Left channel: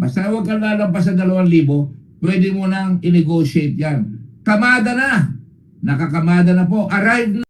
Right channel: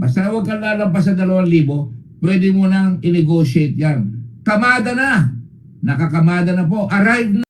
Basta huwag kang lalampas sa 2,000, pwede mo nang i-negotiate yan. Kamada na. Nakakamada na po. Arrive na.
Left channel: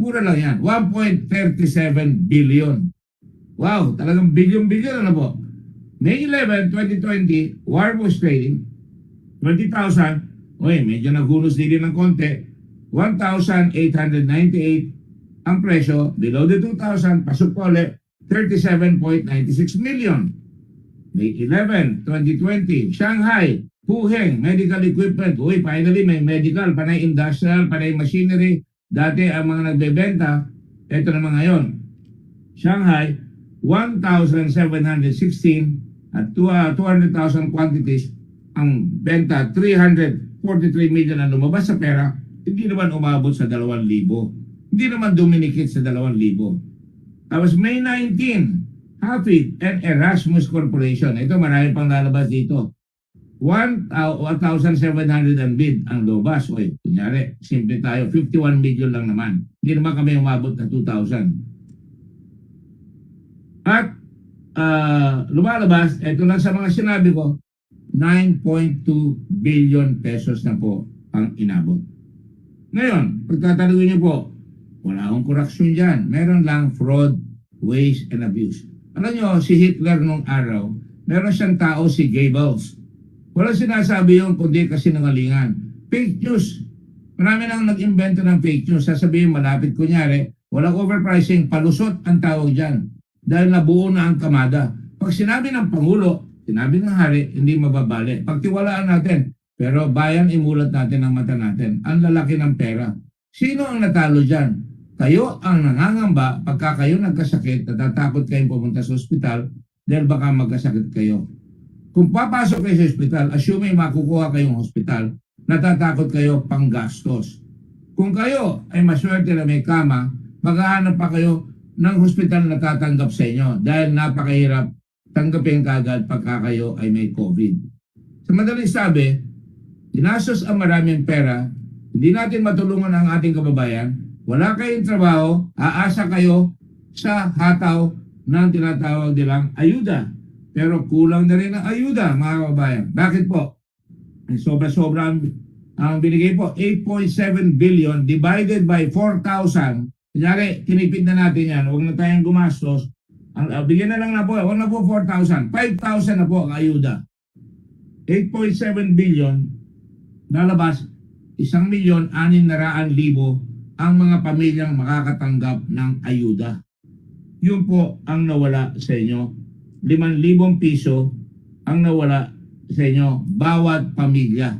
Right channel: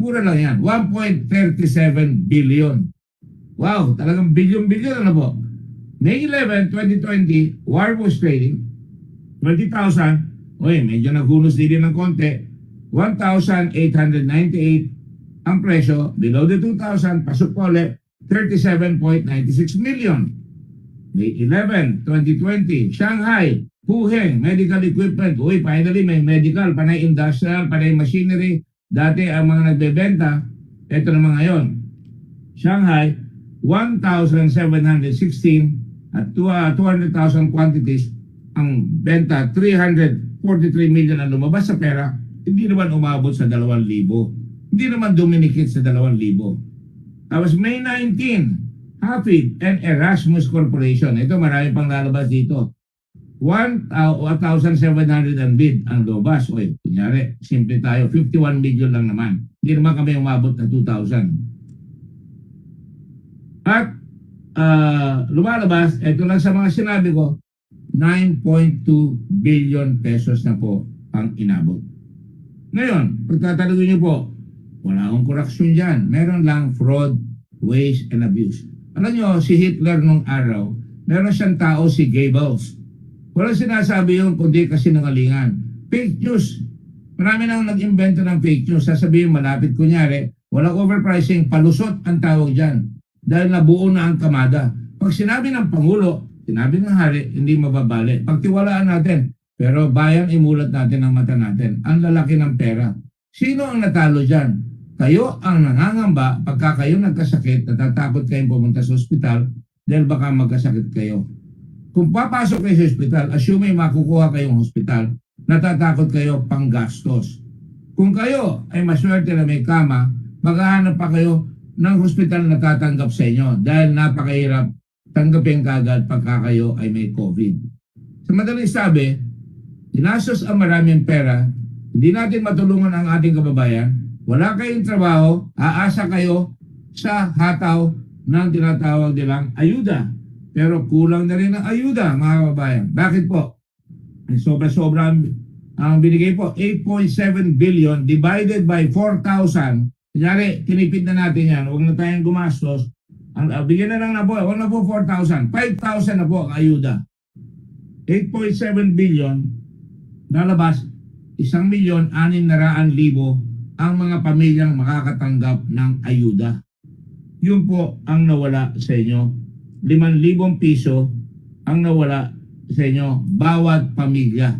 Mura lang yan. 1.37 billion. Wow, talagang billion-billion ano po. May 11, 2020, war was trading. 20,000. Uy, medyo naghunos din ng konti. 1,898 ang presyo. Below the 2,000, pasok po ulit. 37.96 million. May 11, 2020, Shanghai, Puheng, medical equipment. Uy, finally may medical, panay industrial, panay machinery. Dati ang mga nagbebenta, ito naman ngayon. Shanghai, 1,716 at 200,000 quantities. Ang benta, 343 million ang lumabas sa pera. Hindi naman umabot sa 2,000. Hindi naman duminikit sa 2,000. Tapos May 19, Hafid and Erasmus Corporation. Ito marami pang lalabas dito. 1,700 ang bid ang lobas. Oy, kunyari, simple tayo, 51 million lang naman. Hindi naman kami umabot na 2,000. At lumalabas, ito lang sa mga sinabi ko, 9.2 billion pesos na po ang inabot. Ngayon, pagtatanungin niyo po, wala akong korupsyon dyan. Meron lang fraud, waste, and abuse. Alam niyo, si Hitler nung araw, meron siyang tao si Goebbels. Walang sinasabi yun kundi kasinungalingan. Fake news. Marami nang nag-invento ng fake news. Sasabihin malapit kunyari, walang overpricing, palusot ang tawag dyan. Dahil nabuo na ang kamada. Pag sinabi ng Pangulo, sinabi ng Hari, hindi mababali. Pagtiwalaan natin. Pero bayan, imulat natin ang mata natin. Ang lalaki ng pera. Sino ang natalo dyan? Kayo ang nangangamba pagka kayo nagkasakit, natatakot kayong pumunta sa ospital dahil baka magkasakit kayo. Kung papasok kayo sa ospital, assuming makukuha kayong hospital, natatakot kayo pang gastos. Kung kayo ay maswerte na may kama, maghahanap pa kayo ng hospital na tatanggap sa inyo dahil napakahirap tanggapin kagad pagka kayo ay may COVID. Sa madaling sabi, ginastos ang maraming pera, hindi natin matulungan ang ating kababayan, wala kayong trabaho, aasa kayo sa hataw ng tinatawag nilang ayuda. Pero kulang na rin ang ayuda, mga kababayan. Bakit po? Sobra-sobra ang binigay po. 8.7 billion divided by 4,000. Kunyari, tinipid na natin yan. Huwag na tayong gumastos. Bigyan na lang na po. Huwag na po 4,000. 5,000 na po ang ayuda. 8.7 billion nalabas 1,600,000 ang mga pamilyang makakatanggap ng ayuda. Yun po ang nawala sa inyo. 5,000 piso ang nawala sa inyo bawat pamilya.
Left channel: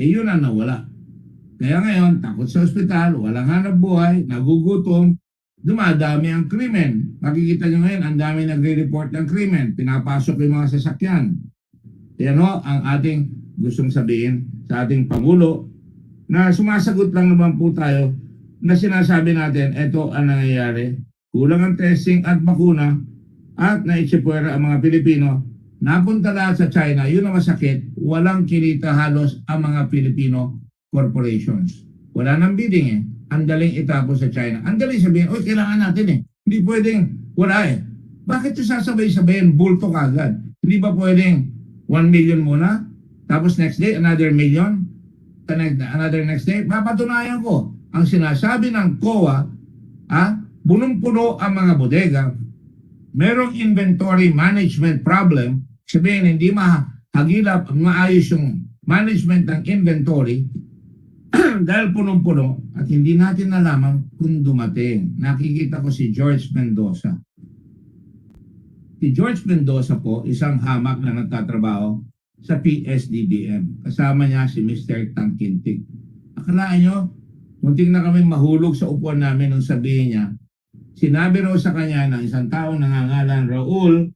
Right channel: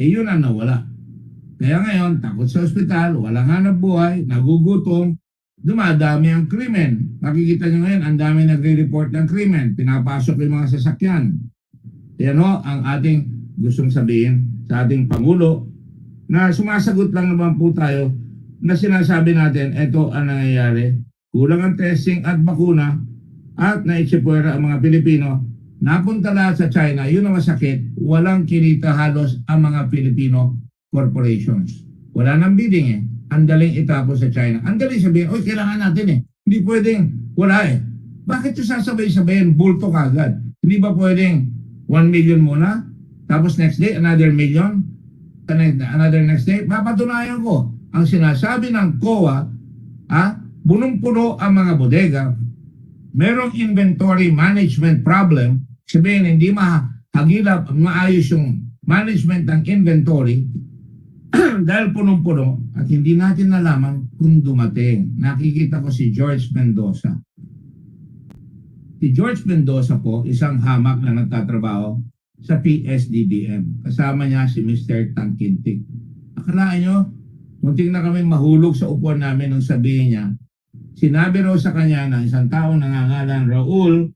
Yun ang nawala. Kaya ngayon, takot sa ospital, walang hanap buhay, nagugutom, dumadami ang krimen. Makikita nyo ngayon, ang dami nagre-report ng krimen. Pinapasok yung mga sasakyan. Yan ho, ang ating gustong sabihin sa ating Pangulo na sumasagot lang naman po tayo na sinasabi natin, ito ang nangyayari. Kulang ang testing at bakuna at naitsipwera ang mga Pilipino. Napunta lahat sa China, yun ang masakit. Walang kinita halos ang mga Filipino corporations. Wala nang bidding eh. Ang daling itapos sa China. Ang daling sabihin, oy, kailangan natin eh. Hindi pwedeng, wala eh. Bakit yung sasabay-sabayin? Bulto kagad. Hindi ba pwedeng 1 million muna? Tapos next day, another million. Another next day, papatunayan ko. Ang sinasabi ng COA, punong-puno ang mga bodega, merong inventory management problem, sabihin hindi mahagilap, maayos yung management ng inventory, dahil punong-puno at hindi natin nalaman kung dumating. Nakikita ko si George Mendoza. Si George Mendoza po, isang hamak na nagtatrabaho sa PSDBM. Kasama niya si Mr. Tangkintik. Akalaan nyo, munting na kami mahulog sa upuan namin nung sabihin niya, sinabi raw sa kanya ng isang taong nangangalan Raul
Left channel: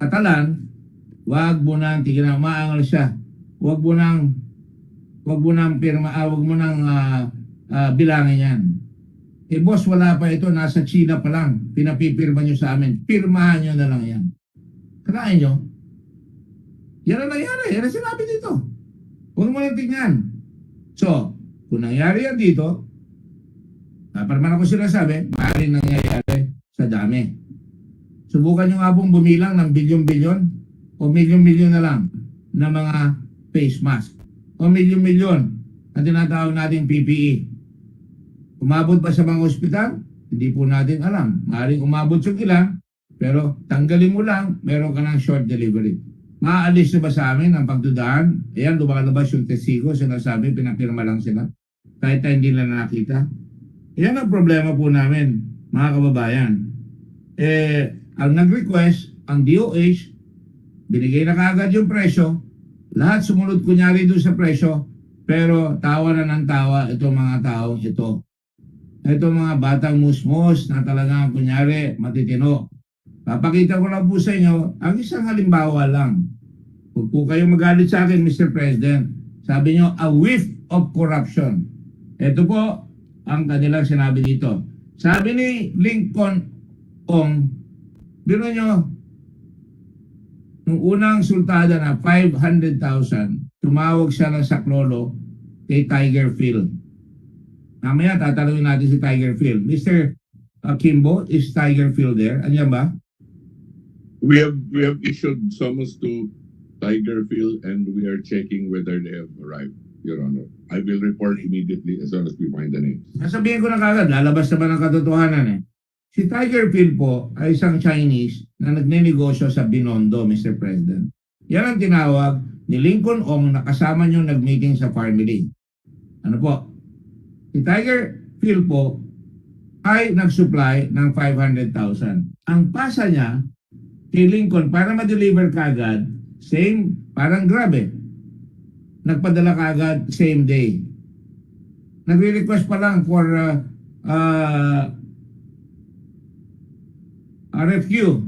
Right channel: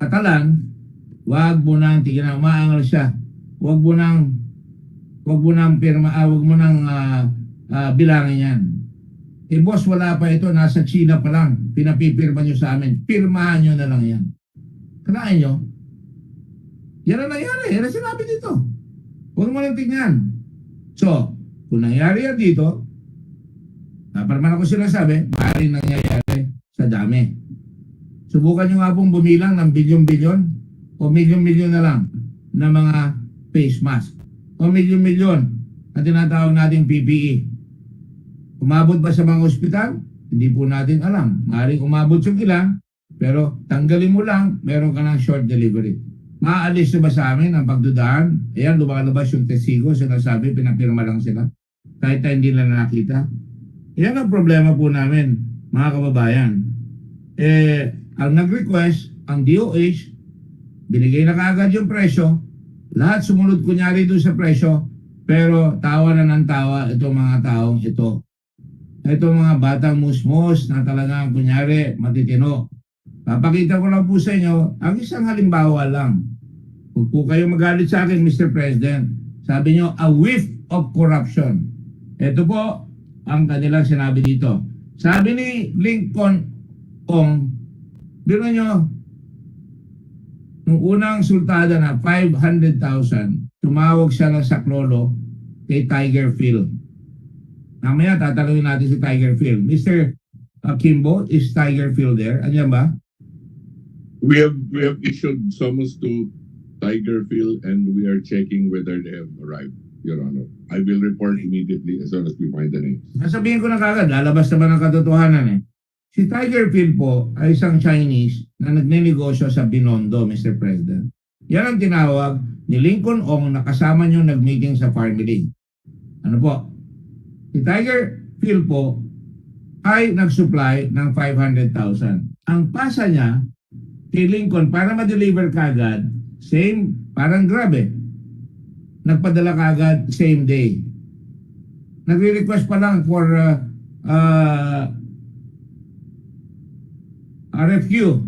Catalan, wag mo nang tignan, maangal siya. Wag mo nang bilangin yan. Eh boss, wala pa ito, nasa China pa lang. Pinapipirma nyo sa amin. Pirmahan nyo na lang yan. Kanain nyo? Yan ang nangyari. Yan ang sinabi dito. Huwag mo lang tignan. So, kung nangyari yan dito, parang ako sinasabi, maaaring nangyayari sa dami. Subukan nyo nga pong bumilang ng bilyon-bilyon o milyon-milyon na lang na mga face mask o milyon-milyon na tinatawag natin PPE. Umabot ba sa mga ospital? Hindi po natin alam. Maaaring umabot yung ilan, pero tanggalin mo lang, meron ka ng short delivery. Maaalis na ba sa amin ang pagdudaan? Ayan, lumalabas yung testigo, sinasabi, pinapirma lang sila. Kahit hindi nila nakita. Yan ang problema po namin, mga kababayan. Ang nag-request, ang DOH, binigay na kaagad yung presyo, lahat sumunod kunyari doon sa presyo, pero tawa na ng tawa itong mga taong ito. Itong mga batang musmos na talagang kunyari matitino. Papakita ko lang po sa inyo, ang isang halimbawa lang. Huwag po kayong magalit sa akin, Mr. President. Sabi nyo, a whiff of corruption. Ito po ang kanilang sinabi dito. Sabi ni Lincoln Ong, biro nyo, nung unang sultada na 500,000, tumawag siya ng saklolo kay Tiger Phil. Mamaya tatanungin natin si Tiger Phil. Mr. Kimbo, is Tiger Phil there? Andiyan ba? We have issued summons to Tiger Phil and we are checking whether they have arrived, Your Honor. I will report immediately as soon as we find the names. Nasabihin ko na kagad, lalabas naman ang katotohanan eh. Si Tiger Phil po ay isang Chinese na nagnenegosyo sa Binondo, Mr. President. Yan ang tinawag ni Lincoln Ong na kasama nyo nag-meeting sa family. Ano po? Si Tiger Phil po ay nag-supply ng 500,000. Ang pasa niya kay Lincoln para ma-deliver kagad, same, parang grabe. Nagpadala kagad same day. Nagre-request pa lang for RFQ.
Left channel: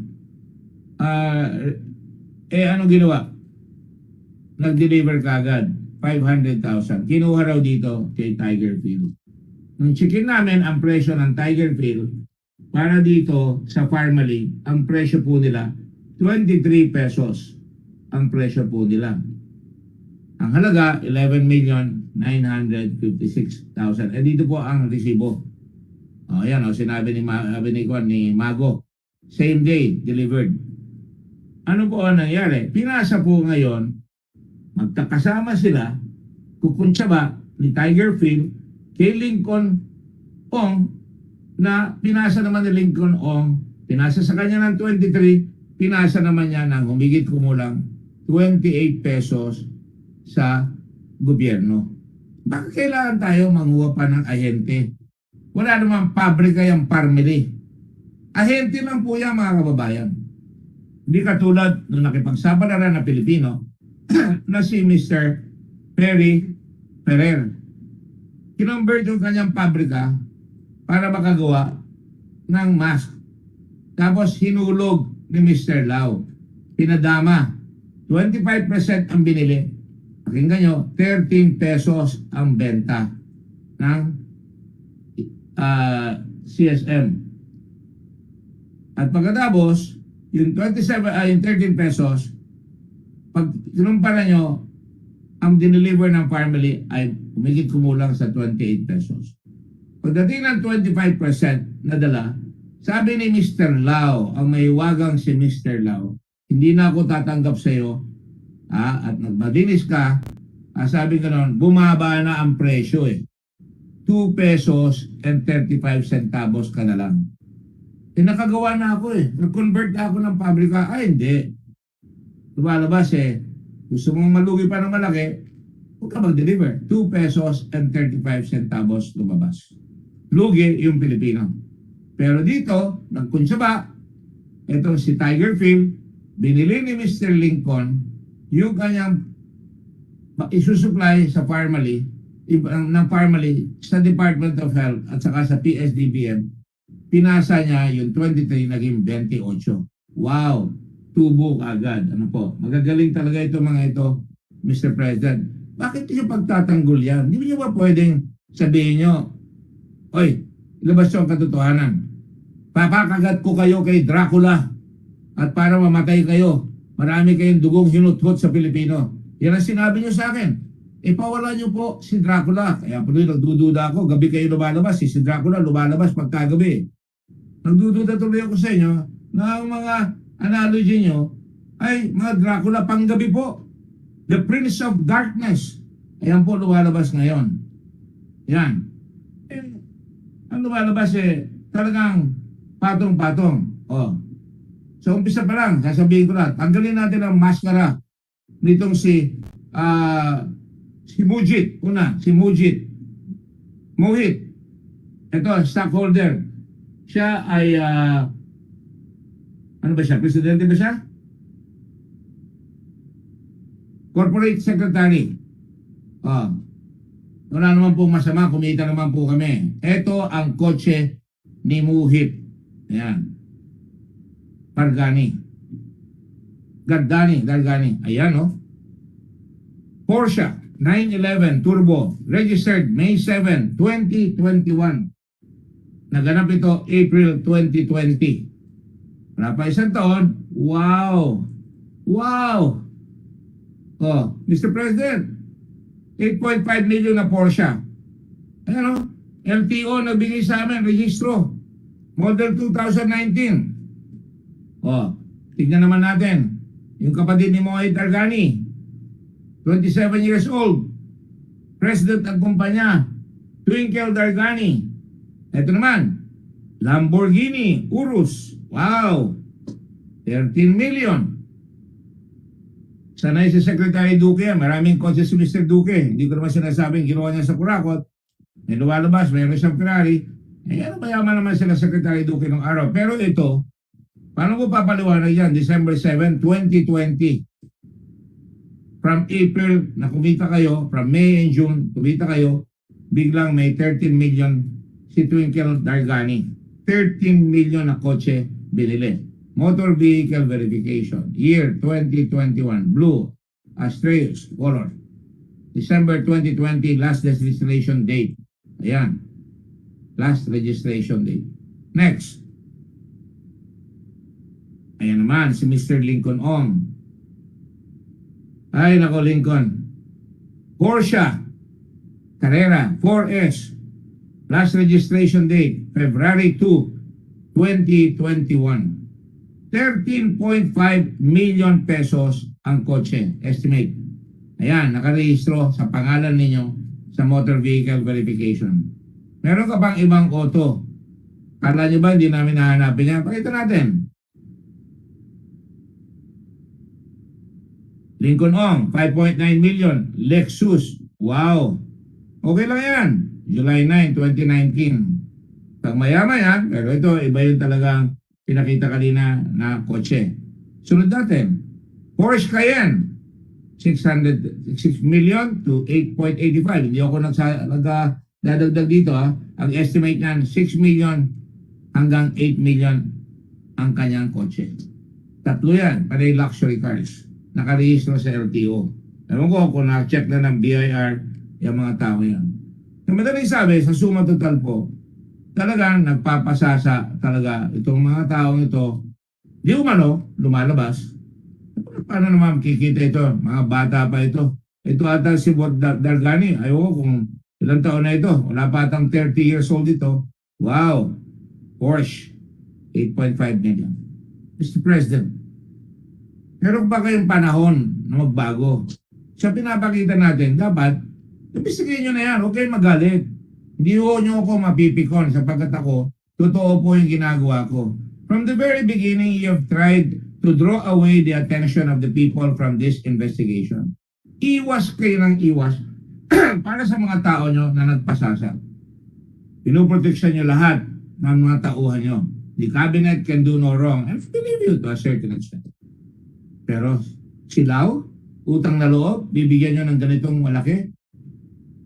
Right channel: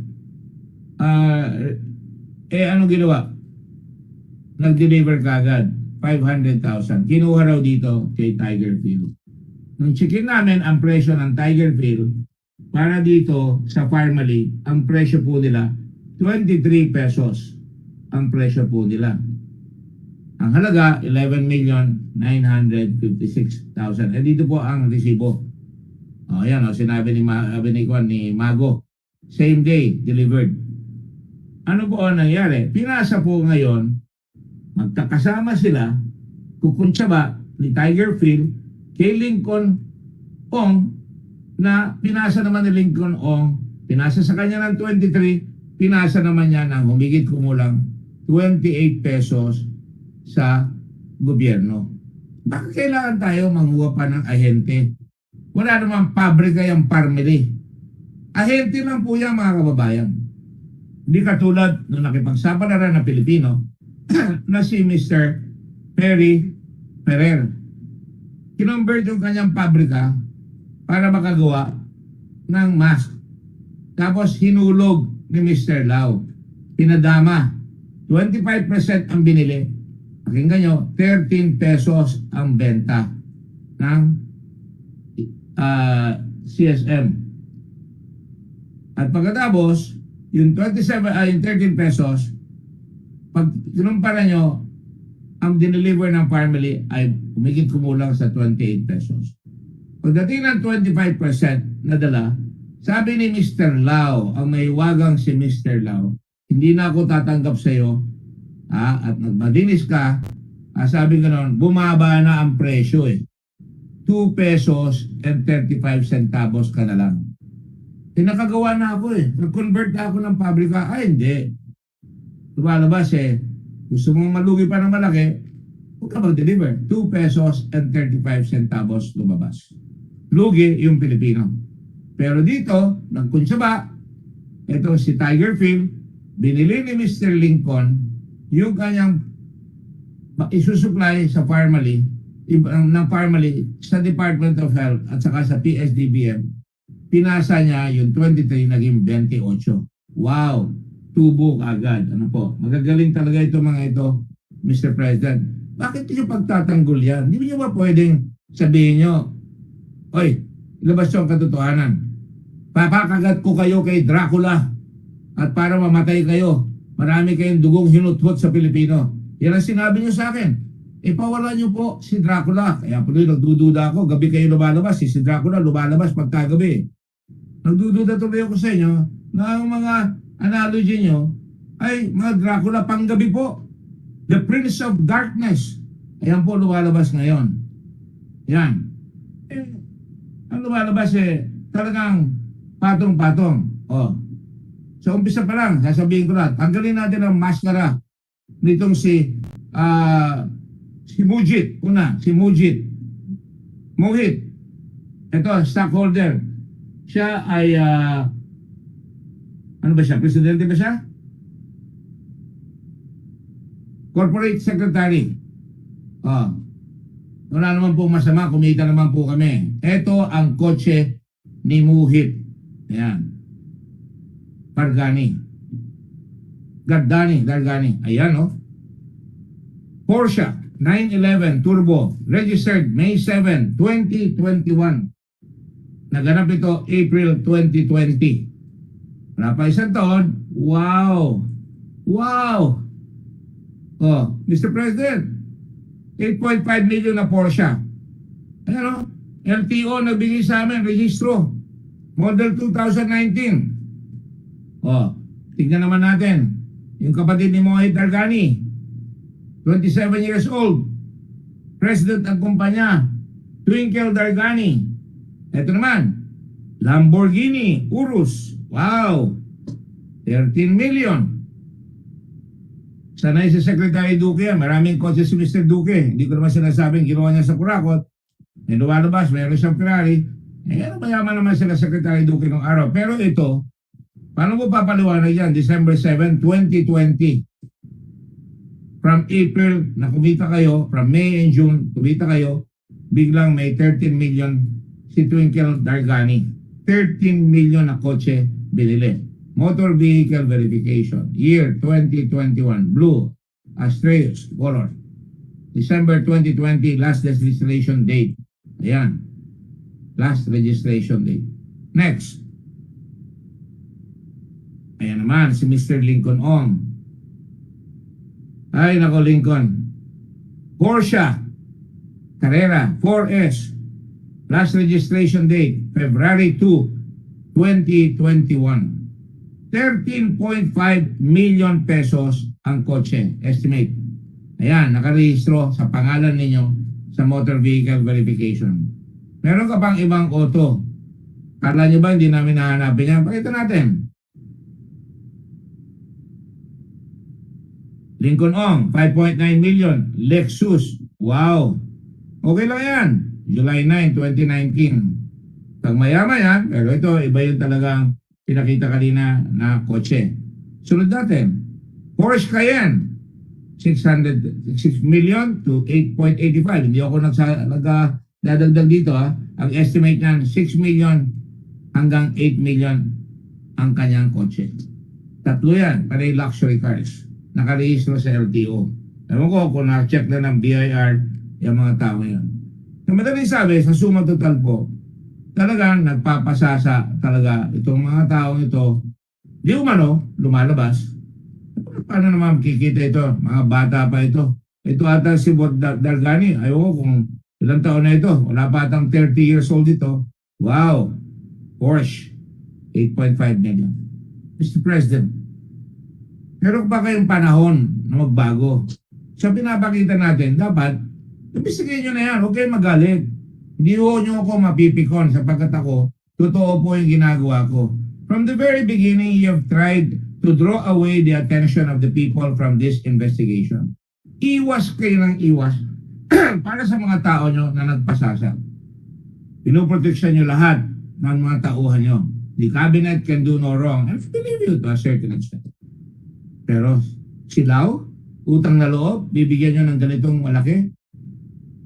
Anong ginawa? Nag-deliver kagad 500,000. Kinuha raw dito kay Tiger Phil. Nung checkin namin ang presyo ng Tiger Phil, para dito sa family, ang presyo po nila 23 pesos ang presyo po nila. Ang halaga 11,956,000. Dito po ang resibo. Ayan, sinabi ni Mago, same day delivered. Ano po ang nangyari? Pinasa po ngayon, magkakasama sila, kukunsya ba ni Tiger Phil kay Lincoln Ong na pinasa naman ni Lincoln Ong, pinasa sa kanya ng 23, pinasa naman niya ng humigit kumulang 28 pesos sa gobyerno. Bakit kailangan tayo manguha pa ng ahente? Wala namang pabrika yung family. Ahente lang po yan, mga kababayan. Hindi katulad nung nakipagsapalaran na Pilipino na si Mr. Perry Ferrer. Kinonvert yung kanyang pabrika para makagawa ng mask. Tapos hinulog ni Mr. Lau. Pinadama. 25% ang binili. Pakinggan nyo, 13 pesos ang benta ng CSM. At pagkatapos, yung 13 pesos, pag kinumpara nyo, ang dineliver ng family ay humigit kumulang sa 28 pesos. Pagdating ng 25% na dala, sabi ni Mr. Lau, ang may wagang si Mr. Lau, hindi na ako tatanggap sa iyo, at nagmadinis ka, sabi ko noon, bumaba na ang presyo eh. 2 pesos and 35 centavos ka na lang. Tinakagawa na ako eh. Nag-convert na ako ng pabrika. Ay, hindi. Lumalabas eh. Gusto mong malugi pa ng malaki, huwag ka mag-deliver. 2 pesos and 35 centavos lumabas. Lugi yung Pilipino. Pero dito, nagkunsaba, ito si Tiger Phil, binili ni Mr. Lincoln yung kanyang isusupply sa Pharmaly, ng Pharmaly sa Department of Health at saka sa PSDBM. Pinasa niya yung 23 naging 28. Wow! Tubo agad. Ano po? Magagaling talaga ito mga ito, Mr. President. Bakit niyo pagtatanggol yan? Hindi niyo ba pwedeng sabihin niyo, oy, ilabas yung katotohanan. Papakagat ko kayo kay Dracula at para mamatay kayo, marami kayong dugong hinuthot sa Pilipino. Yan ang sinabi niyo sa akin. Ipawala niyo po si Dracula. Kaya po rin nagdududa ako. Gabi kayo lumalabas. Si Dracula lumalabas pagkagabi. Nagdududa tuloy ako sa inyo na ang mga analogy niyo ay mga Dracula panggabi po. The Prince of Darkness. Ayan po lumalabas ngayon. Yan. Ang lumalabas talagang patong-patong. So umpisa pa lang, sasabihin ko na, tanggalin natin ang maskara nitong si Mujit. Si Mujit. Mohit. Ito, stockholder. Siya ay, ano ba siya? Presidente ba siya? Corporate Secretary. Wala naman po masama, kumita naman po kami. Ito ang kotse ni Muhit. Ayan. Gargani. Ayan, no? Porsche 911 Turbo, registered May 7, 2021. Naganap ito April 2020. Wala pa isang taon. Wow! Mr. President, 8.5 million na Porsche. Ayan, no? LTO nagbigay sa amin, registro. Model 2019. Tignan naman natin. Yung kapatid ni Mohit Gargani, 27 years old. President ng kumpanya, Twinkle Gargani. Ito naman, Lamborghini Urus. Wow! 13 million. Sanay si Secretary Duque yan. Maraming kotse si Mr. Duque. Hindi ko naman sinasabing ginawa niya sa Kurakot. Lumalabas, mayroon siyang Ferrari. Mayaman naman sila Secretary Duque ng araw. Pero ito, paano mo papaliwanag yan? December 7, 2020. From April na kumita kayo, from May and June kumita kayo, biglang may 13 million si Twinkle Gargani. 13 million na kotse binili. Motor Vehicle Verification, year 2021, blue, Astreus color. December 2020, last registration date. Ayan. Last registration date. Next. Ayan naman, si Mr. Lincoln Ong. Ay, nako Lincoln. Porsche Carrera 4S. Last registration date, February 2, 2021. 13.5 million pesos ang kotse. Estimate. Ayan, nakarehistro sa pangalan ninyo sa Motor Vehicle Verification. Meron ka bang ibang auto? Kala nyo ba hindi namin nahanapin yan? Pakita natin. Lincoln Ong, 5.9 million. Lexus, wow. Okay lang yan. July 9, 2019. Pag mayaman yan, pero ito, iba yung talagang pinakita kanina na kotse. Sunod natin, Porsche Cayenne, 6 million to 8.85. Hindi ako nagdadagdag dito. Ang estimate niyan, 6 million hanggang 8 million ang kanyang kotse. Tatlo yan, panay luxury cars. Nakarehistro sa LTO. Ewan ko kung na-check na ng BIR yung mga tao yan. Sa madaling sabi, sa suma total po, talagang nagpapasasa talaga itong mga taong ito. Di umano, lumalabas. Paano naman kikita ito? Mga bata pa ito. Ito ata si Gargani. Ayoko kung ilang taon na ito. Wala pa atang 30 years old ito. Wow! Porsche, 8.5 million. Mr. President, Meron pa kayong panahon na magbago. Sa pinapakita natin, dapat, ibisigayin nyo na yan, huwag kayong magalit. Hindi ho nyo ako mapipikon sapagkat ako, totoo po yung ginagawa ko. From the very beginning, you have tried to draw away the attention of the people from this investigation. Iwas kayo ng iwas para sa mga tao nyo na nagpasasa. Pinoproteksyon nyo lahat ng mga tauhan nyo. The cabinet can do no wrong. And I believe you to a certain extent. Pero silaw, utang na loob, bibigyan nyo ng ganitong malaki?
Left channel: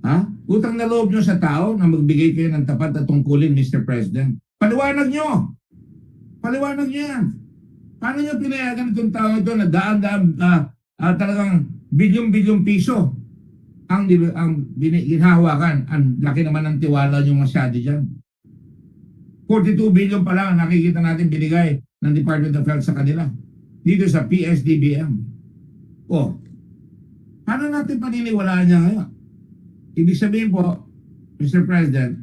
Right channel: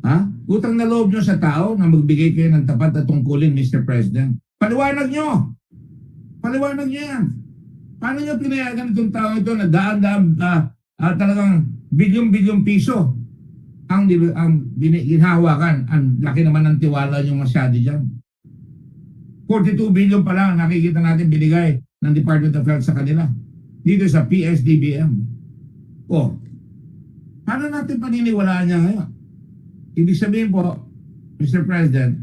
Ha? Utang na loob nyo sa tao na magbigay kayo ng tapat at tungkulin, Mr. President. Paliwanag nyo! Paliwanag nyo yan. Paano nyo pinayagan itong tao ito na daan-daan talagang bilyong-bilyong piso ang ginhawakan? Ang laki naman ng tiwala nyo masyado dyan. 42 billion pa lang nakikita natin binigay ng Department of Health sa kanila. Dito sa PSDBM. O, paano natin paniniwalaan niya ngayon? Ibig sabihin po, Mr. President,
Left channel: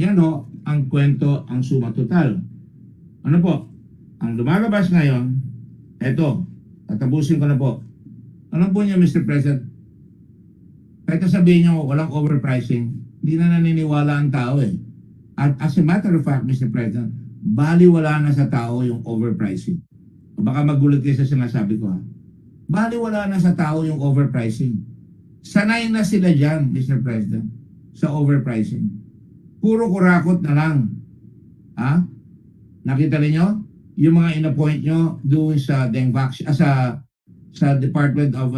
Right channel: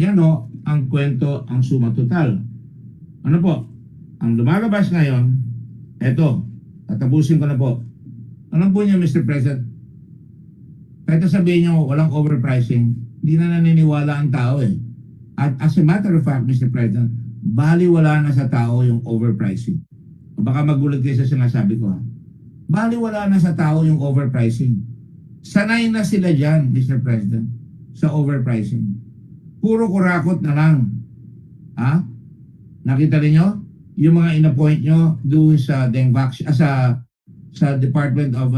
yan o, ang kwento, ang suma total. Ano po? Ang lumalabas ngayon, eto, tatapusin ko na po. Ano po niya, Mr. President? Kahit sabihin niyo, walang overpricing, hindi na naniniwala ang tao eh. At as a matter of fact, Mr. President, baliwala na sa tao yung overpricing. Baka magulat kayo sa sinasabi ko ha. Baliwala na sa tao yung overpricing. Sanay na sila dyan, Mr. President, sa overpricing. Puro kurakot na lang. Ha? Nakita niyo yung mga inappoint nyo doon sa sa Department of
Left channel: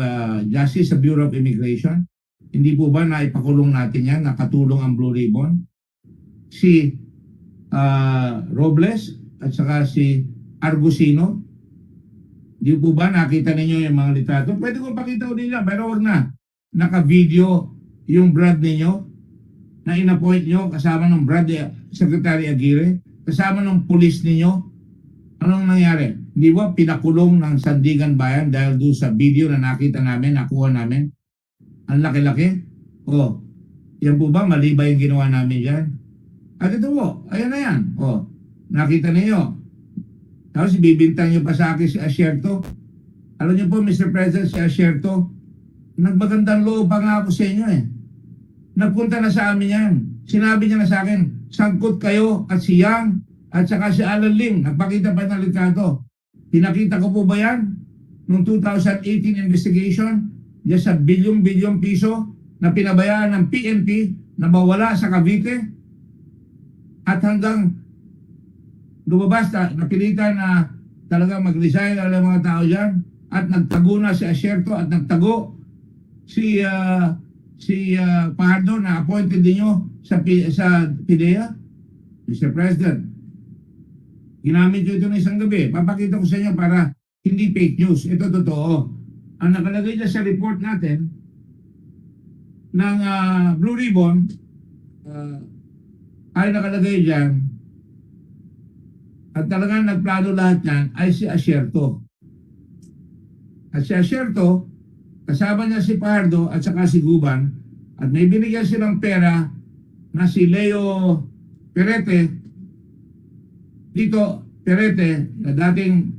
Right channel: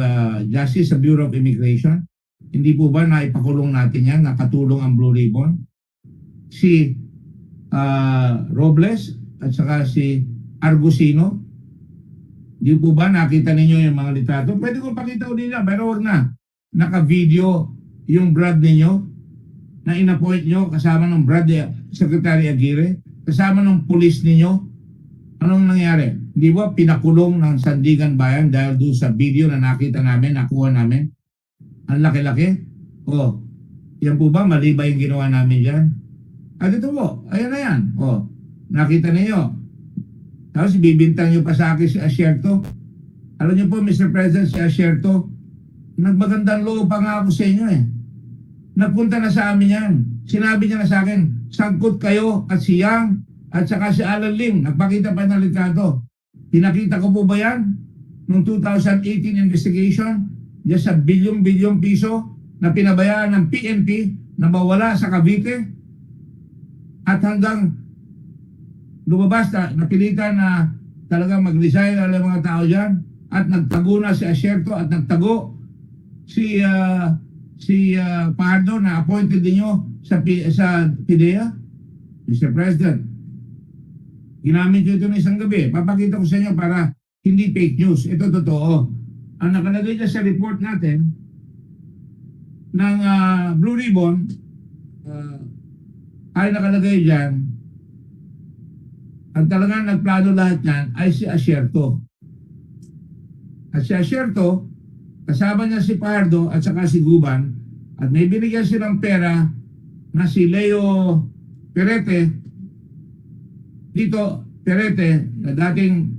Justice, sa Bureau of Immigration? Hindi po ba naipakulong natin yan, nakatulong ang Blue Ribbon? Si Robles at saka si Argusino, di po ba nakita ninyo yung mga litrato? Pwede kong pakita ulit nila, pero wag na. Naka-video yung Brad ninyo na inappoint nyo kasama ng Brad Secretary Aguirre, kasama ng police ninyo. Anong nangyari? Di ba pinakulong ng Sandigan Bayan dahil doon sa video na nakita namin, nakuha namin? Ang laki-laki. O, yan po ba mali ba yung ginawa namin dyan? At ito po, ayan na yan. O, nakita niyo. Tapos bibintang nyo pa sa akin si Asierto. Alam niyo po, Mr. President, si Asierto, nagmagandang loob pa nga ako sa inyo eh. Nagpunta na sa amin yan. Sinabi niya na sa akin, sangkot kayo at si Yang at saka si Alan Lim. Nagpakita pa ng litrato. Pinakita ko po ba yan? Noong 2018 investigation, yan sa bilyong-bilyong piso na pinabayaan ng PNP na mawala sa Cavite. At hanggang lumabas na, napilitan na talagang mag-resign ang mga tao dyan. At nagtago na si Asierto at nagtago si Pardo na appointed ninyo sa PIDEA. Mr. President, ginamit nyo ito ng isang gabi. Papakita ko sa inyo para hindi fake news. Ito totoo. Ang nakalagay dyan sa report natin ng Blue Ribbon ay nakalagay dyan at talagang nagplano lahat yan ay si Asierto. At si Asierto, kasama niya si Pardo at saka si Guban at may binigyan silang pera na si Leo Perete dito, Perete na dating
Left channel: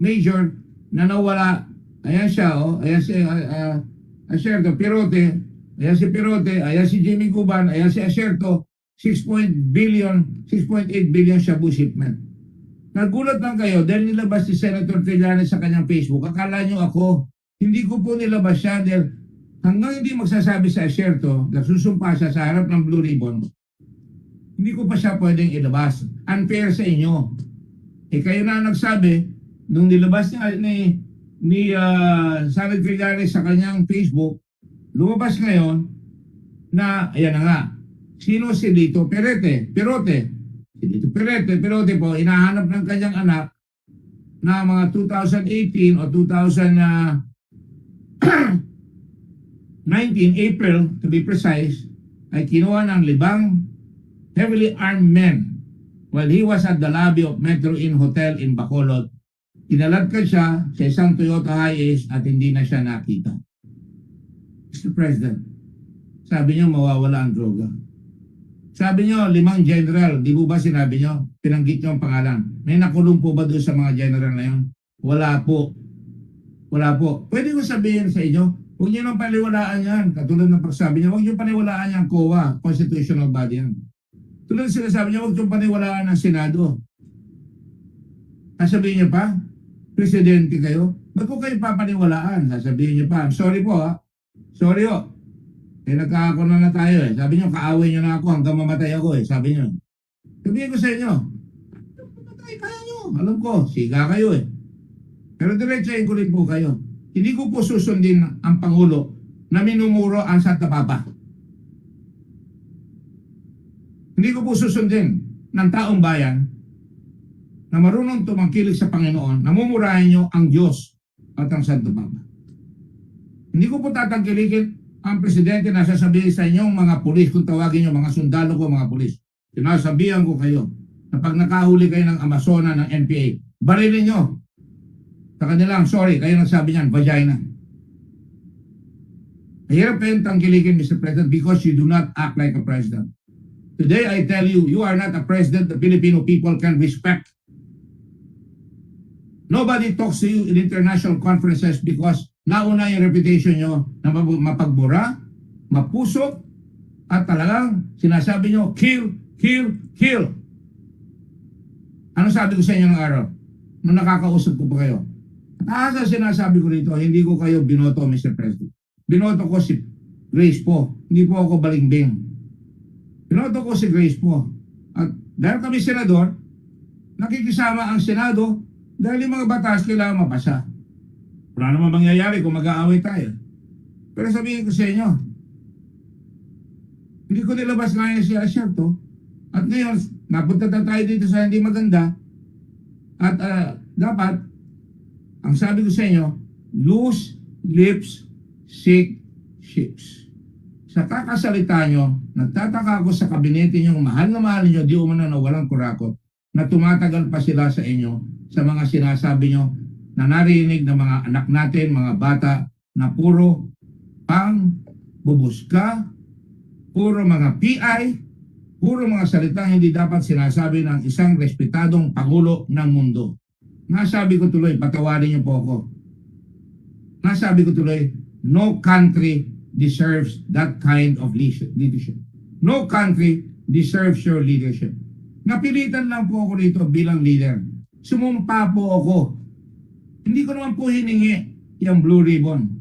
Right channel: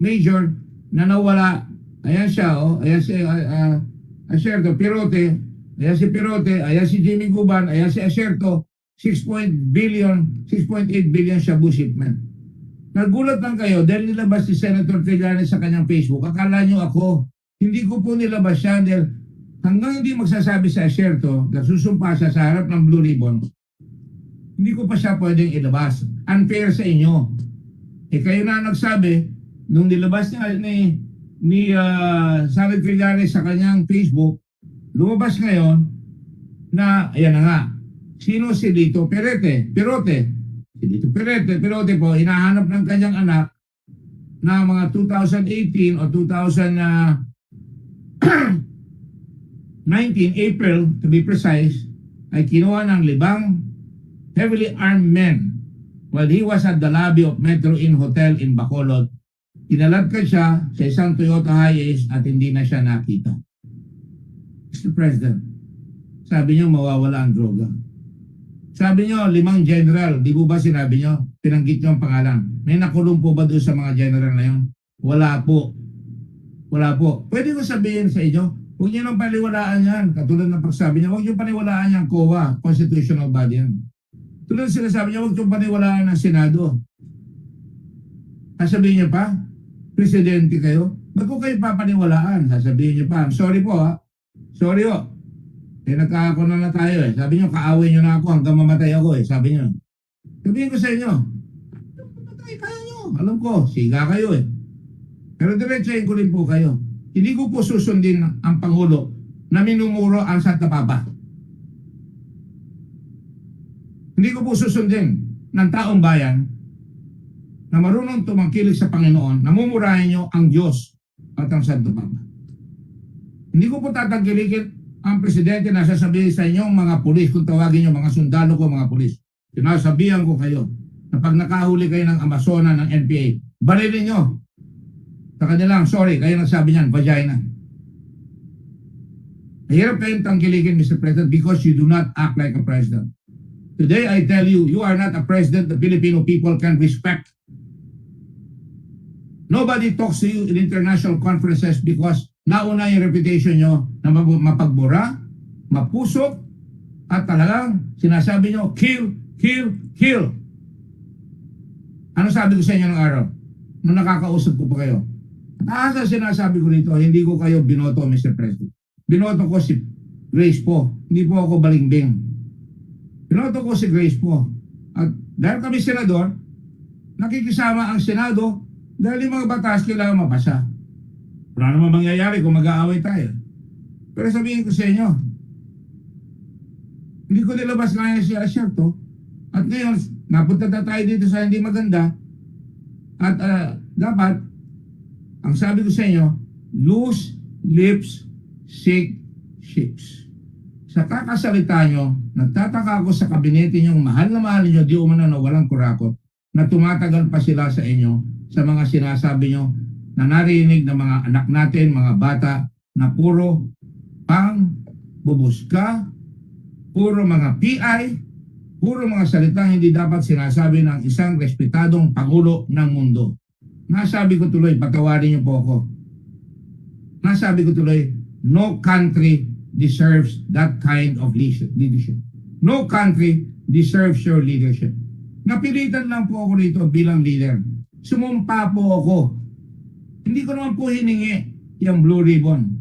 major na nawala. Ayan siya, oh. Ayan si Asierto, Perote. Ayan si Perote, ayan si Jimmy Guban, ayan si Asierto. 6.8 billion shabu shipment. Nagulat lang kayo dahil nilabas si Senator Trillanes sa kanyang Facebook. Akala nyo ako, hindi ko po nilabas siya dahil hanggang hindi magsasabi sa Asierto, nagsusumpa siya sa harap ng Blue Ribbon, hindi ko pa siya pwedeng ilabas. Unfair sa inyo. Eh kayo na nagsabi, nung nilabas niya ni Senator Trillanes sa kanyang Facebook, lumabas ngayon na, ayan na nga, sino si Lito Perote? Si Lito Perote po, hinahanap ng kanyang anak na mga 2018 o 2019, April to be precise, ay kinuha ng 5 heavily armed men while he was at the lobby of Metro Inn Hotel in Bacolod. Inaladkad siya sa isang Toyota Hiace at hindi na siya nakita. Mr. President, sabi niyo mawawala ang droga. Sabi niyo 5 general, di po ba sinabi niyo? Pinanggit niyo ang pangalan. May nakulong po ba doon sa mga general na yun? Wala po. Wala po. Pwede ko sabihin sa inyo, huwag niyo nang paniwalaan yan. Katulad ng pagsabi niya, huwag niyo paniwalaan yan, COA, constitutional body yan. Tulad sinasabi niya, huwag niyo paniwalaan ng Senado. Sasabihin niyo pa, presidente kayo, ba't ko kayo papaniwalaan? Sasabihin niyo pa, sorry po ha, sorry ho. Nagkakaako na tayo eh. Sabi niyo, kaaway niyo na ako hanggang mamatay ako eh. Sabi niyo. Sabihin ko sa inyo, mamatay kaya niyo. Alam ko, siga kayo eh. Pero diretsahin ko rin po kayo. Hindi ko po susundin ang Pangulo na minumuro ang Santa Papa. Hindi ko po susundin ng taong bayan na marunong tumangkilik sa Panginoon, namumurahin nyo ang Diyos at ang Santa Papa. Hindi ko po tatangkilikin ang presidente na sasabihin sa inyong mga pulis, kung tawagin nyo mga sundalo ko, mga pulis. Sinasabihan ko kayo na pag nakahuli kayo ng Amazona, ng NPA, barilin nyo. Sa kanilang, sorry, kayo nagsabi niyan, vagina. Mahirap kayong tangkilikin, Mr. President, because you do not act like a president. Today, I tell you, you are not a president the Filipino people can respect. Nobody talks to you in international conferences because nauna yung reputation nyo na mapagbura, mapusok, at talagang sinasabi nyo, kill, kill, kill. Ano sabi ko sa inyo ng araw? Nung nakakausap ko pa kayo. At sinasabi ko rito, hindi ko kayo binoto, Mr. President. Binoto ko si Grace po. Hindi po ako balingbing. Binoto ko si Grace po. At dahil kami senador, nakikisama ang Senado dahil yung mga batas kailangan mapasa. Wala naman mangyayari kung mag-aaway tayo. Pero sabihin ko sa inyo, hindi ko nilabas ngayon si Asyerto. At ngayon, napunta na tayo dito sa hindi maganda. At dapat, ang sabi ko sa inyo, loose lips, sick ships. Sa kakasalita nyo, nagtataka ako sa kabinete nyo, mahal na mahal nyo, di umano na walang kurakot, na tumatagal pa sila sa inyo, sa mga sinasabi nyo, na narinig ng mga anak natin, mga bata, na puro pang bubuska, puro mga PI, puro mga salitang hindi dapat sinasabi ng isang respetadong Pangulo ng mundo. Nasabi ko tuloy, patawarin niyo po ako. Nasabi ko tuloy, no country deserves that kind of leadership. No country deserves your leadership. Napilitan lang po ako rito bilang leader. Sumumpa po ako. Hindi ko naman po hiningi yung blue ribbon.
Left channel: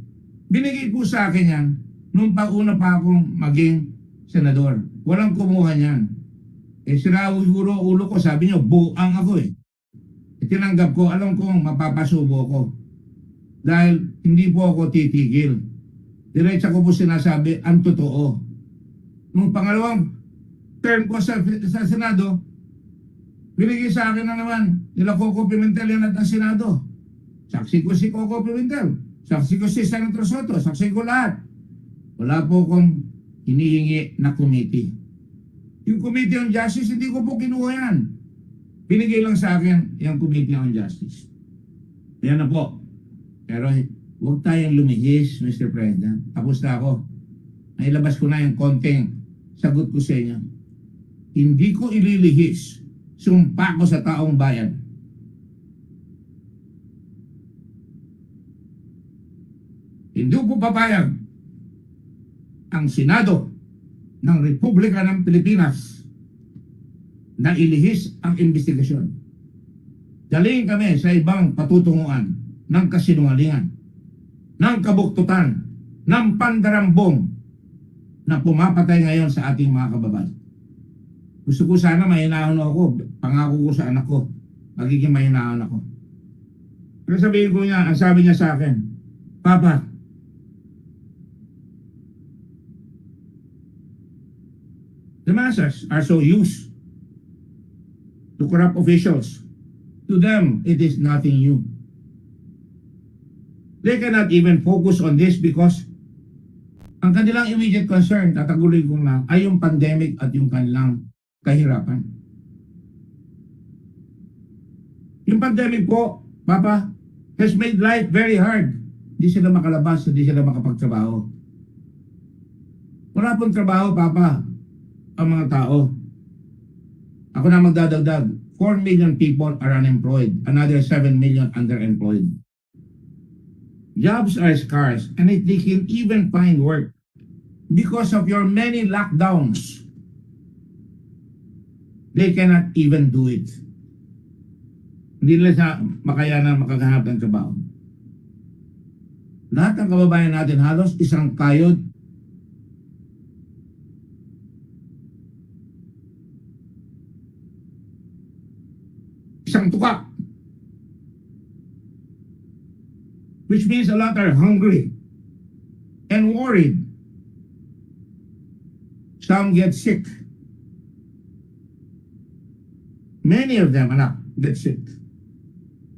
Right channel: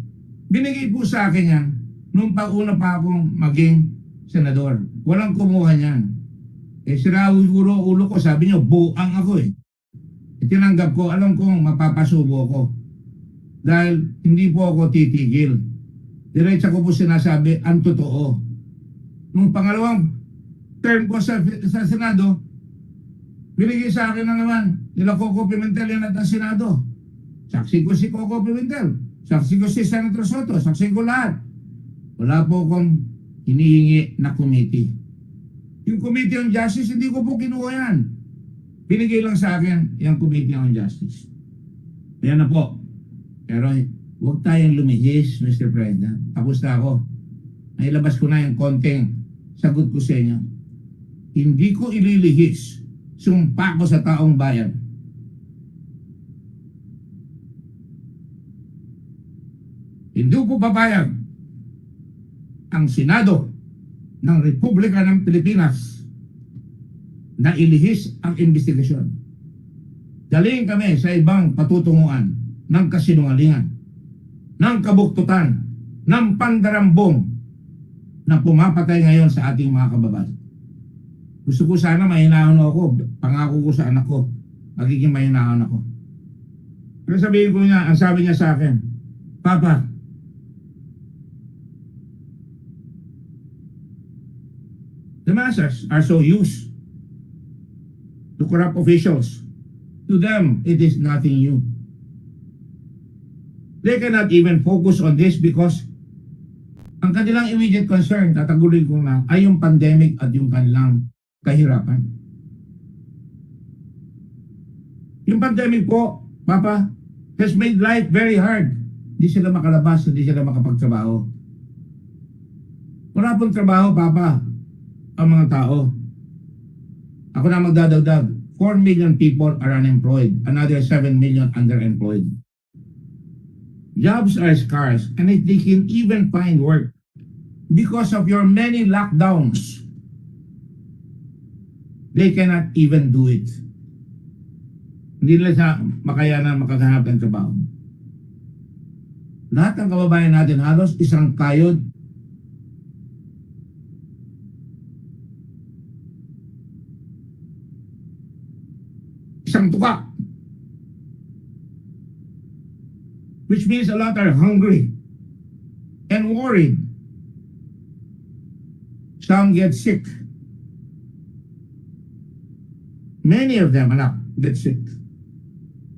Binigay po sa akin yan nung pag-una pa akong maging senador. Walang kumuha niyan. Siguro ulo ko, sabi niyo, buang ako eh. Tinanggap ko, alam kong mapapasubo ko. Dahil hindi po ako titigil. Diretsa ko po sinasabi, ang totoo. Nung pangalawang term ko sa Senado, binigay sa akin na naman, nila Coco Pimentel yan at ang Senado. Saksi ko si Coco Pimentel. Saksi ko si Senator Soto. Saksi ko lahat. Wala po akong hinihingi na committee. Yung Committee on Justice, hindi ko po kinuha yan. Binigay lang sa akin yung Committee on Justice. Ayan na po. Pero huwag tayong lumihis, Mr. President. Tapos na ako. Nailabas ko na yung konting sagot ko sa inyo. Hindi ko ililihis. Sumpa ko sa taong bayan. Hindi ko papayag ang Senado ng Republika ng Pilipinas na ilihis ang investigasyon. Dalhin kami sa ibang patutunguan ng kasinungalingan, ng kabuktutan, ng pandarambong na pumapatay ngayon sa ating mga kababayan. Gusto ko sana mahinahon ako, pangako ko sa anak ko, magiging mahinahon ako. Pero sabihin ko niya, ang sabi niya sa akin, Papa, the masses are so used to corrupt officials. To them, it is nothing new. They cannot even focus on this because ang kanilang immediate concern, tatagulin ko na, ay yung pandemic at yung kanilang kahirapan. Yung pandemic po, Papa, has made life very hard. Hindi sila makalabas, hindi sila makapagtrabaho. Wala pong trabaho, Papa, ang mga tao. Ako na magdadagdag. 4 million people are unemployed. Another 7 million underemployed. Jobs are scarce, and if they can even find work because of your many lockdowns, they cannot even do it. Hindi nila sa makayanan makagahanap ng trabaho. Lahat ng kababayan natin halos isang kayod, isang tuka. Which means a lot are hungry and worried. Some get sick. Many of them, anak, get sick.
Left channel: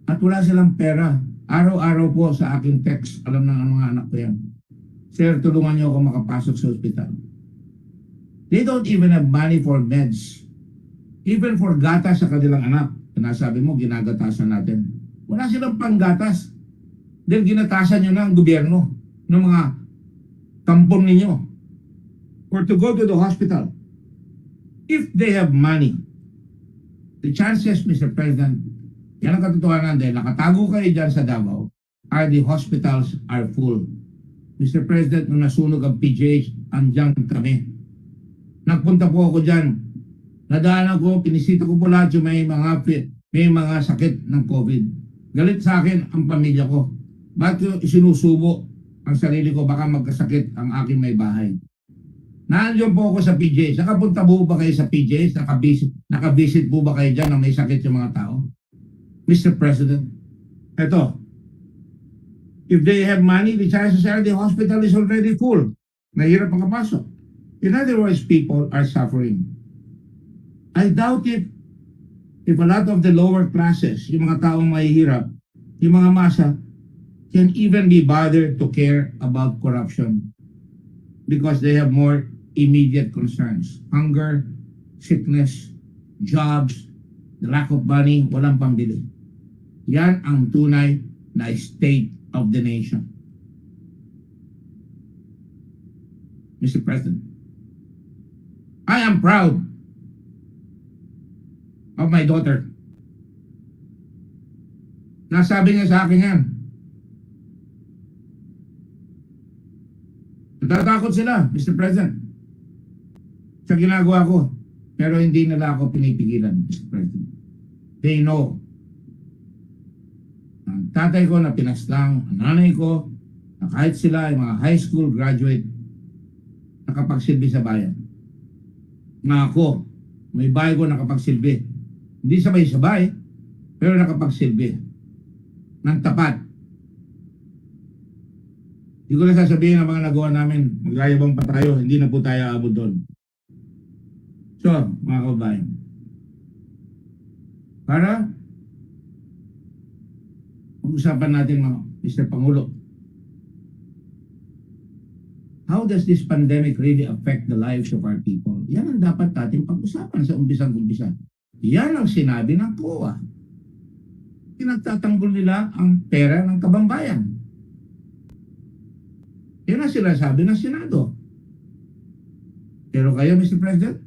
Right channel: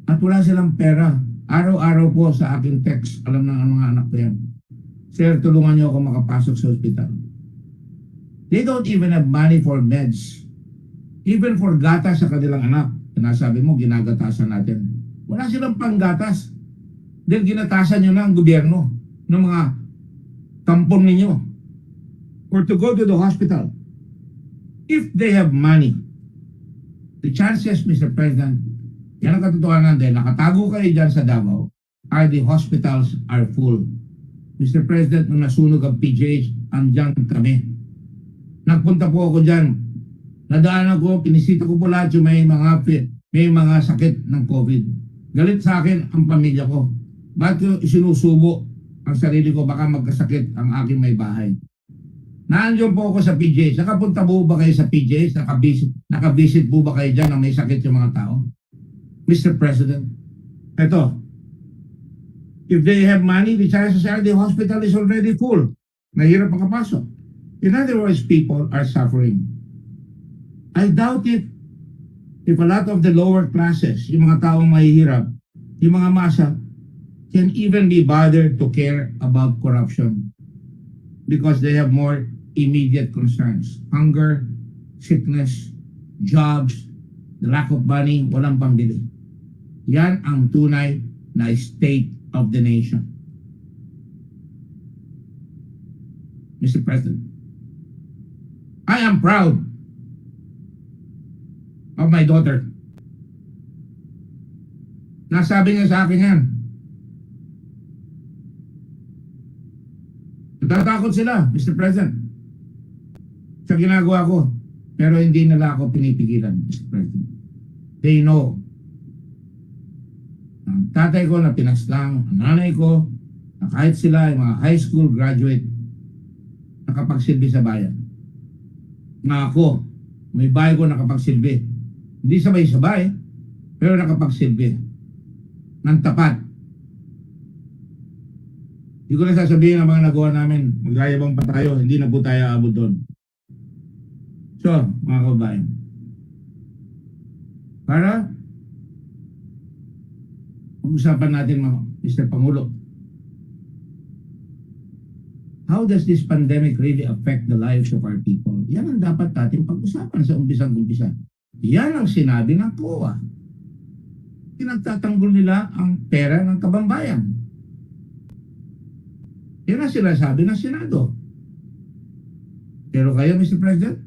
At wala silang pera. Araw-araw po sa aking text, alam ng mga anak ko yan. Sir, tulungan niyo ako makapasok sa ospital. They don't even have money for meds. Even for gatas sa kanilang anak. Sinasabi mo, ginagatasan natin. Wala silang panggatas. Dahil ginatasan nyo na ang gobyerno ng mga kampon ninyo or to go to the hospital. If they have money, the chances, Mr. President, yan ang katotohanan dahil nakatago kayo dyan sa Davao, are the hospitals are full. Mr. President, nung nasunog ang PGH, andyan kami. Nagpunta po ako dyan. Nadaanan ko, pinisita ko po lahat yung may mga sakit ng COVID. Galit sa akin ang pamilya ko. Bakit ko isinusubo ang sarili ko baka magkasakit ang aking may bahay? Naandyan po ako sa PJs. Nakapunta po ba kayo sa PJs? Nakabisit po ba kayo dyan na may sakit yung mga tao? Mr. President, eto, if they have money, the chances are the hospital is already full. Mahirap makapasok. In other words, people are suffering. I doubt it if a lot of the lower classes, yung mga taong mahihirap, yung mga masa, can even be bothered to care about corruption because they have more immediate concerns. Hunger, sickness, jobs, the lack of money, walang pambili. Yan ang tunay na state of the nation. Mr. President, I am proud of my daughter. Nasabi niya sa akin yan. Natatakot sila, Mr. President, sa ginagawa ko. Pero hindi nila ako pinipigilan, Mr. President. They know. Ang tatay ko na pinaslang, ang nanay ko, na kahit sila ay mga high school graduate, nakapagsilbi sa bayan. Na ako, may bahay ko nakapagsilbi. Hindi sabay-sabay, pero nakapagsilbi. Nang tapat. Hindi ko na sasabihin ang mga nagawa namin, magyayabang pa tayo, hindi na po tayo aabot doon. So, mga kabayan, para pag-usapan natin mga Mr. Pangulo, how does this pandemic really affect the lives of our people? Yan ang dapat natin pag-usapan sa umpisang-umpisa. Yan ang sinabi ng COA. Pinagtatanggol nila ang pera ng kabambayan. Yan ang sinasabi ng Senado. Pero kayo, Mr. President,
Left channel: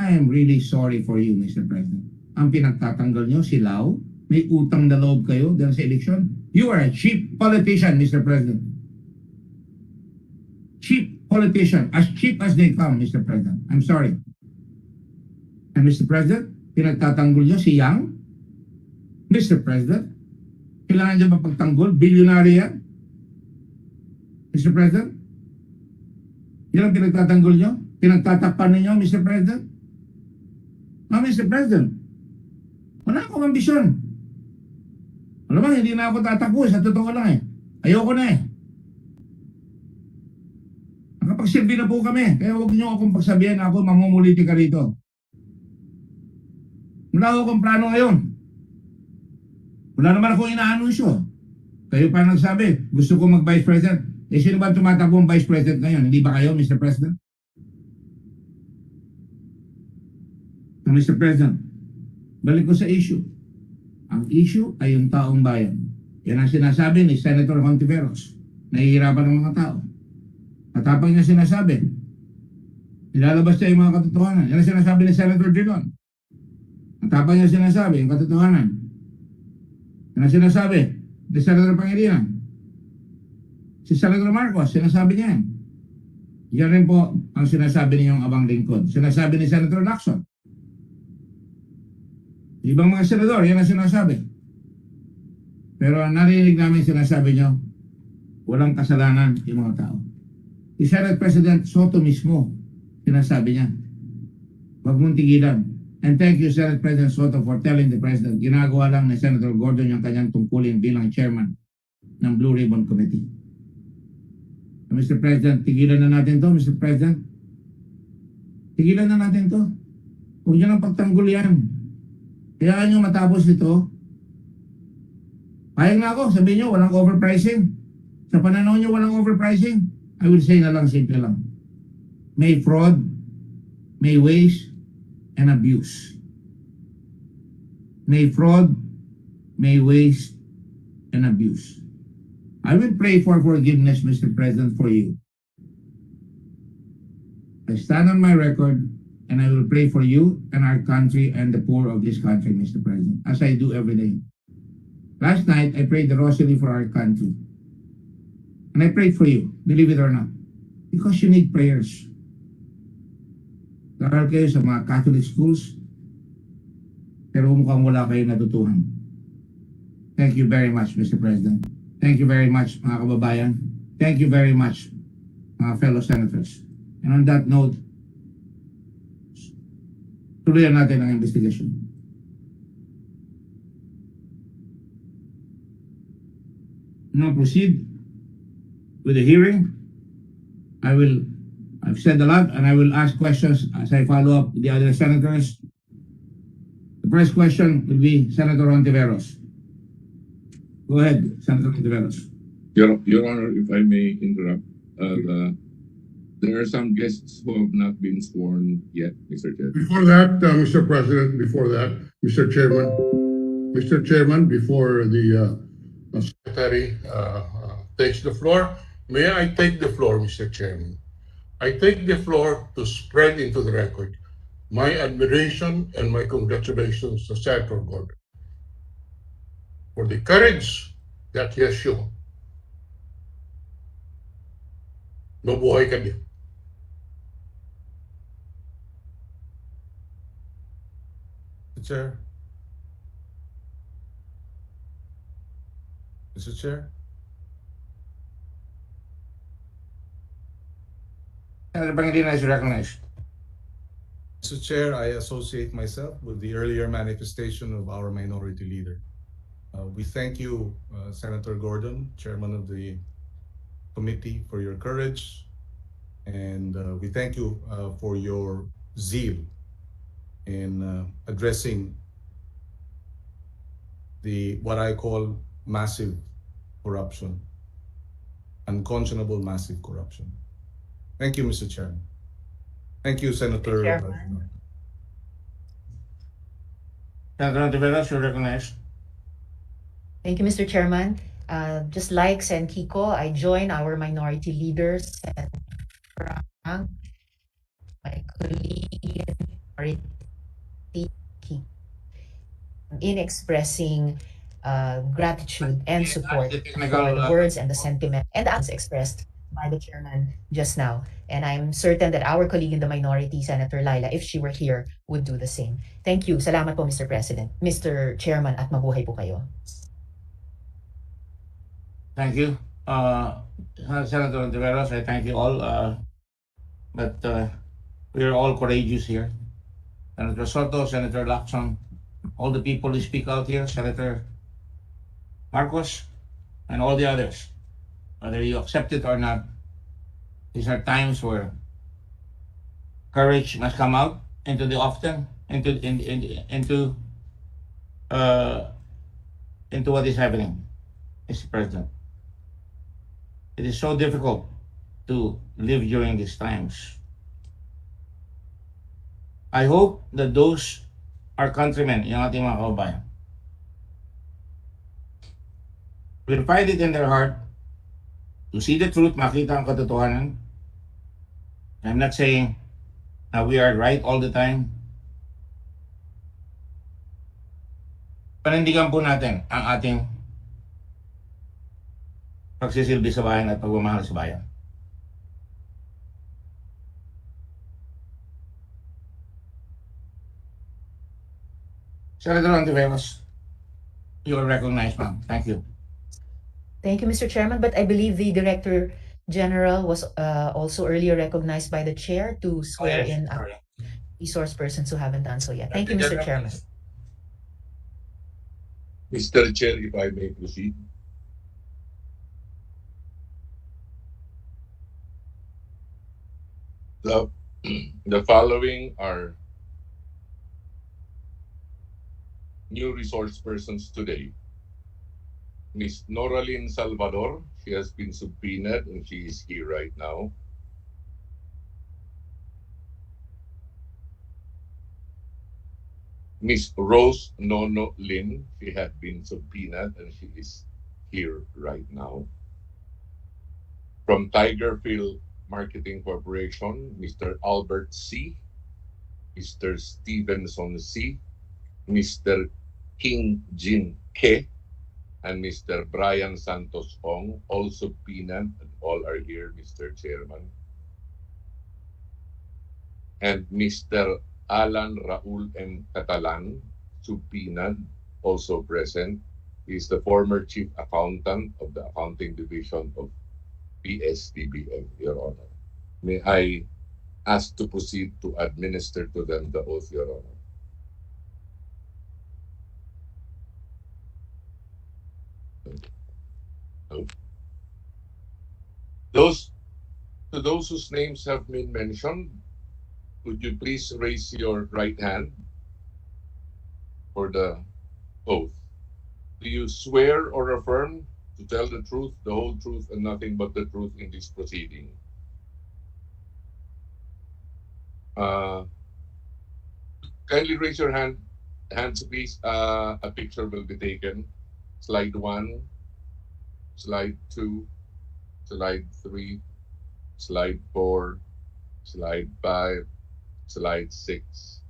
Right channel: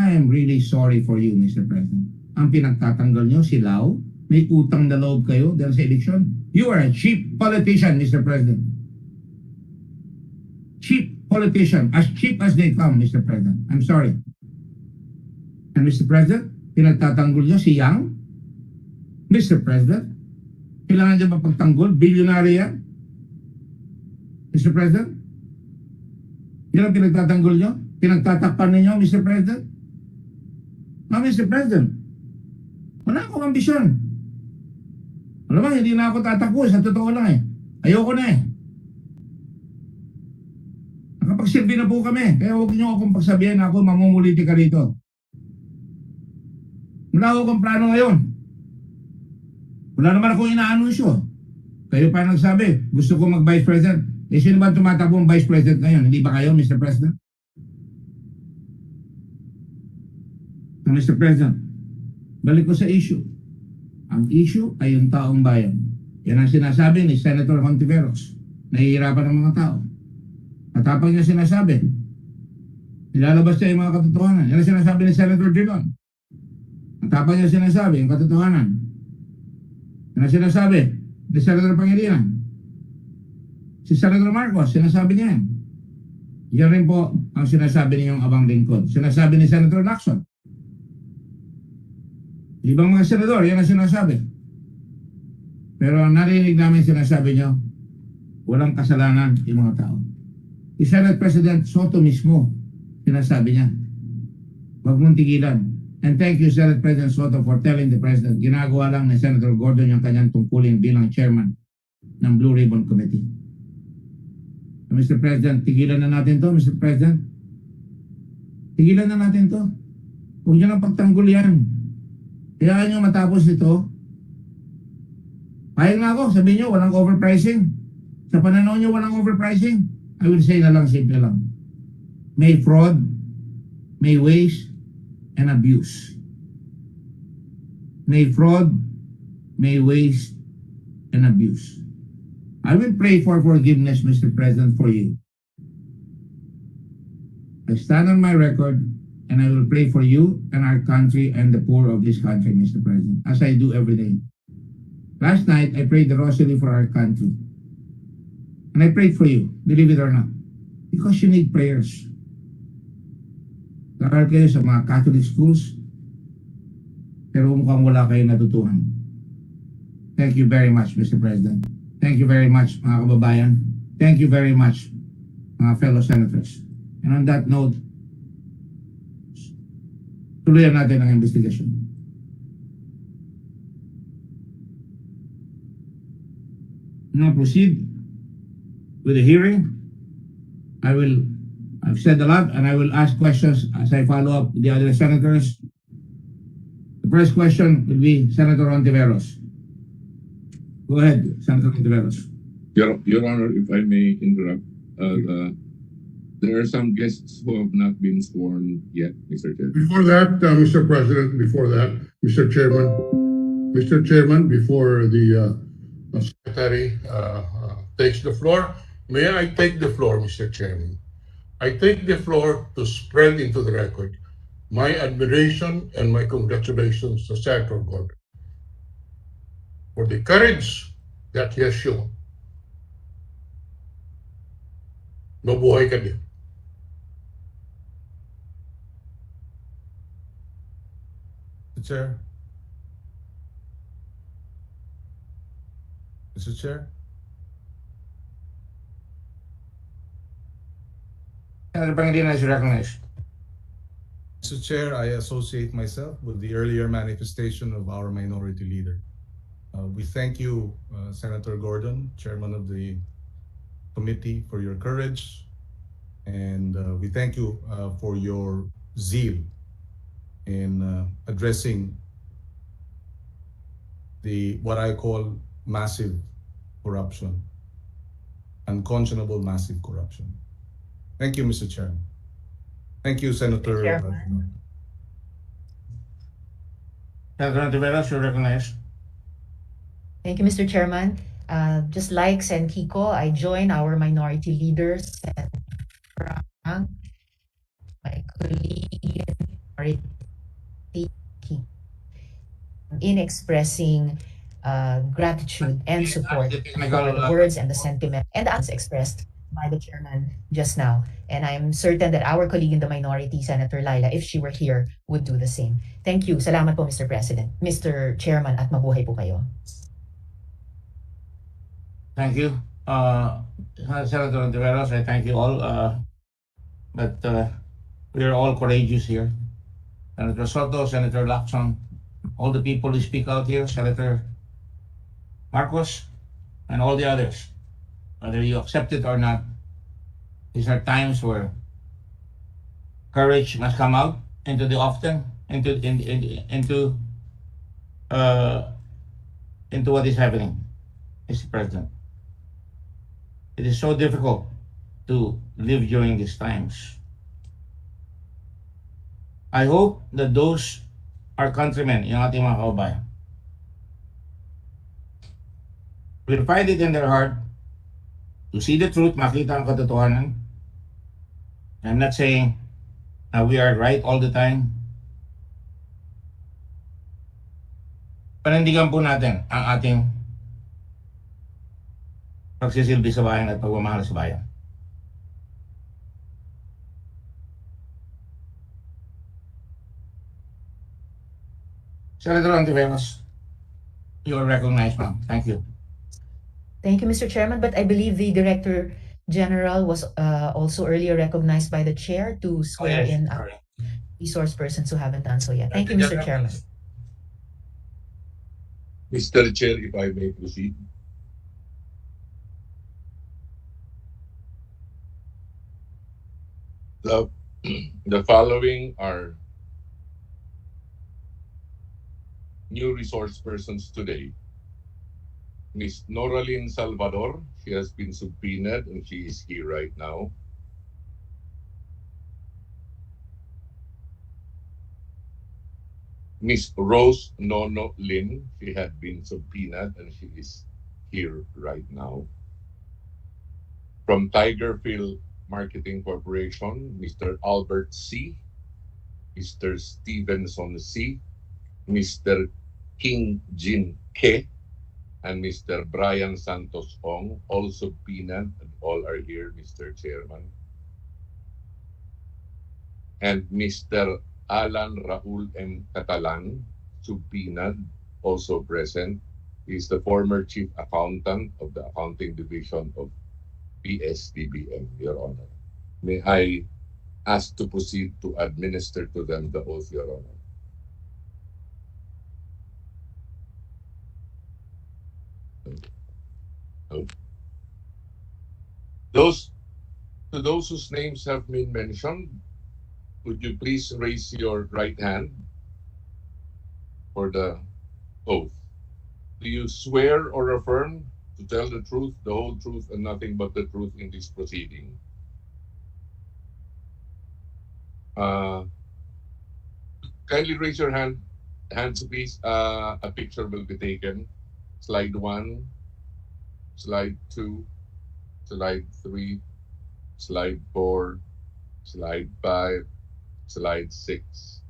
I am really sorry for you, Mr. President. Ang pinagtatanggol nyo, si Lau, may utang na loob kayo dahil sa eleksyon. You are a cheap politician, Mr. President. Cheap politician. As cheap as they come, Mr. President. I'm sorry. And Mr. President, pinagtatanggol nyo si Yang. Mr. President, kailangan nyo ba pagtanggol? Bilyonary yan? Mr. President? Yan ang pinagtatanggol nyo? Pinagtatakpan ninyo, Mr. President? No, Mr. President, wala akong ambisyon. Alam mo, hindi na ako tatakbo. Sa totoo lang eh. Ayoko na eh. Nakapagsilbi na po kami. Kaya huwag niyo akong pagsabihan na ako mamumuliti ka rito. Wala akong plano ngayon. Wala naman akong inaanunsyo. Kayo pa nagsabi, gusto ko mag-Vice President. Eh, sino ba tumatakbo ang Vice President ngayon? Hindi ba kayo, Mr. President? So, Mr. President, balik ko sa issue. Ang issue ay yung taong bayan. Yan ang sinasabi ni Senator Hontiveros. Nahihirapan ng mga tao. Katapang niya sinasabi. Nilalabas niya yung mga katotohanan. Yan ang sinasabi ni Senator Drilon. Katapang niya sinasabi yung katotohanan. Yan ang sinasabi ni Senator Pangilinan. Si Senator Marcos, sinasabi niya yan. Yan rin po ang sinasabi niyong abang lingkod. Sinasabi ni Senator Lacson. Ibang mga senador, yan ang sinasabi. Pero ang narinig namin sinasabi niyo, walang kasalanan yung mga tao. Si Senate President Soto mismo, sinasabi niya, wag mong tigilan. And thank you, Senate President Soto, for telling the President, ginagawa lang ni Senator Gordon yung kanyang tungkulin bilang chairman ng Blue Ribbon Committee. Mr. President, tigilan na natin to, Mr. President. Tigilan na natin to. Huwag niyo nang pagtanggol yan. Kaya nyo matapos ito. Payag na ako, sabihin nyo, walang overpricing. Sa pananaw nyo, walang overpricing. I will say na lang, simple lang. May fraud, may waste, and abuse. May fraud, may waste, and abuse. I will pray for forgiveness, Mr. President, for you. I stand on my record, and I will pray for you and our country and the poor of this country, Mr. President, as I do every day. Last night, I prayed the rosary for our country. And I prayed for you, believe it or not, because you need prayers. Karal kayo sa mga Catholic schools, pero mukhang wala kayo natutuhan. Thank you very much, Mr. President. Thank you very much, mga kababayan. Thank you very much, mga fellow senators. And on that note, tuloyan natin ang investigation. Now proceed with the hearing. I've said a lot and I will ask questions as I follow up with the other senators. The first question will be Senator Ontiveros. Go ahead, Senator Ontiveros. Your Honor, if I may interrupt, there are some guests who have not been sworn yet, Mr. Chair. Before that, Mr. President, Mr. Chairman, before the Secretary takes the floor, may I take the floor, Mr. Chairman? I take the floor to spread into the record my admiration and my congratulations to Senator Gordon for the courage that he has shown. Mabuhay ka din. Chair. Mr. Chair. Senator Pangilinan is recognized. Mr. Chair, I associate myself with the earlier manifestation of our minority leader. We thank you, Senator Gordon, Chairman of the committee, for your courage, and we thank you for your zeal in addressing what I call massive corruption, unconscionable massive corruption. Thank you, Mr. Chairman. Thank you, Senator. Senator Ontiveros, you're recognized. Thank you, Mr. Chairman. Just like Sen Kiko, I join our minority leaders and Frank, my colleague, in expressing gratitude and support for the words and the sentiment and the acts expressed by the chairman just now. And I'm certain that our colleague in the minority, Senator Laila, if she were here, would do the same. Thank you. Salamat po, Mr. President, Mr. Chairman, at mabuhay po kayo. Thank you. Senator Ontiveros, I thank you all. But we are all courageous here. Senator Soto, Senator Lacson, all the people who speak out here, Senator Marcos, and all the others, whether you accept it or not, these are times where courage must come out into the into what is happening, Mr. President. It is so difficult to live during these times. I hope that those are countrymen, yung ating mga kababayan, will find it in their heart to see the truth, makita ang katotohanan. I'm not saying that we are right all the time. Panindigan po natin ang ating pagsisilbi sa bayan at pagmamahal sa bayan. Senator Antiveros, you are recognized, ma'am. Thank you. Thank you, Mr. Chairman, but I believe the Director General was also earlier recognized by the chair to swear in Sorry. resource persons who haven't done so yet. Thank you, Mr. Chairman. Mr. Chair, if I may proceed. The following are new resource persons today. Miss Noraline Salvador, she has been subpoenaed and she is here right now. Miss Rose Nono Lin, she had been subpoenaed and she is here right now. From Tigerfield Marketing Corporation, Mr. Albert C., Mr. Stevenson C., Mr. King Jin Ke, and Mr. Brian Santos Ong, all subpoenaed, and all are here, Mr. Chairman. And Mr. Alan Raul M. Catalan, subpoenaed, also present. He is the former chief accountant of the accounting division of PSDBM, Your Honor. May I ask to proceed to administer to them the oath, Your Honor? No. Those whose names have been mentioned, would you please raise your right hand for the oath? Do you swear or affirm to tell the truth, the whole truth, and nothing but the truth in this proceeding? Kindly raise your hands, please. A picture will be taken. Slide 1, slide 2, slide 3, slide 4, slide 5, slide 6,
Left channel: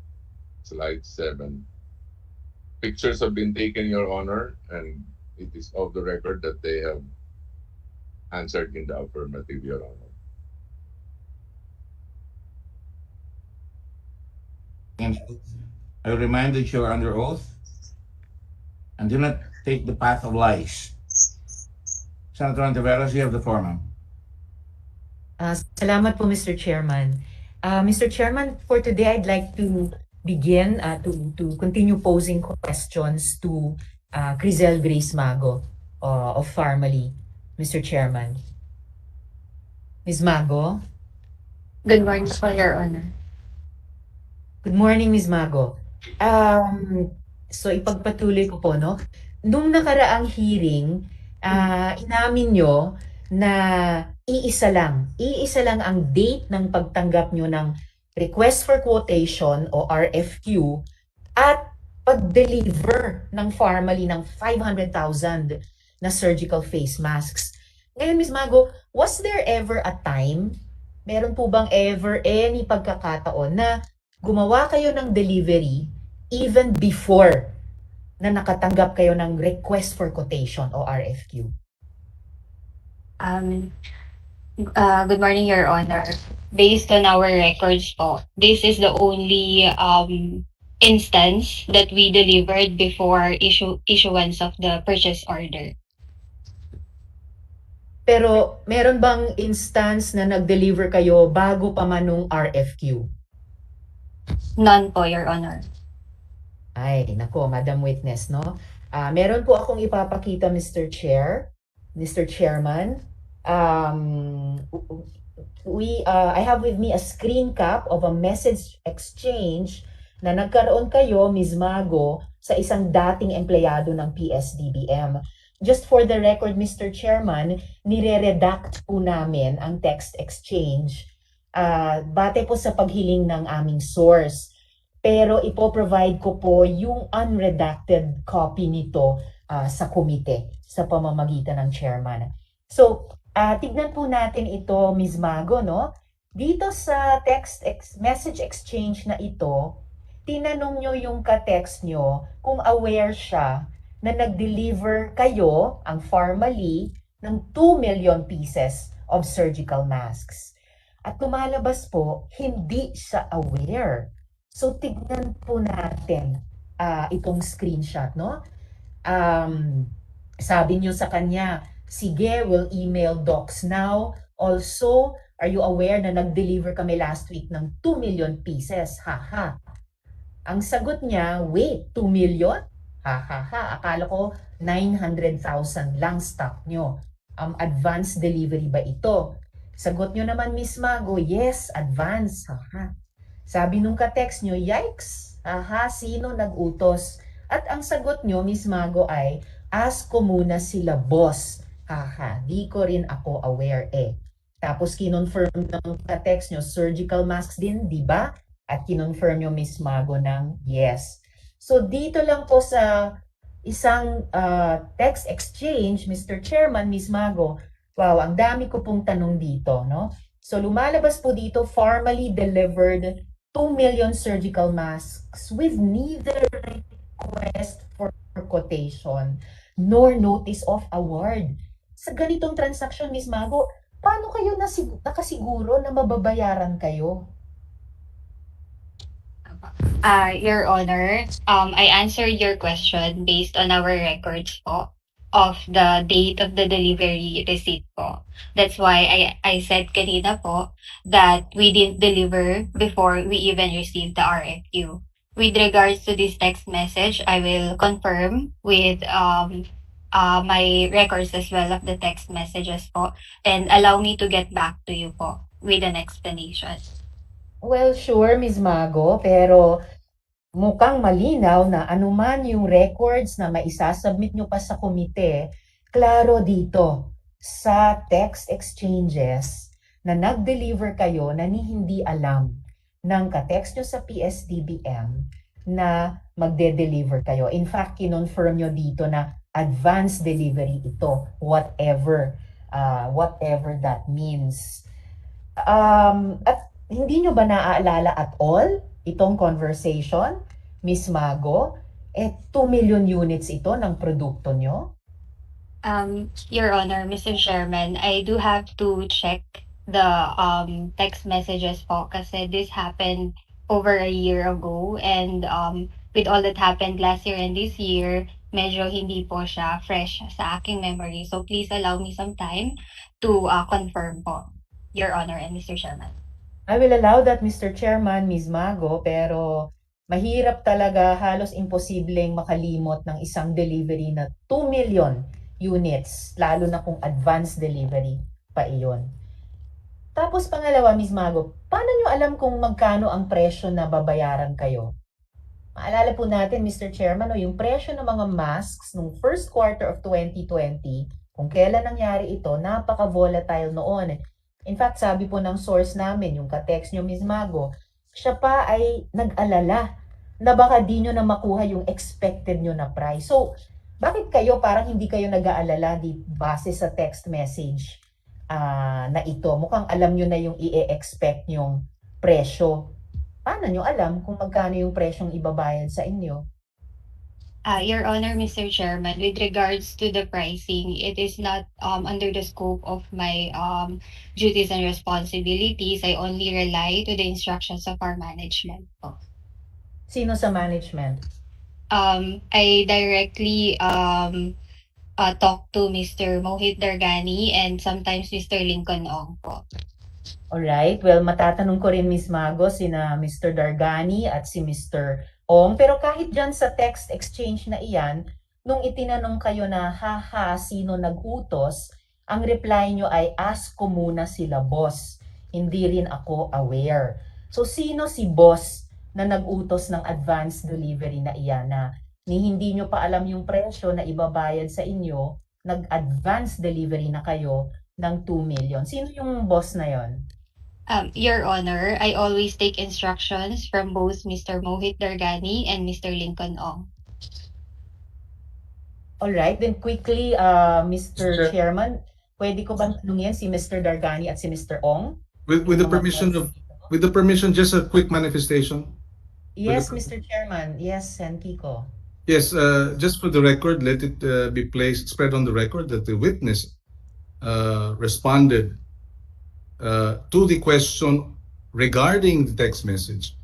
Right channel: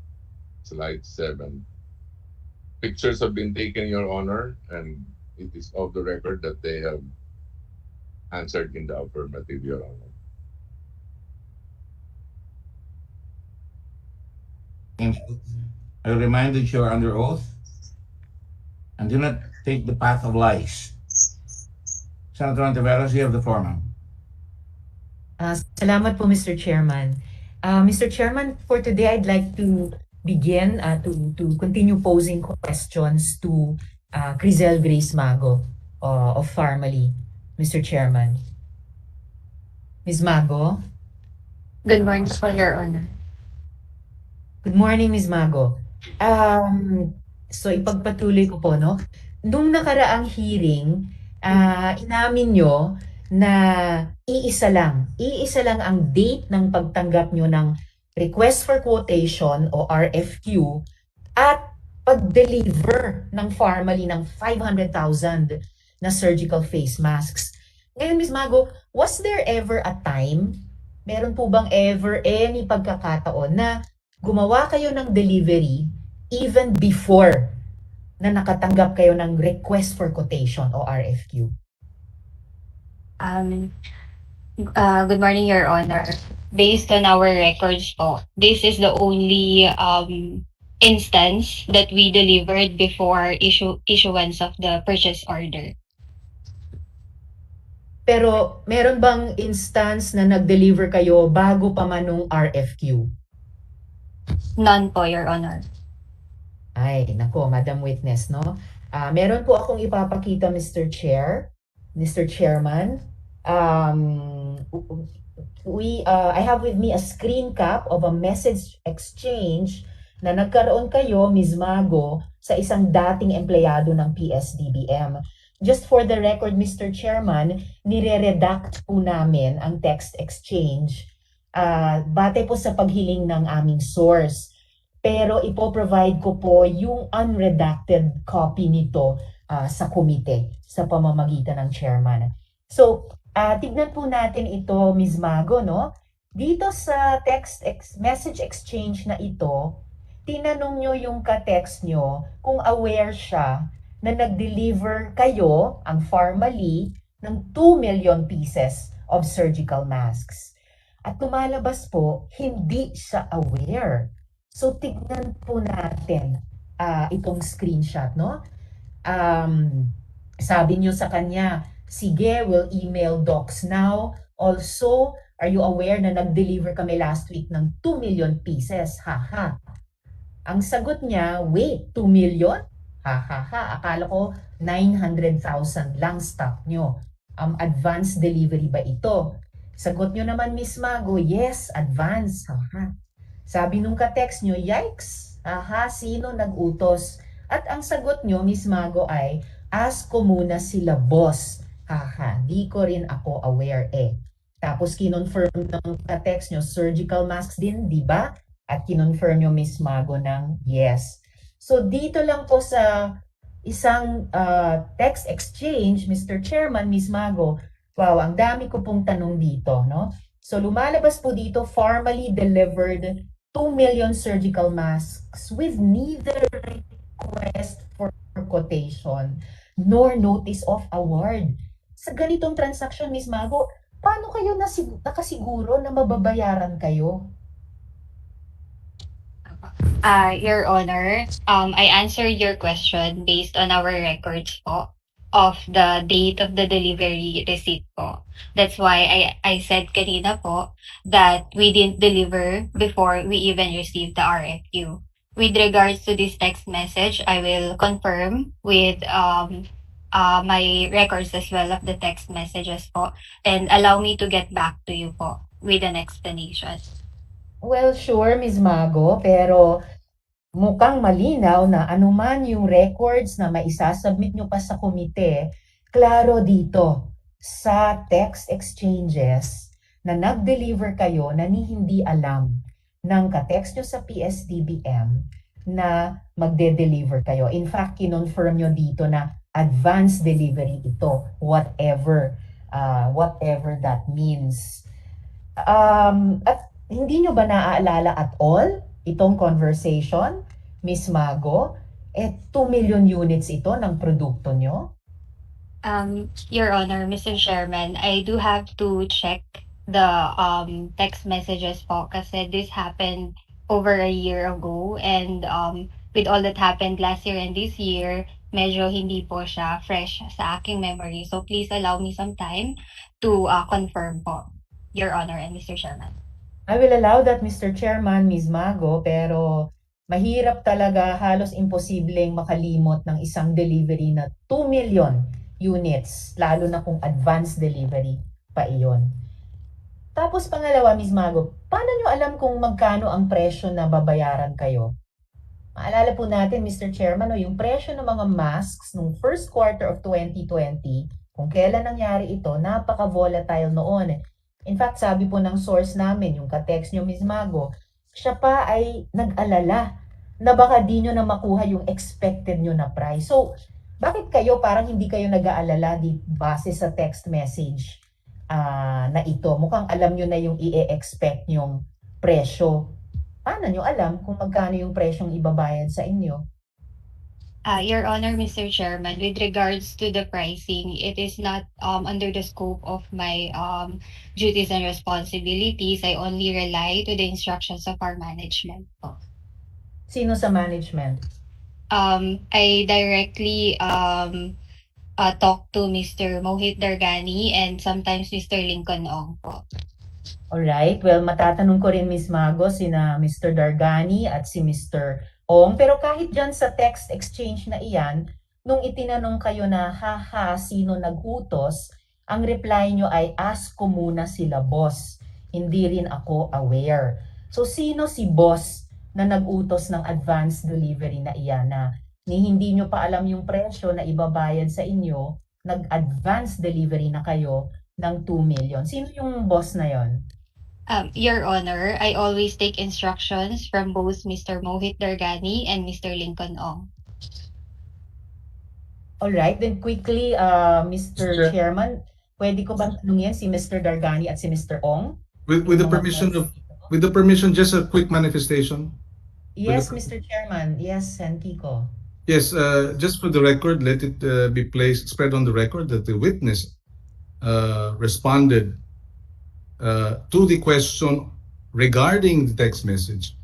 slide 7. Pictures have been taken, Your Honor, and it is of the record that they have answered in the affirmative, Your Honor. And I remind that you are under oath and do not take the path of lies. Senator Antiveros, you have the floor, ma'am. Salamat po, Mr. Chairman. Mr. Chairman, for today, I'd like to begin to continue posing questions to Crizel Grace Mago of Farmally, Mr. Chairman. Ms. Mago? Good morning po, Your Honor. Good morning, Ms. Mago. So ipagpatuloy ko po, no? Nung nakaraang hearing, inamin nyo na iisa lang ang date ng pagtanggap nyo ng Request for Quotation o RFQ at pag-deliver ng Farmally ng 500,000 na surgical face masks. Ngayon, Ms. Mago, was there ever a time, meron po bang ever any pagkakataon na gumawa kayo ng delivery even before na nakatanggap kayo ng Request for Quotation o RFQ? Good morning, Your Honor. Based on our records po, this is the only instance that we delivered before issuance of the purchase order. Pero meron bang instance na nag-deliver kayo bago pa man nung RFQ? None po, Your Honor. Ay, nako, Madam Witness, no? Meron po akong ipapakita, Mr. Chairman. I have with me a screen cap of a message exchange na nagkaroon kayo, Ms. Mago, sa isang dating empleyado ng PSDBM. Just for the record, Mr. Chairman, nire-redact po namin ang text exchange bate po sa paghiling ng aming source. Pero ipoprovide ko po yung unredacted copy nito sa komite sa pamamagitan ng chairman. So, tignan po natin ito, Ms. Mago, no? Dito sa message exchange na ito, tinanong nyo yung ka-text nyo kung aware siya na nag-deliver kayo, ang Farmally, ng 2 million pieces of surgical masks. At lumalabas po, hindi siya aware. So tignan po natin itong screenshot, no? Sabi niyo sa kanya, sige, we'll email docs now. Also, are you aware na nag-deliver kami last week ng 2 million pieces? Haha. Ang sagot niya, wait, 2 million? Hahaha. Akala ko 900,000 lang stock nyo. Advance delivery ba ito? Sagot nyo naman, Miss Mago, yes, advance. Haha. Sabi nung ka-text nyo, yikes. Aha, sino nag-utos? At ang sagot nyo, Miss Mago, ay, ask ko muna sila boss. Haha, di ko rin ako aware eh. Tapos kinonfirm ng ka-text nyo, surgical masks din, di ba? At kinonfirm nyo, Miss Mago, ng yes. So dito lang po sa isang text exchange, Mr. Chairman, Miss Mago, wow, ang dami ko pong tanong dito, no? So lumalabas po dito, formally delivered 2 million surgical masks with neither request for quotation nor notice of award. Sa ganitong transaction, Miss Mago, paano kayo nakasiguro na mababayaran kayo? Your Honor, I answered your question based on our records po of the date of the delivery receipt po. That's why I said kanina po that we didn't deliver before we even received the RFQ. With regards to this text message, I will confirm with my records as well of the text messages po, and allow me to get back to you po with an explanation. Well, sure, Ms. Mago, pero mukhang malinaw na anuman yung records na maisasubmit nyo pa sa komite, klaro dito sa text exchanges na nag-deliver kayo na hindi alam ng ka-text nyo sa PSDBM na magde-deliver kayo. In fact, kinonfirm nyo dito na advance delivery ito, whatever that means. At hindi nyo ba naaalala at all itong conversation, Miss Mago? 2 million units ito ng produkto nyo? Your Honor, Mr. Chairman, I do have to check the text messages po kasi this happened over a year ago, and with all that happened last year and this year, medyo hindi po siya fresh sa aking memory. So please allow me some time to confirm po, Your Honor and Mr. Chairman. I will allow that, Mr. Chairman, Ms. Mago, pero mahirap talaga, halos imposibleng makalimot ng isang delivery na 2 million units, lalo na kung advance delivery pa iyon. Tapos pangalawa, Ms. Mago, paano nyo alam kung magkano ang presyo na babayaran kayo? Maalala po natin, Mr. Chairman, yung presyo ng mga masks nung first quarter of 2020, kung kailan nangyari ito, napaka-volatile noon. In fact, sabi po ng source namin, yung ka-text nyo, Ms. Mago, siya pa ay nag-alala na baka di nyo na makuha yung expected nyo na price. So, bakit kayo parang hindi kayo nag-aalala base sa text message na ito? Mukhang alam nyo na yung i-expect nyong presyo. Paano nyo alam kung magkano yung presyong ibabayad sa inyo? Your Honor, Mr. Chairman, with regards to the pricing, it is not under the scope of my duties and responsibilities. I only rely to the instructions of our management po. Sino sa management? I directly talk to Mr. Mohit Dargani and sometimes Mr. Lincoln Ong po. Alright, well, matatanong ko rin, Ms. Mago, sina Mr. Dargani at si Mr. Ong. Pero kahit dyan sa text exchange na iyan, nung itinanong kayo na, haha, sino nag-utos, ang reply nyo ay, ask ko muna sila boss. Hindi rin ako aware. So, sino si boss na nag-utos ng advance delivery na iyan na hindi nyo pa alam yung presyo na ibabayad sa inyo, nag-advance delivery na kayo ng 2 million. Sino yung boss na yon? Your Honor, I always take instructions from both Mr. Mohit Dargani and Mr. Lincoln Ong. Alright, then quickly, Mr. Chairman, pwede ko bang tanungin si Mr. Dargani at si Mr. Ong? With the permission, just a quick manifestation. Yes, Mr. Chairman. Yes, and Kiko. Yes, just for the record, let it be placed, spread on the record that the witness responded to the question regarding the text message,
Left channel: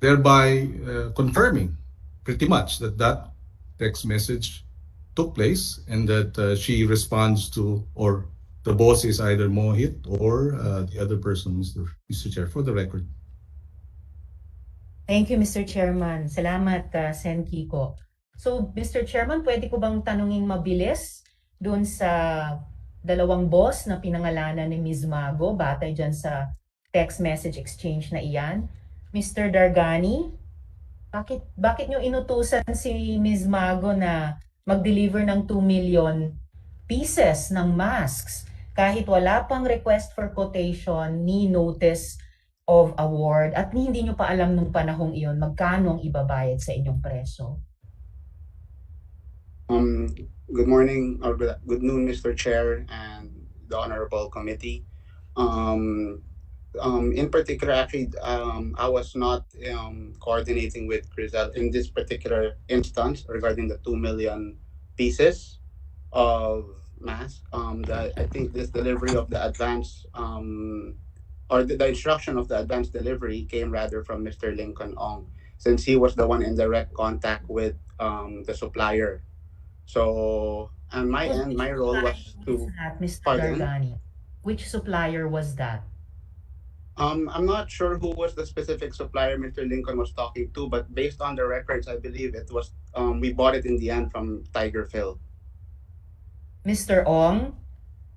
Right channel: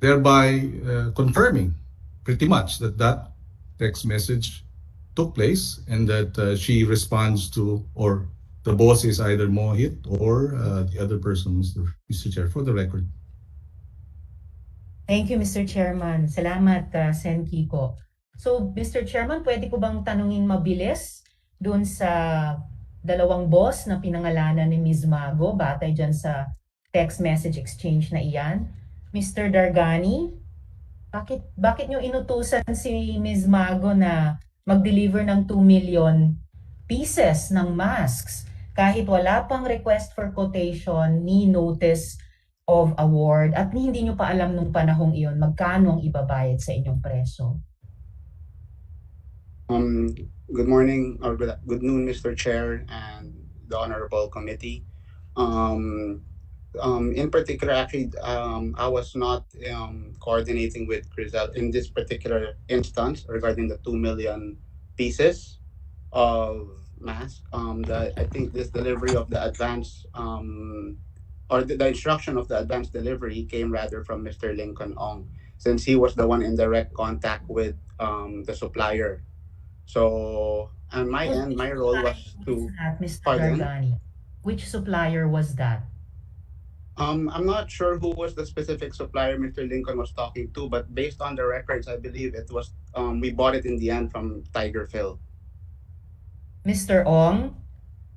thereby confirming pretty much that that text message took place and that she responds to, or the boss is either Mohit or the other person, Mr. Chair, for the record. Thank you, Mr. Chairman. Salamat, Sen Kiko. So, Mr. Chairman, pwede ko bang tanungin mabilis doon sa dalawang boss na pinangalanan ni Ms. Mago batay dyan sa text message exchange na iyan? Mr. Dargani, bakit nyo inutusan si Ms. Mago na mag-deliver ng 2 million pieces ng masks kahit wala pang request for quotation ni notice of award at hindi nyo pa alam nung panahong iyon magkano ang ibabayad sa inyong preso? Good morning or good noon, Mr. Chair and the Honorable Committee. In particular, actually, I was not coordinating with Crizel in this particular instance regarding the 2 million pieces of mask. I think this delivery of the advance or the instruction of the advance delivery came rather from Mr. Lincoln Ong, since he was the one in direct contact with the supplier. So on my end, my role was to Mr. pardon? Dargani, which supplier was that? I'm not sure who was the specific supplier Mr. Lincoln was talking to, but based on the records, I believe it was we bought it in the end from Tiger Phil. Mr. Ong,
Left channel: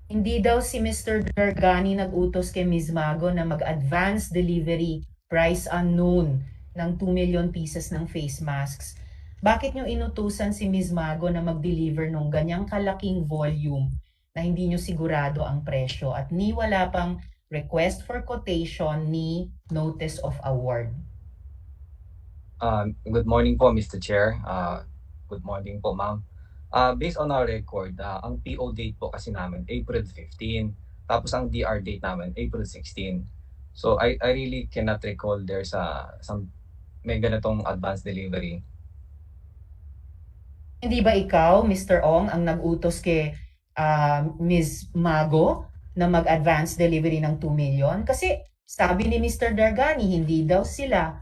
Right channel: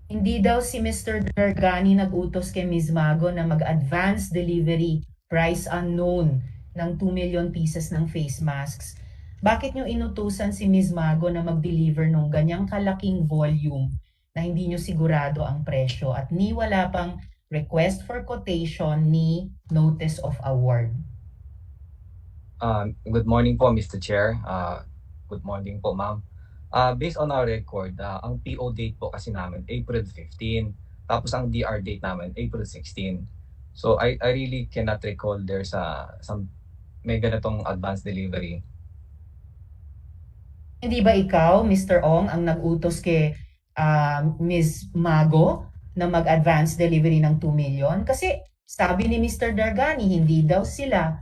hindi daw si Mr. Dargani nag-utos kay Ms. Mago na mag-advance delivery price unknown ng 2 million pieces ng face masks. Bakit nyo inutusan si Ms. Mago na mag-deliver ng ganyang kalaking volume na hindi nyo sigurado ang presyo at ni wala pang request for quotation ni notice of award? Good morning po, Mr. Chair. Good morning po, ma'am. Based on our record, ang PO date po kasi namin April 15, tapos ang DR date namin April 16. So I really cannot recall there's some may ganitong advance delivery. Hindi ba ikaw, Mr. Ong, ang nag-utos kay Ms. Mago na mag-advance delivery ng 2 million? Kasi sabi ni Mr. Dargani, hindi daw sila.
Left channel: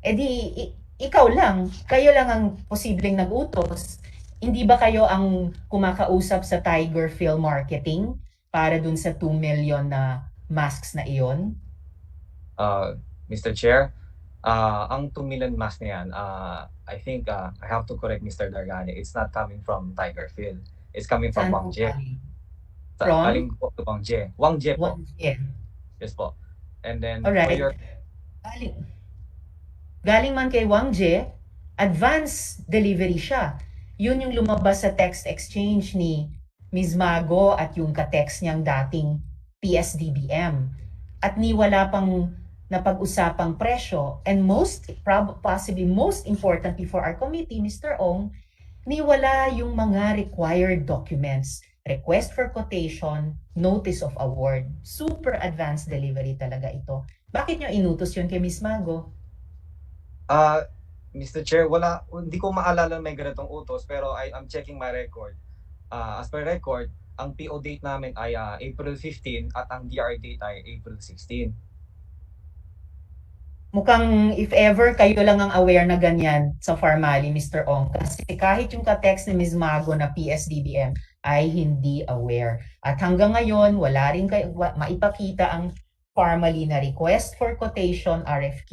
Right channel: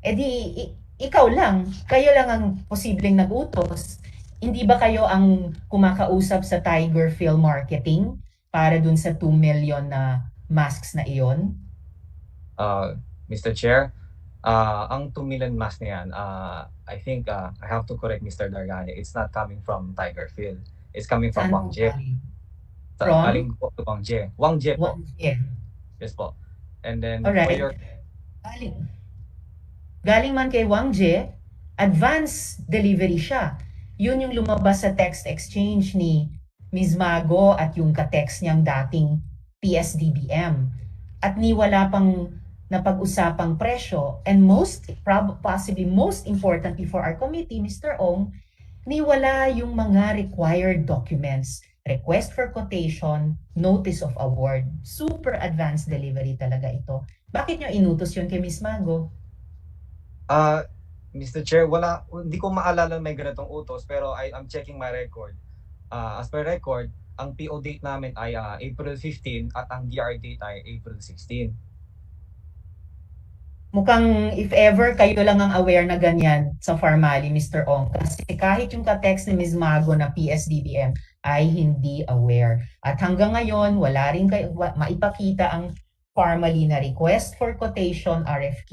E di, ikaw lang, kayo lang ang posibleng nag-utos. Hindi ba kayo ang kumakausap sa Tiger Phil Marketing para dun sa 2 million na masks na iyon? Mr. Chair, ang 2 million mask na yan, I think I have to correct Mr. Dargani. It's not coming from Tiger Phil. It's coming from Wang Jie. From? Galing po to Wang Jie. Wang Jie po. Wang Jie. Yes po. And then Alright. for your... Galing man kay Wang Jie, advance delivery siya. Yun yung lumabas sa text exchange ni Ms. Mago at yung ka-text niyang dating PSDBM. At ni wala pang napag-usapang presyo, and possibly most importantly for our committee, Mr. Ong, ni wala yung mga required documents, request for quotation, notice of award. Super advanced delivery talaga ito. Bakit nyo inutos yun kay Ms. Mago? Mr. Chair, hindi ko maalala may ganitong utos, pero I'm checking my record. As per record, ang PO date namin ay April 15 at ang DR date ay April 16. Mukhang if ever kayo lang ang aware na ganyan sa Farmally, Mr. Ong. Kasi kahit yung ka-text ni Ms. Mago na PSDBM ay hindi aware. At hanggang ngayon, wala rin kayo maipakita ang Farmally na request for quotation, RFQ,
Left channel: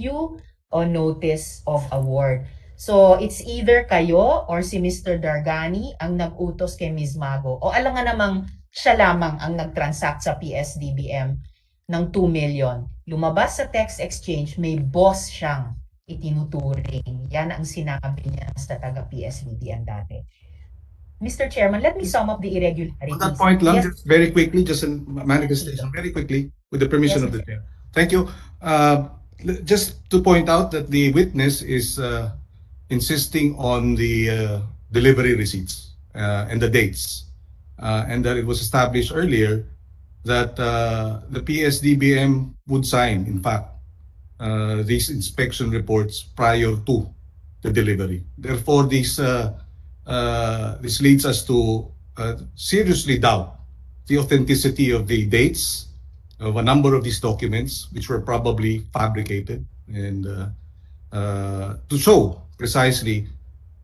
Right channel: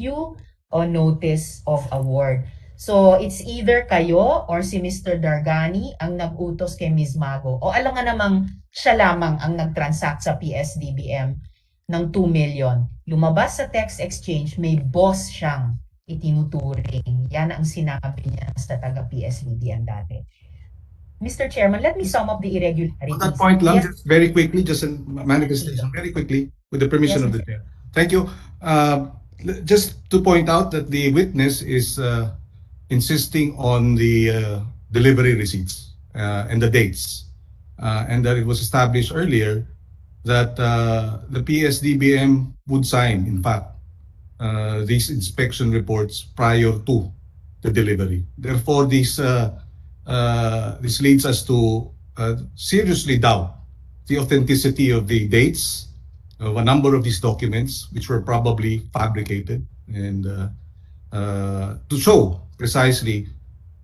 o notice of award. So, it's either kayo or si Mr. Dargani ang nag-utos kay Ms. Mago. O alam nga namang siya lamang ang nag-transact sa PSDBM ng 2 million. Lumabas sa text exchange, may boss siyang itinuturing. Yan ang sinabi niya sa taga-PSDBM dati. Mr. Chairman, let me sum up the irregularities. On that point lang, Yes. just very quickly, just a manifestation, very quickly, with the permission Yes, of the chair. Thank you. Just to point out that the witness is insisting on the delivery receipts and the dates, and that it was established earlier that the PSDBM would sign, in fact, these inspection reports prior to the delivery. Therefore, this leads us to seriously doubt the authenticity of the dates of a number of these documents, which were probably fabricated, and to show precisely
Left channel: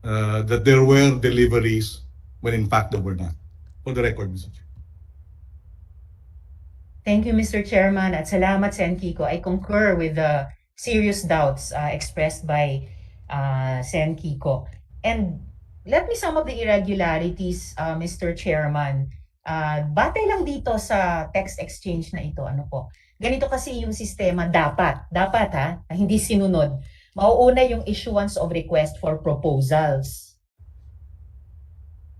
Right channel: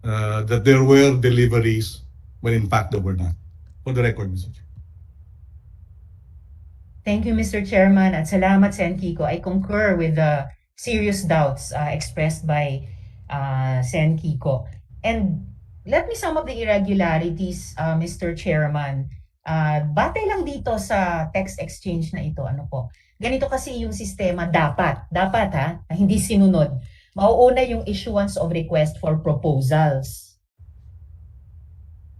that there were deliveries when in fact there were not. For the record, Mr. Chair. Thank you, Mr. Chairman, at salamat, Sen. Kiko. I concur with the serious doubts expressed by Sen. Kiko. And let me sum up the irregularities, Mr. Chairman. Batay lang dito sa text exchange na ito, ano po, ganito kasi yung sistema dapat ha, hindi sinunod. Mauuna yung issuance of request for proposals.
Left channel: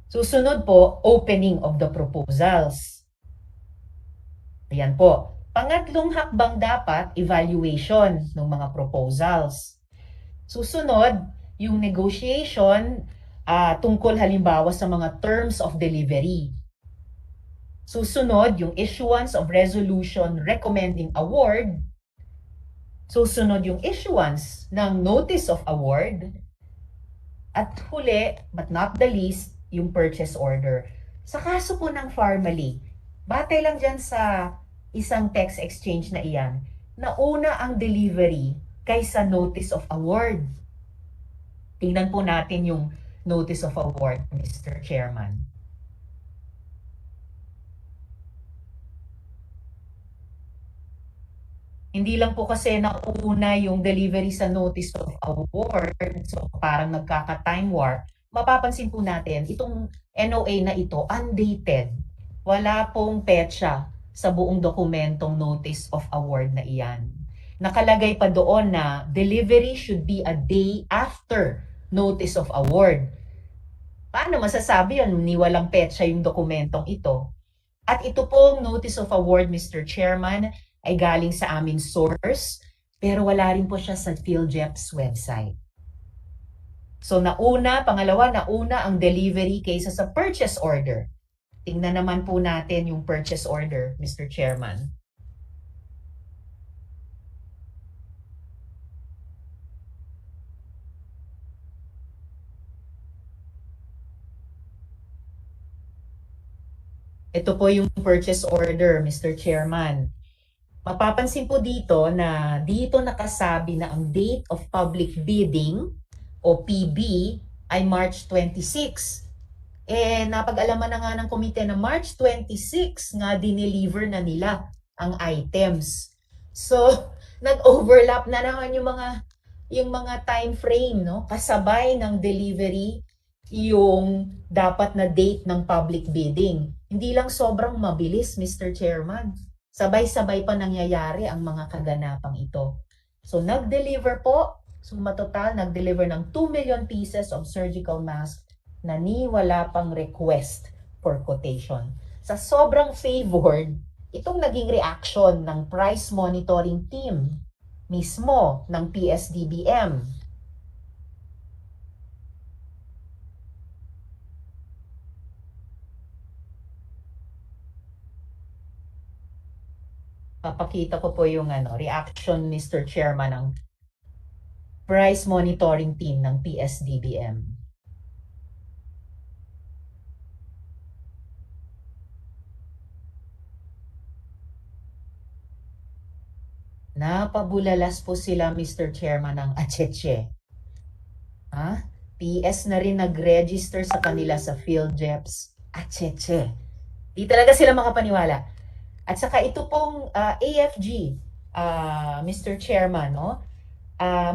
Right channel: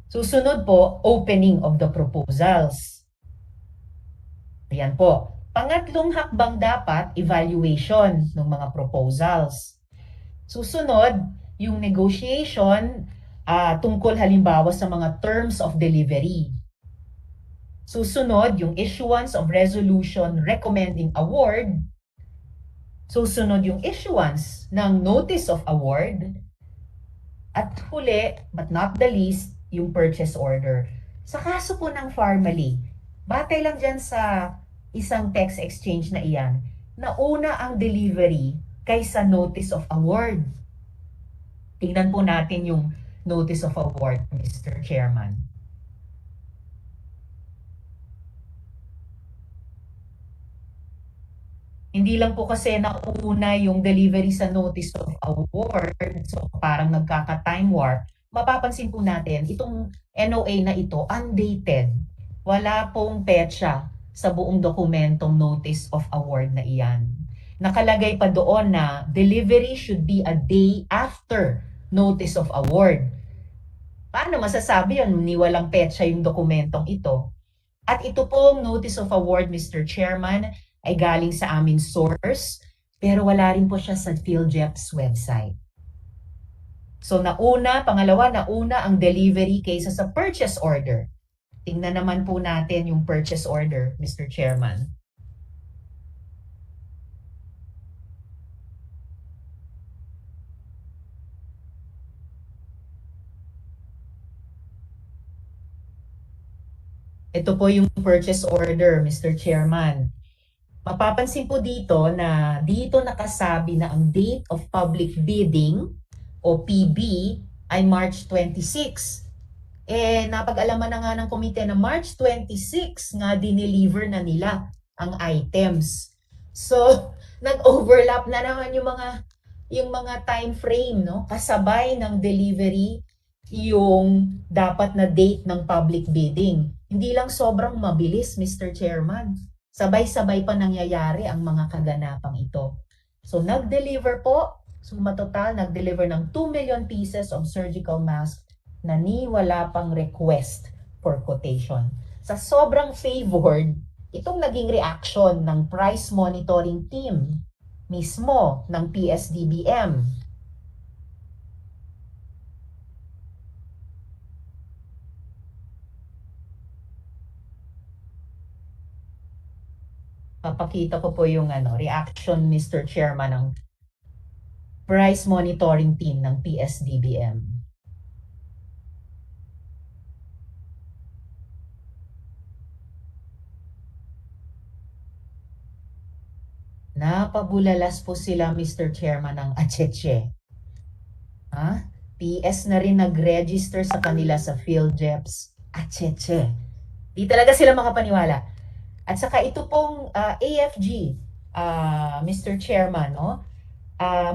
Susunod po, opening of the proposals. Ayan po. Pangatlong hakbang dapat, evaluation ng mga proposals. Susunod, yung negotiation tungkol halimbawa sa mga terms of delivery. Susunod, yung issuance of resolution recommending award. Susunod, yung issuance ng notice of award. At huli, but not the least, yung purchase order. Sa kaso po ng Farmally, batay lang dyan sa isang text exchange na iyan, nauna ang delivery kaysa notice of award. Tingnan po natin yung notice of award, Mr. Chairman. Hindi lang po kasi nauna yung delivery sa notice of award, so parang nagkaka-time warp. Mapapansin po natin, itong NOA na ito, undated. Wala pong petsa sa buong dokumentong notice of award na iyan. Nakalagay pa doon na delivery should be a day after notice of award. Paano masasabi yun ni walang petsa yung dokumentong ito? At ito pong notice of award, Mr. Chairman, ay galing sa aming source, pero wala rin po siya sa PhilJep's website. So pangalawa, nauna ang delivery kaysa sa purchase order. Tingnan naman po natin yung purchase order, Mr. Chairman. Ito po yung purchase order, Mr. Chairman. Mapapansin po dito na dito nakasabi na ang date of public bidding o PB ay March 26. Napag-alaman na nga ng komite na March 26 nga dineliver na nila ang items. So, nag-overlap na naman yung mga time frame, no? Kasabay ng delivery yung dapat na date ng public bidding. Hindi lang sobrang mabilis, Mr. Chairman. Sabay-sabay pa nangyayari ang mga kaganapang ito. So, nag-deliver po. So, matotal, nag-deliver ng 2 million pieces of surgical mask na wala pang request for quotation. Sa sobrang favored, itong naging reaction ng price monitoring team mismo ng PSDBM. Papakita ko po yung reaction, Mr. Chairman, ng price monitoring team ng PSDBM. Napabulalas po sila, Mr. Chairman, ng atseche. PS na rin nag-register sa kanila sa PhilJep's atseche. Di talaga sila makapaniwala. At saka ito pong AFG, Mr. Chairman, no?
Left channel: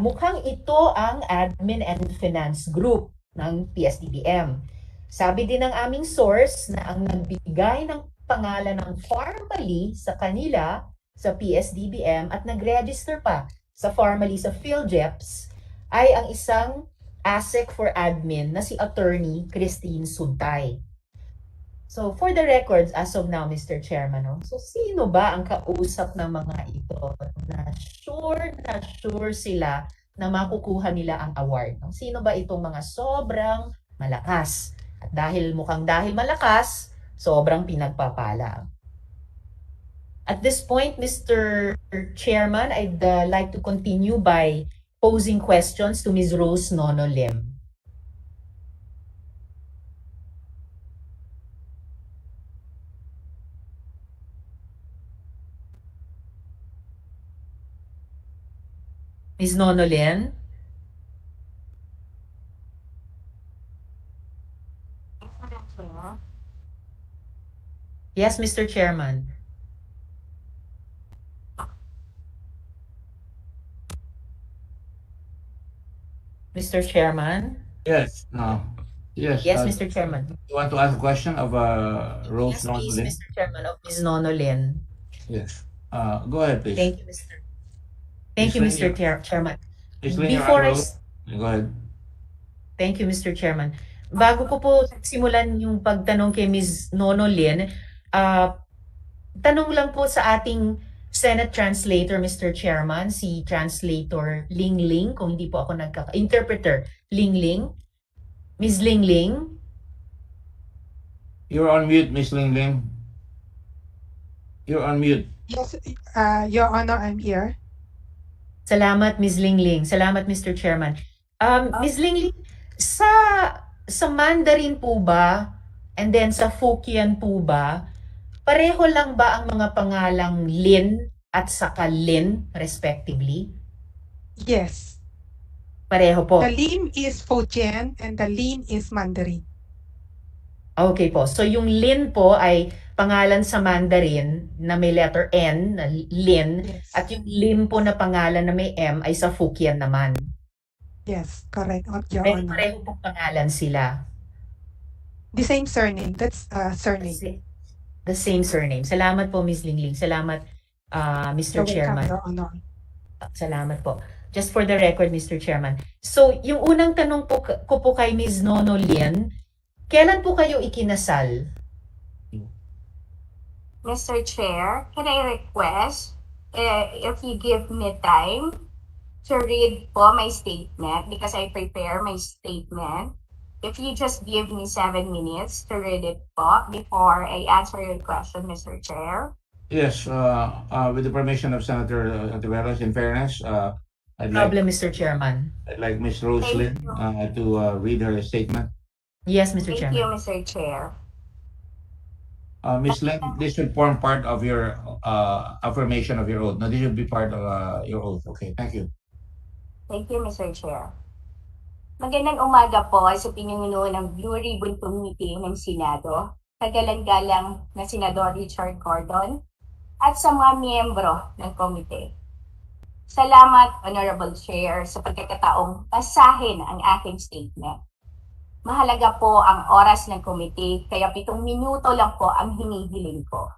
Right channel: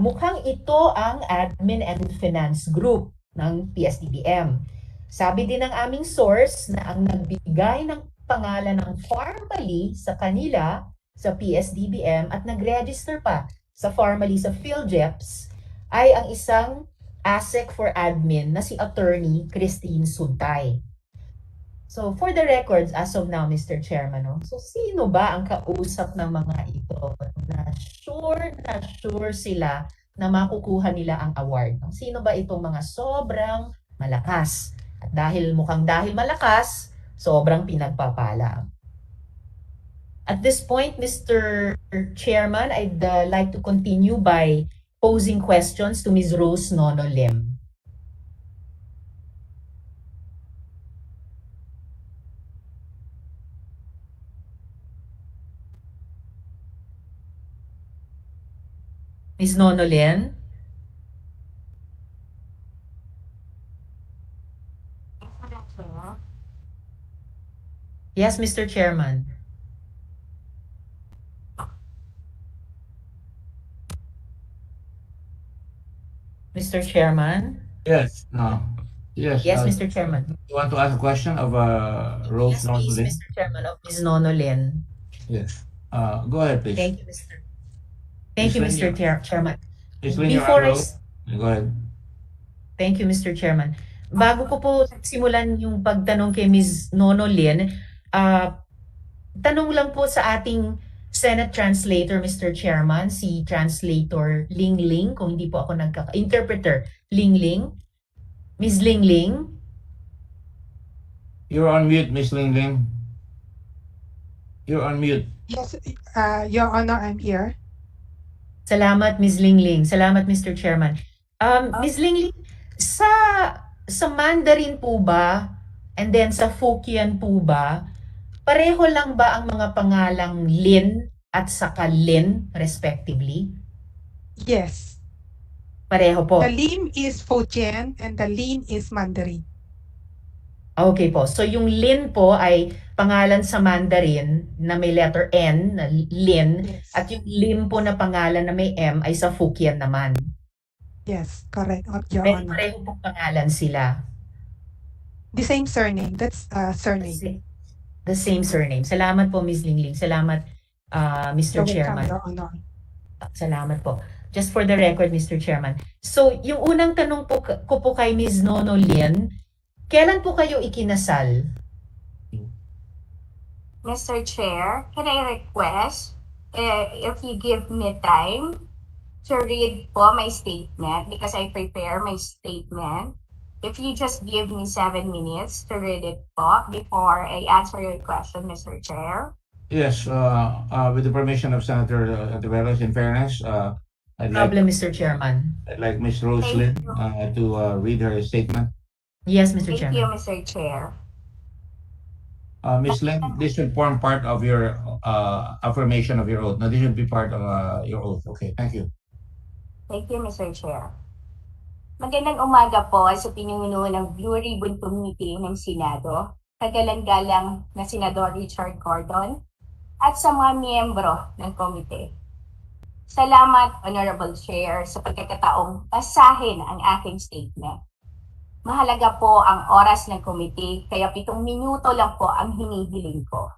Mukhang ito ang Admin and Finance Group ng PSDBM. Sabi din ng aming source na ang nagbigay ng pangalan ng Farmally sa kanila sa PSDBM at nag-register pa sa Farmally sa PhilJep's ay ang isang ASEC for Admin na si Attorney Christine Suntay. So, for the records, as of now, Mr. Chairman, no? So, sino ba ang kausap ng mga ito na sure sila na makukuha nila ang award? No? Sino ba itong mga sobrang malakas? At dahil malakas, sobrang pinagpapala. At this point, Mr. Chairman, I'd like to continue by posing questions to Ms. Rose Nono Lim. Ms. Nonolin? Yes, Mr. Chairman. Mr. Chairman? Yes. Yes. Yes, Mr. Chairman. You want to ask a question of Rose Yes, please, Nonolin? Mr. Chairman, of Ms. Nonolin. Yes. Go ahead, please. Thank you, Mr. Thank you, Ms. Lin, Mr. Chairman. Ms. Lin, you're Before on I roll. Go ahead. Thank you, Mr. Chairman. Bago ko po simulan yung pagtanong kay Ms. Nonolin, tanong lang po sa ating Senate translator, Mr. Chairman, si Translator Ling Ling, kung hindi po ako interpreter Ling Ling. Ms. Ling Ling? You're on mute, Ms. Ling Ling. You're on mute. Yes, Your Honor, I'm here. Salamat, Ms. Ling Ling. Salamat, Mr. Chairman. Ms. Ling Ling, sa Mandarin po ba and then sa Hokkien po ba, pareho lang ba ang mga pangalang Lin at saka Lin respectively? Yes. Pareho po. The Lim is Fujian and the Lin is Mandarin. Okay po. So yung Lin po ay pangalan sa Mandarin na may letter N, na Lin, Yes. at yung Lim po na pangalan na may M ay sa Hokkien naman. Yes, correct, Your Pero Honor. pareho pong pangalan sila. The same surname. That's surname. The same surname. Salamat po, Ms. Ling Ling. Salamat, Mr. You're Chairman. welcome, Your Honor. Salamat po. Just for the record, Mr. Chairman. So, yung unang tanong po ko po kay Ms. Nonolin, kailan po kayo ikinasal? Mr. Chair, can I request if you give me time to read po my statement because I prepare my statement. If you just give me 7 minutes to read it po before I answer your question, Mr. Chair. Yes, with the permission of Senator Antiveros, in fairness, I'd Mr. Chairman. like Ms. Roslyn to read her statement. Yes, Mr. Thank Chairman. you, Mr. Chair. Ms. Lin, this should form part of your affirmation of your oath. No, this should be part of your oath. Okay, thank you. Thank you, Mr. Chair. Magandang umaga po sa pinuno ng Blue Ribbon Committee ng Senado, kagalang-galang na Senador Richard Gordon, at sa mga miyembro ng komite. Salamat, Honorable Chair, sa pagkakataong basahin ang aking statement. Mahalaga po ang oras ng komite, kaya 7 minuto lang po ang hinihiling ko.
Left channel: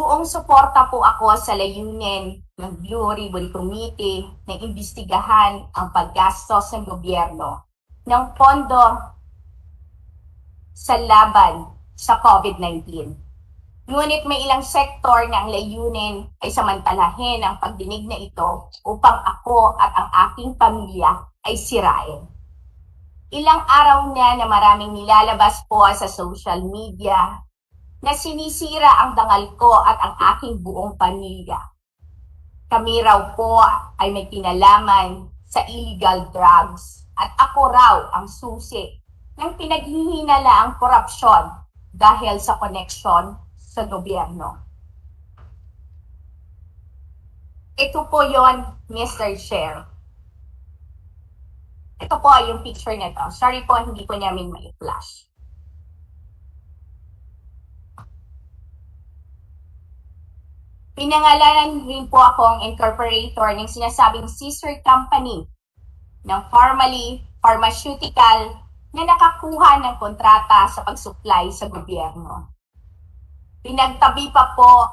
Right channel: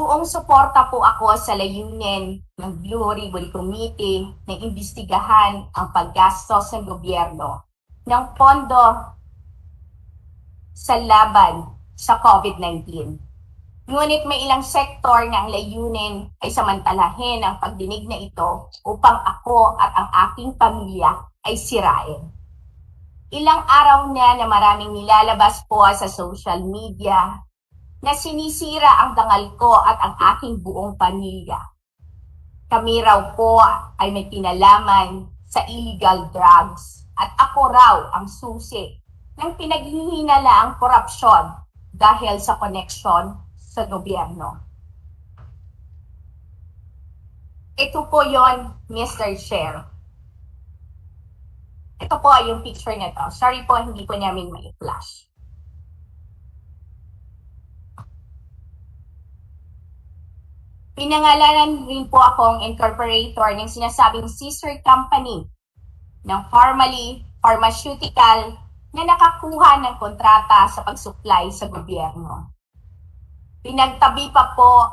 Buong suporta po ako sa layunin ng Blue Ribbon Committee na imbestigahan ang paggastos ng gobyerno ng pondo sa laban sa COVID-19. Ngunit may ilang sektor na ang layunin ay samantalahin ang pagdinig na ito upang ako at ang aking pamilya ay sirain. Ilang araw na maraming nilalabas po sa social media na sinisira ang dangal ko at ang aking buong pamilya. Kami raw po ay may kinalaman sa illegal drugs at ako raw ang susi ng pinaghihinalaang korupsyon dahil sa koneksyon sa gobyerno. Ito po yon, Mr. Chair. Ito po yung picture na to. Sorry po, hindi po namin mai-flash. Pinangalanan rin po akong incorporator ng sinasabing sister company ng pharmaceutical na nakakuha ng kontrata sa pag-supply sa gobyerno. Pinagtabi pa po.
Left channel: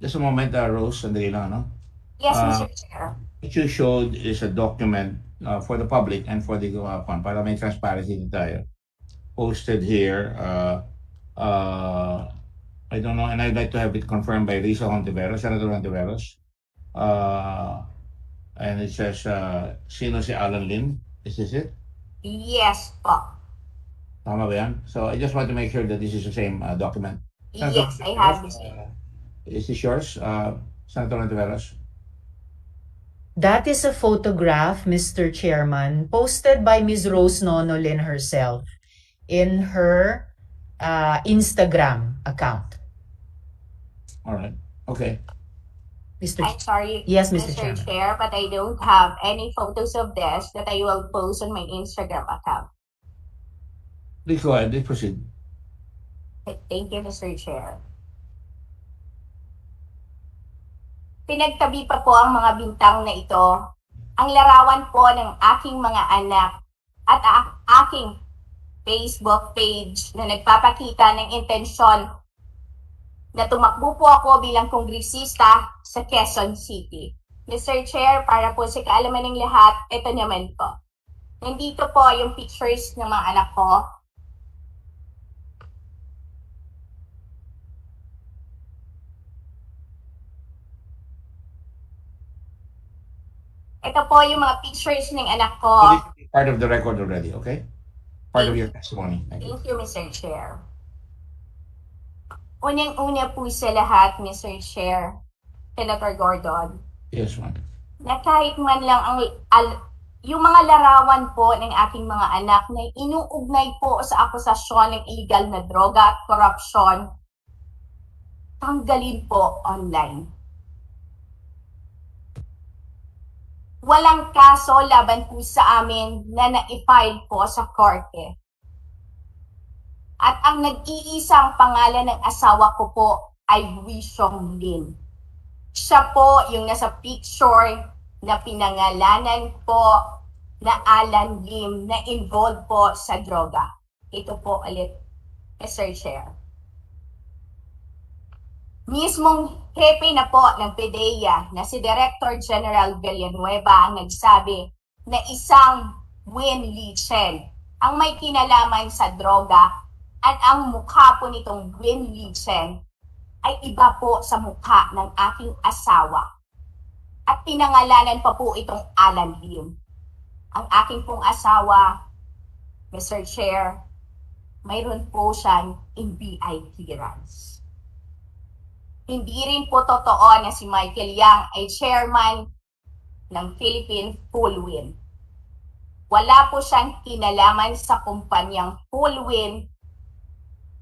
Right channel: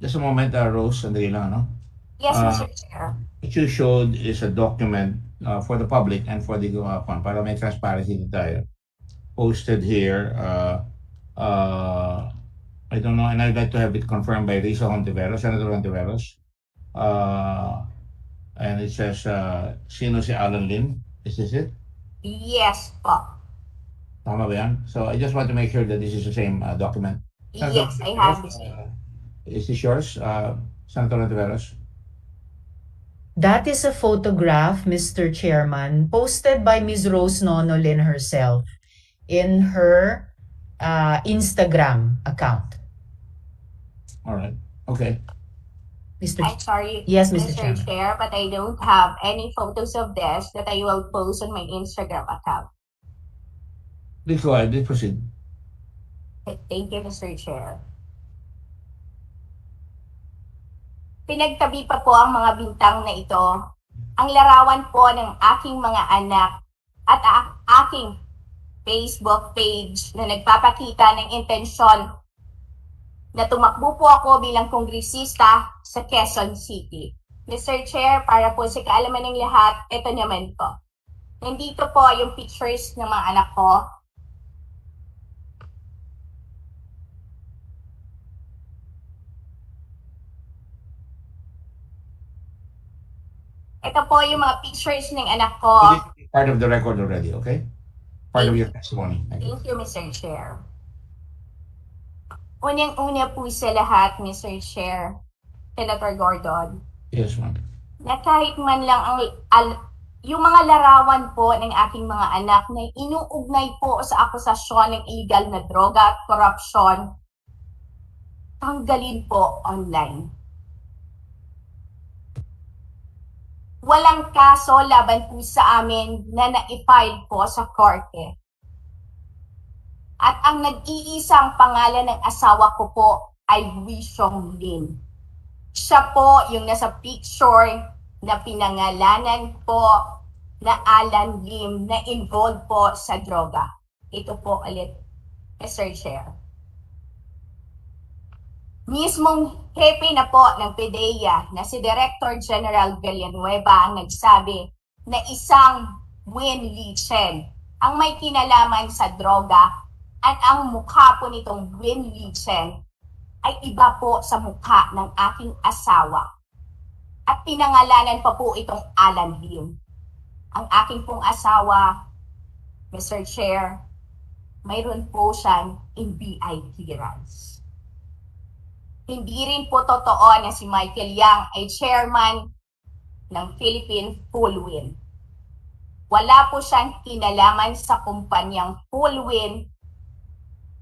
Just a moment, Rose, sandali lang, no? Yes, Mr. Chair. What you showed is a document for the public and for the para may transparency tayo. Posted here, I don't know, and I'd like to have it confirmed by Senator Antiveros. And it says, sino si Alan Lim? Is this it? Yes po. Tama ba yan? So I just want to make sure that this is the same document. Yes, I have this. Is this yours, Senator Antiveros? That is a photograph, Mr. Chairman, posted by Ms. Rose Nonolin herself in her Instagram account. All right. Okay. Mr. I'm sorry, Yes, Mr. Mr. Chairman. Chair, but I don't have any photos of this that I will post on my Instagram account. Please go ahead. Please proceed. Thank you, Mr. Chair. Pinagtabi pa po ang mga bintang na ito, ang larawan po ng aking mga anak at aking Facebook page na nagpapakita ng intensyon na tumakbo po ako bilang kongresista sa Quezon City. Mr. Chair, para po sa kaalaman ng lahat, ito naman po. Nandito po yung pictures ng mga anak ko. Ito po yung mga pictures ng anak ko. It is part of the record already, okay? Part of your testimony. Thank you. Thank you, Mr. Chair. Unang-una po sa lahat, Mr. Chair, Senator Gordon, Yes, ma'am. na kahit man lang yung mga larawan po ng aking mga anak na inuugnay po sa akusasyon ng illegal na droga at korupsyon, tanggalin po online. Walang kaso laban po sa amin na na-file po sa korte. At ang nag-iisang pangalan ng asawa ko po ay Wishong Lin. Siya po yung nasa picture na pinangalanan po na Alan Lim na involved po sa droga. Ito po ulit, Mr. Chair. Mismong hepe na po ng PDEA na si Director General Villanueva ang nagsabi na isang Win Li Chen ang may kinalaman sa droga at ang mukha po nitong Win Li Chen ay iba po sa mukha ng aking asawa. At pinangalanan pa po itong Alan Lim. Ang aking pong asawa, Mr. Chair, mayroon po siyang NBI clearance. Hindi rin po totoo na si Michael Yang ay chairman ng Philippine Fullwin. Wala po siyang kinalaman sa kumpanyang Fullwin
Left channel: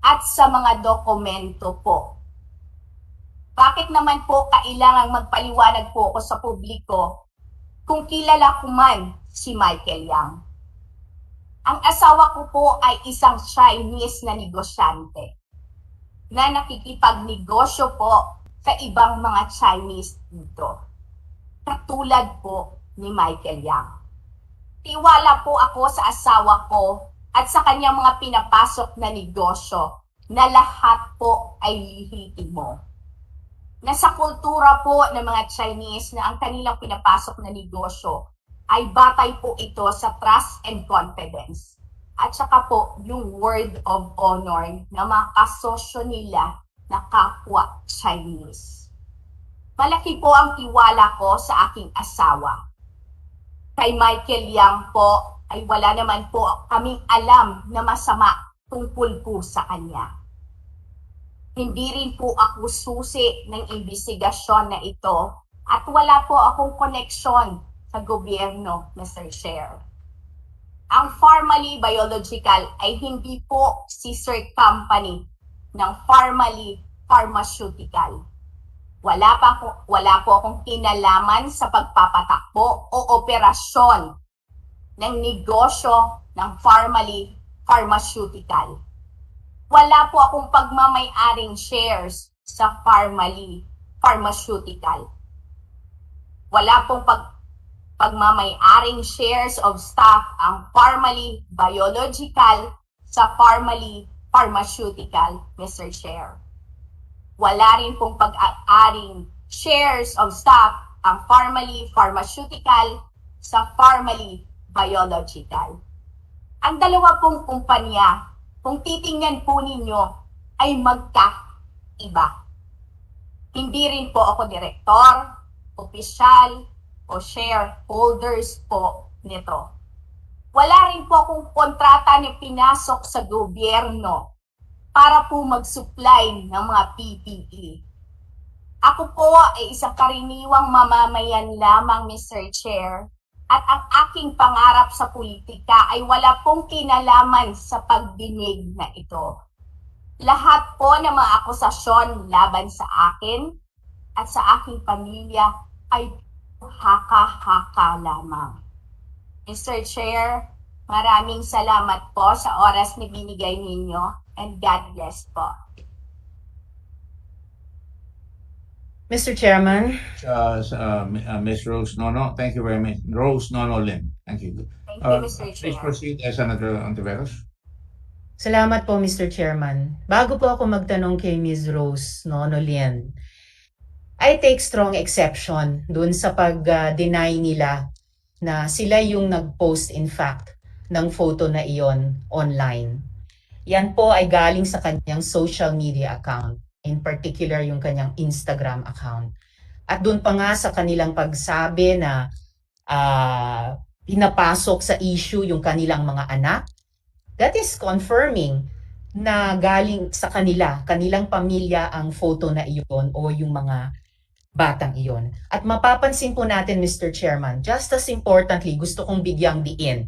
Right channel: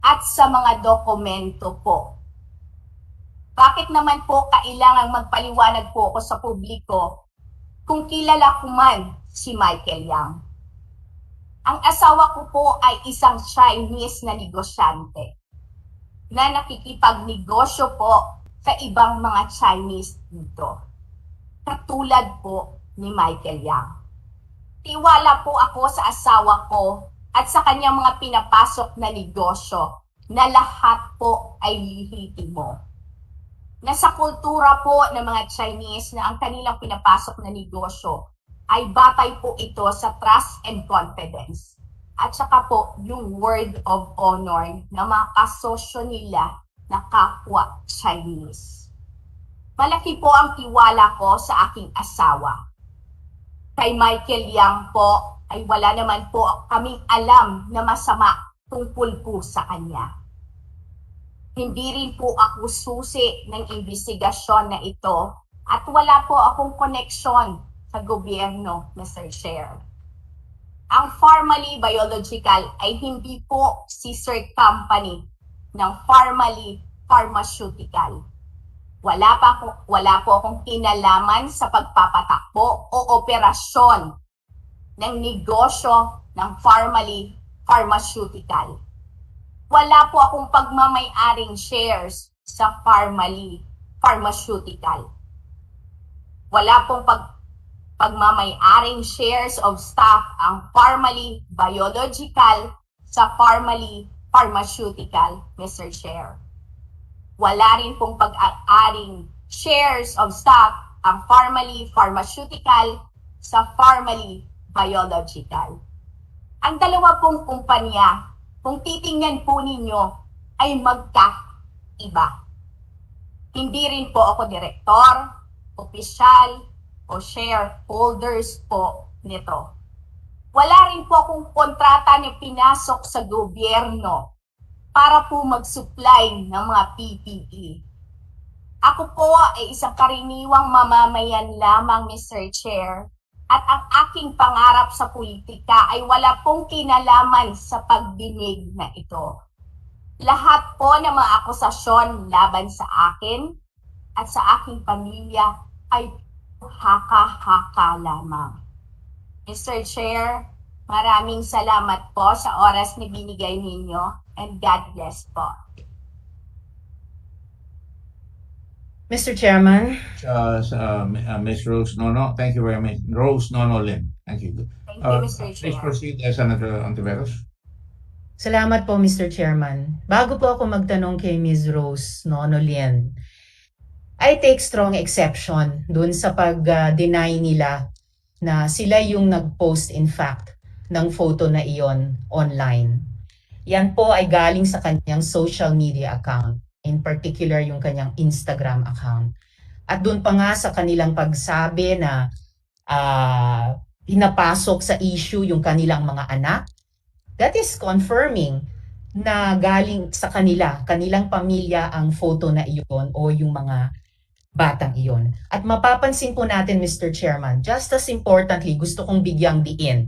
at sa mga dokumento po. Bakit naman po kailangang magpaliwanag po ako sa publiko kung kilala ko man si Michael Yang? Ang asawa ko po ay isang Chinese na negosyante na nakikipagnegosyo po sa ibang mga Chinese dito. Katulad po ni Michael Yang. Tiwala po ako sa asawa ko at sa kanyang mga pinapasok na negosyo na lahat po ay lihitimo. Nasa kultura po ng mga Chinese na ang kanilang pinapasok na negosyo ay batay po ito sa trust and confidence. At saka po yung word of honor na mga kasosyo nila na kapwa Chinese. Malaki po ang tiwala ko sa aking asawa. Kay Michael Yang po ay wala naman po kaming alam na masama tungkol po sa kanya. Hindi rin po ako susi ng investigasyon na ito at wala po akong koneksyon sa gobyerno, Mr. Chair. Ang Pharmally Biological ay hindi po sister company ng Pharmally Pharmaceutical. Wala po akong kinalaman sa pagpapatakbo o operasyon ng negosyo ng Pharmally Pharmaceutical. Wala po akong pagmamay-aring shares sa Pharmally Pharmaceutical. Wala pong pagmamay-aring shares of stock ang Pharmally Biological sa Pharmally Pharmaceutical, Mr. Chair. Wala rin pong pag-aring shares of stock ang Pharmally Pharmaceutical sa Pharmally Biological. Ang dalawa pong kumpanya, kung titingnan po ninyo, ay magkaiba. Hindi rin po ako direktor, opisyal, o shareholders po nito. Wala rin po akong kontrata na pinasok sa gobyerno para po mag-supply ng mga PPE. Ako po ay isang karaniwang mamamayan lamang, Mr. Chair, at ang aking pangarap sa politika ay wala pong kinalaman sa pagdinig na ito. Lahat po ng mga akusasyon laban sa akin at sa aking pamilya ay haka-haka lamang. Mr. Chair, maraming salamat po sa oras na binigay ninyo and God bless po. Mr. Chairman, Ms. Rose Nono, thank you very much. Rose Nono Lim, thank you. Thank you, Mr. Please Chair. proceed, Senator Ontiveros. salamat po Mr. Chairman. Bago po ako magtanong kay Ms. Rose Nonolien, I take strong exception dun sa pag-deny nila na sila yung nag-post in fact ng photo na iyon online. Yan po ay galing sa kanyang social media account, in particular yung kanyang Instagram account. At dun pa nga sa kanilang pagsabi na pinapasok sa issue yung kanilang mga anak, that is confirming na galing sa kanilang pamilya ang photo na iyon o yung mga batang iyon. At mapapansin po natin, Mr. Chairman, just as importantly, gusto kong bigyang diin.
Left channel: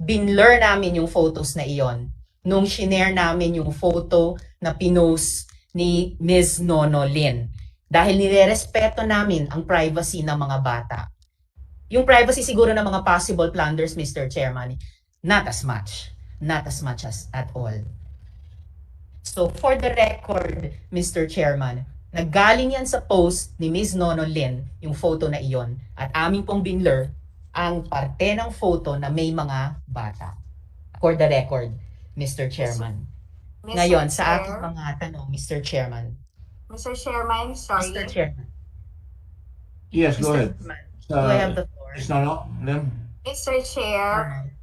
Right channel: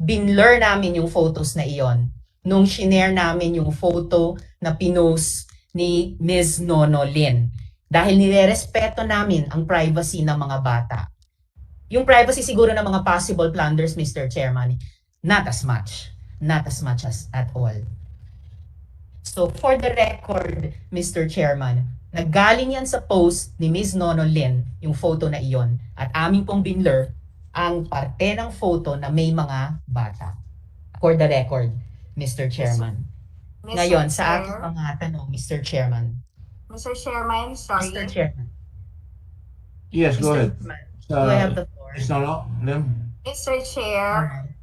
Binlur namin yung photos na iyon nung shinare namin yung photo na pinost ni Ms. Nono Lin. Dahil nirerespeto namin ang privacy ng mga bata. Yung privacy siguro ng mga possible plunders, Mr. Chairman, not as much as at all. So for the record, Mr. Chairman, naggaling yan sa post ni Ms. Nono Lin, yung photo na iyon, at aming pong binlur ang parte ng photo na may mga bata. For the record, Mr. Chairman. Mr. Ngayon, sa Chair, aking mga tanong, Mr. Chairman. Mr. Chairman, sorry. Mr. Chairman. Yes, go Mr. ahead. Chairman, do I have the floor? Ms. Nono Lim. Mr. Chair, Alright.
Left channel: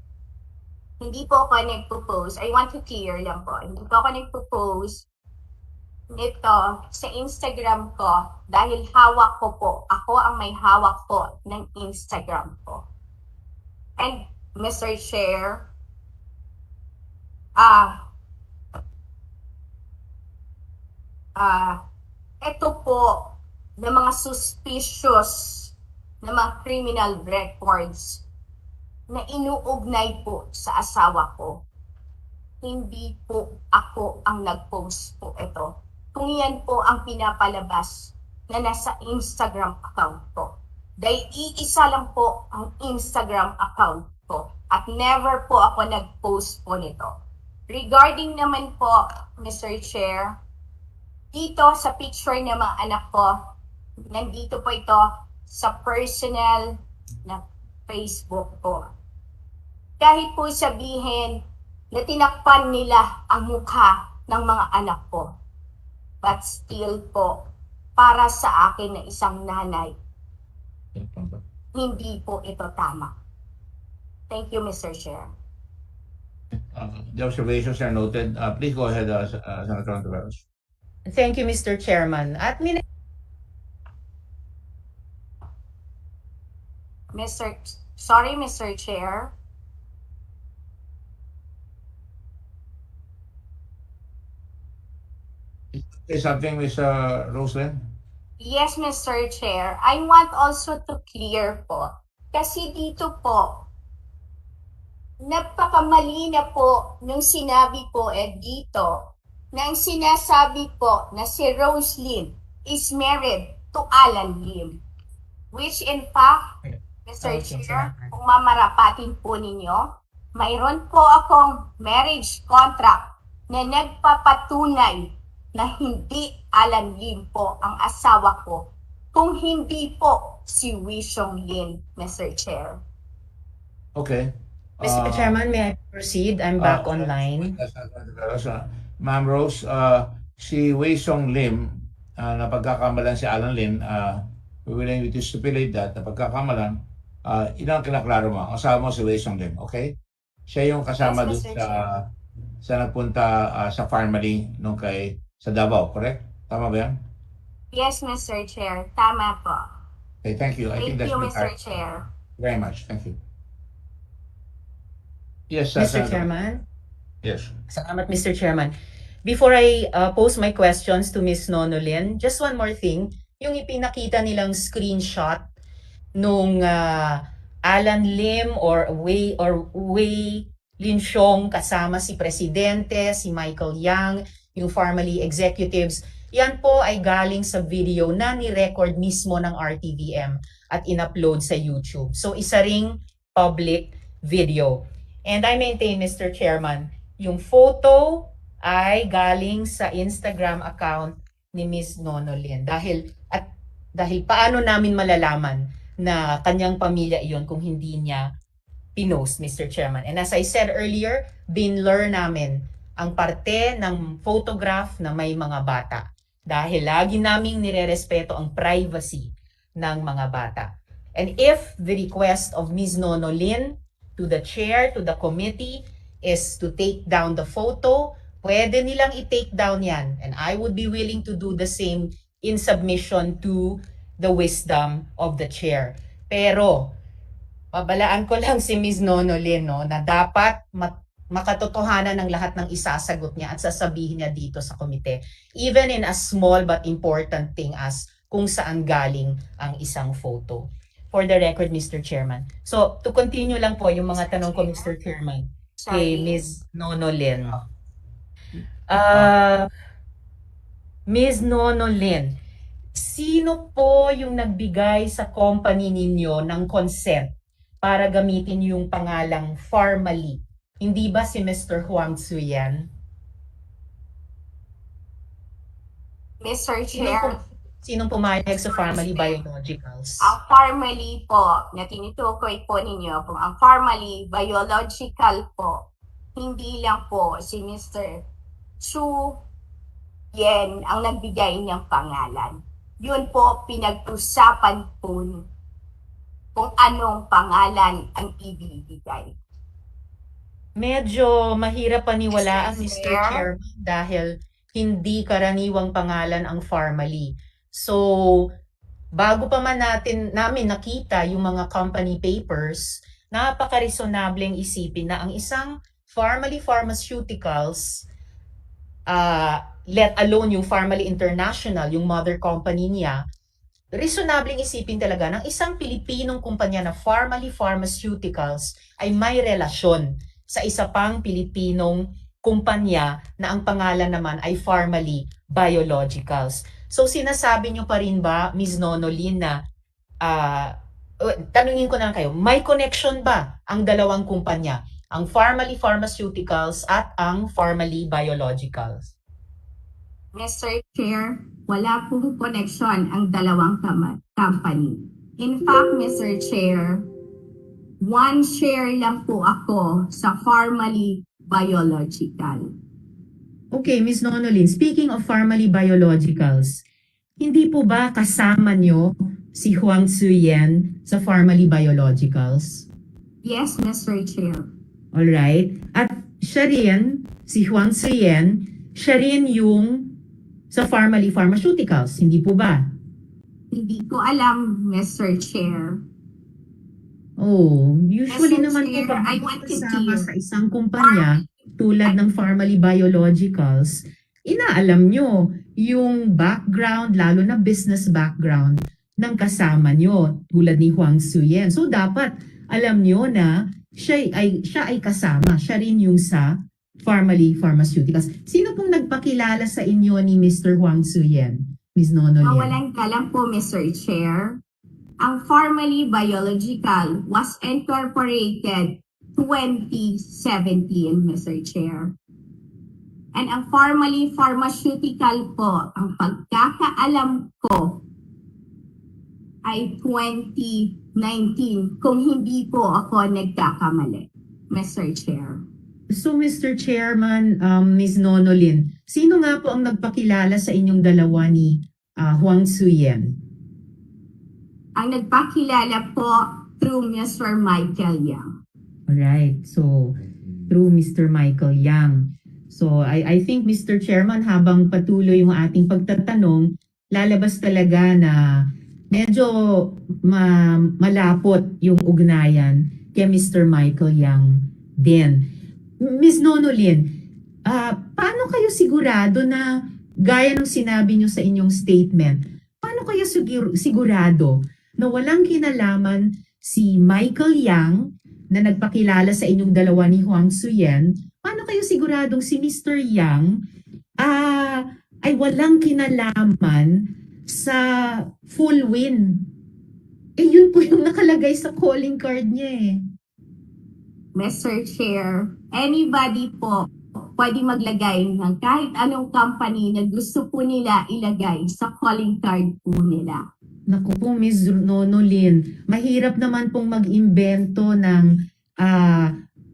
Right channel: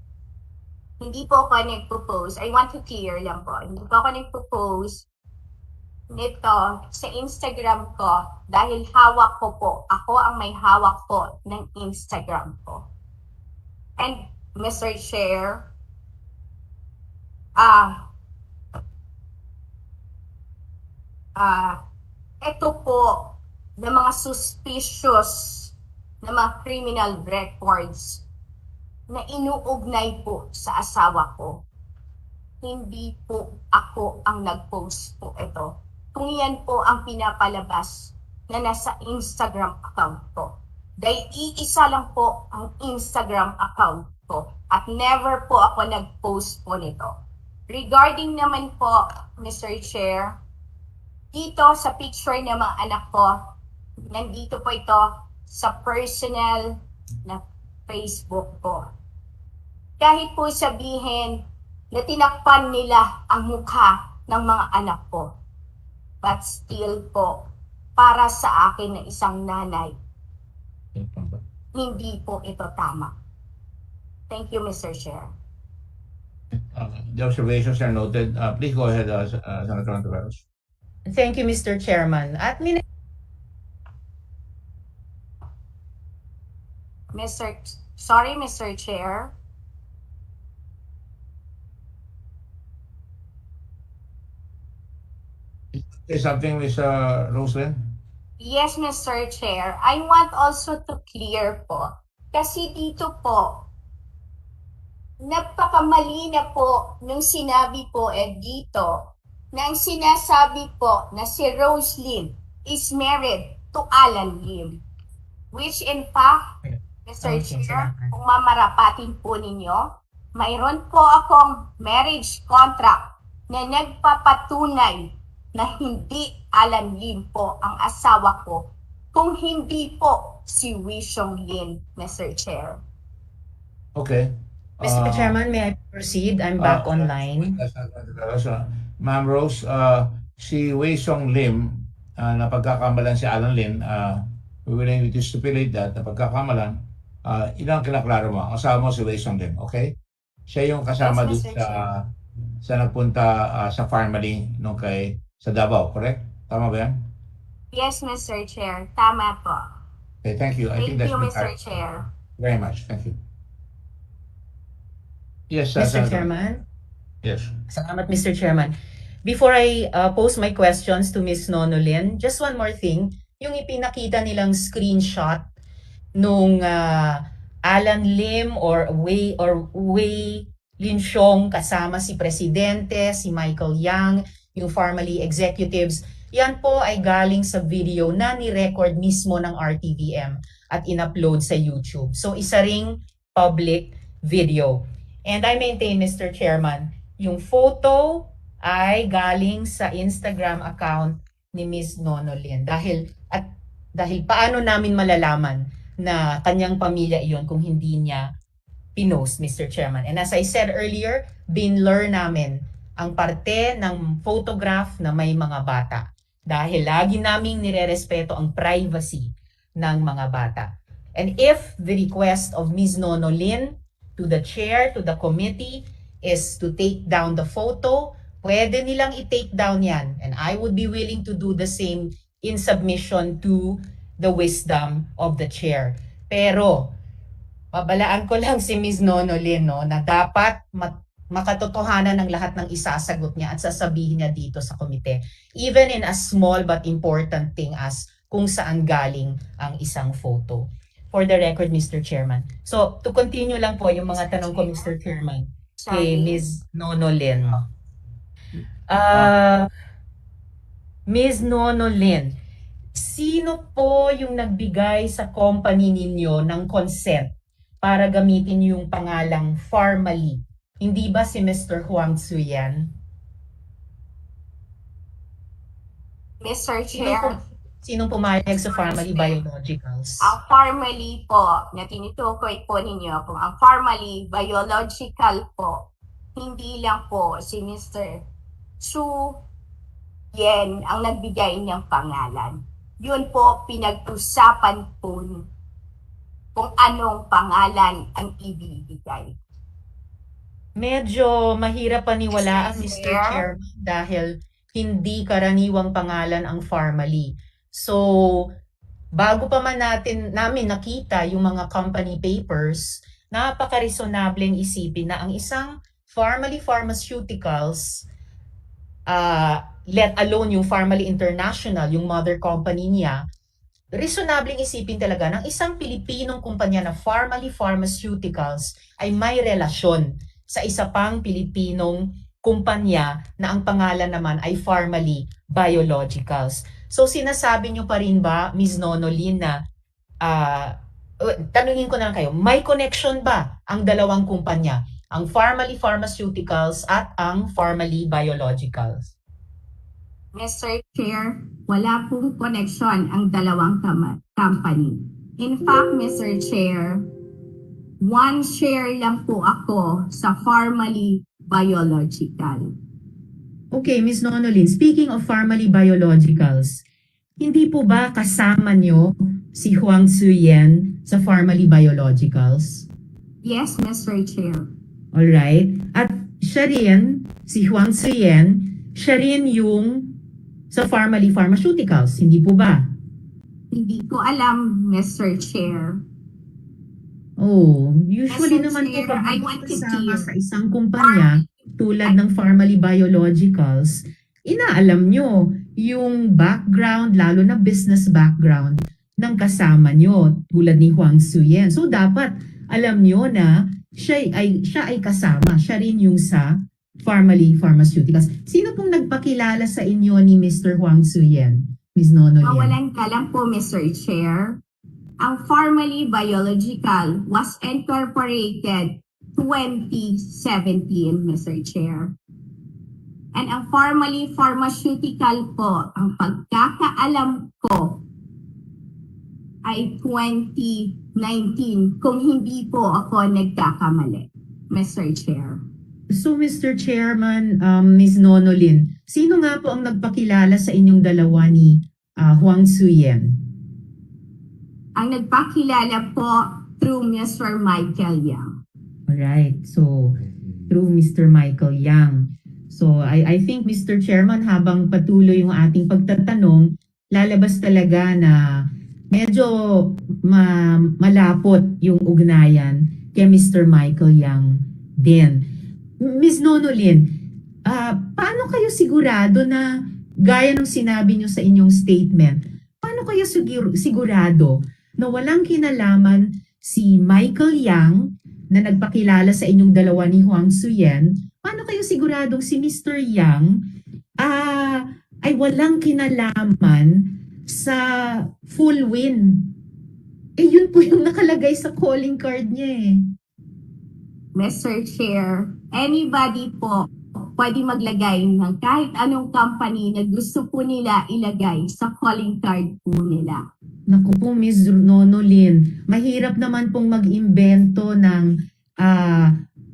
hindi po ako nagpo-post. I want to clear lang po. Hindi po ako nagpo-post nito sa Instagram ko dahil hawak ko po. Ako ang may hawak po ng Instagram ko. And Mr. Chair, ito po na mga suspicious na mga criminal records na inuugnay po sa asawa ko. Hindi po ako ang nag-post po ito. Kung yan po ang pinapalabas na nasa Instagram account ko. Dahil iisa lang po ang Instagram account ko at never po ako nag-post po nito. Regarding naman po, Mr. Chair, dito sa picture ng mga anak ko, nandito po ito sa personal na Facebook ko. Kahit po sabihin na tinakpan nila ang mukha ng mga anak ko, but still po, para sa akin na isang nanay, hindi po ito tama. Thank you, Mr. Chair. The observations are noted. Please go ahead, Senator Ontiveros. Thank you, Mr. Chairman. At Mr. Chair. Say something, Ms. Roslyn? Yes, Mr. Chair. I want also to clear po. Kasi dito po, napakamali na po nung sinabi po dito, nang sinasabi po na si Rose Lim is married to Alan Lim. Which in fact, Mr. Chair, kung mamarapatin po ninyo, mayroon po akong marriage contract na nagpapatunay na hindi Alan Lim po ang asawa ko, kung hindi po si Wishong Lin, Mr. Chair. Okay. Mr. Chairman, may I proceed? I'm back online. Ma'am Rose, si Wei Song Lim, na pagkakamalan si Alan Lim, we willing to stipulate that, na pagkakamalan, ilang kinaklaro mo, ang asawa mo si Wei Song Lim, okay? Siya yung kasama Yes, dun Mr. Chair. sa nagpunta sa family nung sa Davao, correct? Tama ba yan? Yes, Mr. Chair. Tama po. Okay, thank you. I think Thank that's you, been Mr. clarified. Chair. Very much. Thank you. Yes, Mr. Senator. Chairman. Yes. Salamat, Mr. Chairman. Before I pose my questions to Ms. Nonolin, just one more thing. Yung ipinakita nilang screenshot nung Alan Lim or Wei Linsyong kasama si Presidente, si Michael Yang, yung family executives. Yan po ay galing sa video na ni-record mismo ng RTVM at in-upload sa YouTube. So isa ring public video. And I maintain, Mr. Chairman, yung photo ay galing sa Instagram account ni Ms. Nonolin. Dahil paano namin malalaman na kanyang pamilya iyon kung hindi niya pinost, Mr. Chairman. And as I said earlier, binlur namin ang parte ng photograph na may mga bata. Dahil lagi naming nirerespeto ang privacy ng mga bata. And if the request of Ms. Nonolin to the chair, to the committee, is to take down the photo, pwede nilang i-take down yan. And I would be willing to do the same in submission to the wisdom of the chair. Pero, pabalaan ko lang si Ms. Nonolin, no, na dapat makatotohanan ng lahat ng isasagot niya at sasabihin niya dito sa komite. Even in a small but important thing as kung saan galing ang isang photo. For the record, Mr. Chairman. So, to continue lang po yung mga tanong ko, Mr. Chairman, kay Ms. Nonolin. Ms. Nonolin, sino po yung nagbigay sa company ninyo ng consent para gamitin yung pangalang formally? Hindi ba si Mr. Huang Tzuyan? Mr. Chair, Sinong pumayag sa Formally Biologicals? ang formally po na tinutukoy po ninyo, kung ang formally biological po, hindi lang po si Mr. Chu Yen ang nagbigay niyang pangalan. Yun po pinag-usapan po kung anong pangalan ang ibibigay. Medyo mahirap paniwalaan, Mr. Chairman, dahil hindi karaniwang pangalan ang formally. So, bago pa man namin nakita yung mga company papers, napaka-resonableng isipin na ang isang formally pharmaceuticals, let alone yung Formally International, yung mother company niya, reasonabling isipin talaga ng isang Pilipinong kumpanya na Formally Pharmaceuticals ay may relasyon sa isa pang Pilipinong kumpanya na ang pangalan naman ay Formally Biologicals. So sinasabi niyo pa rin ba, Ms. Nonolin, na tanungin ko na lang kayo, may connection ba ang dalawang kumpanya, ang Formally Pharmaceuticals at ang Formally Biologicals? Mr. Chair, wala pong connection ang dalawang company. In fact, Mr. Chair, one share lang po ako sa Formally Biological. Okay, Ms. Nonolin, speaking of Formally Biologicals, hindi po ba kasama nyo si Huang Tzuyan sa Formally Biologicals? Yes, Mr. Chair. Alright. At siya rin, si Huang Tzuyan, siya rin yung sa Formally Pharmaceuticals, hindi po ba? Hindi ko alam, Mr. Chair. Oh, usually Mr. naman Chair, po I kapag want to kasama hear. sa isang kumpanya tulad ng Formally Biologicals, inaalam nyo yung background, lalo na business background ng kasama nyo tulad ni Huang Tzuyan. So dapat alam nyo na siya ay kasama, siya rin yung sa Formally Pharmaceuticals. Sino pong nagpakilala sa inyo ni Mr. Huang Tzuyan, Ms. Nonolin? Mawalan ka lang po, Mr. Chair. Ang Formally Biological was incorporated 2017, Mr. Chair. And ang Formally Pharmaceutical po, ang pagkakaalam ko ay 2019, kung hindi po ako nagkakamali, Mr. Chair. So, Mr. Chairman, Ms. Nonolin, sino nga po ang nagpakilala sa inyong dalawa ni Huang Tzuyan? Ang nagpakilala po through Mr. Michael Yang. Alright, so through Mr. Michael Yang. So, I think, Mr. Chairman, habang patuloy yung ating pagtatanong, lalabas talaga na medyo malapot yung ugnayan kay Mr. Michael Yang din. Ms. Nonolin, paano kayo sigurado na, gaya ng sinabi nyo sa inyong statement, paano kayo sigurado na walang kinalaman si Michael Yang na nagpakilala sa inyong dalawa ni Huang Tzuyan? Paano kayo siguradong si Mr. Yang ay walang kinalaman sa full win. Eh yun po yung nakalagay sa calling card niya eh. Mr. Chair, anybody po pwede maglagay ng kahit anong company na gusto po nila ilagay sa calling card po nila. Naku po, Ms. Nonolin, mahirap naman pong mag-imbento ng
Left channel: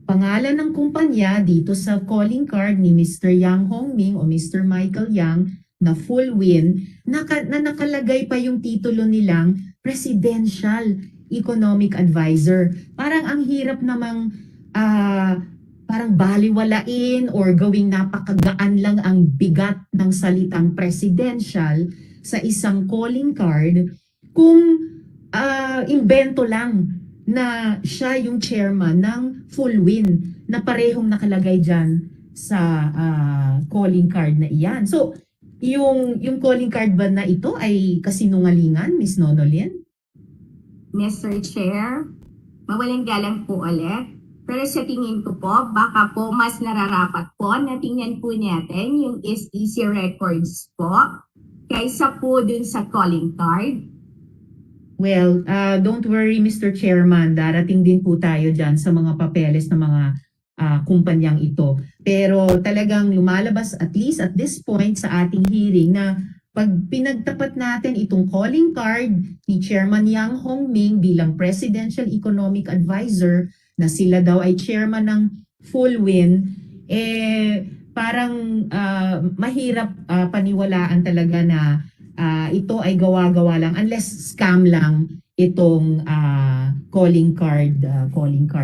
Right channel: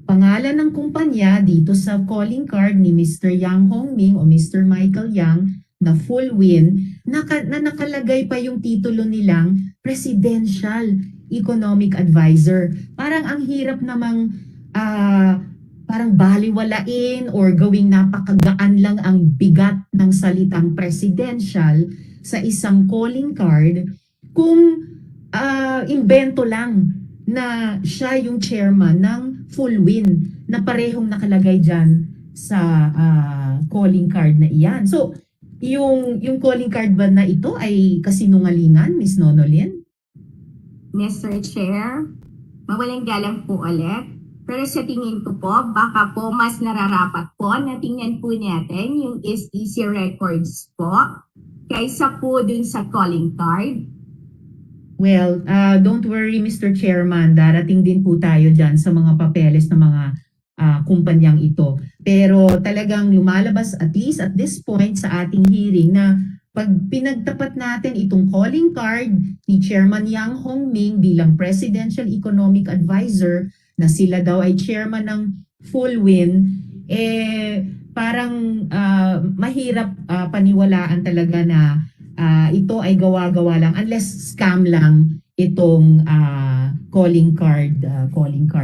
pangalan ng kumpanya dito sa calling card ni Mr. Yang Hongming o Mr. Michael Yang na full win na nakalagay pa yung titulo nilang Presidential Economic Advisor. Parang ang hirap namang parang baliwalain or gawing napakagaan lang ang bigat ng salitang presidential sa isang calling card kung invento lang na siya yung chairman ng full win na parehong nakalagay dyan sa calling card na iyan. So, yung calling card ba na ito ay kasinungalingan, Ms. Nonolin? Mr. Chair, mawalang galang po ulit. Pero sa tingin ko po, baka po mas nararapat po na tingnan po natin yung SEC records po kaysa po dun sa calling card. Well, don't worry Mr. Chairman, darating din po tayo dyan sa mga papeles ng mga kumpanyang ito. Pero talagang lumalabas at least at this point sa ating hearing na pag pinagtapat natin itong calling card ni Chairman Yang Hongming bilang Presidential Economic Advisor na sila daw ay chairman ng full win, parang mahirap paniwalaan talaga na ito ay gawa-gawa lang unless scam lang itong calling card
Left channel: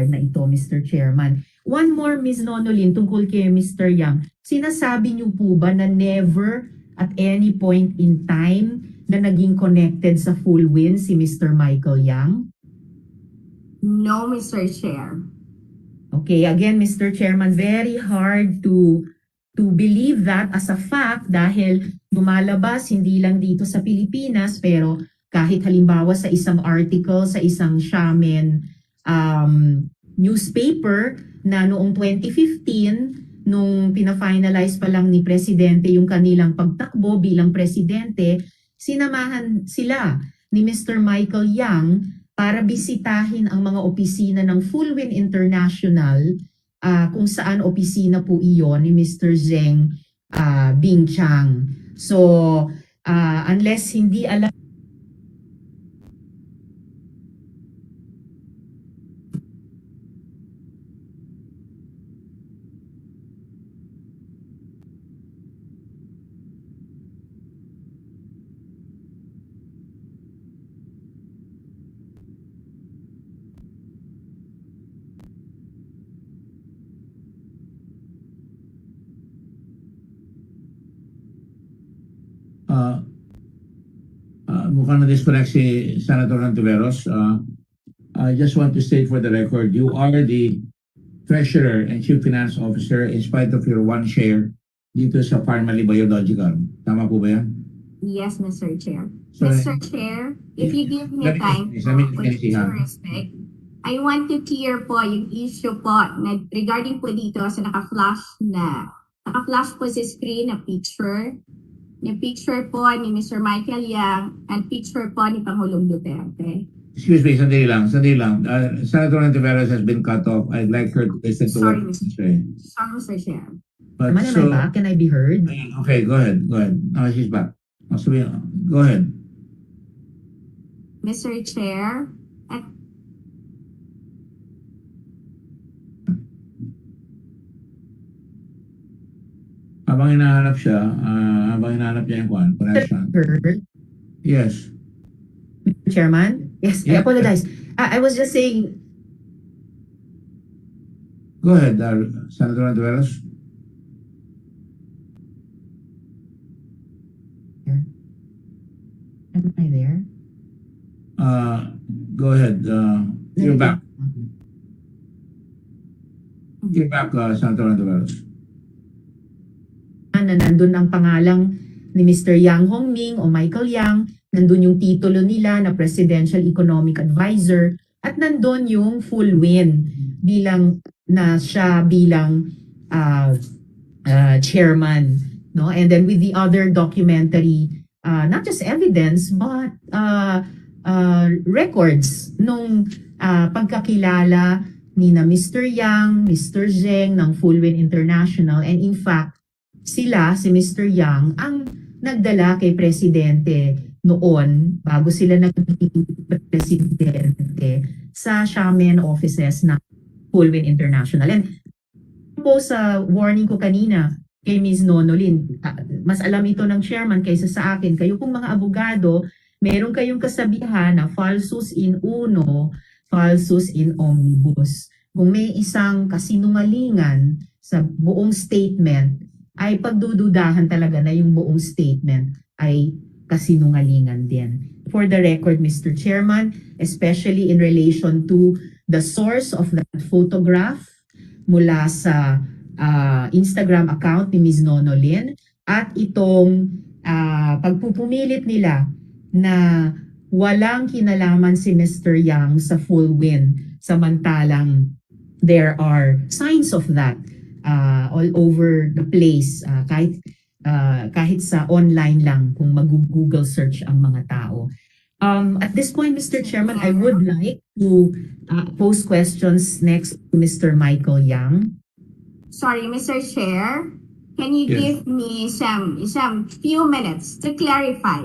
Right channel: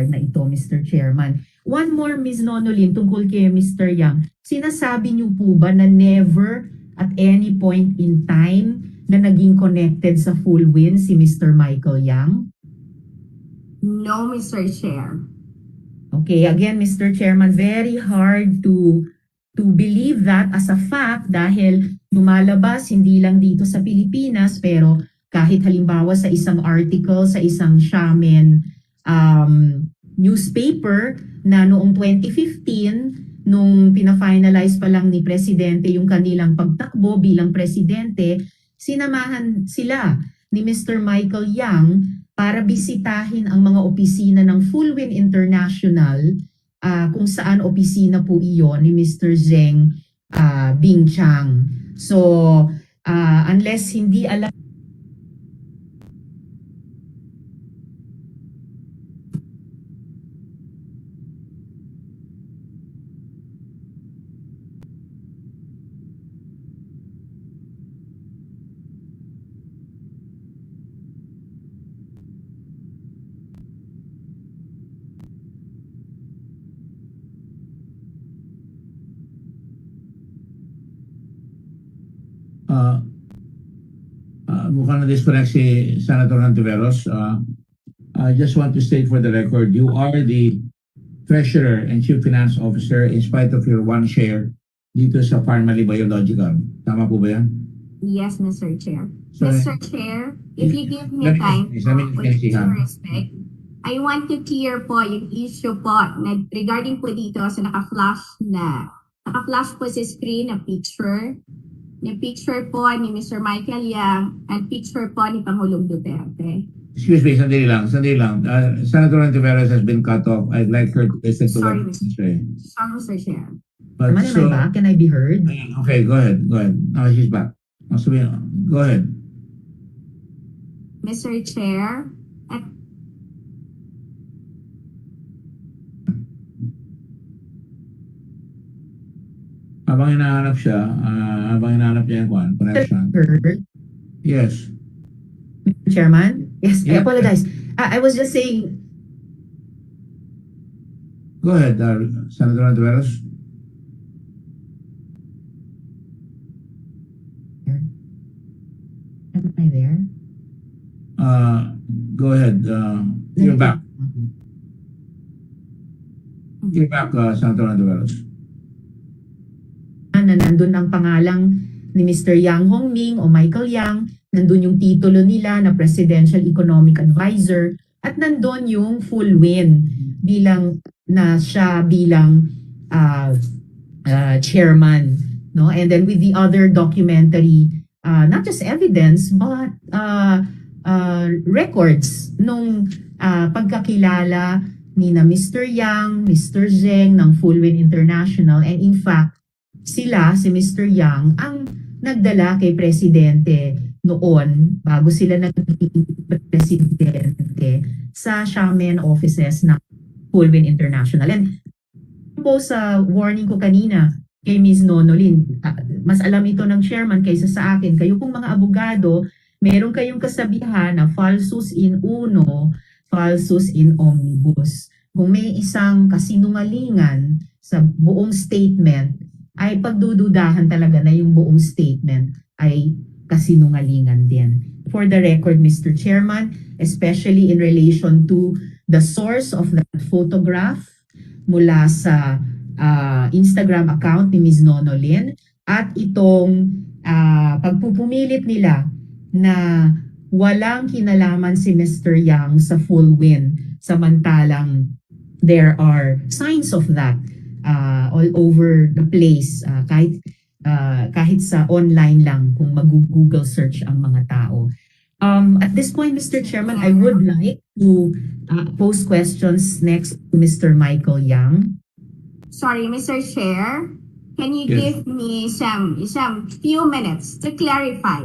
na ito, Mr. Chairman. One more, Ms. Nonolin, tungkol kay Mr. Yang. Sinasabi niyo po ba na never at any point in time na naging connected sa full win si Mr. Michael Yang? No, Mr. Chair. Okay, again, Mr. Chairman, very hard to believe that as a fact dahil lumalabas hindi lang dito sa Pilipinas pero kahit halimbawa sa isang article sa isang Xiamen newspaper na noong 2015 nung pina-finalize pa lang ni Presidente yung kanilang pagtakbo bilang Presidente, sinamahan sila ni Mr. Michael Yang para bisitahin ang mga opisina ng Full Win International kung saan opisina po iyon ni Mr. Zheng Bingchang. So, unless hindi alam mukhang na-disconnect si Senator Antiveros. I just want to state for the record, you are the Treasurer and Chief Finance Officer in spite of your one share dito sa Parmali Biological. Tama po ba yan? Yes, Mr. Chair. So, Mr. Chair, if you give me time with due respect, I want to clear po yung issue po na regarding po dito sa naka-flash po sa screen na picture po ni Mr. Michael Yang at picture po ni Pangulong Duterte. Excuse me, sandali lang. Senator Antiveros has been cut off. I'd like her to listen to what Sorry, to say. Mr. Chair. But Am I back? Can I be heard? Okay, go ahead. She's back. Go ahead. Mr. Chair, Habang hinahanap niya yung connection. Yes. Chairman? Yes, I Yeah. apologize. I was just saying, Go ahead, Senator Antiveros. am I there? Go ahead. You're back. You're back, Senator Antiveros. Na nandun ang pangalang ni Mr. Yang Hongming o Michael Yang, nandun yung titulo nila na Presidential Economic Advisor, at nandun yung full win bilang chairman no? And then with the other documentary, not just evidence, but records nung pagkakilala ni na Mr. Yang, Mr. Zheng ng Fullwin International. And in fact, sila, si Mr. Yang, ang nagdala kay Presidente noon, bago sila naging Presidente, sa Xiamen offices ng Fullwin International. And po sa warning ko kanina kay Ms. Nonolin, mas alam ito ng chairman kaysa sa akin. Kayo pong mga abogado, meron kayong kasabihan na falsus in uno, falsus in omnibus. Kung may isang kasinungalingan sa buong statement, ay pagdududahan talaga na yung buong statement ay kasinungalingan din. For the record, Mr. Chairman, especially in relation to the source of that photograph mula sa Instagram account ni Ms. Nonolin at itong pagpupumilit nila na walang kinalaman si Mr. Yang sa Fullwin, samantalang there are signs of that all over the place, kahit sa online lang kung mag-Google search ang mga tao. At this point, Mr. Chairman, I would like to pose questions next to Mr. Michael Yang. Sorry, Mr. Chair, can you Yes. give me some few minutes to clarify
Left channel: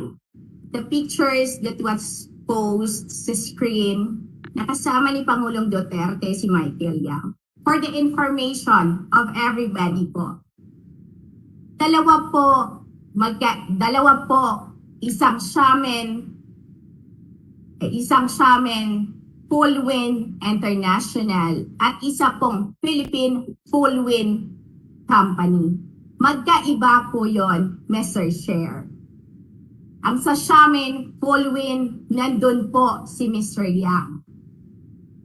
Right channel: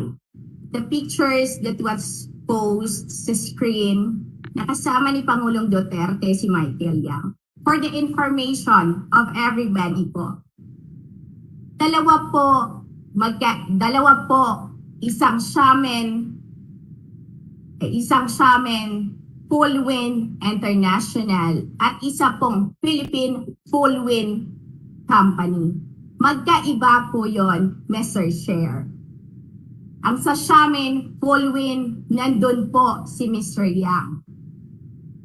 the pictures that was posted sa screen na kasama ni Pangulong Duterte si Michael Yang? For the information of everybody po. Dalawa po, isang Xiamen Fullwin International at isa pong Philippine Fullwin Company. Magkaiba po yon, Mr. Chair. Ang sa Xiamen Fullwin, nandun po si Mr. Yang.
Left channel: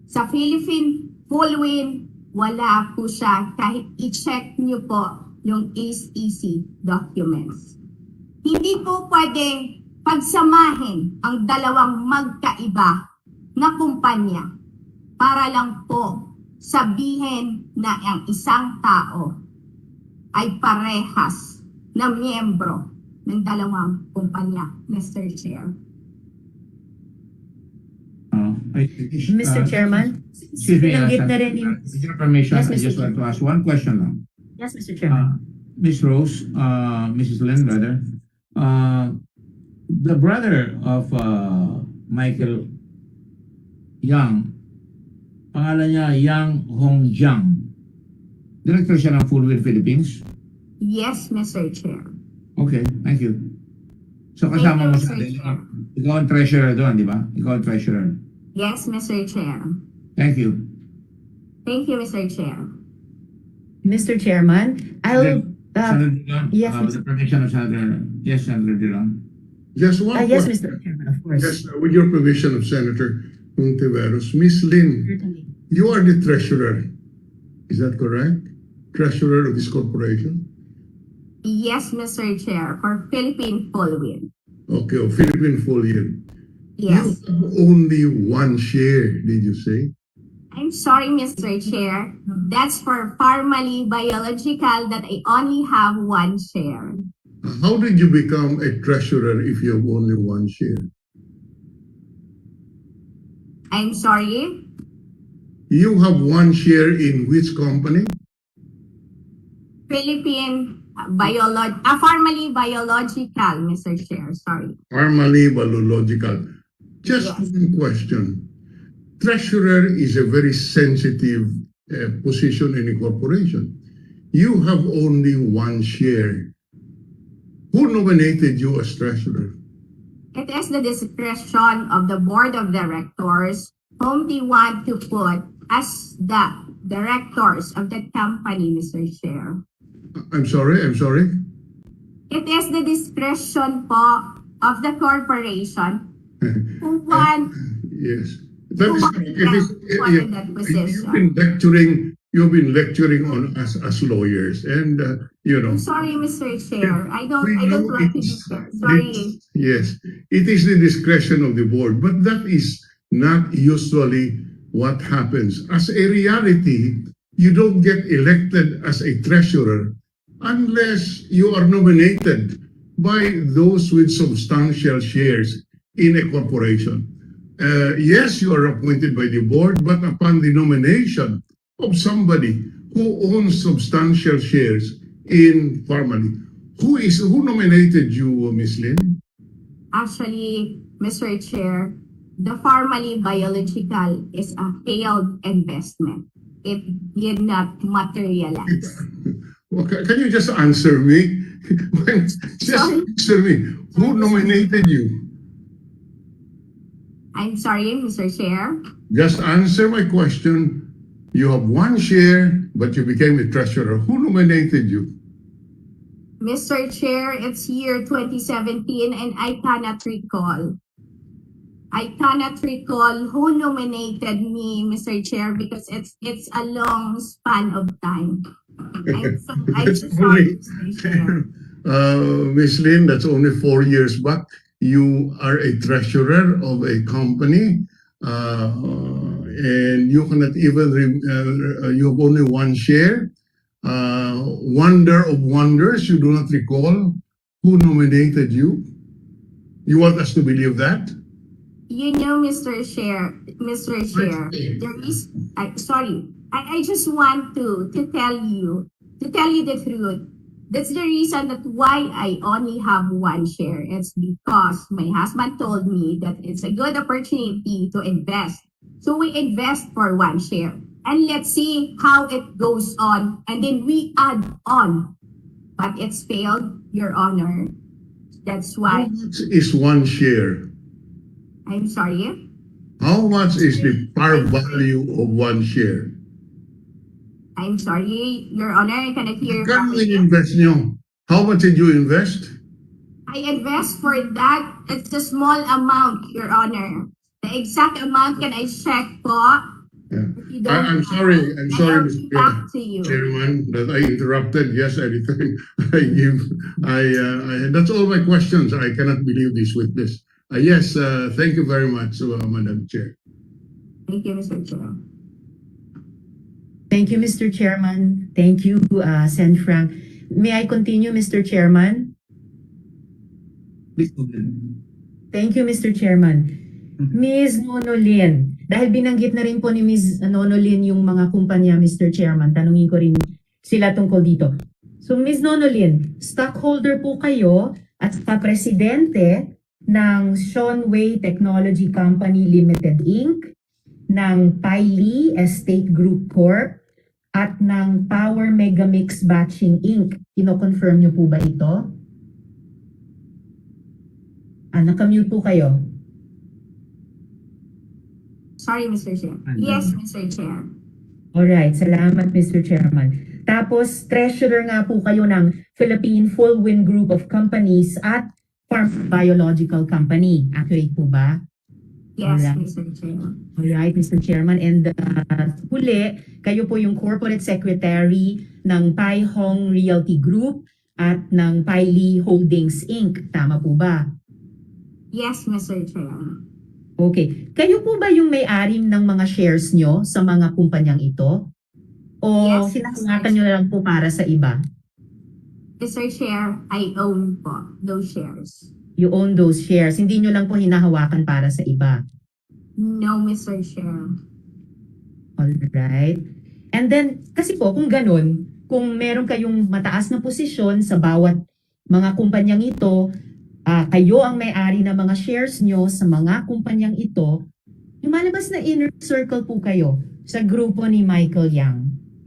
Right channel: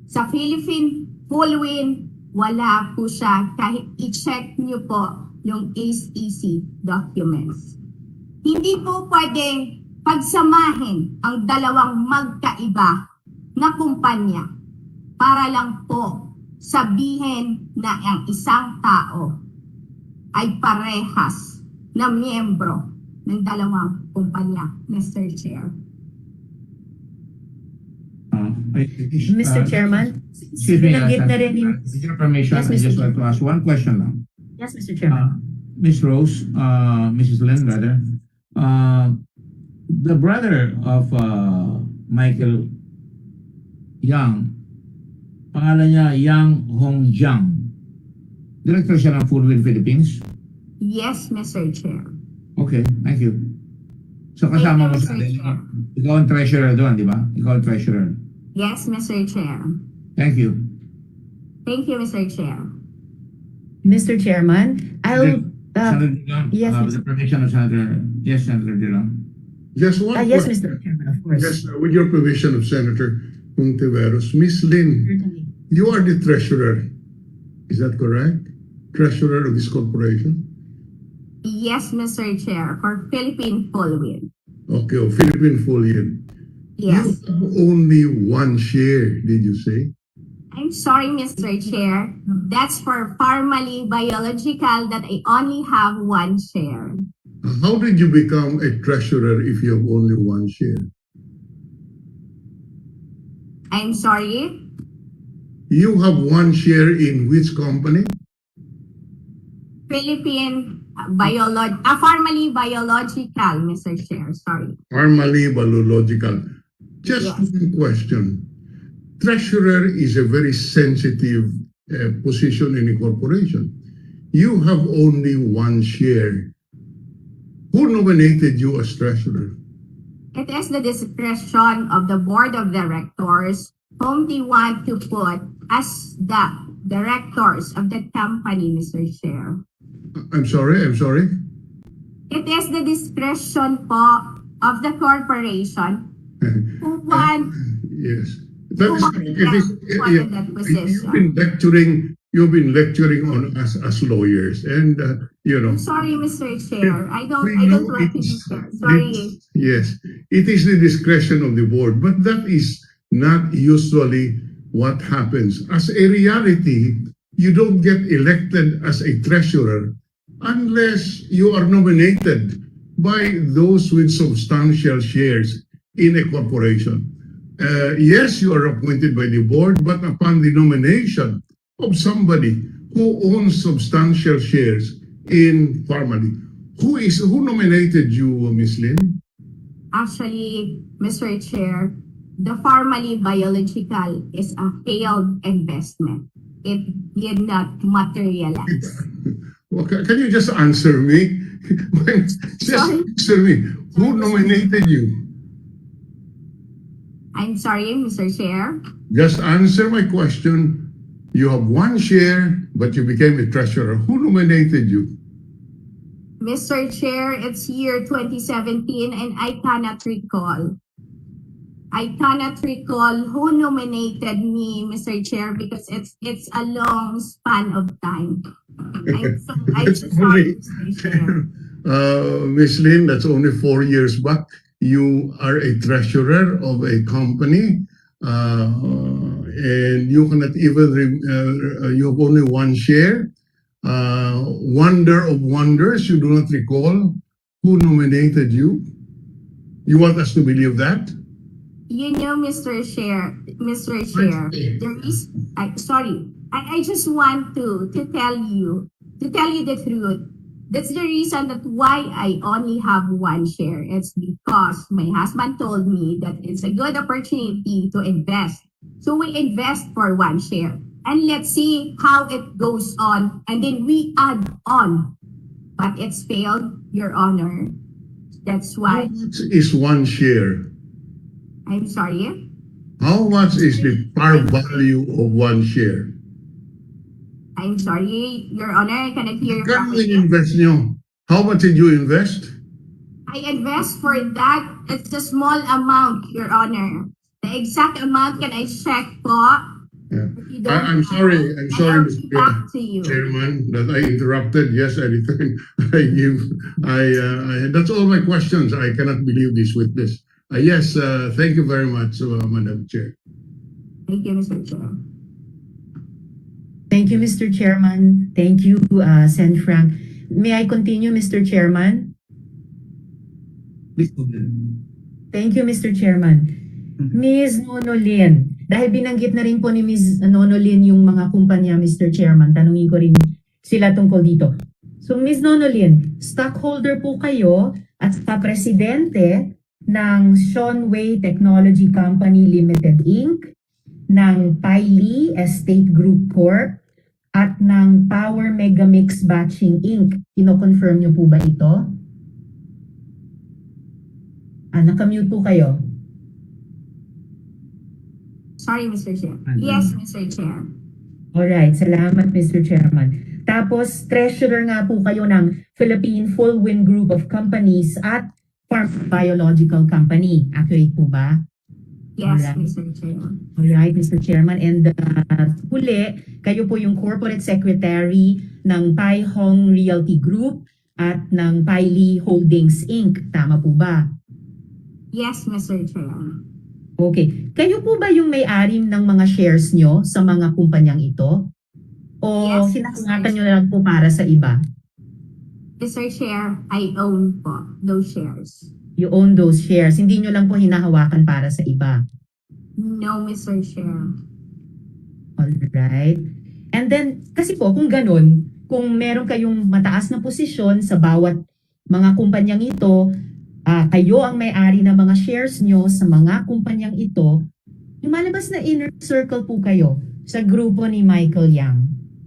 Sa Philippine Fullwin, wala po siya kahit i-check niyo po yung ACEC documents. Hindi po pwedeng pagsamahin ang dalawang magkaiba na kumpanya para lang po sabihin na ang isang tao ay parehas na miyembro ng dalawang kumpanya, Mr. Chair. Mr. Chairman, Excuse me, binanggit na rin yung... with your permission, Yes, I Mr. just want to ask one question lang. Yes, Mr. Chairman. Miss Rose, Mrs. Lynn rather, the brother of Michael Yang, pangalan niya Yang Hongjiang. Director siya ng Fullwin Philippines. Yes, Mr. Chair. Okay, thank you. So Thank kasama you, mo Mr. siya. Chair. Ikaw ang treasurer doon, di ba? Ikaw ang treasurer. Yes, Mr. Chair. Thank you. Thank you, Mr. Chair. Mr. Chairman, I'll... Senator Dillon, yes, with the permission of Senator... Yes, Senator Dillon. Just one yes, question. Mr. Chairman, of course. Yes, with your permission of Senator Hontiveros. Miss Lynn, Certainly. you are the treasurer. Is that correct? Treasurer of this corporation? Yes, Mr. Chair, for Philippine Fullwin. Okay, of Philippine Fullwin. Yes. You have only one share, did you say? I'm sorry, Mr. Chair. That's for Pharmaly Biological that I only have one share. How did you become a treasurer if you have only one share? I'm sorry? You have one share in which company? Pharmaly Biological, Mr. Chair. Sorry. Pharmaly Biological. Just Yes. one question. Treasurer is a very sensitive position in a corporation. You have only one share. Who nominated you as treasurer? It is the discretion of the board of directors whom they want to put as the directors of the company, Mr. Chair. I'm sorry. It is the discretion po of the corporation who want Yes. That is Who correct. wanted that position? You've been lecturing on us as lawyers, and I'm sorry, Mr. Chair. I don't know like to it be is- fair. Sorry. Yes, it is the discretion of the board, but that is not usually what happens. As a reality, you don't get elected as a treasurer unless you are nominated by those with substantial shares in a corporation. Yes, you are appointed by the board, but upon the nomination of somebody who owns substantial shares in Pharmaly. Who nominated you, Ms. Lin? Actually, Mr. Chair, the Pharmaly Biological is a failed investment. It did not materialize. Well, can you just answer me? Just Sorry? answer me. Who nominated you? I'm sorry, Mr. Chair. Just answer my question. You have one share, but you became a treasurer. Who nominated you? Mr. Chair, it's year 2017 and I cannot recall. I cannot recall who nominated me, Mr. Chair, because it's a long span of time. I'm so sorry, Mr. Chair. Ms. Lin, that's only 4 years back. You are a treasurer of a company, and you cannot even, you have only one share. Wonder of wonders, you do not recall who nominated you? You want us to believe that? You know, Mr. Chair, there is, I just want to tell you the truth. That's the reason that why I only have one share. It's because my husband told me that it's a good opportunity to invest. So we invest for one share. And let's see how it goes on. And then we add on. But it's failed, Your Honor. That's why. How much is one share? I'm sorry? How much is the par value of one share? I'm sorry, Your Honor, I cannot hear you Kano properly. invest nyo? How much did you invest? I invest for that. It's a small amount, Your Honor. The exact amount can I check po? Yeah. If you don't I'm mind, sorry, I'll Mr. get back to you. Chairman, that I interrupted. Yes, anytime I give, that's all my questions. I cannot believe this witness. Yes, thank you very much, Madam Chair. Thank you, Mr. Chair. Thank you, Mr. Chairman. Thank you, Sen Frank. May I continue, Mr. Chairman? Please go ahead. Thank you, Mr. Chairman. Ms. Nonolin, dahil binanggit na rin po ni Ms. Nonolin yung mga kumpanya, Mr. Chairman, tanungin ko rin sila tungkol dito. So, Ms. Nonolin, stockholder po kayo at presidente ng Seanway Technology Company Limited Inc., ng Piley Estate Group Corp., at ng Power Megamix Batching Inc. Kino-confirm niyo po ba ito? Nakamute po kayo. Sorry, Mr. Chair. Yes, Mr. Chair. Alright, salamat Mr. Chairman. Tapos, treasurer nga po kayo ng Philippine Full Wind Group of Companies at Farm Biological Company. Accurate po ba? Yes, Alright. Mr. Chair. Alright, Mr. Chairman. And huli, kayo po yung Corporate Secretary ng Pai Hong Realty Group at ng Piley Holdings Inc. Tama po ba? Yes, Mr. Chair. Okay. Kayo po ba yung may-ari ng mga shares nyo sa mga kumpanyang ito? O Yes, sinasangatan nyo na lang po para sa iba? Mr. Chair, I own po those shares. You own those shares. Hindi nyo lang po hinahawakan para sa iba. No, Mr. Chair. Alright. And then, kasi po, kung ganun, kung meron kayong mataas na posisyon sa bawat mga kumpanyang ito, kayo ang may-ari ng mga shares nyo sa mga kumpanyang ito, lumalabas na inner circle po kayo sa grupo ni Michael Yang.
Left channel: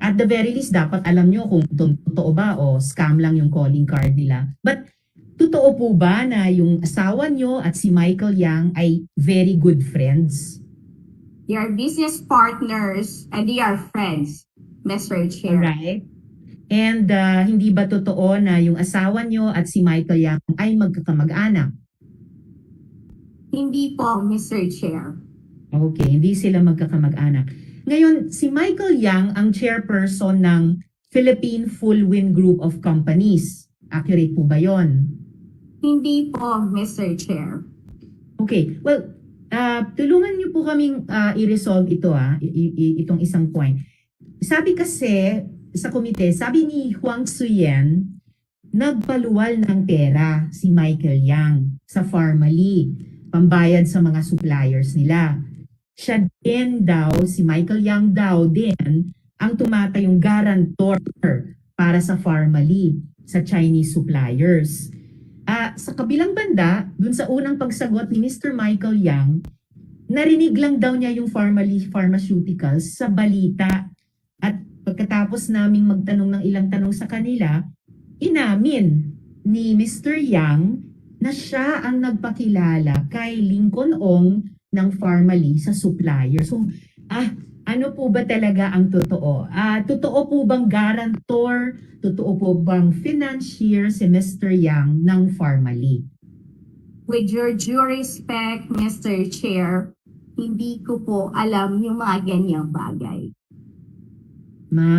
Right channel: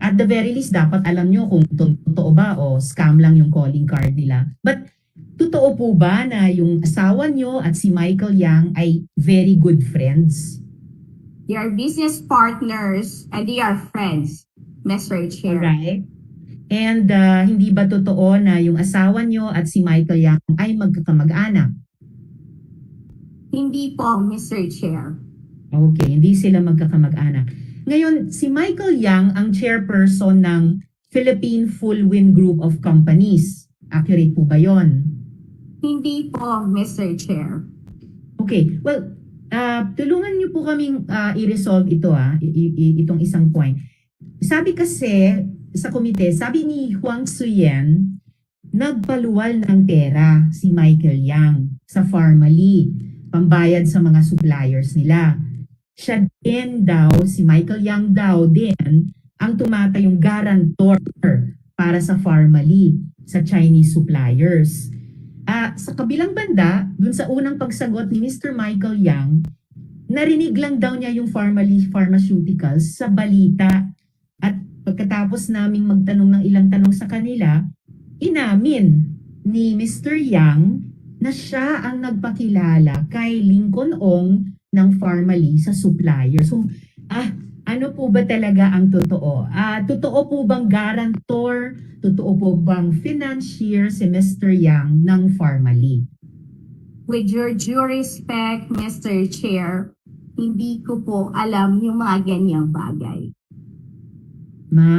At the very least, dapat alam nyo kung totoo ba o scam lang yung calling card nila. But, totoo po ba na yung asawa nyo at si Michael Yang ay very good friends? They are business partners and they are friends, Mr. Chair. Alright. And hindi ba totoo na yung asawa nyo at si Michael Yang ay magkakamag-anak? Hindi po, Mr. Chair. Okay, hindi sila magkakamag-anak. Ngayon, si Michael Yang ang chairperson ng Philippine Full Wind Group of Companies. Accurate po ba yon? Hindi po, Mr. Chair. Okay, well, tulungan niyo po kaming i-resolve ito, itong isang point. Sabi kasi sa komite, sabi ni Huang Suyen, nagpaluwal ng pera si Michael Yang sa Pharmaly, pambayad sa mga suppliers nila. Siya din daw, si Michael Yang daw din, ang tumatayong guarantor para sa Pharmaly, sa Chinese suppliers. Sa kabilang banda, dun sa unang pagsagot ni Mr. Michael Yang, narinig lang daw niya yung Pharmaly Pharmaceuticals sa balita. At pagkatapos naming magtanong ng ilang tanong sa kanila, inamin ni Mr. Yang na siya ang nagpakilala kay Lincoln Ong ng Pharmaly sa supplier. So, ano po ba talaga ang totoo? Totoo po bang guarantor? Totoo po bang financier si Mr. Yang ng Pharmaly? With your due respect, Mr. Chair, hindi ko po alam yung mga ganyang bagay.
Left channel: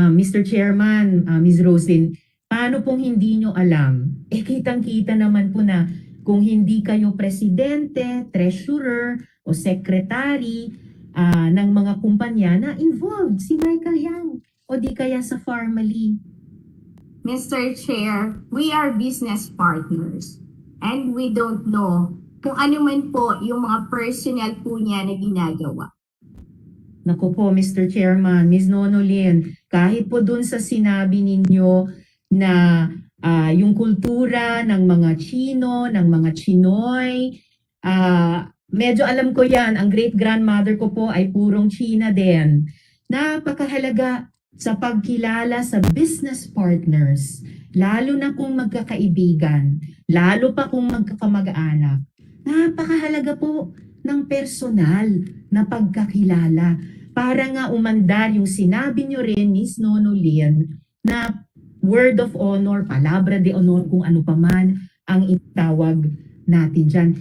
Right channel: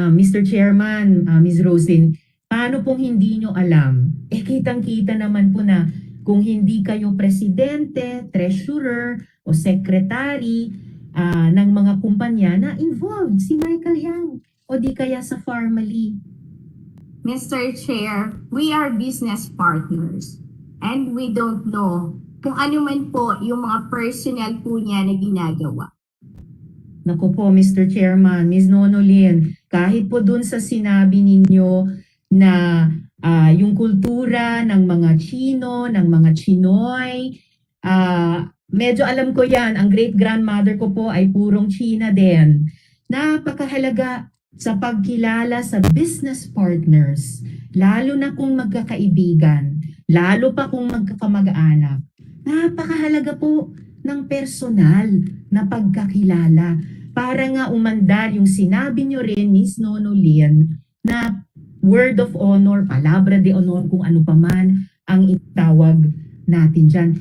Mr. Chairman, Ms. Roslyn, paano pong hindi nyo alam? Kitang-kita naman po na kung hindi kayo presidente, treasurer, o secretary ng mga kumpanya na involved si Michael Yang o di kaya sa Pharmaly. Mr. Chair, we are business partners and we don't know kung ano man po yung mga personal po niya na ginagawa. Naku po, Mr. Chairman, Ms. Nonolin, kahit po dun sa sinabi ninyo na yung kultura ng mga Chino, ng mga Chinoy, medyo alam ko yan, ang great-grandmother ko po ay purong China din. Napakahalaga sa pagkilala sa business partners, lalo na kung magkakaibigan, lalo pa kung magkakamag-anak. Napakahalaga po ng personal na pagkakilala para nga umandar yung sinabi nyo rin, Ms. Nonolin, na word of honor, palabra de honor, kung ano pa man ang itawag natin dyan.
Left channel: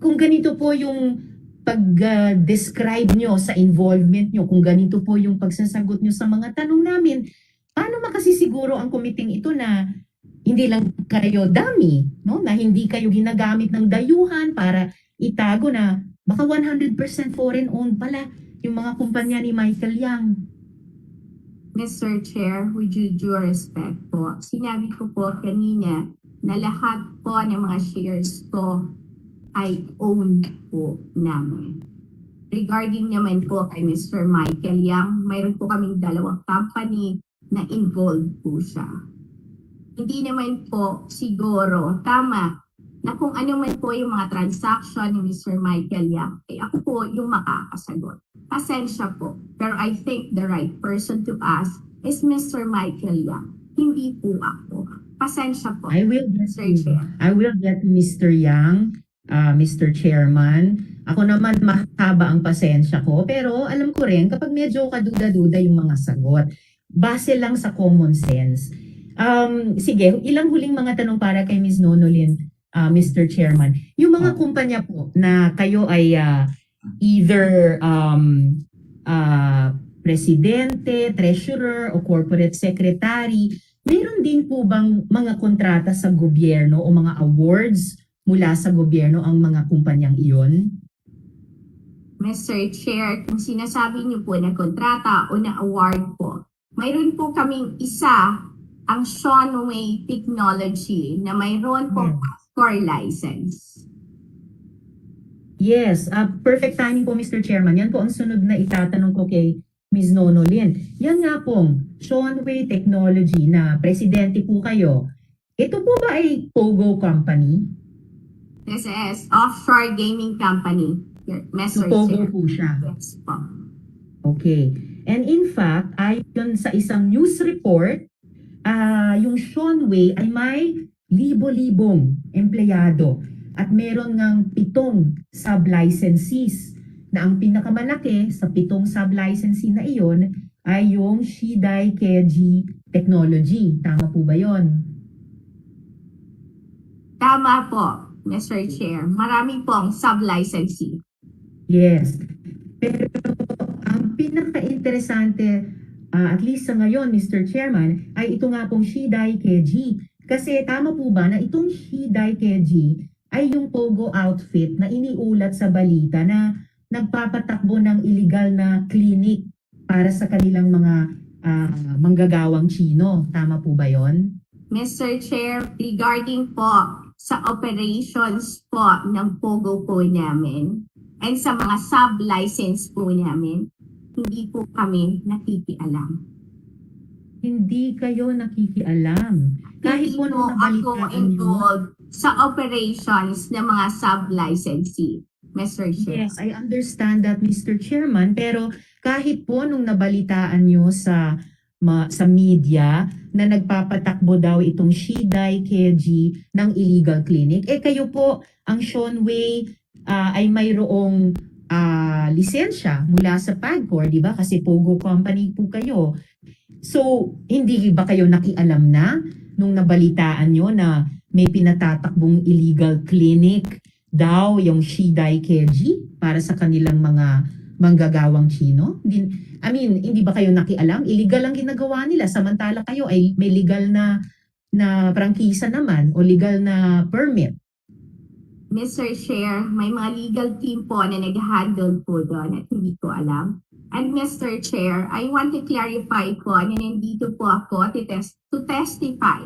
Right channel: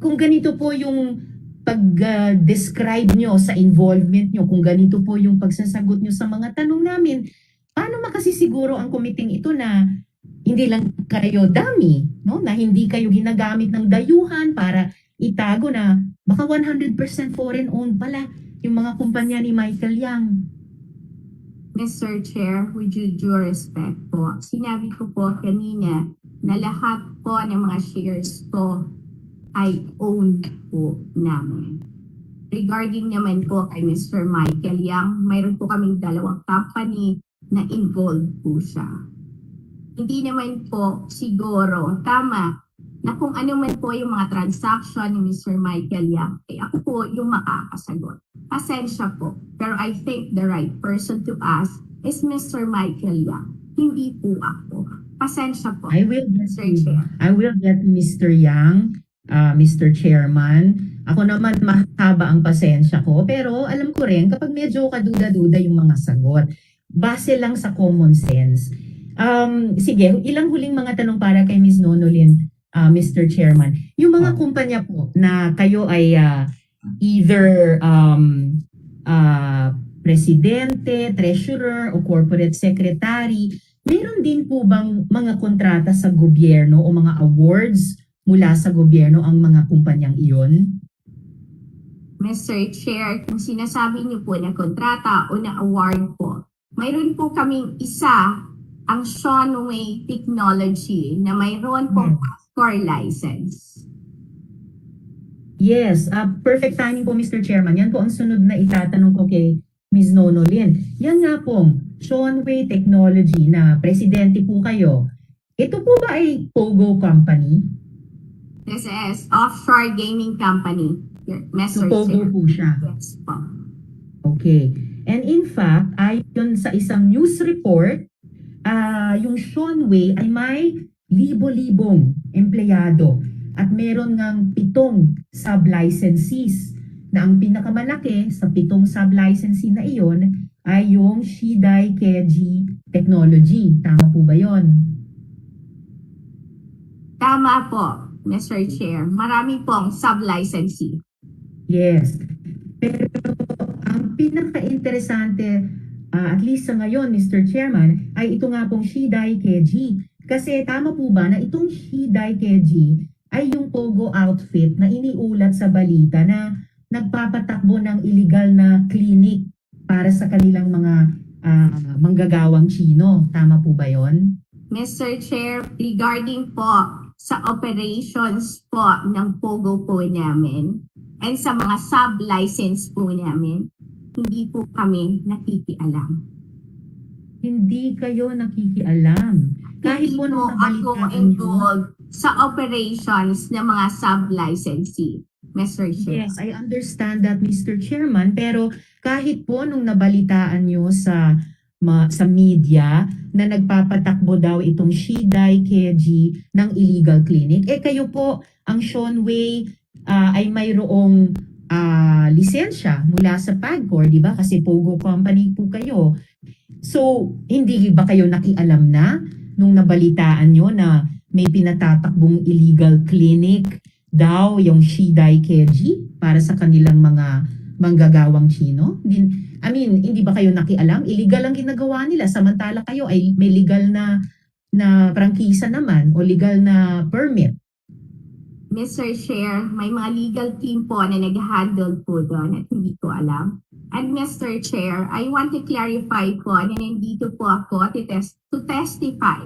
Kung ganito po yung pag-describe nyo sa involvement nyo, kung ganito po yung pagsasagot nyo sa mga tanong namin, paano makasisiguro ang komiting ito na hindi lang kayo dummy, no? Na hindi kayo ginagamit ng dayuhan para itago na baka 100% foreign owned pala yung mga kumpanya ni Michael Yang. Mr. Chair, with due respect po, sinabi ko po kanina na lahat po ng mga shares ko ay owned po namin. Regarding naman po kay Mr. Michael Yang, mayroon po kaming dalawang company na involved po siya. Hindi naman po siguro tama na kung ano man po yung mga transaction ni Mr. Michael Yang, ako po yung makakasagot. Pasensya po, pero I think the right person to ask is Mr. Michael Yang, hindi po ako. Pasensya po. I will get Mr. Yang, Mr. Chairman. Ako naman mahaba ang pasensya ko, pero alam ko rin kapag medyo kaduda-duda yung mga sagot, base lang sa common sense. Sige, ilang huling mga tanong para kay Ms. Nonolin, Mr. Chairman. Yung mga kumpanya po na kayo ay either presidente, treasurer, o corporate secretary, meron din po bang mga kontrata sa gobyerno o mga awards mula sa gobyerno ang mga kumpanyang iyon? Mr. Chair, kung sinasabi niyo po na kontrata o na award po, mayroon po kaming isa, ang Seanway Technology, na mayroon pong core license. Yes, perfect timing po, Mr. Chairman. Yan po ang sunod na itatanong ko kay Ms. Nonolin. Yan nga pong Seanway Technology na presidente po kayo. Ito po ba ay Pogo Company? This is offshore gaming company, Mr. So, Pogo Chair. po siya. Yes po. Okay. And in fact, ayon sa isang news report, yung Seanway ay may libo-libong empleyado at meron ng 7 sub-licensees na ang pinakamalaki sa 7 sub-licensee na iyon ay yung Shidai Keiji Technology. Tama po ba yon? Tama po, Mr. Chair. Marami pong sub-licensee. Yes. Pero ang pinaka-interesante, at least sa ngayon, Mr. Chairman, ay ito nga pong Shidai Keiji. Kasi tama po ba na itong Shidai Keiji ay yung Pogo outfit na iniulat sa balita na nagpapatakbo ng illegal na clinic para sa kanilang mga manggagawang Chino. Tama po ba yon? Mr. Chair, regarding po sa operations po ng Pogo po namin and sa mga sub-license po namin, hindi po kami nakikialam. Hindi kayo nakikialam. Kahit Hindi po po nung ako nabalitaan nyo, involved sa operations ng mga sub-licensee, Mr. Chair. yes, I understand that, Mr. Chairman, pero kahit po nung nabalitaan nyo sa media na nagpapatakbo daw itong Shidai Keji ng illegal clinic, kayo po, ang Seanway ay mayroong lisensya mula sa PAGCOR, di ba? Kasi Pogo Company po kayo. So, hindi ba kayo nakialam na nung nabalitaan nyo na may pinatatakbong illegal clinic daw yung Shidai Keji para sa kanilang mga manggagawang Chino? Hindi ba kayo nakialam? Illegal ang ginagawa nila samantala kayo ay may legal na prangkisa naman o legal na permit. Mr. Chair, may mga legal team po na nag-handle po doon at hindi ko alam. And Mr. Chair, I want to clarify po na nandito po ako to testify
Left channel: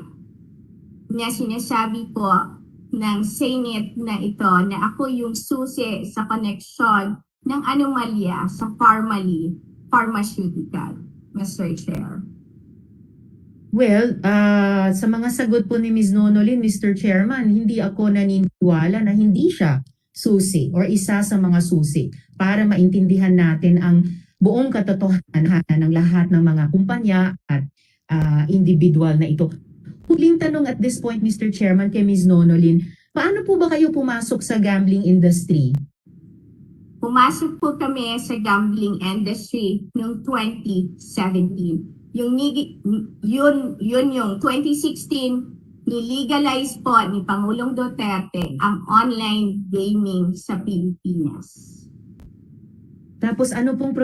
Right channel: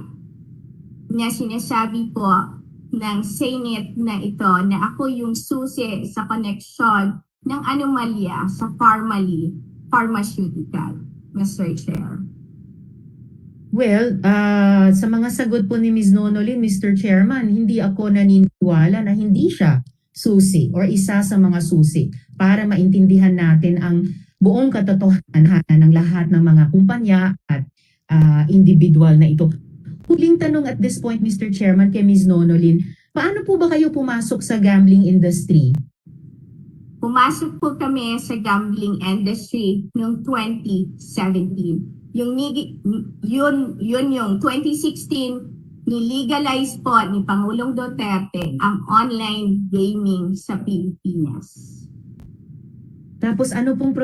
na sinasabi po ng Senate na ito na ako yung susi sa koneksyon ng anomalya sa pharmaceutical, Mr. Chair. Well, sa mga sagot po ni Ms. Nonolin, Mr. Chairman, hindi ako naniniwala na hindi siya susi or isa sa mga susi para maintindihan natin ang buong katotohanan ng lahat ng mga kumpanya at individual na ito. Huling tanong at this point, Mr. Chairman, kay Ms. Nonolin, paano po ba kayo pumasok sa gambling industry? Pumasok po kami sa gambling industry noong 2017. Yun yung 2016, nilegalize po ni Pangulong Duterte ang online gaming sa Pilipinas. Tapos ano pong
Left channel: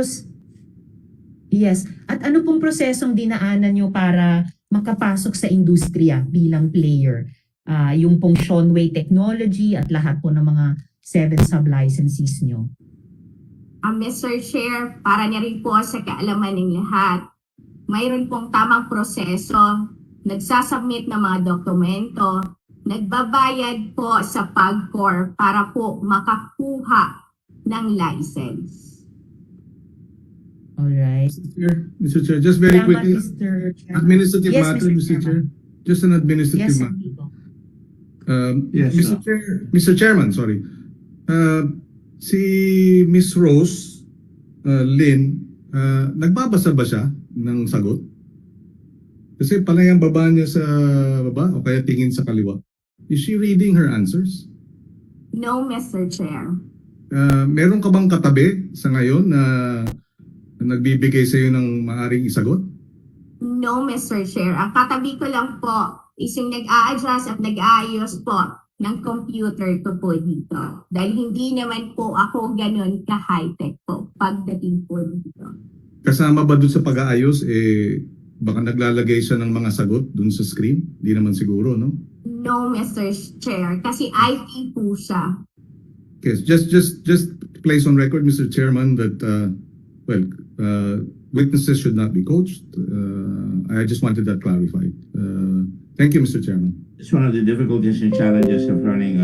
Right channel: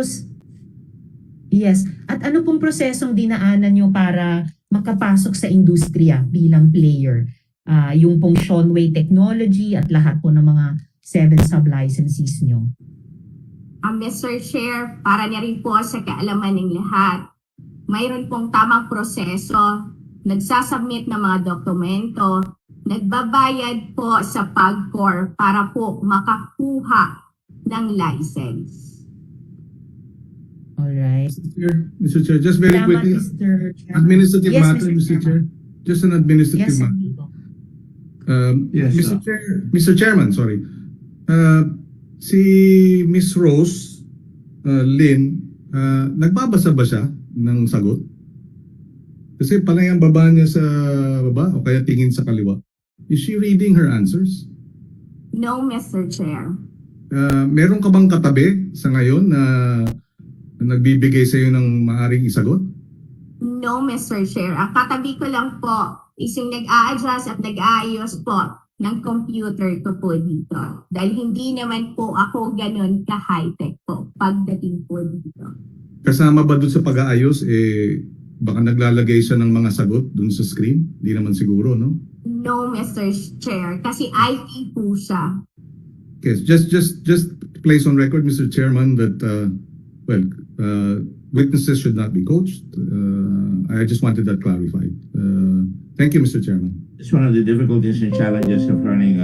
ano pong prosesong dinaanan nyo para makapasok sa industriya bilang player? Yung pong Seanway Technology at lahat po ng mga 7 sub-licensees nyo. Mr. Chair, para na rin po sa kaalaman ng lahat, mayroon pong tamang proseso, nagsasubmit ng mga dokumento, nagbabayad po sa PAGCOR para po makakuha ng license. Alright. Mr. Chair, just very Salamat, quickly, Mr. Chairman. administrative Yes, matter, Mr. Mr. Chair. Chairman. Just an administrative Yes, matter. amigo. Yes, Mr. Chairman, sorry. Si Miss Rose Lynn, nagbabasa ba siya ng sagot? Kasi palagi ang baba niya sa baba o kaya tingin sa kaliwa. Is she reading her answers? No, Mr. Chair. Meron ka bang katabi sa ngayon na nagbibigay sa iyo ng maaring isagot? No, Mr. Chair. Ang katabi ko lang po is yung nag-a-adjust at nag-aayos po ng computer ko po dito. Dahil hindi naman po ako ganun ka-high-tech po pagdating po dito. Kasama ba doon sa pag-aayos, baka naglalagay siya ng mga sagot doon sa screen? Di naman siguro, no? No, Mr. Chair. Kasi IT po siya. Yes, just place on record, Mr. Chairman, that witnesses should not be coached. I just wanted that clarified. Thank you, Mr. Chairman. It's one of the difficulties and challenges of running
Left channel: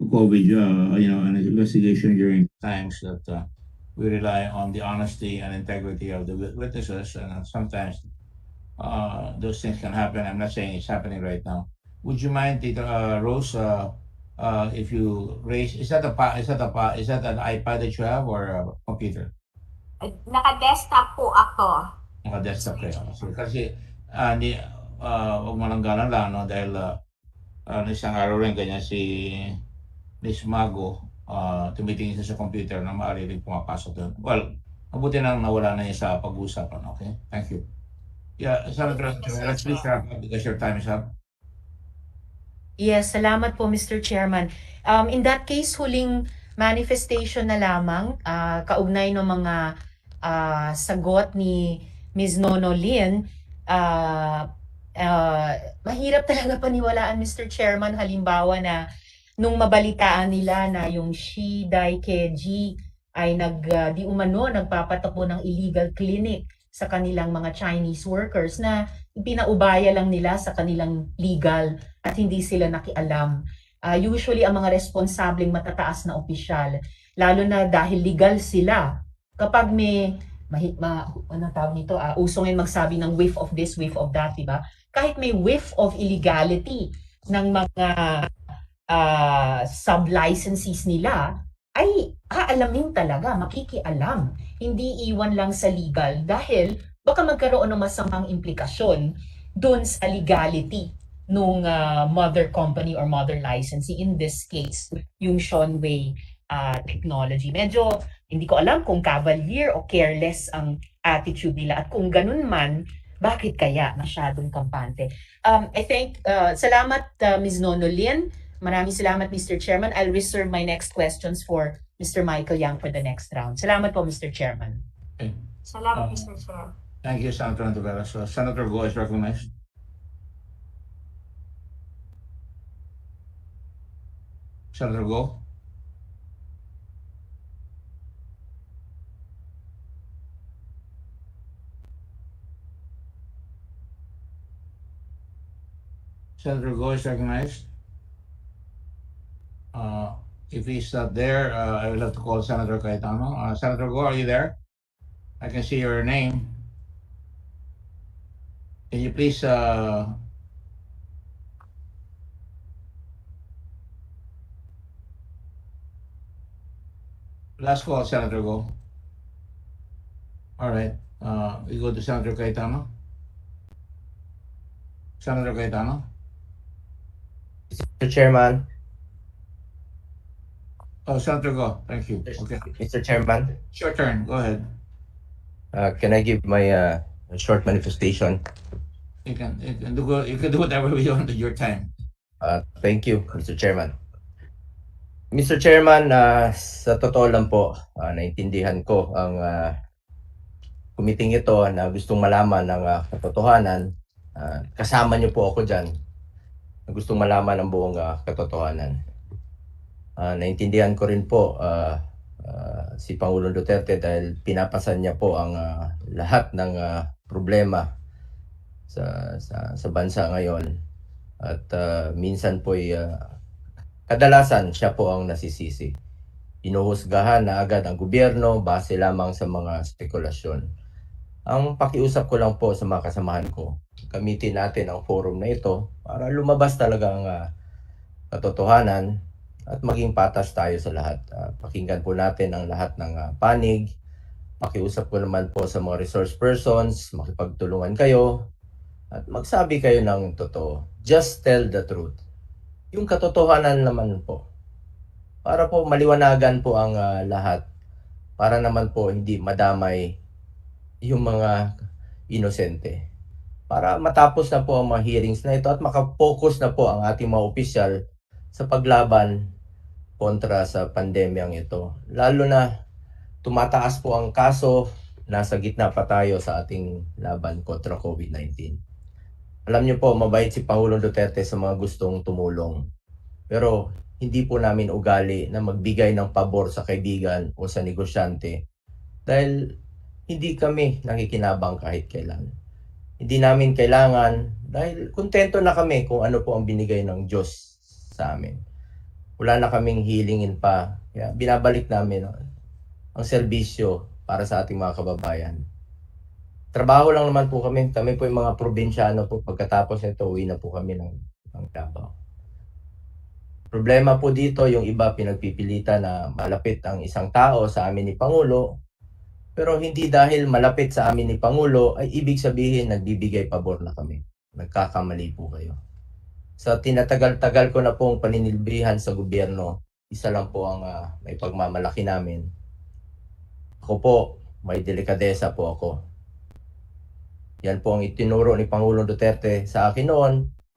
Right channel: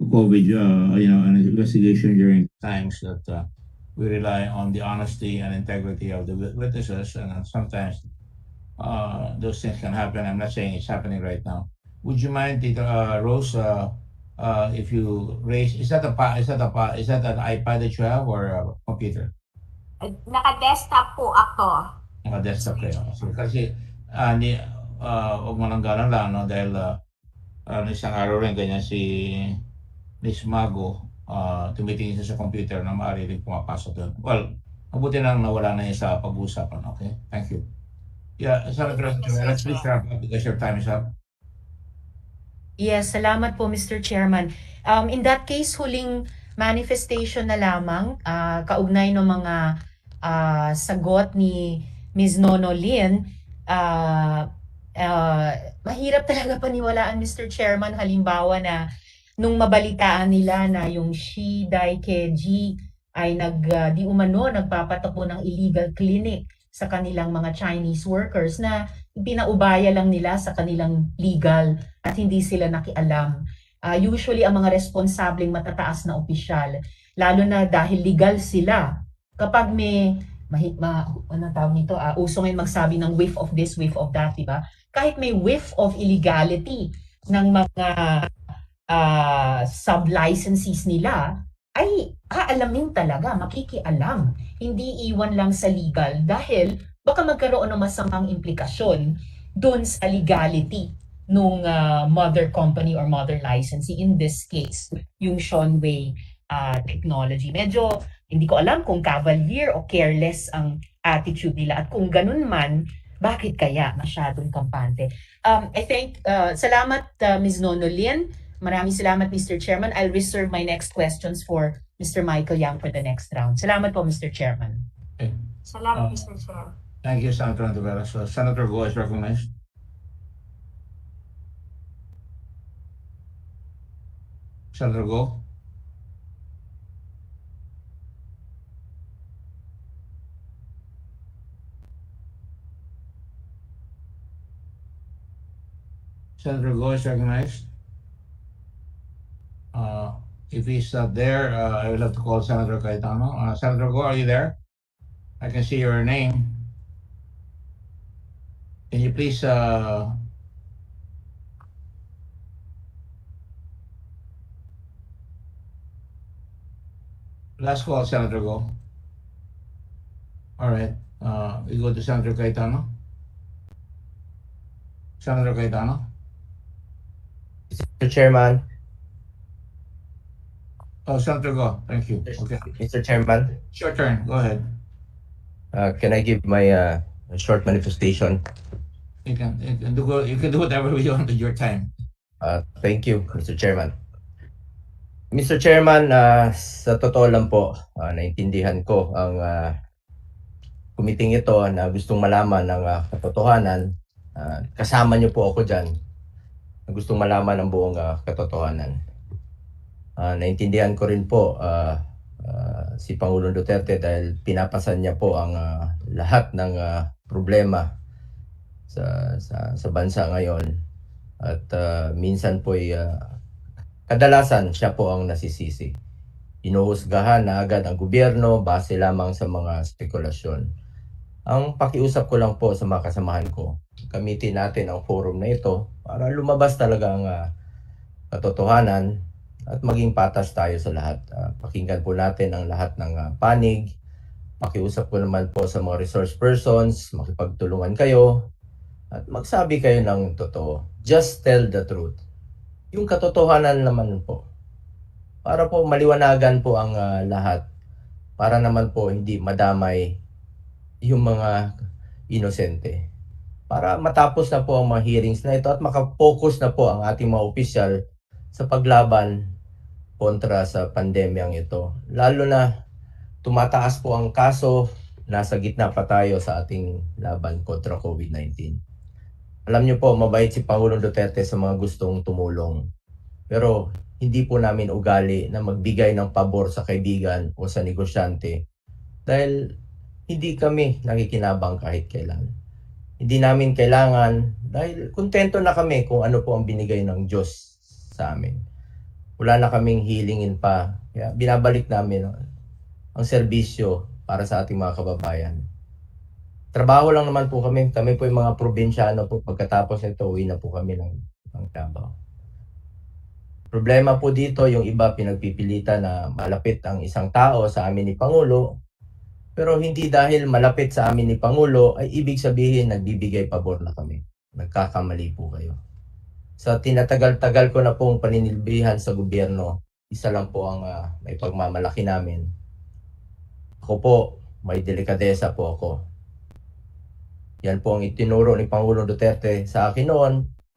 COVID, an investigation during times that we rely on the honesty and integrity of the witnesses, and sometimes those things can happen. I'm not saying it's happening right now. Would you mind, Rose, if you raise? Is that an iPad that you have or a computer? Naka-desktop po ako. Naka-desktop kayo. So, kasi huwag mo lang ganon lang, no? Dahil isang araw rin ganyan si Miss Mago, tumitingin siya sa computer na maaari rin pumapasok doon. Well, mabuti nang nawala na yun sa pag-uusapan. Okay? Thank you. Yeah, Senator, let's please wrap up because your time is up. Yes, salamat po, Mr. Chairman. In that case, huling manifestation na lamang, kaugnay ng mga sagot ni Ms. Nonolin, mahirap talaga paniwalaan, Mr. Chairman, halimbawa na nung mabalitaan nila na yung Shidai Keji ay di umano nagpapatakbo ng illegal clinic sa kanilang mga Chinese workers na pinaubaya lang nila sa kanilang legal at hindi sila nakialam. Usually ang mga responsableng matataas na opisyal, lalo na dahil legal sila, kapag may ano tawag nito, uso ngayon magsabi ng whiff of this, whiff of that, diba? Kahit may whiff of illegality ng mga sub-licensees nila, ay aalamin talaga, makikialam. Hindi iwan lang sa legal dahil baka magkaroon ng masamang implikasyon doon sa legality nung mother company or mother licensee, in this case, yung Seanway Technology. Medyo hindi ko alam kung cavalier o careless ang attitude nila at kung ganun man, bakit kaya masyadong kampante? I think, salamat Ms. Nonolin. Maraming salamat, Mr. Chairman. I'll reserve my next questions for Mr. Michael Yang for the next round. Salamat po, Mr. Chairman. Okay. Salamat, Mr. Chair. Thank you, Senator Antivera. So, Senator Go is recognized. Senator Go. Senator Go is recognized. If he's not there, I will have to call Senator Cayetano. Senator Go, are you there? I can see your name. Can you please last call, Senator Go. All right. We go to Senator Cayetano. Senator Cayetano. Mr. Chairman. Oh, Senator Go. Thank you. Okay. Mr. Chairman, It's your turn. Go ahead. can I give my short manifestation? You can do whatever you want with your time. Thank you, Mr. Chairman. Mr. Chairman, sa totoo lang po, naintindihan ko ang kumiting ito na gustong malaman ng katotohanan. Kasama niyo po ako dyan na gustong malaman ang buong katotohanan. Naintindihan ko rin po si Pangulong Duterte dahil pinapasan niya po ang lahat ng problema sa bansa ngayon. At minsan po kadalasan siya po ang nasisisi. Inuhusgahan na agad ang gobyerno base lamang sa mga spekulasyon. Ang pakiusap ko lang po sa mga kasamahan ko, gamitin natin ang forum na ito para lumabas talaga ang katotohanan at maging patas tayo sa lahat. Pakinggan po natin ang lahat ng panig. Pakiusap ko naman po sa mga resource persons, makipagtulungan kayo at magsabi kayo ng totoo. Just tell the truth. Yung katotohanan naman po. Para po maliwanagan po ang lahat. Para naman po hindi madamay yung mga inosente. Para matapos na po ang mga hearings na ito at makapokus na po ang ating mga opisyal sa paglaban kontra sa pandemyang ito. Lalo na tumataas po ang kaso, nasa gitna pa tayo sa ating laban kontra COVID-19. Alam niyo po, mabait si Pangulong Duterte sa mga gustong tumulong. Pero hindi po namin ugali na magbigay ng pabor sa kaibigan o sa negosyante dahil hindi kami nakikinabang kahit kailan. Hindi namin kailangan dahil kontento na kami kung ano po ang binigay ng Diyos sa amin. Wala na kaming hilingin pa. Kaya binabalik namin ang serbisyo para sa ating mga kababayan. Trabaho lang naman po kami. Kami po yung mga probinsyano po. Pagkatapos nito, uwi na po kami ng Davao. Problema po dito, yung iba pinagpipilitan na malapit ang isang tao sa amin ni Pangulo. Pero hindi dahil malapit sa amin ni Pangulo ay ibig sabihin nagbibigay pabor na kami. Nagkakamali po kayo. Sa tinatagal-tagal ko na pong paninilbihan sa gobyerno, isa lang po ang may pagmamalaki namin. Ako po, may delikadesa po ako. Yan po ang itinuro ni Pangulong Duterte sa akin noon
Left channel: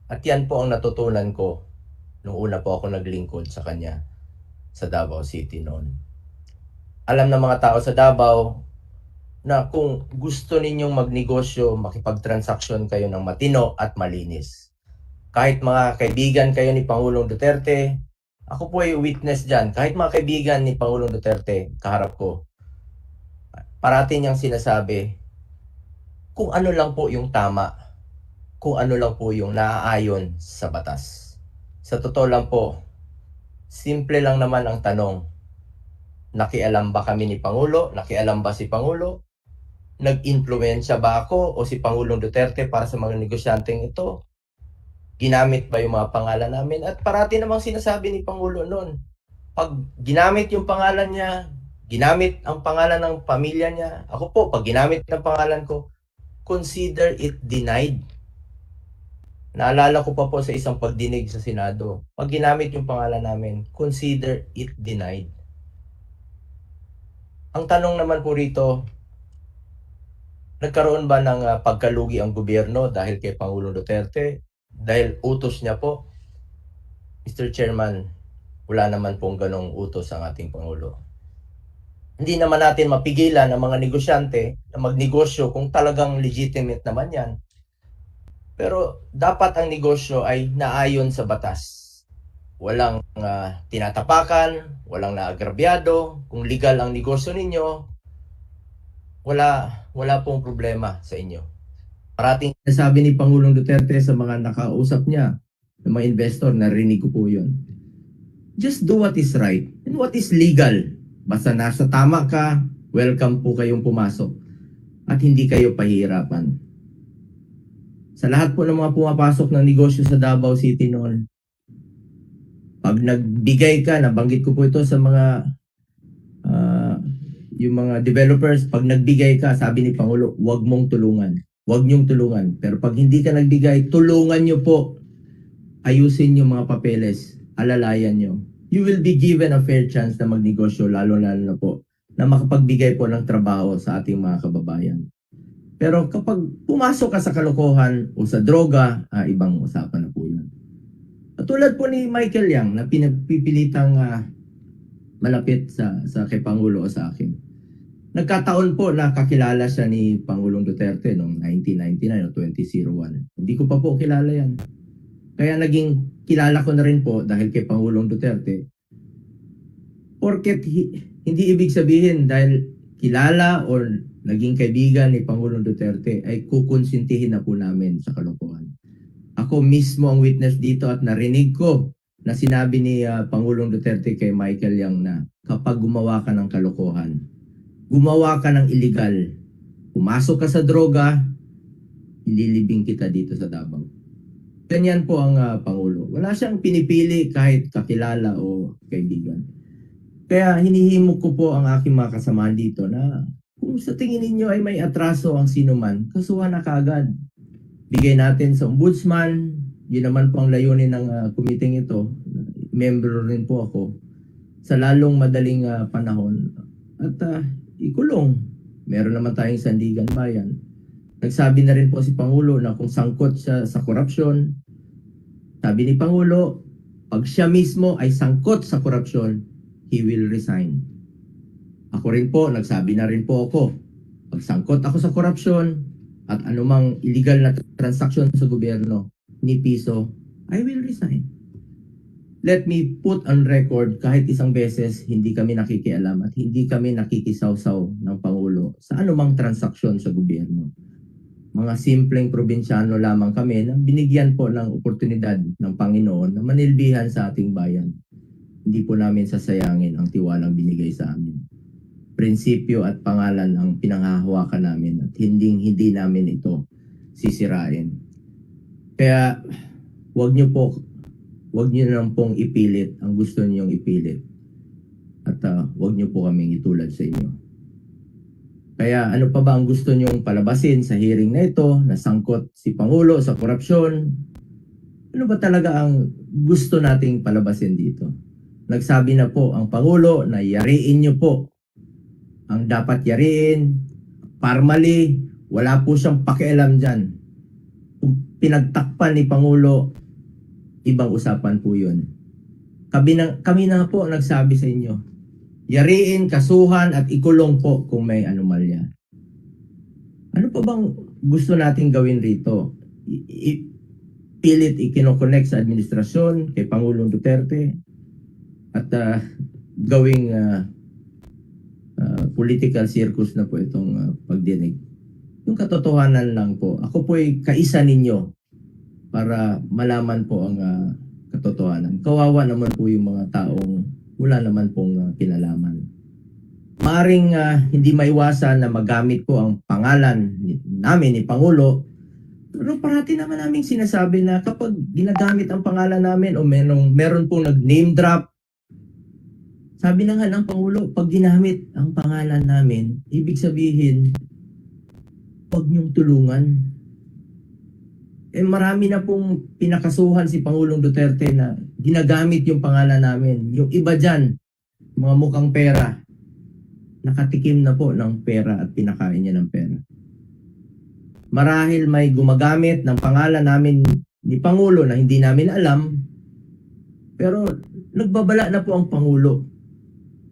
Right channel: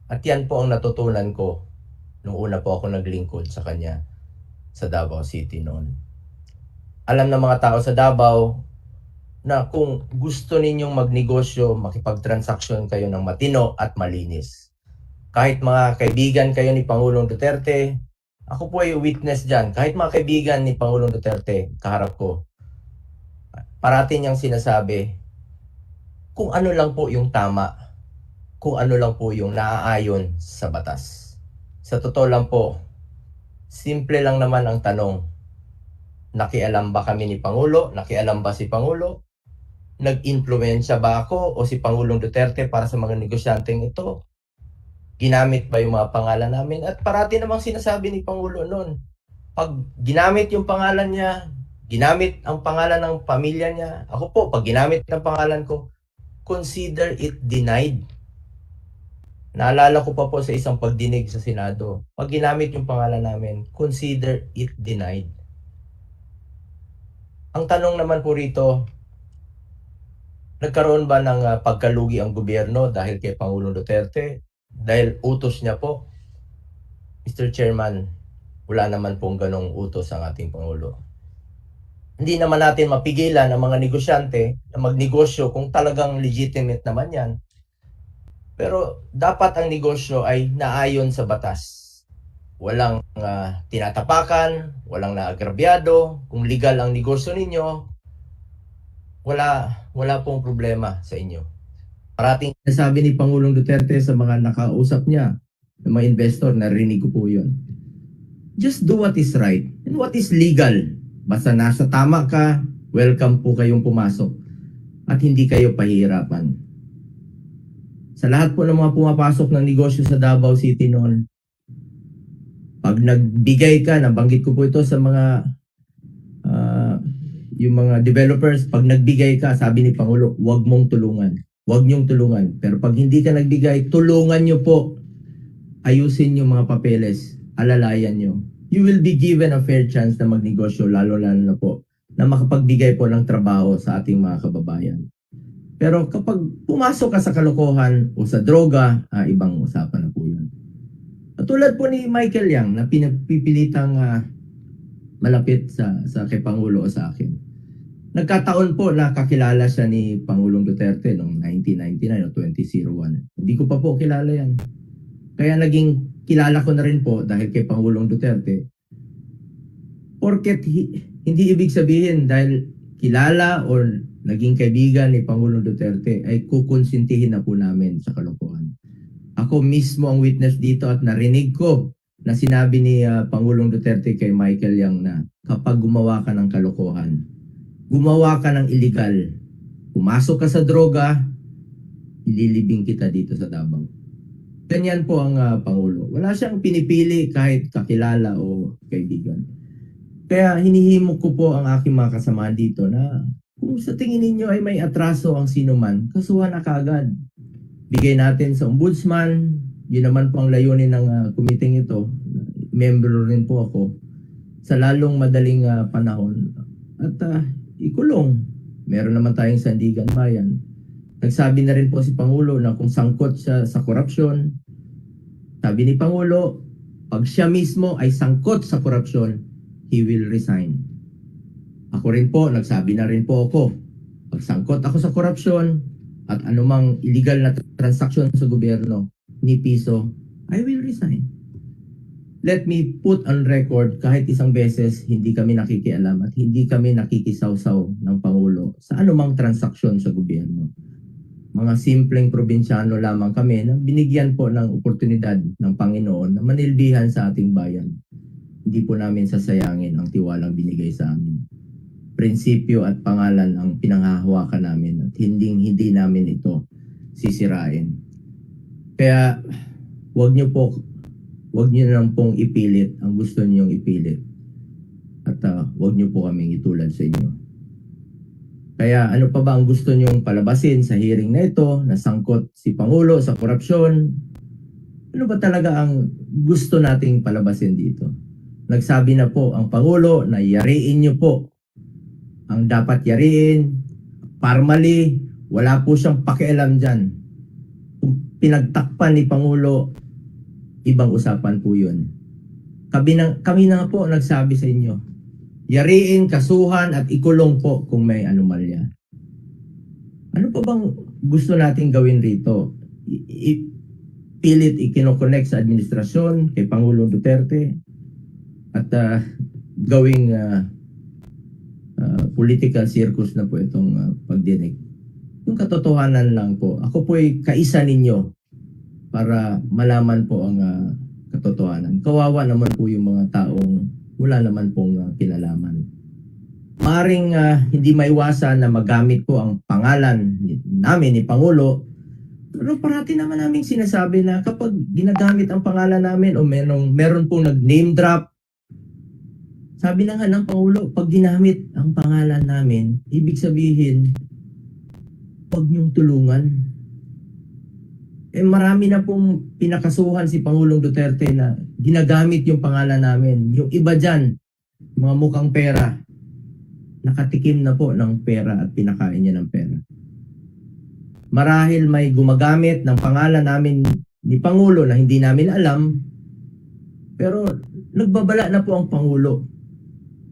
at yan po ang natutunan ko nung una po ako naglingkod sa kanya sa Davao City noon. Alam ng mga tao sa Davao na kung gusto ninyong magnegosyo, makipagtransaksyon kayo ng matino at malinis. Kahit mga kaibigan kayo ni Pangulong Duterte, ako po ay witness dyan. Kahit mga kaibigan ni Pangulong Duterte, kaharap ko, parati niyang sinasabi kung ano lang po yung tama, kung ano lang po yung naaayon sa batas. Sa totoo lang po, simple lang naman ang tanong. Nakialam ba kami ni Pangulo? Nakialam ba si Pangulo? Nag-impluwensya ba ako o si Pangulong Duterte para sa mga negosyanteng ito? Ginamit ba yung mga pangalan namin? At parati namang sinasabi ni Pangulo noon, pag ginamit yung pangalan niya, ginamit ang pangalan ng pamilya niya, ako po, pag ginamit ng pangalan ko, consider it denied. Naalala ko pa po sa isang pagdinig sa Senado, pag ginamit yung pangalan namin, consider it denied. Ang tanong naman po rito, nagkaroon ba ng pagkalugi ang gobyerno dahil kay Pangulong Duterte? Dahil utos niya po? Mr. Chairman, wala naman pong ganong utos ang ating Pangulo. Hindi naman natin mapigilan ang mga negosyante na magnegosyo kung talagang legitimate naman yan. Pero dapat ang negosyo ay naayon sa batas. Walang tinatapakan, walang naagrabyado. Kung legal ang negosyo ninyo, wala pong problema sa inyo. Parating sabi ni Pangulong Duterte sa mga nakausap niya, ng mga investor, narinig ko po yun. Just do what is right and what is legal. Basta nasa tama ka, welcome po kayong pumasok at hindi kayo pahihirapan. Sa lahat po ng mga pumapasok ng negosyo sa Davao City noon, pag nagbigay ka, nabanggit ko po ito sa mga yung mga developers, pag nagbigay ka, sabi ni Pangulo, huwag mong tulungan. Huwag niyong tulungan. Pero pag hindi ka nagbigay, tulungan niyo po. Ayusin yung mga papeles. Alalayan niyo. You will be given a fair chance na magnegosyo, lalo-lalo na po, na makapagbigay po ng trabaho sa ating mga kababayan. Pero kapag pumasok ka sa kalokohan o sa droga, ibang usapan na po yun. At tulad po ni Michael Yang na pinapipilitang malapit sa kay Pangulo o sa akin. Nagkataon po na kakilala siya ni Pangulong Duterte noong 1999 o 2001. Hindi ko pa po kilala yan. Kaya naging kilala ko na rin po dahil kay Pangulong Duterte. Porket hindi ibig sabihin dahil kilala o naging kaibigan ni Pangulong Duterte ay kukonsintihin na po namin sa kalokohan. Ako mismo ang witness dito at narinig ko na sinabi ni Pangulong Duterte kay Michael Yang na kapag gumawa ka ng kalokohan, gumawa ka ng illegal, pumasok ka sa droga, ililibing kita dito sa Davao. Ganyan po ang Pangulo. Wala siyang pinipili kahit kakilala o kaibigan. Kaya hinihimok ko po ang aking mga kasamahan dito na kung sa tingin ninyo ay may atraso ang sinuman, kasuhan na kagad. Bigay natin sa ombudsman, yun naman po ang layunin ng committee ito. Member rin po ako sa lalong madaling panahon. At ikulong. Meron naman tayong sandigan bayan. Nagsabi na rin po si Pangulo na kung sangkot siya sa korupsyon, sabi ni Pangulo, pag siya mismo ay sangkot sa korupsyon, he will resign. Ako rin po, nagsabi na rin po ako, pag sangkot ako sa korupsyon at anumang illegal na transaksyon sa gobyerno, ni piso, I will resign. Let me put on record kahit isang beses hindi kami nakikialam at hindi kami nakikisawsaw ng Pangulo sa anumang transaksyon sa gobyerno. Mga simpleng probinsyano lamang kami na binigyan po ng oportunidad ng Panginoon na manilbihan sa ating bayan. Hindi po namin sasayangin ang tiwalang binigay sa amin. Prinsipyo at pangalan ang pinanghahawakan namin at hindi namin ito sisirain. Kaya wag niyo lang pong ipilit ang gusto niyong ipilit. At wag niyo po kaming itulad sa inyo. Kaya ano pa ba ang gusto niyong palabasin sa hearing na ito, na sangkot si Pangulo sa korupsyon? Ano ba talaga ang gusto nating palabasin dito? Nagsabi na po ang Pangulo na yariin niyo po ang dapat yariin. Formally, wala po siyang pakialam dyan. Kung pinagtakpan ni Pangulo, ibang usapan po yun. Kami na po nagsabi sa inyo, yariin, kasuhan at ikulong po kung may anomalya. Ano pa bang gusto nating gawin rito? Pilit ikinokonek sa administrasyon kay Pangulong Duterte at gawing political circus na po itong pagdinig. Yung katotohanan lang po. Ako po ay kaisa ninyo para malaman po ang katotohanan. Kawawa naman po yung mga taong wala naman pong kinalaman. Maaring hindi maiwasan na magamit po ang pangalan namin ni Pangulo, pero parati naman namin sinasabi na kapag ginagamit ang pangalan namin o meron pong nag-name drop, sabi na nga ng Pangulo, pag ginamit ang pangalan namin, ibig sabihin, huwag niyong tulungan. Marami na pong pinakasuhan si Pangulong Duterte na ginagamit yung pangalan namin. Yung iba dyan, mga mukhang pera, nakatikim na po ng pera at pinakain niya ng pera. Marahil may gumagamit ng pangalan namin ni Pangulo na hindi namin alam, pero nagbabala na po ang Pangulo.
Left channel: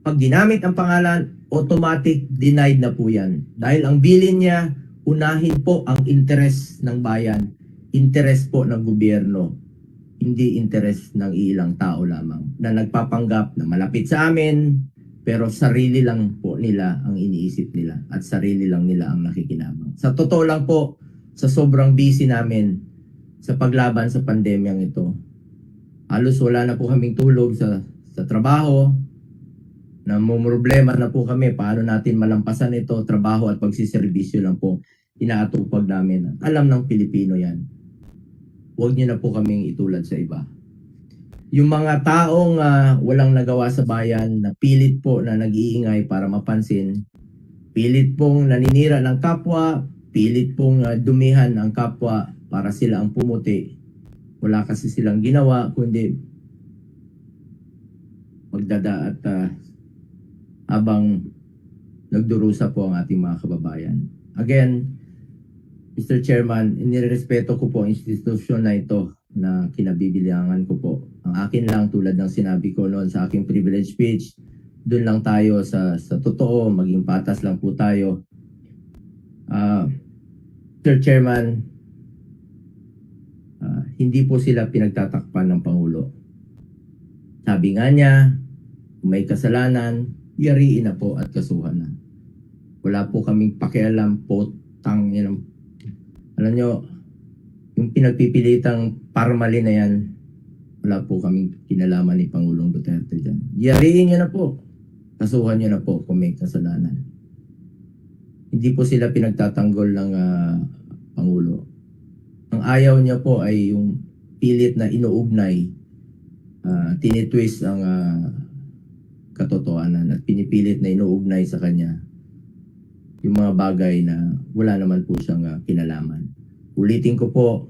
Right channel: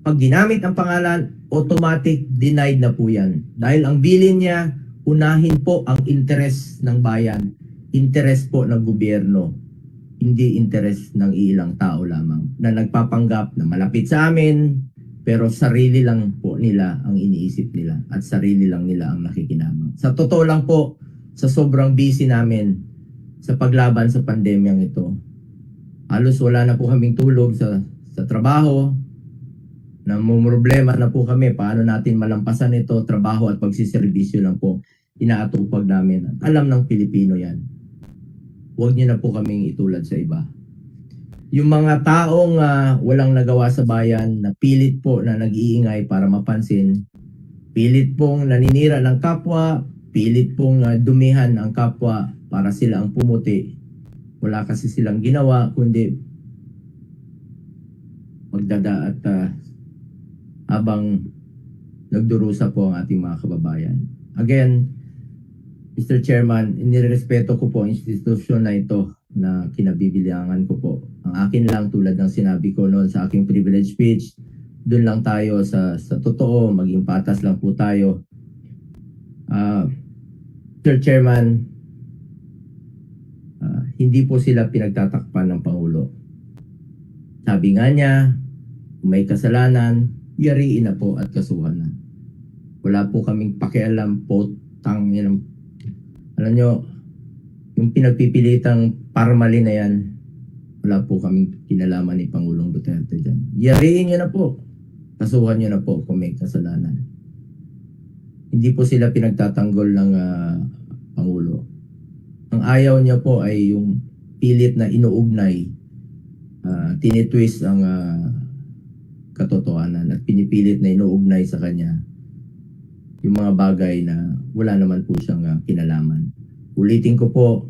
Pag ginamit ang pangalan, automatic denied na po yan. Dahil ang bilin niya, unahin po ang interes ng bayan, interes po ng gobyerno, hindi interes ng ilang tao lamang na nagpapanggap na malapit sa amin, pero sarili lang po nila ang iniisip nila at sarili lang nila ang nakikinabang. Sa totoo lang po, sa sobrang busy namin sa paglaban sa pandemyang ito, halos wala na po kaming tulog sa trabaho, namumroblema na po kami paano natin malampasan ito, trabaho at pagsiservisyo lang po inaatupag namin. Alam ng Pilipino yan. Huwag niyo na po kaming itulad sa iba. Yung mga taong walang nagawa sa bayan na pilit po na nag-iingay para mapansin, pilit pong naninira ng kapwa, pilit pong dumihan ang kapwa para sila ang pumuti. Wala kasi silang ginawa kundi magdada at habang nagdurusa po ang ating mga kababayan. Again, Mr. Chairman, inirespeto ko po ang institusyon na ito na kinabibilangan ko po. Ang akin lang, tulad ng sinabi ko noon sa aking privilege speech, doon lang tayo sa totoo, maging patas lang po tayo. Mr. Chairman, hindi po sila pinagtatakpan ng Pangulo. Sabi nga niya, kung may kasalanan, yariin na po at kasuhan na. Wala po kaming pakialam po, alam nyo, yung pinagpipilitang parmali na yan, wala po kaming kinalaman ni Pangulong Duterte dyan. Yariin niya na po. Kasuhan niya na po kung may kasalanan. Hindi po sila pinagtatanggol ng Pangulo. Ang ayaw niya po ay yung pilit na inuugnay, tinitwist ang katotohanan at pinipilit na inuugnay sa kanya yung mga bagay na wala naman po siyang kinalaman. Ulitin ko po,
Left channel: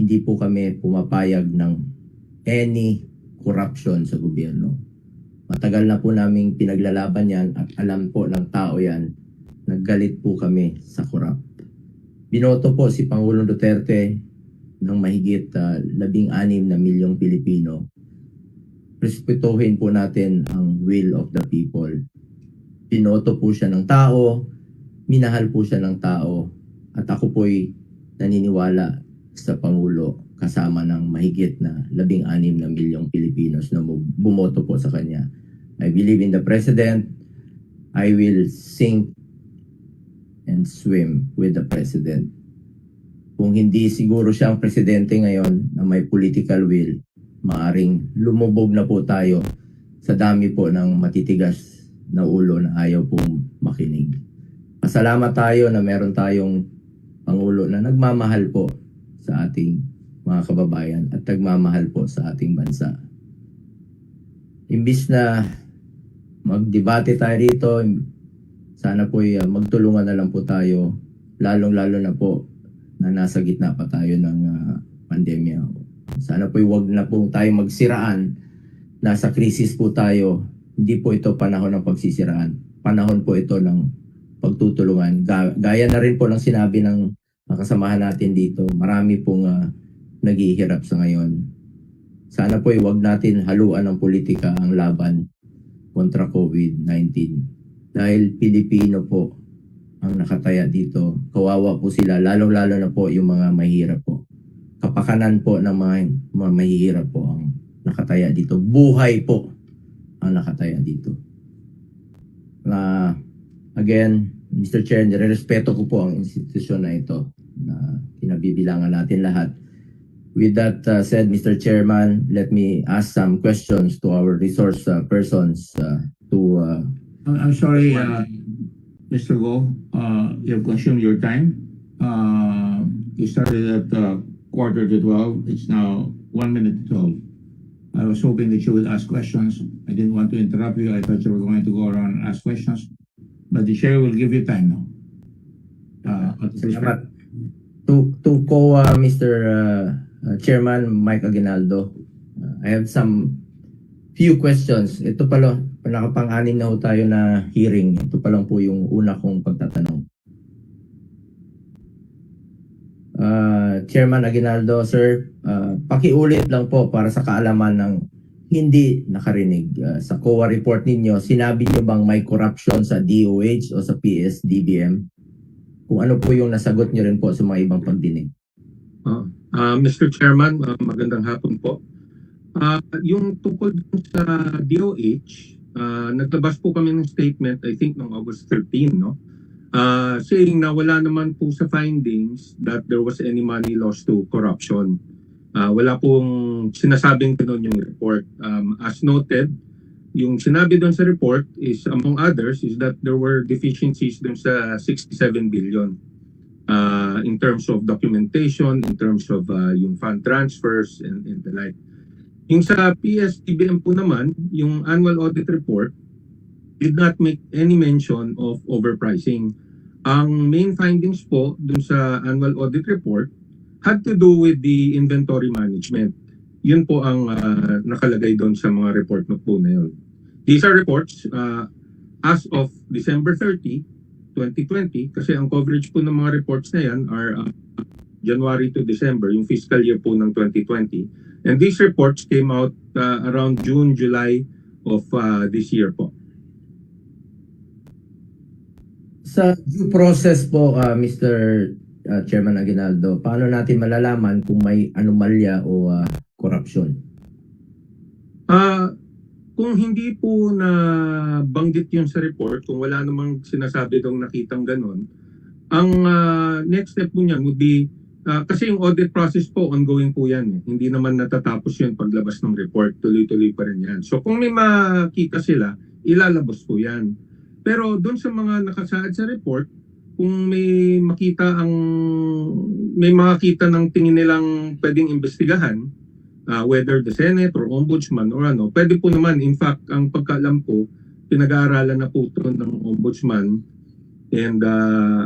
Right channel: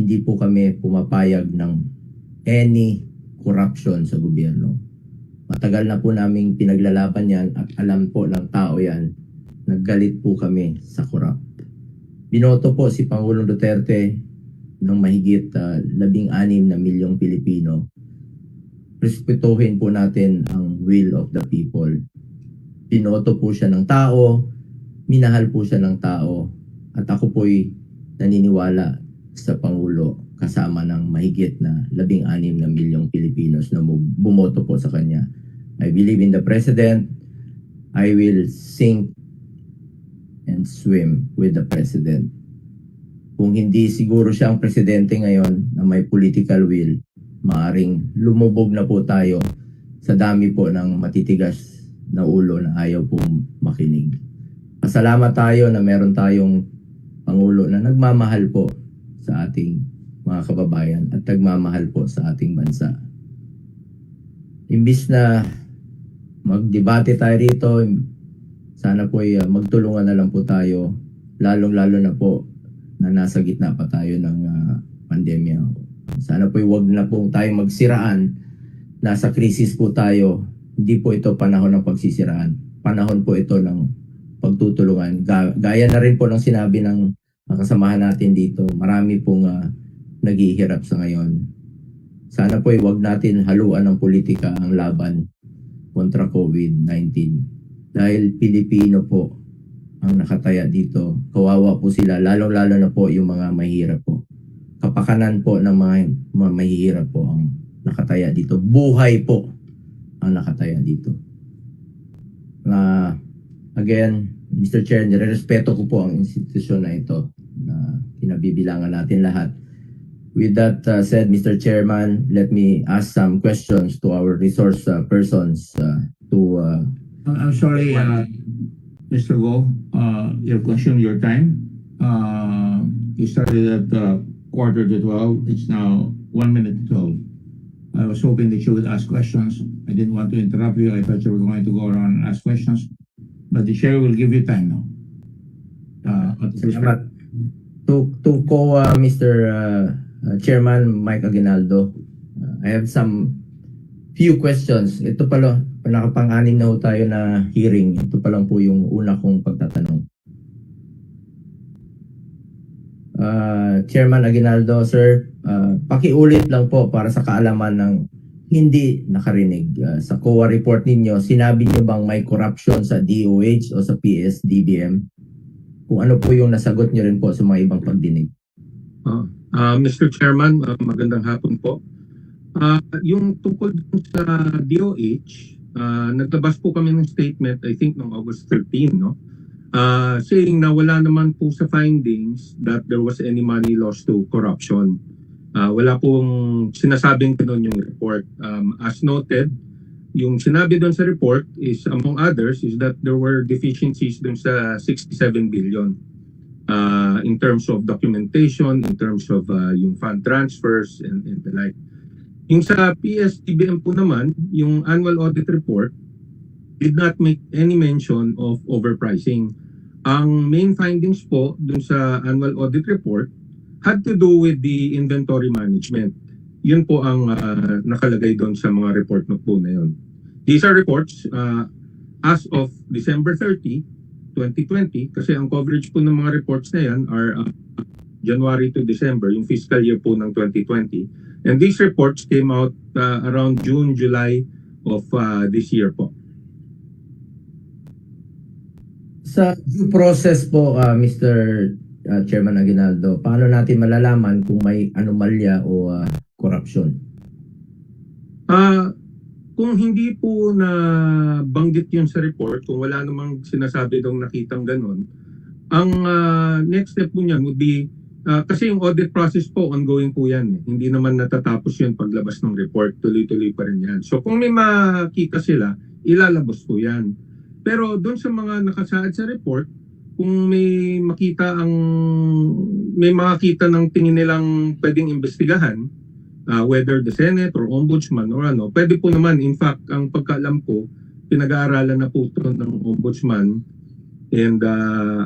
hindi po kami pumapayag ng any corruption sa gobyerno. Matagal na po naming pinaglalaban yan at alam po ng tao yan, naggalit po kami sa corrupt. Binoto po si Pangulong Duterte ng mahigit 16 na milyong Pilipino. Respetuhin po natin ang will of the people. Binoto po siya ng tao, minahal po siya ng tao, at ako po'y naniniwala sa Pangulo kasama ng mahigit na 16 na milyong Pilipinos na bumoto po sa kanya. I believe in the President. I will sink and swim with the President. Kung hindi siguro siya ang presidente ngayon na may political will, maaring lumubog na po tayo sa dami po ng matitigas na ulo na ayaw pong makinig. Pasalamat tayo na meron tayong Pangulo na nagmamahal po sa ating mga kababayan at nagmamahal po sa ating bansa. Imbis na magdebate tayo rito, sana po magtulungan na lang po tayo, lalong-lalo na po na nasa gitna pa tayo ng pandemya. Sana po wag na po tayo magsiraan. Nasa krisis po tayo. Hindi po ito panahon ng pagsisiraan. Panahon po ito ng pagtutulungan. Gaya na rin po ng sinabi ng kasamahan natin dito. Marami pong naghihirap sa ngayon. Sana po wag natin haluan ng politika ang laban kontra COVID-19. Dahil Pilipino po ang nakataya dito. Kawawa po sila, lalong-lalo na po yung mga mahihirap po. Kapakanan po ng mga mahihirap po ang nakataya dito. Buhay po ang nakataya dito. Again, Mr. Chair, nirerespeto ko po ang institusyon na ito na kinabibilangan natin lahat. With that said, Mr. Chairman, let me ask some questions to our resource persons I'm sorry, Mr. Go, you've consumed your time. You started at 11:45. It's now 1:12. I was hoping that you would ask questions. I didn't want to interrupt you. I thought you were going to go around and ask questions. But the chair will give you time now. Salamat. To Mr. Chairman Mike Aguinaldo, I have some few questions. Ito pala, nakapang-anim na ho tayo na hearing. Ito pa lang po yung una kong pagtatanong. Chairman Aguinaldo, sir, pakiulit lang po para sa kaalaman ng hindi nakarinig. Sa COA report ninyo, sinabi niyo bang may corruption sa DOH o sa PS-DBM? Kung ano po yung nasagot niyo rin po sa mga ibang pagdinig. Mr. Chairman, magandang hapon po. Yung tungkol sa DOH, naglabas po kami ng statement, I think, noong August 13, no? Saying na wala naman po sa findings that there was any money lost to corruption. Wala pong sinasabing ganun yung report. As noted, yung sinabi doon sa report is, among others, is that there were deficiencies doon sa 67 billion in terms of documentation, in terms of yung fund transfers and the like. Yung sa PS-DBM po naman, yung annual audit report did not make any mention of overpricing. Ang main findings po dun sa annual audit report had to do with the inventory management. Yun po ang nakalagay doon sa mga report na po na yun. These are reports as of December 30, 2020, kasi ang coverage po ng mga reports na yan are January to December, yung fiscal year po ng 2020. And these reports came out around June, July of this year po. Sa due process po, Mr. Chairman Aguinaldo, paano natin malalaman kung may anomalya o corruption? Kung hindi po na banggit yun sa report, kung wala namang sinasabi dong nakitang ganun, ang next step po niyan would be, kasi yung audit process po, ongoing po yan. Hindi naman natatapos yun paglabas ng report, tuloy-tuloy pa rin yan. So kung may makita sila, ilalabas po yan. Pero doon sa mga nakasaad sa report, kung may makita ng tingin nilang pwedeng imbestigahan, whether the Senate or Ombudsman or ano, pwede po naman. In fact, ang pagkaalam ko, pinag-aaralan na po ito ng Ombudsman, and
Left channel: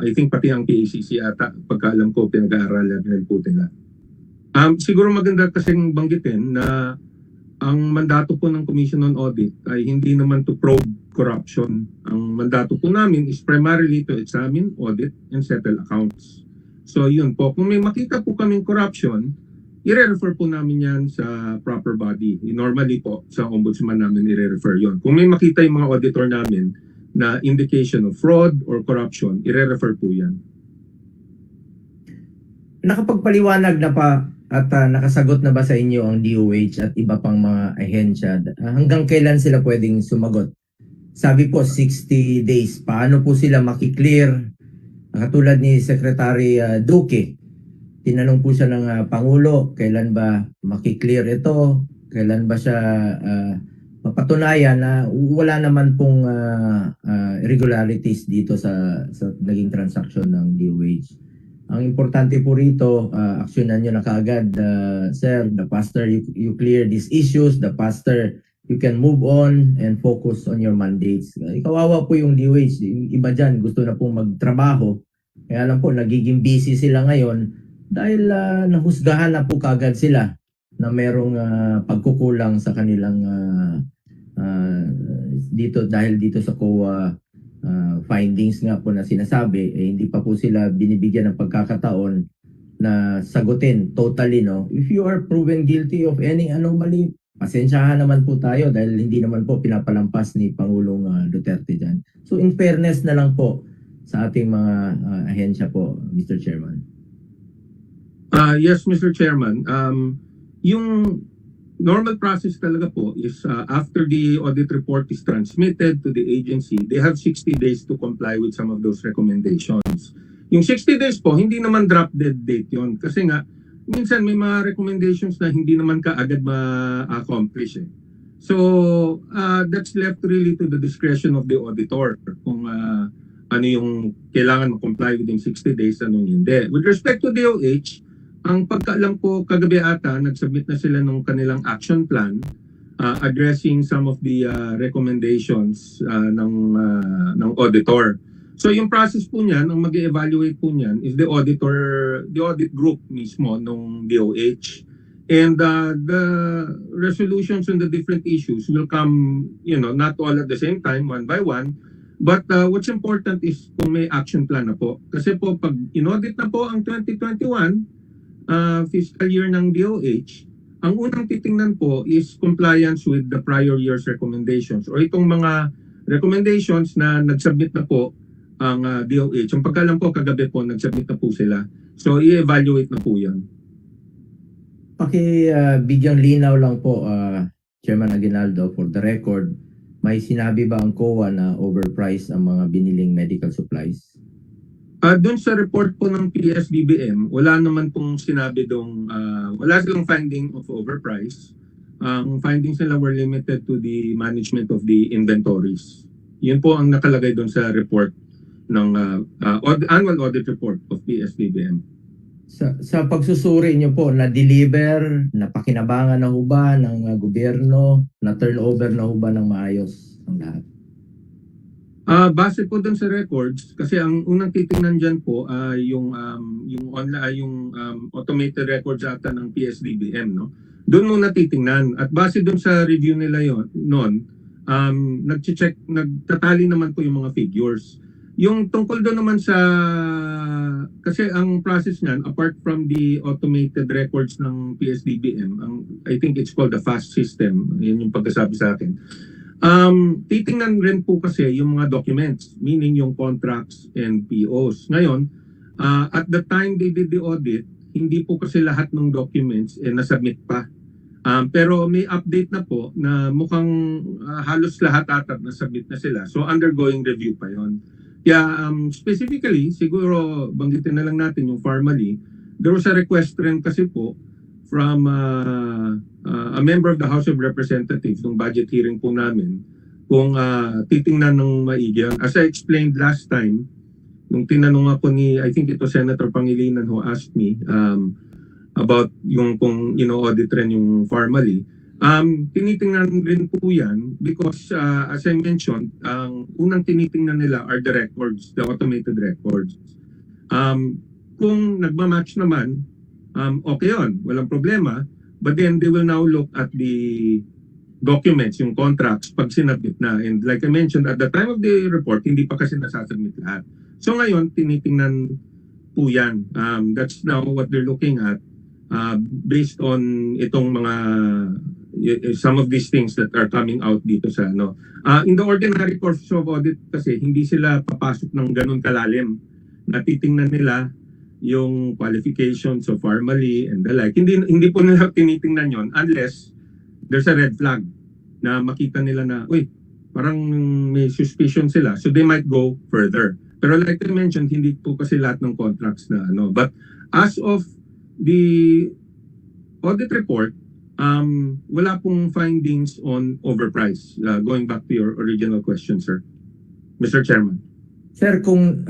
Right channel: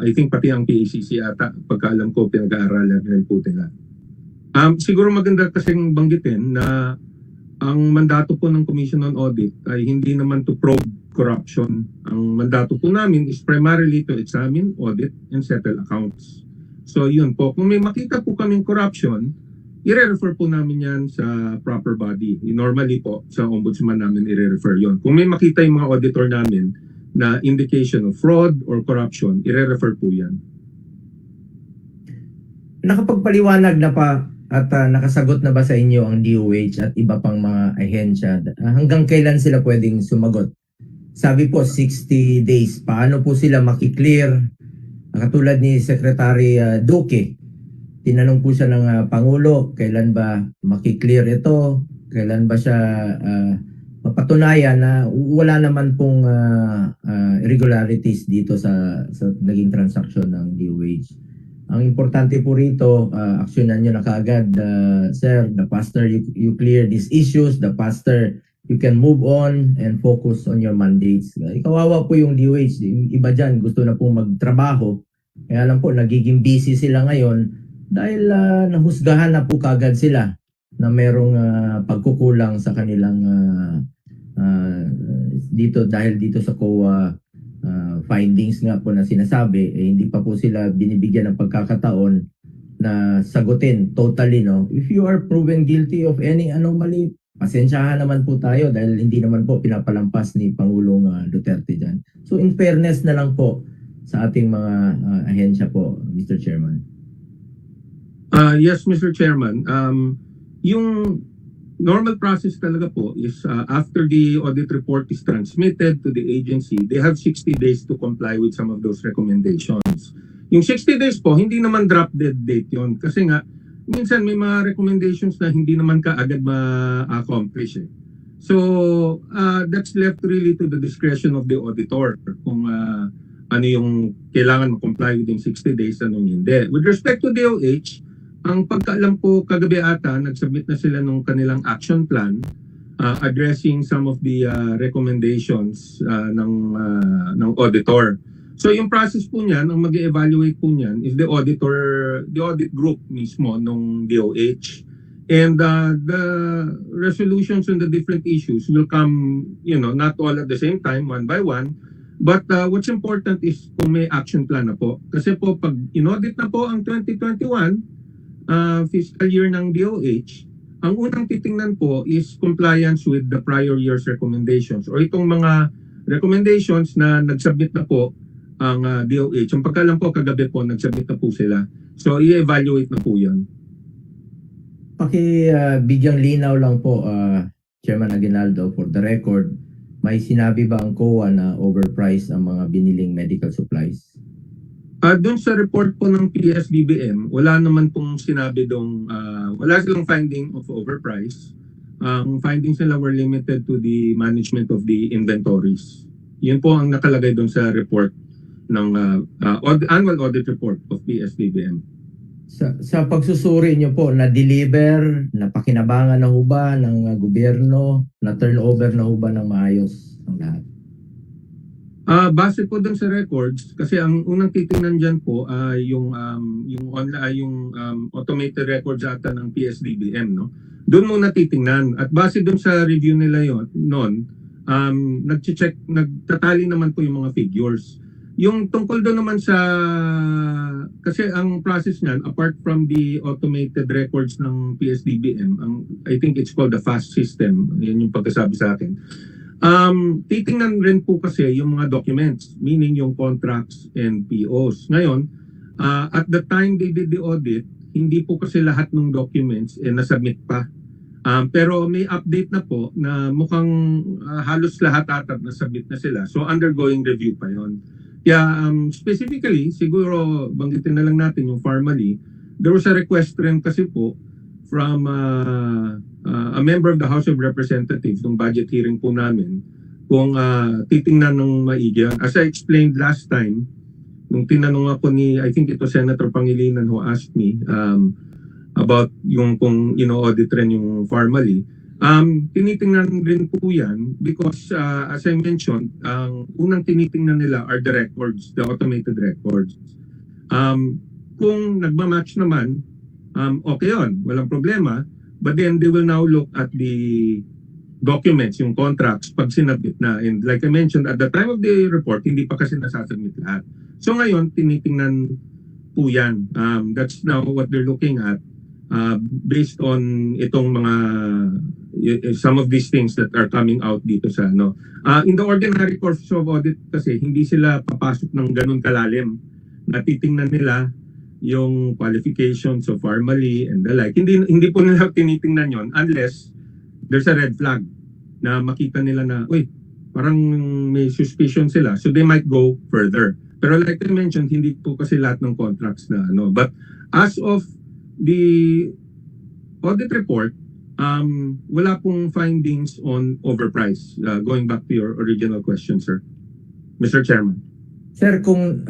I think pati ang PACC ata, pagkaalam ko, pinag-aaralan rin po nila. Siguro maganda kasing banggitin na ang mandato po ng Commission on Audit ay hindi naman to probe corruption. Ang mandato po namin is primarily to examine, audit, and settle accounts. So yun po, kung may makita po kaming corruption, i-refer po namin yan sa proper body. Normally po, sa ombudsman namin i-refer yon. Kung may makita yung mga auditor namin na indication of fraud or corruption, i-refer po yan. Nakapagpaliwanag na pa at nakasagot na ba sa inyo ang DOH at iba pang mga ahensya? Hanggang kailan sila pwedeng sumagot? Sabi po 60 days. Paano po sila makiklear? Katulad ni Secretary Duque, tinanong po siya ng Pangulo, kailan ba makiklear ito? Kailan ba siya mapatunayan na wala naman pong irregularities dito sa naging transaction ng DOH? Ang importante po rito, aksyonan nyo na kaagad, sir. The faster you clear these issues, the faster you can move on and focus on your mandates. Kawawa po yung DOH. Yung iba dyan gusto na pong magtrabaho. Kaya lang po, nagiging busy sila ngayon dahil nahusgahan na po kaagad sila na merong pagkukulang sa kanilang dahil dito sa COA findings nga po na sinasabi, hindi pa po sila binibigyan ng pagkakataon na sagutin totally, no? If you are proven guilty of any anomaly, pasensyahan naman po tayo dahil hindi naman po pinapalampas ni Pangulong Duterte dyan. So in fairness na lang po sa ating mga ahensya po, Mr. Chairman. Yes, Mr. Chairman. Yung normal process talaga po is after the audit report is transmitted to the agency, they have 60 days to comply with some of those recommendations. Yung 60 days po, hindi naman drop dead date yon kasi nga minsan may mga recommendations na hindi naman kaagad ma-accomplish eh. So that's left really to the discretion of the auditor kung ano yung kailangan ma-comply within 60 days, anong hindi. With respect to DOH, ang pagkaalam ko kagabi ata, nag-submit na sila ng kanilang action plan addressing some of the recommendations ng auditor. So yung process po niyan, ang mag-evaluate po niyan is the audit group mismo ng DOH. And the resolutions on the different issues will come, not all at the same time, one by one. But what's important is kung may action plan na po. Kasi po pag in-audit na po ang 2021 fiscal year ng DOH, ang unang titingnan po is compliance with the prior year's recommendations or itong mga recommendations na nag-submit na po ang DOH. Ang pagkalam po kagabi po nag-submit na po sila. So i-evaluate na po yan. Bigyang linaw lang po, Chairman Aguinaldo, for the record, may sinabi ba ang COA na overpriced ang mga biniling medical supplies? Doon sa report po ng PSBBM, wala naman pong sinabi doon, wala silang finding of overprice. Ang findings nila were limited to the management of the inventories. Yun po ang nakalagay doon sa report ng annual audit report of PSBBM. Sa pagsusuri niyo po, na-deliver, napakinabangan na ho ba ng gobyerno, na-turnover na ho ba ng maayos ang lahat? Base po dun sa records, kasi ang unang titingnan dyan po yung automated records ata ng PSDBM, no? Doon muna titingnan. At base dun sa review nila nagtatali naman po yung mga figures. Yung tungkol doon naman kasi ang process niyan, apart from the automated records ng PSDBM, I think it's called the FAST system, yun yung pagkasabi sa akin. Titingnan rin po kasi yung mga documents, meaning yung contracts and POs. Ngayon, at the time they did the audit, hindi po kasi lahat ng documents nasubmit pa. Pero may update na po na mukhang halos lahat ata nasubmit na sila. So undergoing review pa yon. Yeah, specifically, siguro banggitin na lang natin yung formally, there was a request rin kasi po from a member of the House of Representatives nung budget hearing po namin kung titingnan ng maigi. As I explained last time, nung tinanong ako I think ito Senator Pangilinan who asked me about yung kung audit rin yung formally. Tinitingnan rin po yan because as I mentioned, ang unang tinitingnan nila are the records, the automated records. Kung nagmamatch naman, okay yun, walang problema. But then they will now look at the documents, yung contracts, pag sinabit na. And like I mentioned, at the time of the report, hindi pa kasi nasasubmit lahat. So ngayon, tinitingnan po yan. That's now what they're looking at based on itong mga some of these things that are coming out dito sa in the ordinary course of audit kasi hindi sila papasok ng ganun kalalim. Natitingnan nila yung qualifications of formally and the like. Hindi po nila tinitingnan yon unless there's a red flag na makita nila na parang may suspicion sila, so they might go further. Pero like I mentioned, hindi po kasi lahat ng contracts na but as of the audit report, wala pong findings on overprice. Going back to your original question, sir. Mr. Chairman. Sir, kung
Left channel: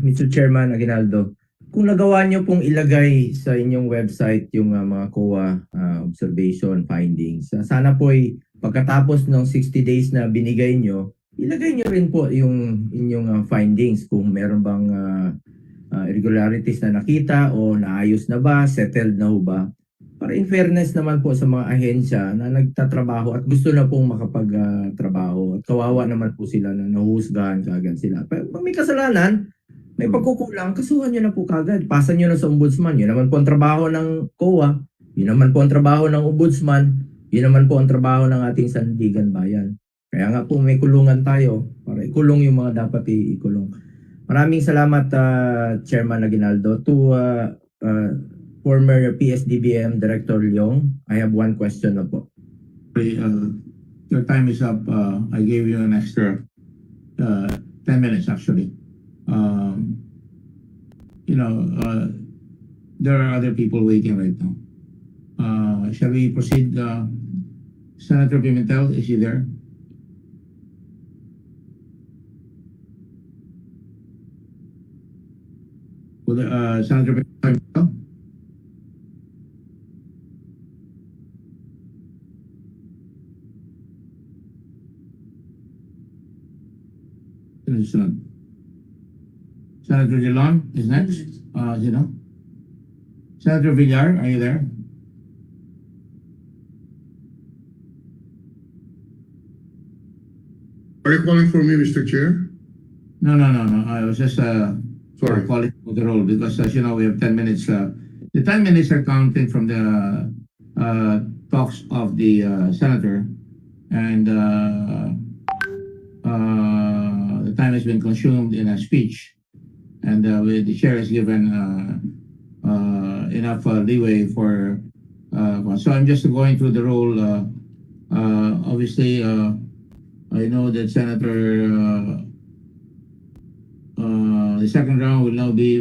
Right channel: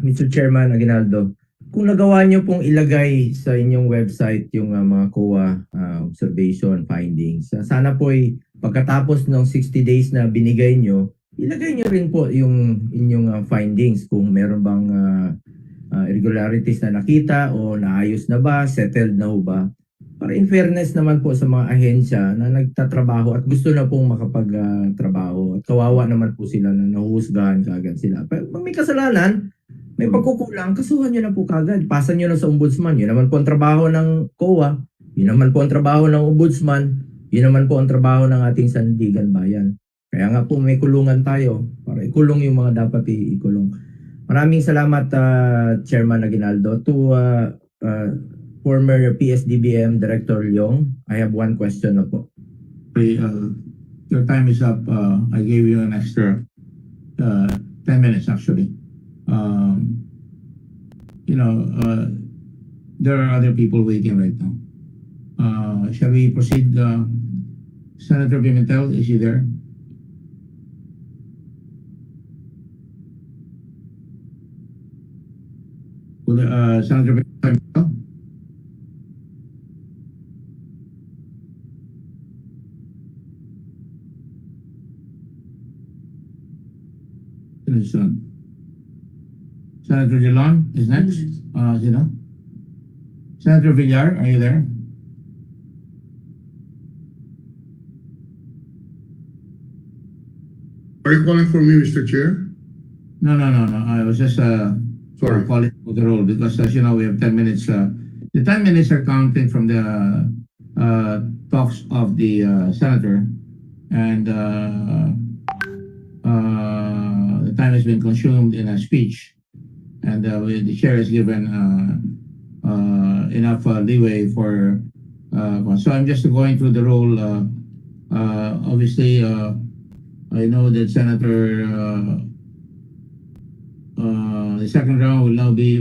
Mr. Chairman Aguinaldo, kung nagawa niyo pong ilagay sa inyong website yung mga COA observation findings, sana po pagkatapos ng 60 days na binigay niyo, ilagay niyo rin po yung inyong findings kung meron bang irregularities na nakita o naayos na ba, settled na ba. Para in fairness naman po sa mga ahensya na nagtatrabaho at gusto na pong makapagtrabaho. At kawawa naman po sila na nahuhusgahan kagad sila. Pero pag may kasalanan, may pagkukulang, kasuhan nyo na po kagad. Pasan nyo na sa ombudsman. Yun naman po ang trabaho ng COA. Yun naman po ang trabaho ng ombudsman. Yun naman po ang trabaho ng ating sandigan bayan. Kaya nga po may kulungan tayo para ikulong yung mga dapat ikulong. Maraming salamat Chairman Aguinaldo. To former PSDBM Director Leong, I have one question na po. Your time is up. I gave you an extra 10 minutes actually. You know, there are other people waiting right now. Shall we proceed? Senator Pimentel, is he there? Senator Pimentel? Senator Dillon is next. Senator Villar, are you there? Are you calling for me, Mr. Chair? No. I was just Sorry. calling for the roll because, as you know, we have 10 minutes. The 10 minutes are counted from the talks of the senator, and the time has been consumed in a speech, and the chair is given enough leeway for. So I'm just going through the roll. Obviously, I know that Senator. The second round will now be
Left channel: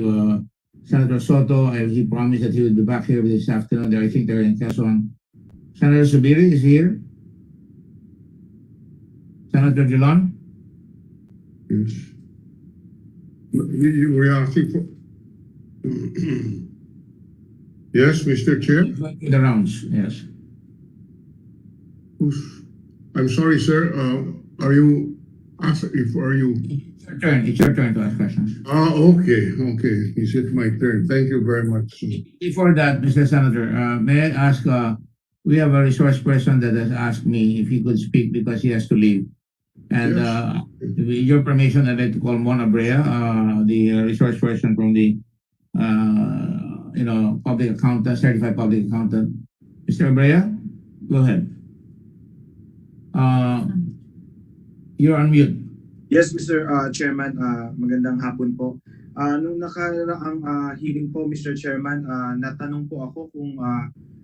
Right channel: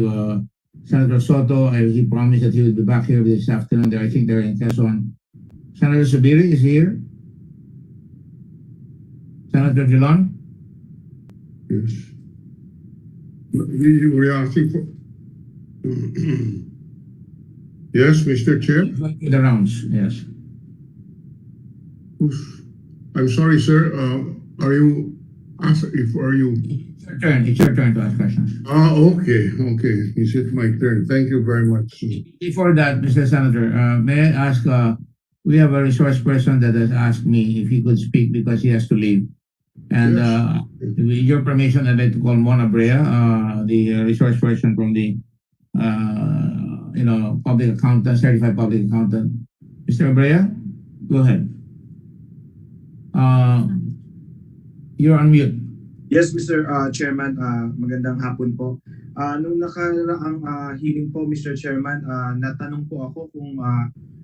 Senator Soto. He promised that he would be back here this afternoon. I think they're in Quezon. Senator Subiri is here. Senator Dillon? Yes. You were asking for... Yes, Mr. Chair? The rounds, yes. I'm sorry, sir. Are you... It's your turn to ask questions. Okay. Is it my turn? Thank you very much. Before that, Mr. Senator, may I ask, we have a resource person that has asked me if he could speak because he has to leave. And with your permission, I'd like to call Mona Brea, the resource person from the public accountant, certified public accountant. Mr. Brea, go ahead. You're on mute. Yes, Mr. Chairman, magandang hapon po. Nung nakaraang hearing po, Mr. Chairman, natanong po ako kung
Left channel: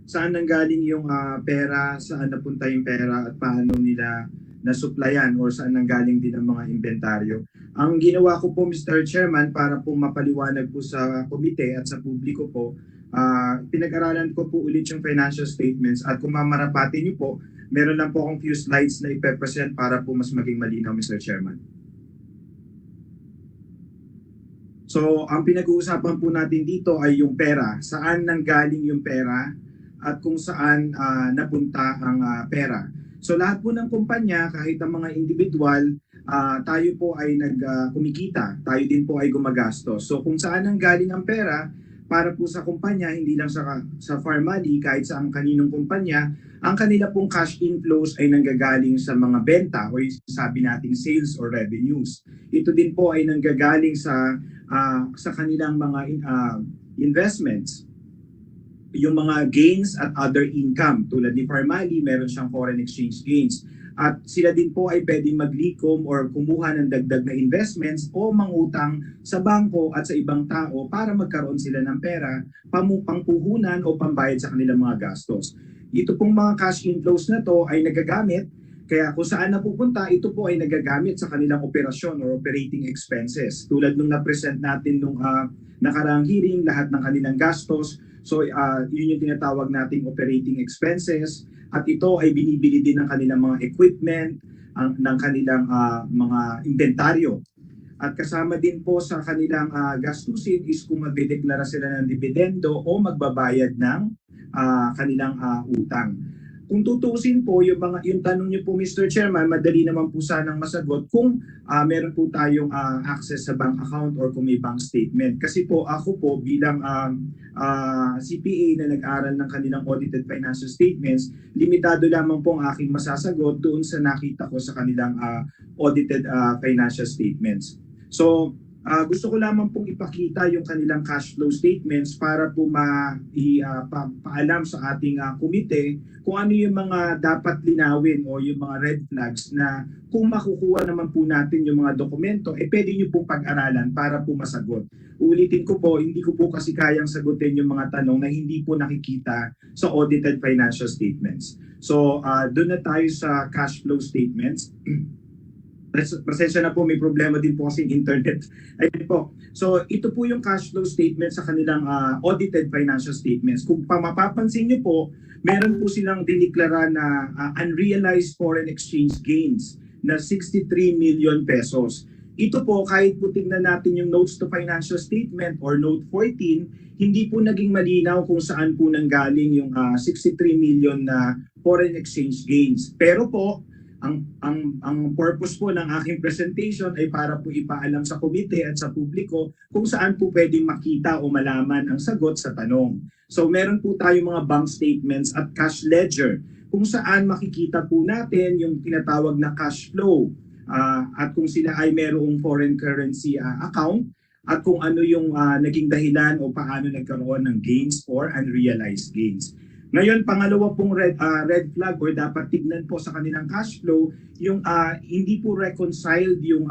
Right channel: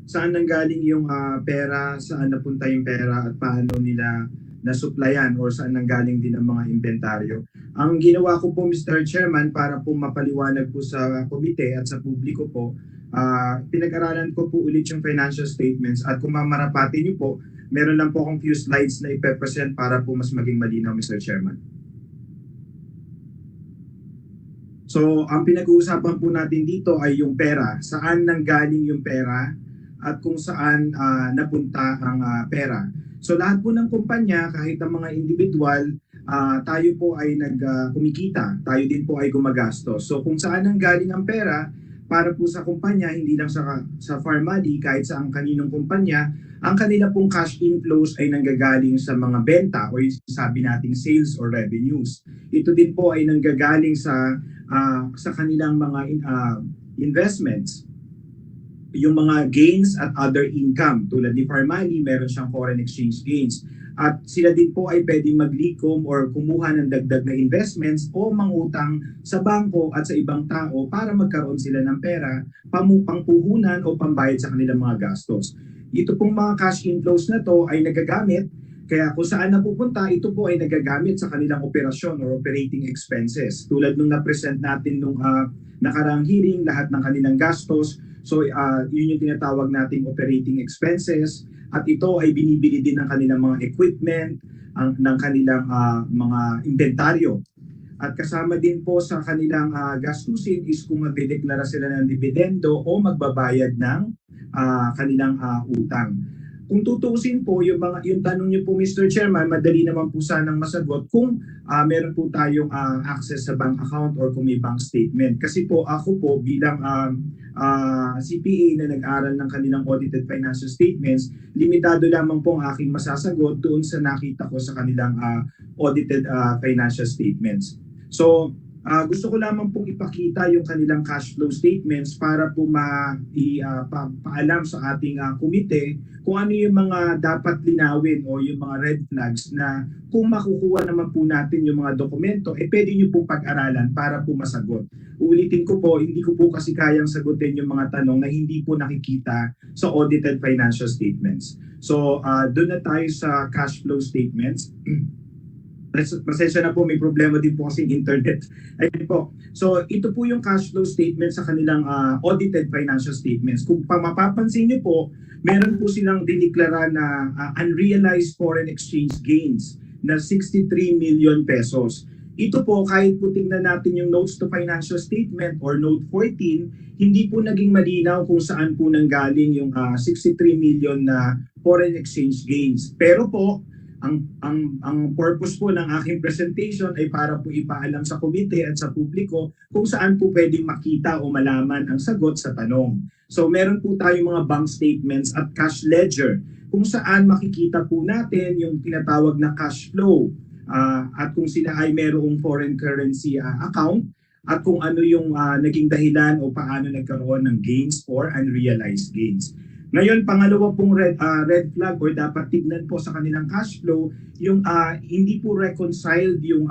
saan nanggaling yung pera, saan napunta yung pera at paano nila nasuplayan or saan nanggaling din ang mga inventaryo. Ang ginawa ko po, Mr. Chairman, para po mapaliwanag po sa komite at sa publiko po, pinag-aralan ko po ulit yung financial statements at kung mamarapatin niyo po, meron lang po akong few slides na ipe-present para po mas maging malinaw, Mr. Chairman. So, ang pinag-uusapan po natin dito ay yung pera. Saan nanggaling yung pera at kung saan napunta ang pera. So, lahat po ng kumpanya, kahit ang mga individual, tayo po ay kumikita. Tayo din po ay gumagastos. So, kung saan nanggaling ang pera, para po sa kumpanya, hindi lang sa Farmally, kahit sa ang kaninong kumpanya, ang kanila pong cash inflows ay nanggagaling sa mga benta o sabi nating sales or revenues. Ito din po ay nanggagaling sa kanilang mga investments. Yung mga gains at other income. Tulad ni Farmally, meron siyang foreign exchange gains. At sila din po ay pwedeng maglikom or kumuha ng dagdag na investments o mangutang sa bangko at sa ibang tao para magkaroon sila ng pera, pangpuhunan o pambayad sa kanilang mga gastos. Ito pong mga cash inflows na to ay nagagamit, kaya kung saan napupunta, ito po ay nagagamit sa kanilang operasyon or operating expenses. Tulad nung na-present natin nung nakaraang hearing, lahat ng kanilang gastos. So yun yung tinatawag nating operating expenses. At ito ay binibili din ng kanilang mga equipment, ng kanilang mga inventaryo. At kasama din po sa kanilang gastusin is kung magdedeklara sila ng dividendo o magbabayad ng kanilang utang. Kung tutuusin po, yung tanong niyo po, Mr. Chairman, madali naman po sanang masagot kung meron po tayong access sa bank account or kung may bank statement. Kasi po ako po bilang CPA na nag-aral ng kanilang audited financial statements, limitado lamang po ang aking masasagot doon sa nakita ko sa kanilang audited financial statements. So, Gusto ko lamang pong ipakita yung kanilang cash flow statements para po paalam sa ating komite kung ano yung mga dapat linawin o yung mga red flags na kung makukuha naman po natin yung mga dokumento, pwede nyo pong pag-aralan para po masagot. Ulitin ko po, hindi ko po kasi kayang sagutin yung mga tanong na hindi po nakikita sa audited financial statements. So, doon na tayo sa cash flow statements. Pasensya na po, may problema din po kasing internet. Ayun po. So, ito po yung cash flow statement sa kanilang audited financial statements. Kung mapapansin niyo po, meron po silang dineklara na unrealized foreign exchange gains na 63 million pesos. Ito po, kahit po tingnan natin yung notes to financial statement or note 14, hindi po naging malinaw kung saan po nanggaling yung 63 million na foreign exchange gains. Pero po, ang purpose po ng aking presentation ay para po ipaalam sa komite at sa publiko kung saan po pwedeng makita o malaman ang sagot sa tanong. So meron po tayong mga bank statements at cash ledger kung saan makikita po natin yung tinatawag na cash flow at kung sila ay merong foreign currency account at kung ano yung naging dahilan o paano nagkaroon ng gains or unrealized gains. Ngayon, pangalawa pong red flag or dapat tignan po sa kanilang cash flow, yung hindi po reconciled yung...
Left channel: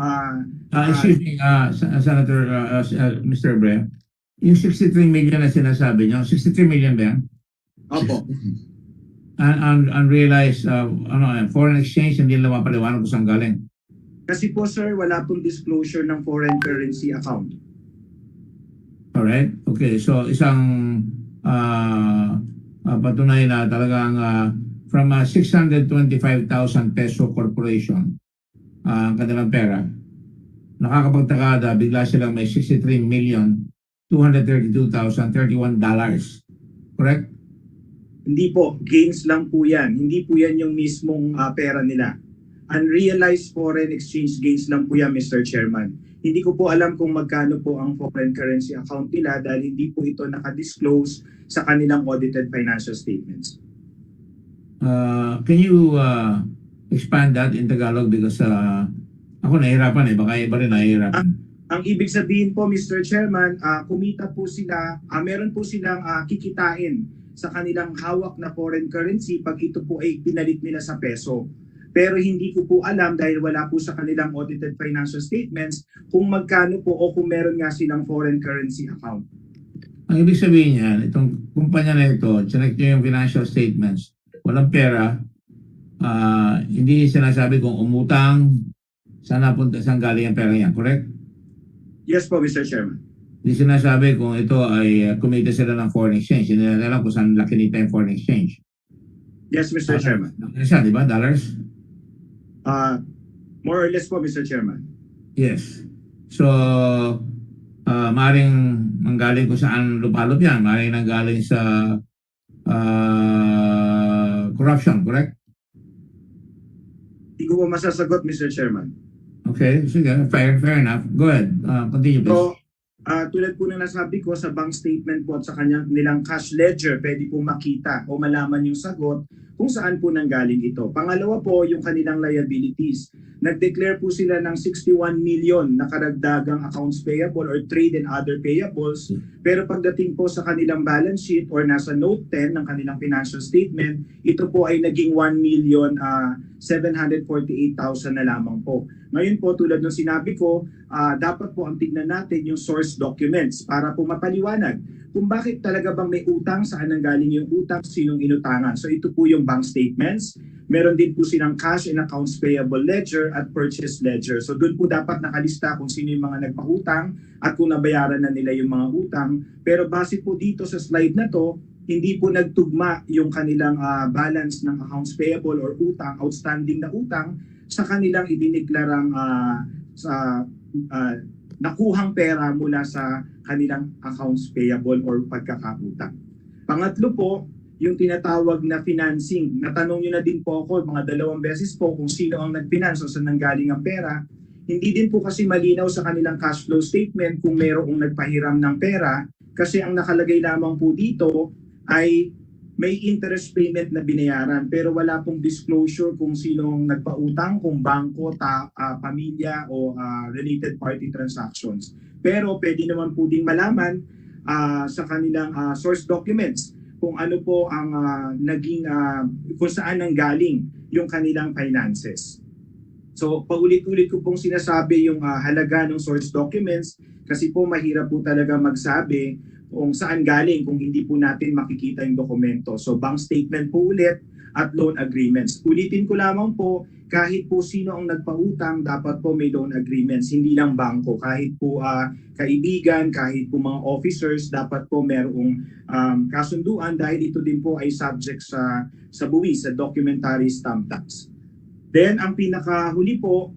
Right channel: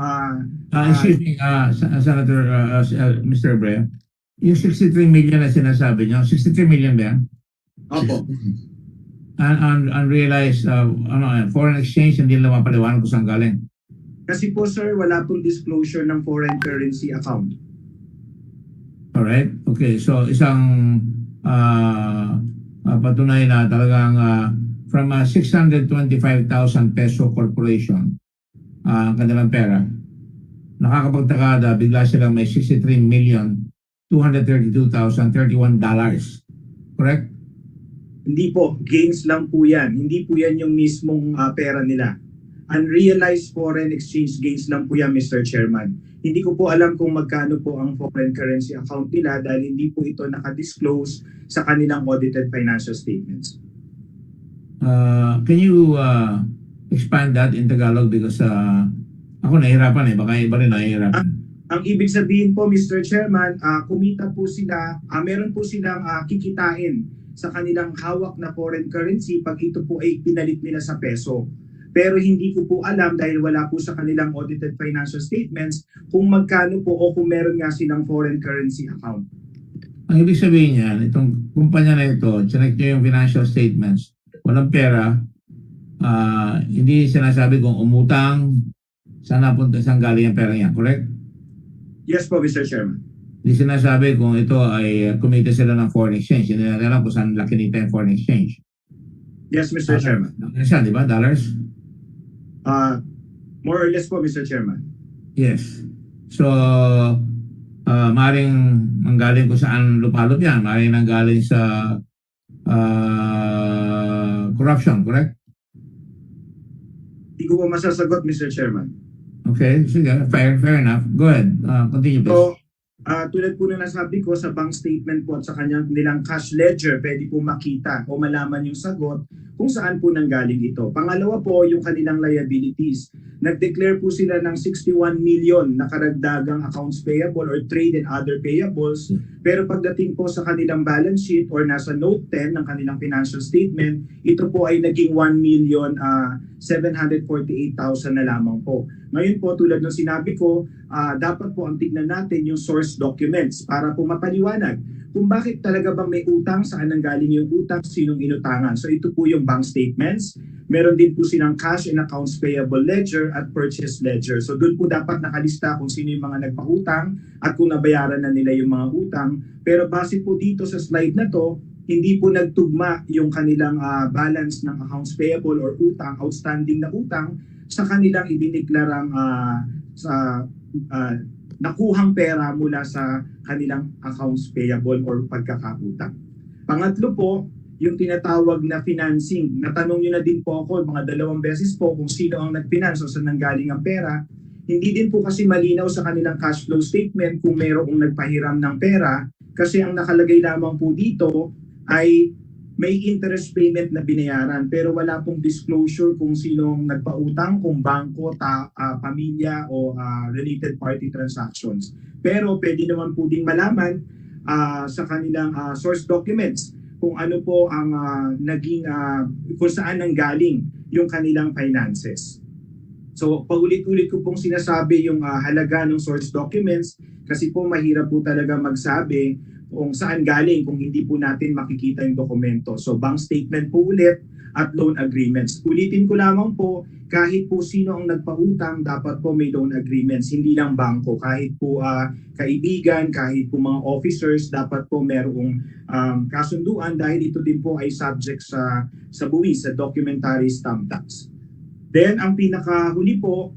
excuse me, Senator, Mr. Bre, yung 63 million na sinasabi niyo, 63 million ba yan? Opo. Unrealized foreign exchange, hindi lang mapaliwanag kung saan galing. Kasi po sir, wala pong disclosure ng foreign currency account. Alright, okay. So isang patunay na talagang from 625,000 peso corporation ang kanilang pera, nakakapagtaka na bigla silang may 63,232,031 dollars. Correct? Hindi po, gains lang po yan. Hindi po yan yung mismong pera nila. Unrealized foreign exchange gains lang po yan, Mr. Chairman. Hindi ko po alam kung magkano po ang foreign currency account nila dahil hindi po ito nakadisclose sa kanilang audited financial statements. Can you expand that in Tagalog because ako nahihirapan baka iba rin nahihirapan. Ang ibig sabihin po, Mr. Chairman, kumita po sila, meron po silang kikitain sa kanilang hawak na foreign currency pag ito po ay pinalit nila sa peso. Pero hindi ko po alam dahil wala po sa kanilang audited financial statements kung magkano po o kung meron nga silang foreign currency account. Ang ibig sabihin niyan, itong kumpanya na ito, check nyo yung financial statements, walang pera, hindi sinasabi kung umutang, saan napunta, saan galing ang pera niya, correct? Yes po, Mr. Chairman. Hindi sinasabi kung ito ay kumita sila ng foreign exchange, hindi na alam kung saan laki nito yung foreign exchange. Yes, Mr. Chairman. Siya, di ba? Dollars? More or less po, Mr. Chairman. Yes. So, maaaring manggaling kung saan lupalop yan. Maaaring nanggaling sa corruption, correct? Hindi ko po masasagot, Mr. Chairman. Okay, sige. Fair enough. Go ahead. Continue, please. So, tulad po na nasabi ko sa bank statement po at sa kanyang nilang cash ledger, pwede po makita o malaman yung sagot kung saan po nanggaling ito. Pangalawa po, yung kanilang liabilities. Nag-declare po sila ng 61 million na karagdagang accounts payable or trade and other payables. Pero pagdating po sa kanilang balance sheet or nasa note 10 ng kanilang financial statement, ito po ay naging 1,748,000 na lamang po. Ngayon po, tulad ng sinabi ko, dapat po ang tignan natin yung source documents para po mapaliwanag kung bakit talaga bang may utang, saan nanggaling yung utang, sinong inutangan. So ito po yung bank statements. Meron din po silang cash and accounts payable ledger at purchase ledger. So doon po dapat nakalista kung sino yung mga nagpautang at kung nabayaran na nila yung mga utang. Pero base po dito sa slide na to, hindi po nagtugma yung kanilang balance ng accounts payable or utang, outstanding na utang sa kanilang idineklarang nakuhang pera mula sa kanilang accounts payable or pagkakautang. Pangatlo po, yung tinatawag na financing. Natanong nyo na din po ako mga 2 beses po kung sino ang nag-finance o saan nanggaling ang pera. Hindi din po kasi malinaw sa kanilang cash flow statement kung mayroong nagpahiram ng pera kasi ang nakalagay lamang po dito ay may interest payment na binayaran pero wala pong disclosure kung sinong nagpautang, kung bangko, pamilya o related party transactions. Pero pwede naman po ding malaman sa kanilang source documents kung ano po ang naging kung saan nanggaling yung kanilang finances. So paulit-ulit ko pong sinasabi yung halaga ng source documents kasi po mahirap po talaga magsabi kung saan galing kung hindi po natin makikita yung dokumento. So bank statement po ulit at loan agreements. Ulitin ko lamang po, kahit po sino ang nagpautang, dapat po may loan agreements, hindi lang bangko. Kahit po kaibigan, kahit po mga officers, dapat po merong kasunduan dahil ito din po ay subject sa buwis, sa documentary stamp tax. Then ang pinakahuli po,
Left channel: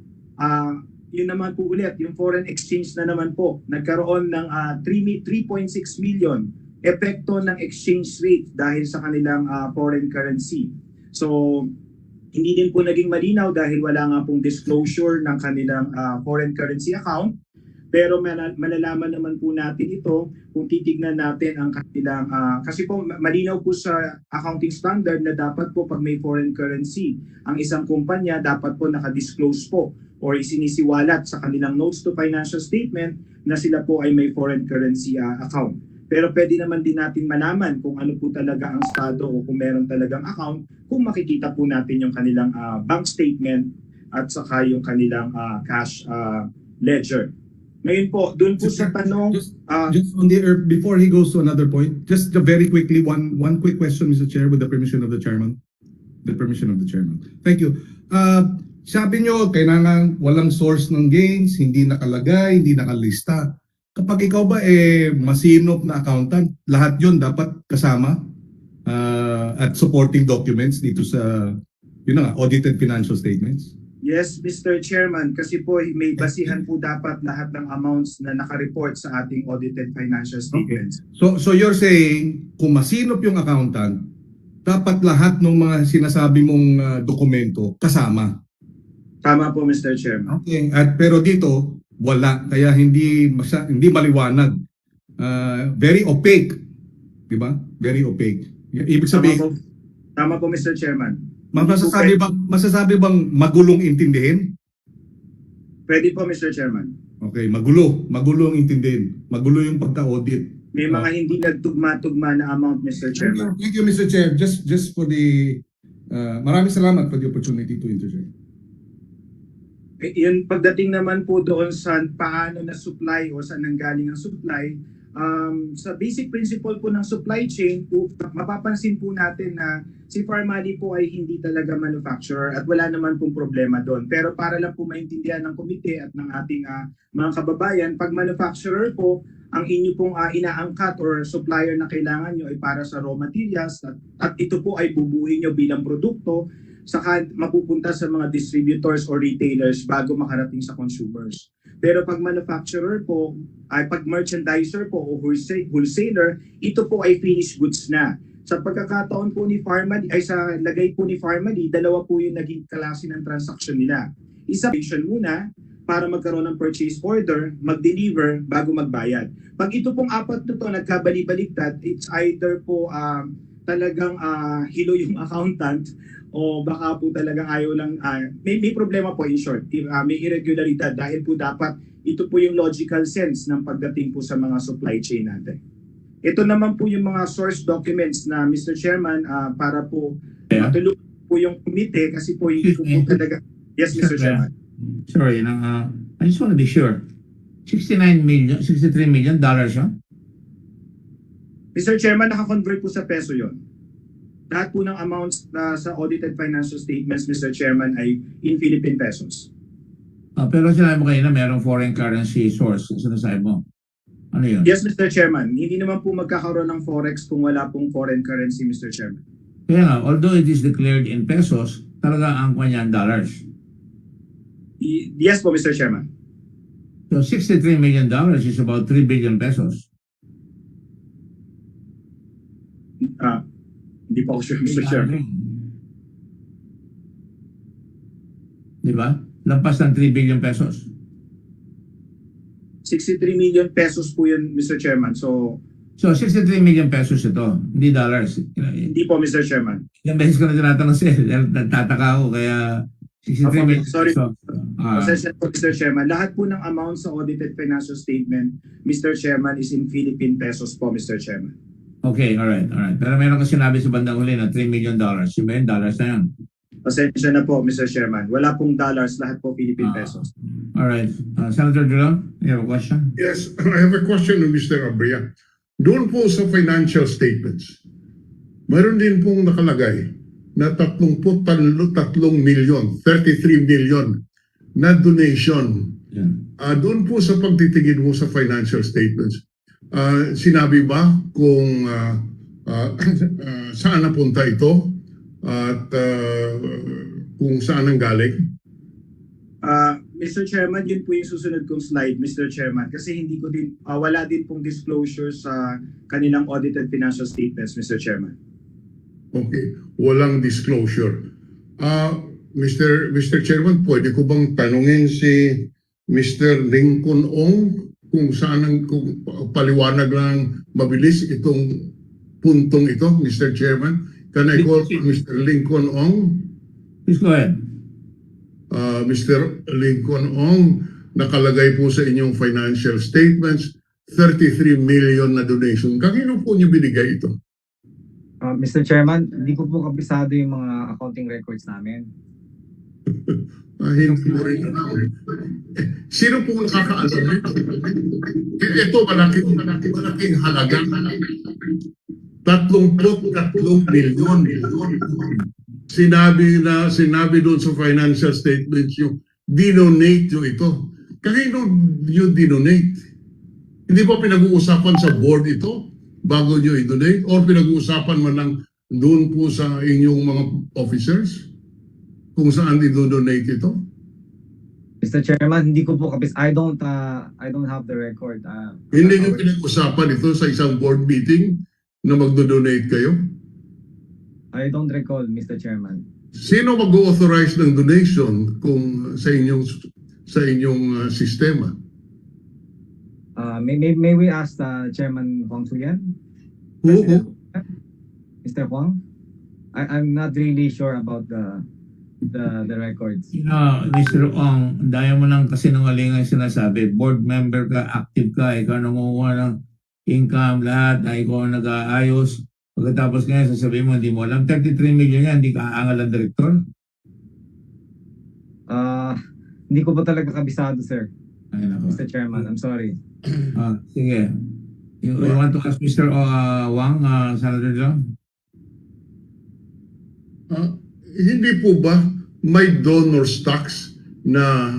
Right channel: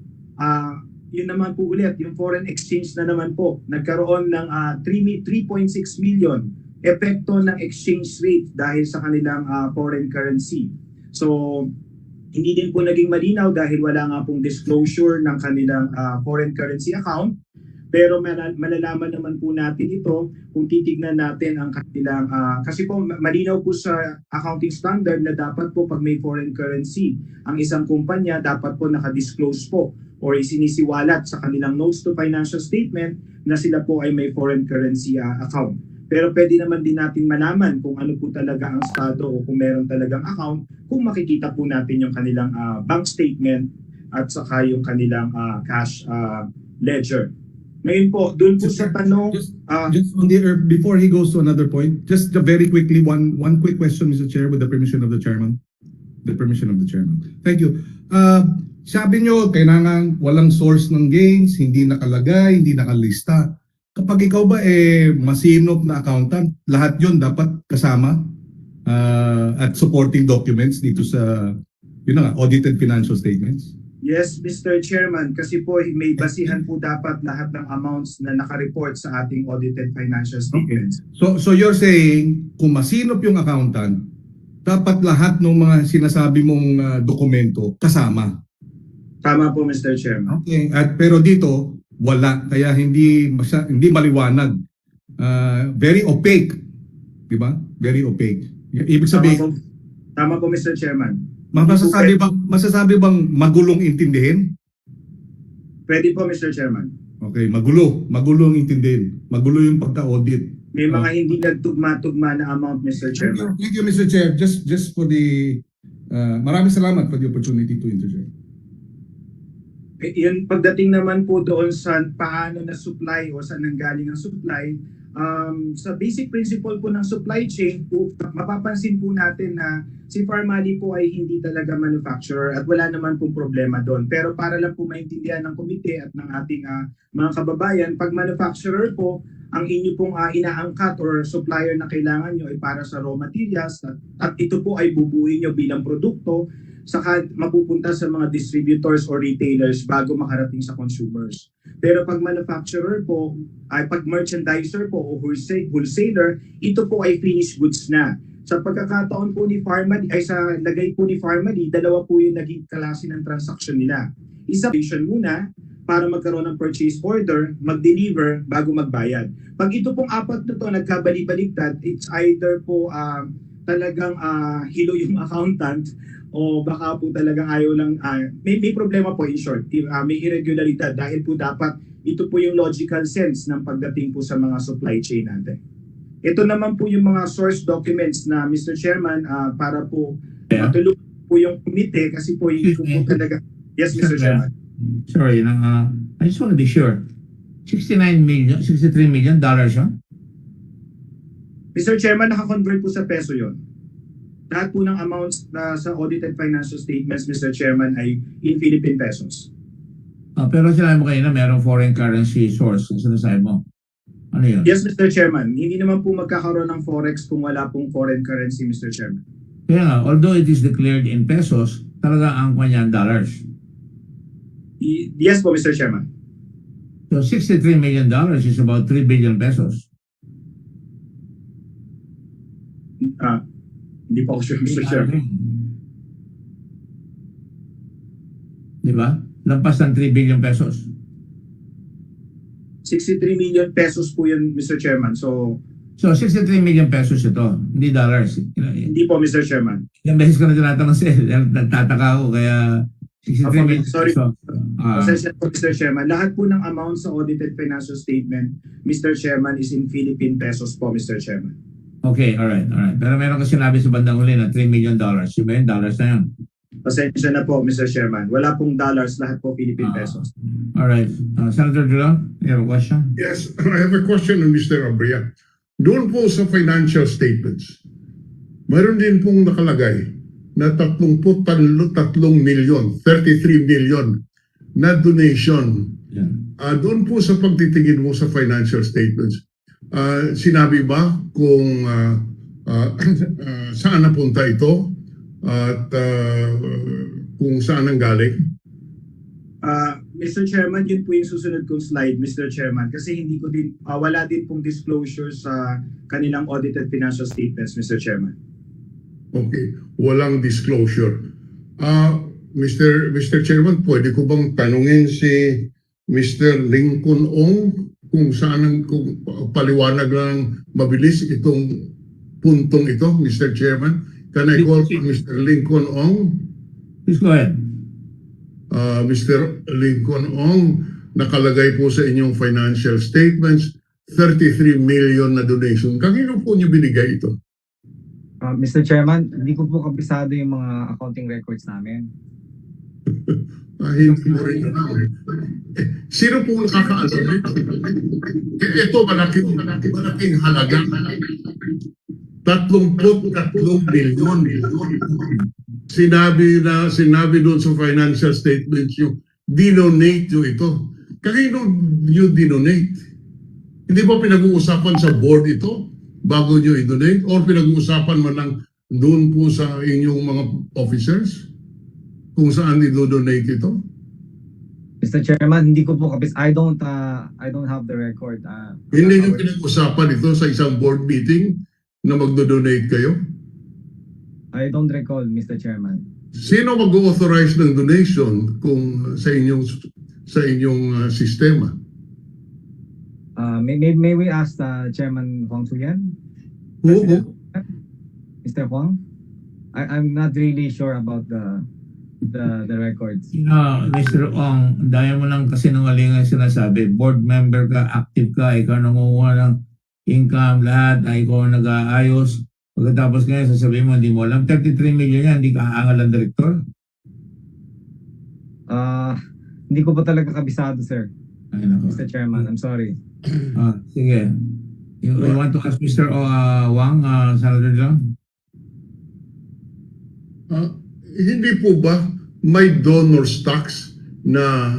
yun naman po ulit, yung foreign exchange na naman po. Nagkaroon ng 3.6 million epekto ng exchange rate dahil sa kanilang foreign currency. So, hindi din po naging malinaw dahil wala nga pong disclosure ng kanilang foreign currency account. Pero malalaman naman po natin ito kung titignan natin ang kanilang, kasi po malinaw po sa accounting standard na dapat po pag may foreign currency, ang isang kumpanya dapat po nakadisclose po or isinisiwalat sa kanilang notes to financial statement na sila po ay may foreign currency account. Pero pwede naman din natin malaman kung ano po talaga ang estado o kung meron talagang account kung makikita po natin yung kanilang bank statement at saka yung kanilang cash ledger. Ngayon po, doon po sa tanong... Just on the before he goes to another point, just very quickly, one quick question, Mr. Chair, with the permission of the Chairman. The permission of the Chairman. Thank you. Sabi nyo, kailangan walang source ng gains, hindi nakalagay, hindi nakalista. Kapag ikaw ba masinop na accountant, lahat yon dapat kasama at supporting documents dito sa audited financial statements? Yes, Mr. Chairman, kasi po may basihan po dapat lahat ng amounts na nakareport sa ating audited financial statements. Okay. So you're saying, kung masinop yung accountant, dapat lahat ng mga sinasabi mong dokumento kasama? Tama po, Mr. Chairman. Okay. Pero dito, wala. Kaya hindi maliwanag. Very opaque. Di ba? Very opaque. Ibig sabihin... Tama po, Mr. Chairman. Masasabi bang magulong intindihin? Pwede po, Mr. Chairman. Okay, magulong intindihin. Magulo yung pagka-audit. May mga hindi nagtugma-tugma na amount, Mr. Chairman. Thank you, Mr. Chair. Just for the... maraming salamat for the opportunity to interject. Yun, pagdating naman po doon sa paano na supply o saan nanggaling ang supply, sa basic principle po ng supply chain, mapapansin po natin na si Pharmali po ay hindi talaga manufacturer at wala naman pong problema doon. Pero para lang po maintindihan ng komite at ng ating mga kababayan, pag manufacturer po, ang inyo pong inaangkat or supplier na kailangan nyo ay para sa raw materials at ito po ay bubuin nyo bilang produkto saka mapupunta sa mga distributors or retailers bago makarating sa consumers. Pero pag manufacturer po, ay pag merchandiser po o wholesaler, ito po ay finished goods na. Sa pagkakataon po ni Pharmali, ay sa lagay po ni Pharmali, dalawa po yung naging klase ng transaction nila. Isa muna para magkaroon ng purchase order, mag-deliver bago magbayad. Pag ito pong apat na to nagkabali-baligtad, it's either po talagang hilo yung accountant o baka po talagang ayaw lang, may problema po in short, may irregularidad dahil po dapat ito po yung logical sense ng pagdating po sa mga supply chain natin. Ito naman po yung mga source documents na Mr. Chairman para po matulungan po yung komite kasi po hindi po talaga. Yes, Mr. Chairman. Sorry, I just want to be sure. 63 million dollars, huh? Mr. Chairman, naka-convert po sa peso yon. Lahat po ng amounts na sa audited financial statements, Mr. Chairman, ay in Philippine pesos. Pero sinabi mo kayo na mayroong foreign currency source. Sinasabi mo? Ano yun? Yes, Mr. Chairman. Hindi naman po magkakaroon ng forex kung wala pong foreign currency, Mr. Chairman. Kaya nga, although it is declared in pesos, talaga ang kanyang dollars. Yes po, Mr. Chairman. So $63 million is about 3 billion pesos. Hindi pa ako sure, Mr. Chairman. Di ba? Lampas ng 3 billion pesos. 63 million pesos po yun, Mr. Chairman. So 63 million pesos ito, hindi dollars. hindi Hindi po, Mr. Chairman. Ilang beses ko na tinatanong sa'yo. Nagtataka ako kaya 63 million Sorry. pesos. Pasensya po, Mr. Chairman. Lahat po ng amount sa audited financial statement, Mr. Chairman, is in Philippine pesos po, Mr. Chairman. Okay, alright. Pero meron ka sinabi sa bandang huli na $3 million. Yung ba yun? Dollars na yun? Pasensya na po, Mr. Chairman. Wala pong dollars, lahat po Philippine pesos. Alright. Senator Drilon, you have a question? Yes, I have a question on Mr. Abria. Doon po sa financial statements, mayroon din pong nakalagay na 33 million, 33 million na donation. Yeah. Doon po sa pagtitingin mo sa financial statements, sinabi ba kung saan napunta ito at kung saan ang galing? Mr. Chairman, yun po yung susunod kong slide, Mr. Chairman, kasi hindi ko din, wala din pong disclosure sa kanilang audited financial statements, Mr. Chairman. Okay, walang disclosure. Mr. Chairman, pwede ko bang tanungin si Mr. Lincoln Ong kung saan kung paliwanag lang mabilis itong puntong ito, Mr. Chairman? Can I call Mr. Lincoln Ong? Please go ahead. Mr. Lincoln Ong, nakalagay po sa inyong financial statements, 33 million na donation. Kanino po niyo binigay ito? Mr. Chairman, hindi ko po kabisado yung mga accounting records namin. Hindi mo rin alam. Sino po nakakaalam nito? Ito, malaking halaga. 33 milyon. Sinabi doon sa financial statements yung dinonate nyo ito. Kanino nyo dinonate? Hindi ba pinag-uusapan sa board ito bago nyo i-donate? Or pinag-uusapan man lang doon po sa inyong mga officers kung saan i-donate ito? Mr. Chairman, hindi ko po I don't have the record. Hindi nyo pinag-usapan ito sa isang board meeting na magdo-donate kayo? I don't recall, Mr. Chairman. Sino mag-authorize ng donation kung sa inyong sistema? May we ask Chairman Huang Suyan? Who? Mr. Huang? I'm not really sure about the records. Mr. Ong, dahil mo lang kasinungalingan sinasabi, board member ka, active ka, ikaw nangunguha ng income, lahat, ikaw nag-aayos. Pagkatapos ngayon, sasabihin mo, hindi mo alam, 33 million yan, hindi ka aangal ang director? Hindi ko po talaga kabisado, sir. Ay, nako. Mr. Chairman, I'm sorry. Sige. You want to ask Mr. Wang, Senator John? Hindi po ba may donors tax na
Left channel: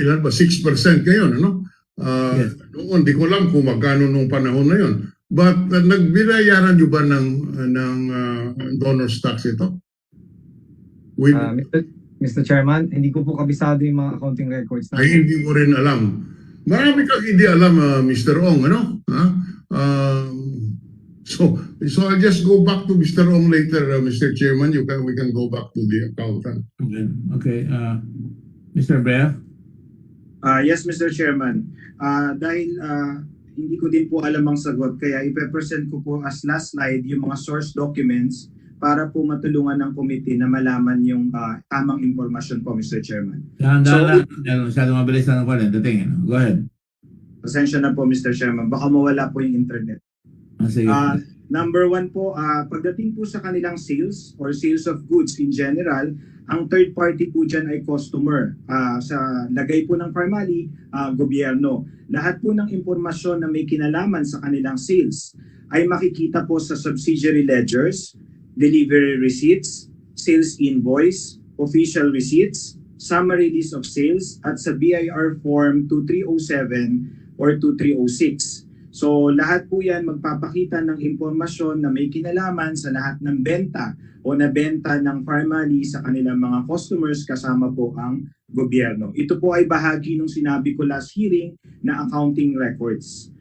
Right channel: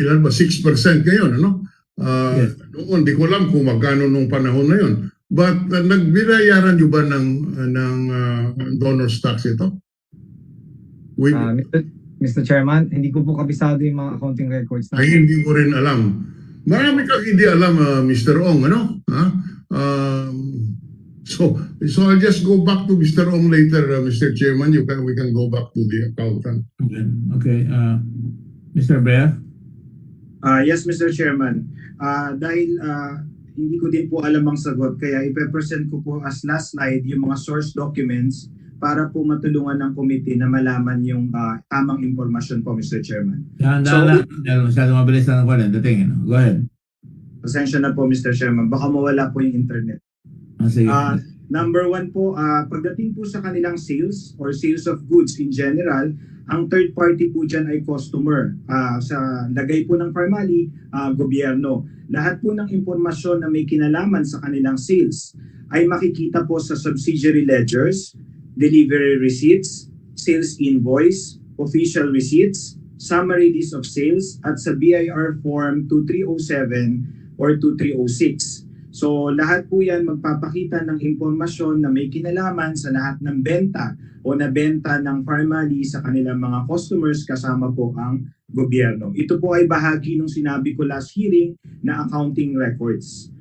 ilan ba 6% ngayon, ano? Yes. Noon, di ko alam kung magkano nung panahon na yon. But nagbinayaran niyo ba ng donors tax ito? Mr. Chairman, hindi ko po kabisado yung mga accounting records Ay, hindi ko rin alam. Marami kang hindi alam, Mr. Ong, ano? So I'll just go back to Mr. Ong later, Mr. Chairman. We can go back to the accountant. Okay. Mr. Bear? Yes, Mr. Chairman. Dahil hindi ko din po alam ang sagot, kaya ipe-present ko po as last slide yung mga source documents para po matulungan ng committee na malaman yung tamang impormasyon po, Mr. Chairman. Masyado mabilis na ng dating. Go ahead. Pasensya na po, Mr. Chairman. Baka mawala po yung internet. Sige. Number one po, pagdating po sa kanilang sales or sales of goods in general, ang third party po dyan ay customer. Sa lagay po ng formally, gobyerno. Lahat po ng impormasyon na may kinalaman sa kanilang sales ay makikita po sa subsidiary ledgers, delivery receipts, sales invoice, official receipts, summary list of sales, at sa BIR form 2307 or 2306. So lahat po yan magpapakita ng impormasyon na may kinalaman sa lahat ng benta o nabenta ng formally sa kanilang mga customers kasama po ang gobyerno. Ito po ay bahagi ng sinabi ko last hearing na accounting records.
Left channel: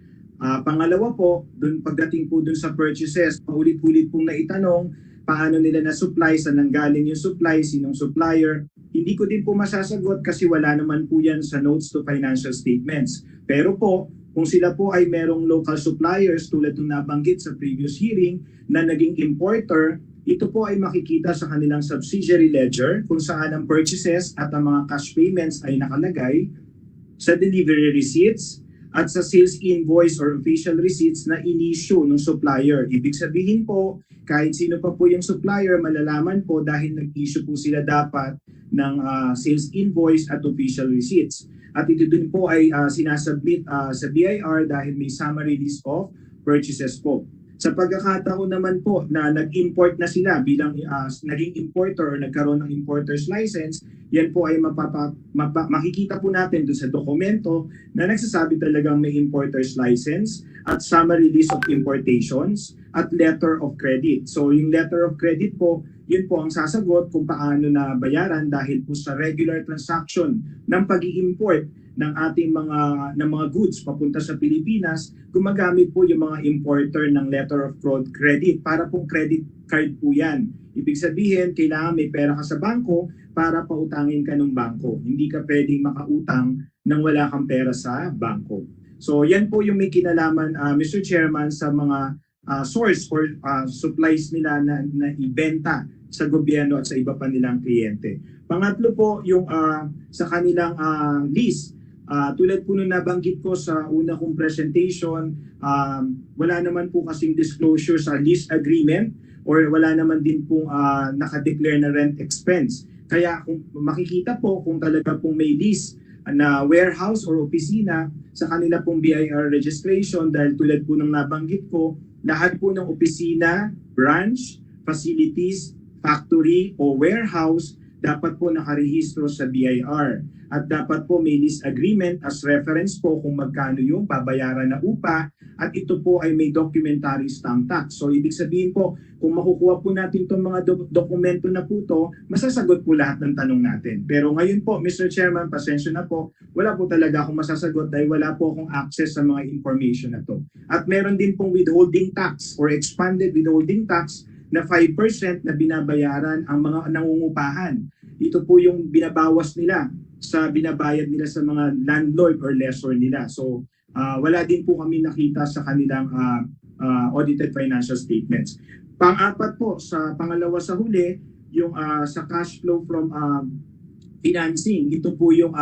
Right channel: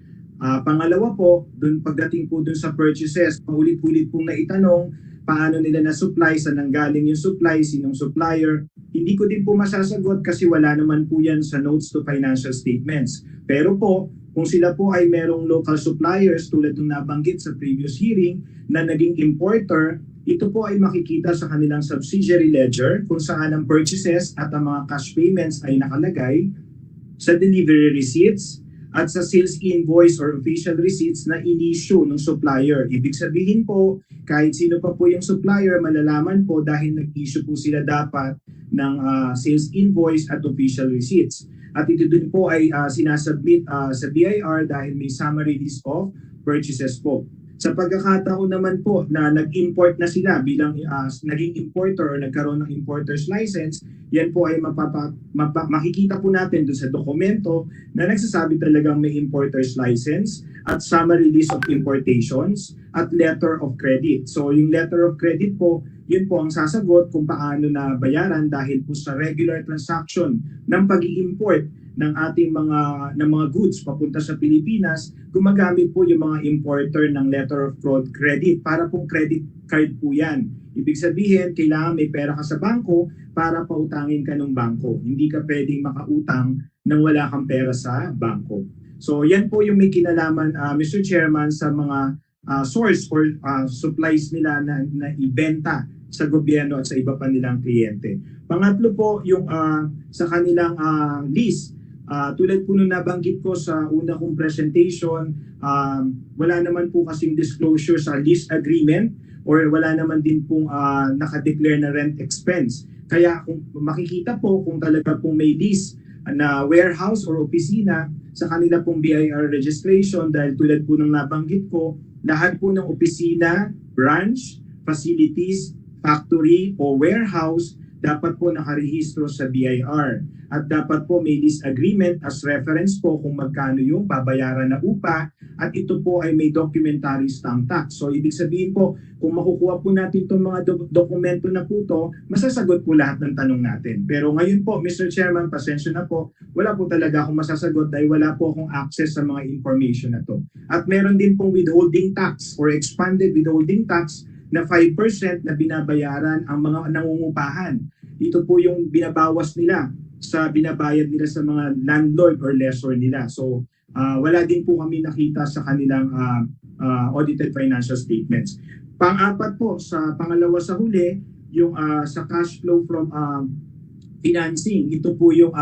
Pangalawa po, pagdating po dun sa purchases, paulit-ulit pong naitanong paano nila na-supply, saan nanggaling yung supply, sinong supplier. Hindi ko din po masasagot kasi wala naman po yan sa notes to financial statements. Pero po, Kung sila po ay merong local suppliers tulad ng nabanggit sa previous hearing na naging importer, ito po ay makikita sa kanilang subsidiary ledger kung saan ang purchases at ang mga cash payments ay nakalagay sa delivery receipts at sa sales invoice or official receipts na in-issue ng supplier. Ibig sabihin po, kahit sino pa po yung supplier, malalaman po dahil nag-issue po sila dapat ng sales invoice at official receipts. At ito din po ay sinasubmit sa BIR dahil may summary list of purchases po. Sa pagkakataon naman po na nag-import na sila bilang naging importer o nagkaroon ng importer's license, yan po ay makikita po natin doon sa dokumento na nagsasabi talagang may importer's license at summary list of importations at letter of credit. So yung letter of credit po, yun po ang sasagot kung paano na bayaran dahil po sa regular transaction ng pag-i-import ng ating mga goods papunta sa Pilipinas, gumagamit po yung mga importer ng letter of fraud credit para pong credit card po yan. Ibig sabihin, kailangan may pera ka sa bangko para pautangin ka ng bangko. Hindi ka pwedeng makautang nang wala kang pera sa bangko. So yan po yung may kinalaman, Mr. Chairman, sa mga source or supplies nila na ibenta sa gobyerno at sa iba pa nilang kliyente. Pangatlo po, yung sa kanilang list. Tulad po nung nabanggit ko sa una kong presentation, wala naman po kasing disclosure sa lease agreement or wala naman din pong nakadeclare na rent expense. Kaya kung makikita po kung talaga pong may lease na warehouse or opisina sa kanila pong BIR registration, dahil tulad po nung nabanggit ko, lahat po ng opisina, branch, facilities, factory o warehouse dapat po nakarehistro sa BIR. At dapat po may lease agreement as reference po kung magkano yung babayaran na upa at ito po ay may documentary stamp tax. So ibig sabihin po, kung makukuha po natin itong mga dokumento na po ito, masasagot po lahat ng tanong natin. Pero ngayon po, Mr. Chairman, pasensya na po, wala po talaga akong masasagot dahil wala po akong access sa mga information na to. At meron din pong withholding tax or expanded withholding tax na 5% na binabayaran ang mga nangungupahan. Ito po yung binabawas nila sa binabayad nila sa mga landlord or lessor nila. So wala din po kami nakita sa kanilang audited financial statements. Pang-apat po, sa pangalawa sa huli, yung sa cash flow from financing. Ito po yung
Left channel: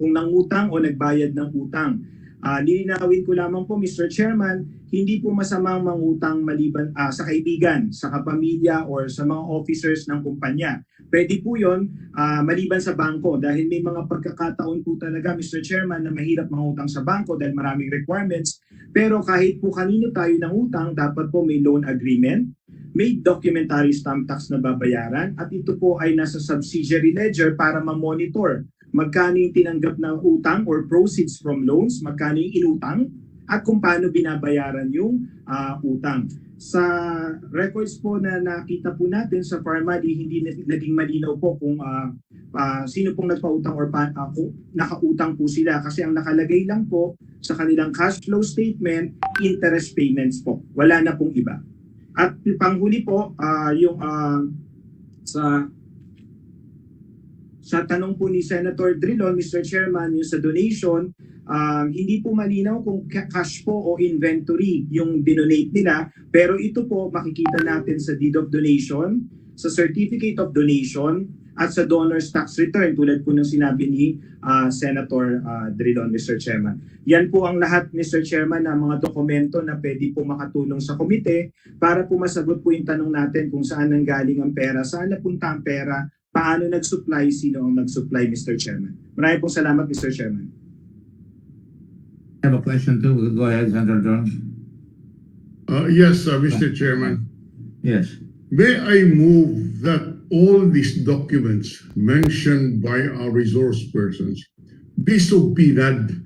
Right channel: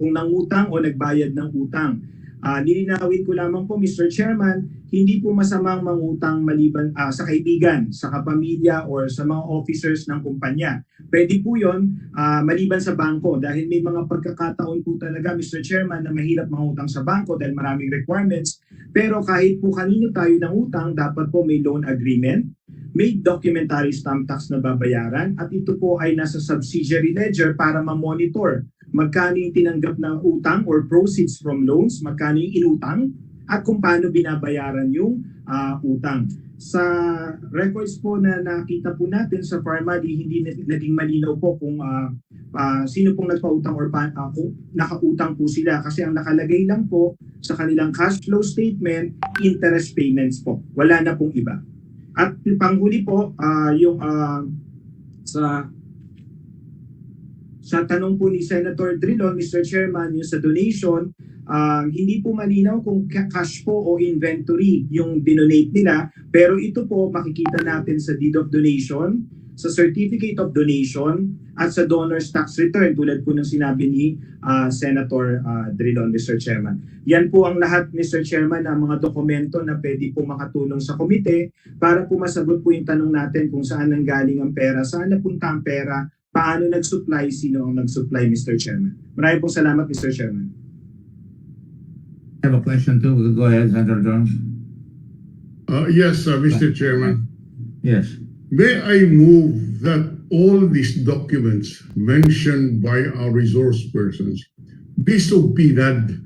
kung nangutang o nagbayad ng utang. Nilinawin ko lamang po, Mr. Chairman, hindi po masamang mangutang maliban sa kaibigan, sa kapamilya, or sa mga officers ng kumpanya. Pwede po yun maliban sa bangko dahil may mga pagkakataon po talaga, Mr. Chairman, na mahirap mangutang sa bangko dahil maraming requirements. Pero kahit po kanino tayo ng utang, dapat po may loan agreement, may documentary stamp tax na babayaran, at ito po ay nasa subsidiary ledger para ma-monitor magkano yung tinanggap na utang or proceeds from loans, magkano yung inutang, at kung paano binabayaran yung utang. Sa records po na nakita po natin sa Pharmally, hindi naging malinaw po kung sino pong nagpautang or kung nakautang po sila, kasi ang nakalagay lang po sa kanilang cash flow statement, interest payments po. Wala na pong iba. At panghuli po, yung sa tanong po ni Senator Drilon, Mr. Chairman, yung sa donation, hindi po malinaw kung cash po o inventory yung dinonate nila, pero ito po makikita natin sa deed of donation, sa certificate of donation, at sa donor's tax return, tulad po ng sinabi ni Senator Drilon, Mr. Chairman. Yan po ang lahat, Mr. Chairman, ng mga dokumento na pwede po makatulong sa komite para po masagot po yung tanong natin kung saan nanggaling ang pera, saan napunta ang pera, paano nag-supply, sino ang nag-supply, Mr. Chairman. Maraming pong salamat, Mr. Chairman. I have a question too. Go ahead, Senator Jones. Yes, Mr. Chairman. Yes. May I move that all these documents mentioned by our resource persons be subpoenaed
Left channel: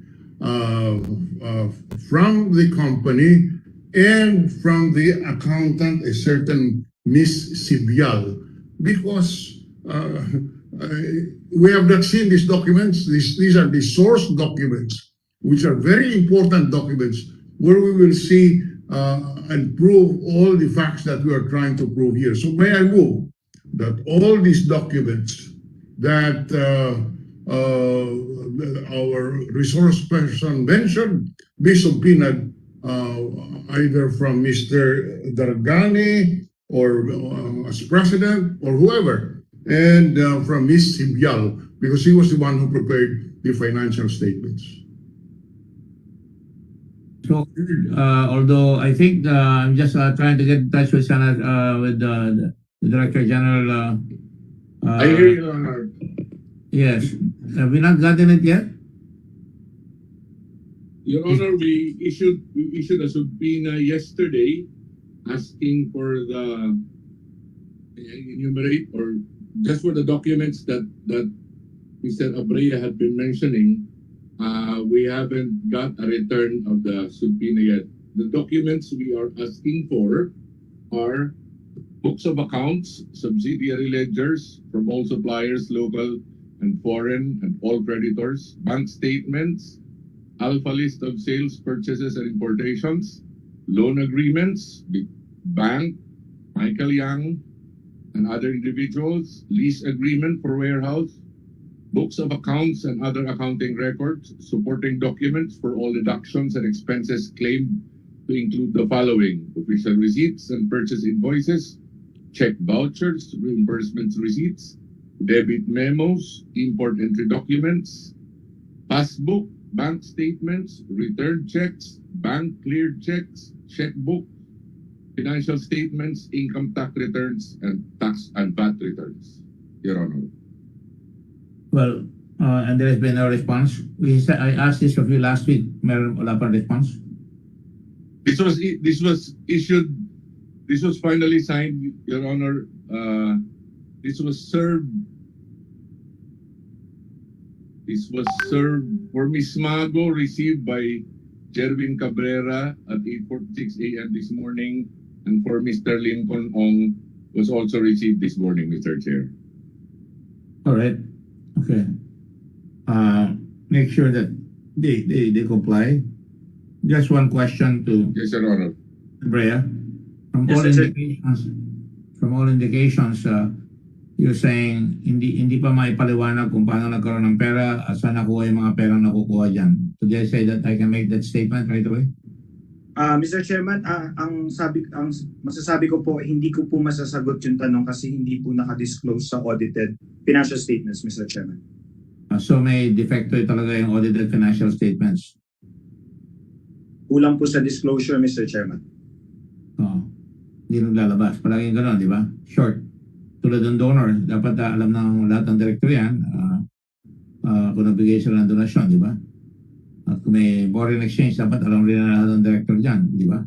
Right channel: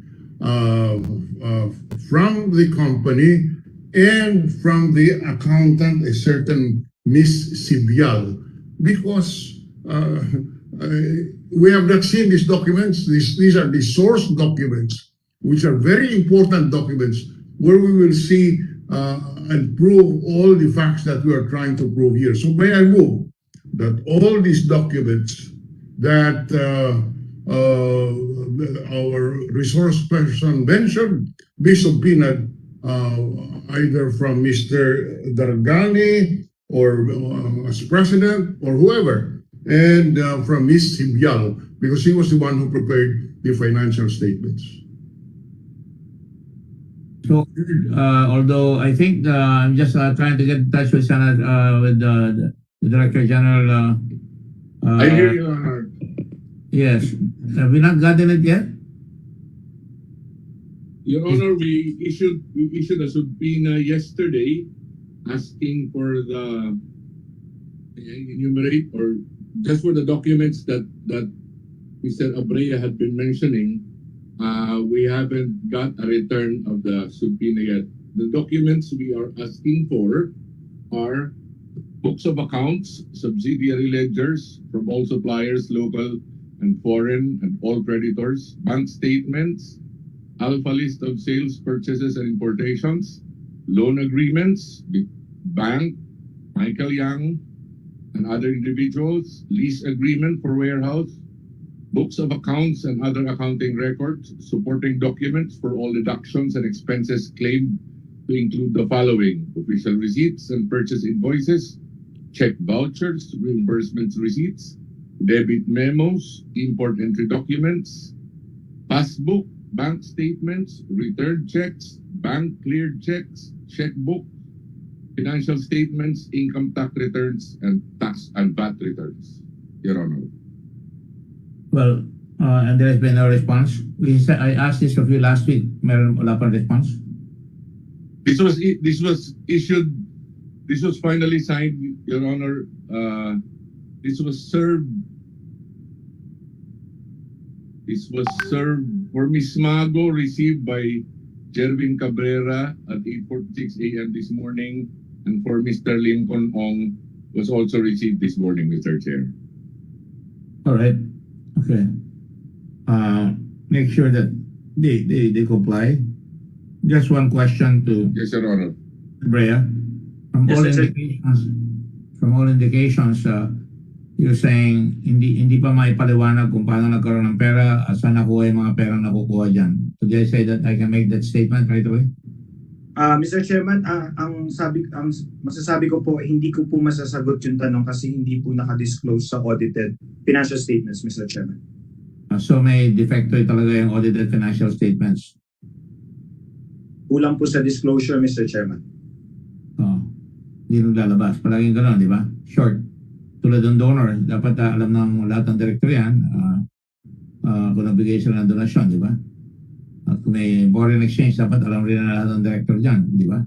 from the company and from the accountant, a certain Miss Sibial, because we have not seen these documents. These are the source documents, which are very important documents, where we will see and prove all the facts that we are trying to prove here. So may I move that all these documents that our resource person mentioned be subpoenaed either from Mr. Dargani or as president or whoever, and from Ms. Sibialo, because he was the one who prepared the financial statements. So, although I think I'm just trying to get in touch with with the Director General. I hear you, Honor. Yes. Have we not gotten it yet? Your Honor, we issued a subpoena yesterday asking for the enumerate or just for the documents that Mr. Abrea had been mentioning. We haven't got a return of the subpoena yet. The documents we are asking for are books of accounts, subsidiary ledgers from all suppliers, local and foreign, and all creditors, bank statements, alpha list of sales, purchases, and importations, loan agreements, bank, Michael Young, and other individuals, lease agreement for warehouse, books of accounts and other accounting records, supporting documents for all deductions and expenses claimed to include the following: official receipts and purchase invoices, check vouchers, reimbursements receipts, debit memos, import entry documents, passbook, bank statements, return checks, bank cleared checks, checkbook, financial statements, income tax returns, and tax and VAT returns, Your Honor. Well, and there has been no response. I asked this of you last week. Meron wala pang response. This was issued. This was finally signed, Your Honor. This was served. This was served for Ms. Mago, received by Jervin Cabrera at 8:46 a.m. this morning, and for Mr. Lincoln Ong was also received this morning, Mr. Chair. All right. Okay. Make sure that they comply. Just one question to Yes, Your Honor. Brea. From all indications, you're saying hindi pa maipaliwanag kung paano nagkaroon ng pera at saan nakuha yung mga perang nakukuha dyan. So did I say that I can make that statement right away? Mr. Chairman, ang masasabi ko po, hindi ko po masasagot yung tanong kasi hindi po naka-disclose sa audited financial statements, Mr. Chairman. So may defecto talaga yung audited financial statements. Kulang po sa disclosure, Mr. Chairman. Hindi nung lalabas. Palaging gano'n, di ba? Short. Tulad ng donor, dapat alam ng lahat ng director yan kung nagbigay sila ng donasyon, di ba? At kung may foreign exchange, dapat alam rin na lahat ng director dyan, di ba?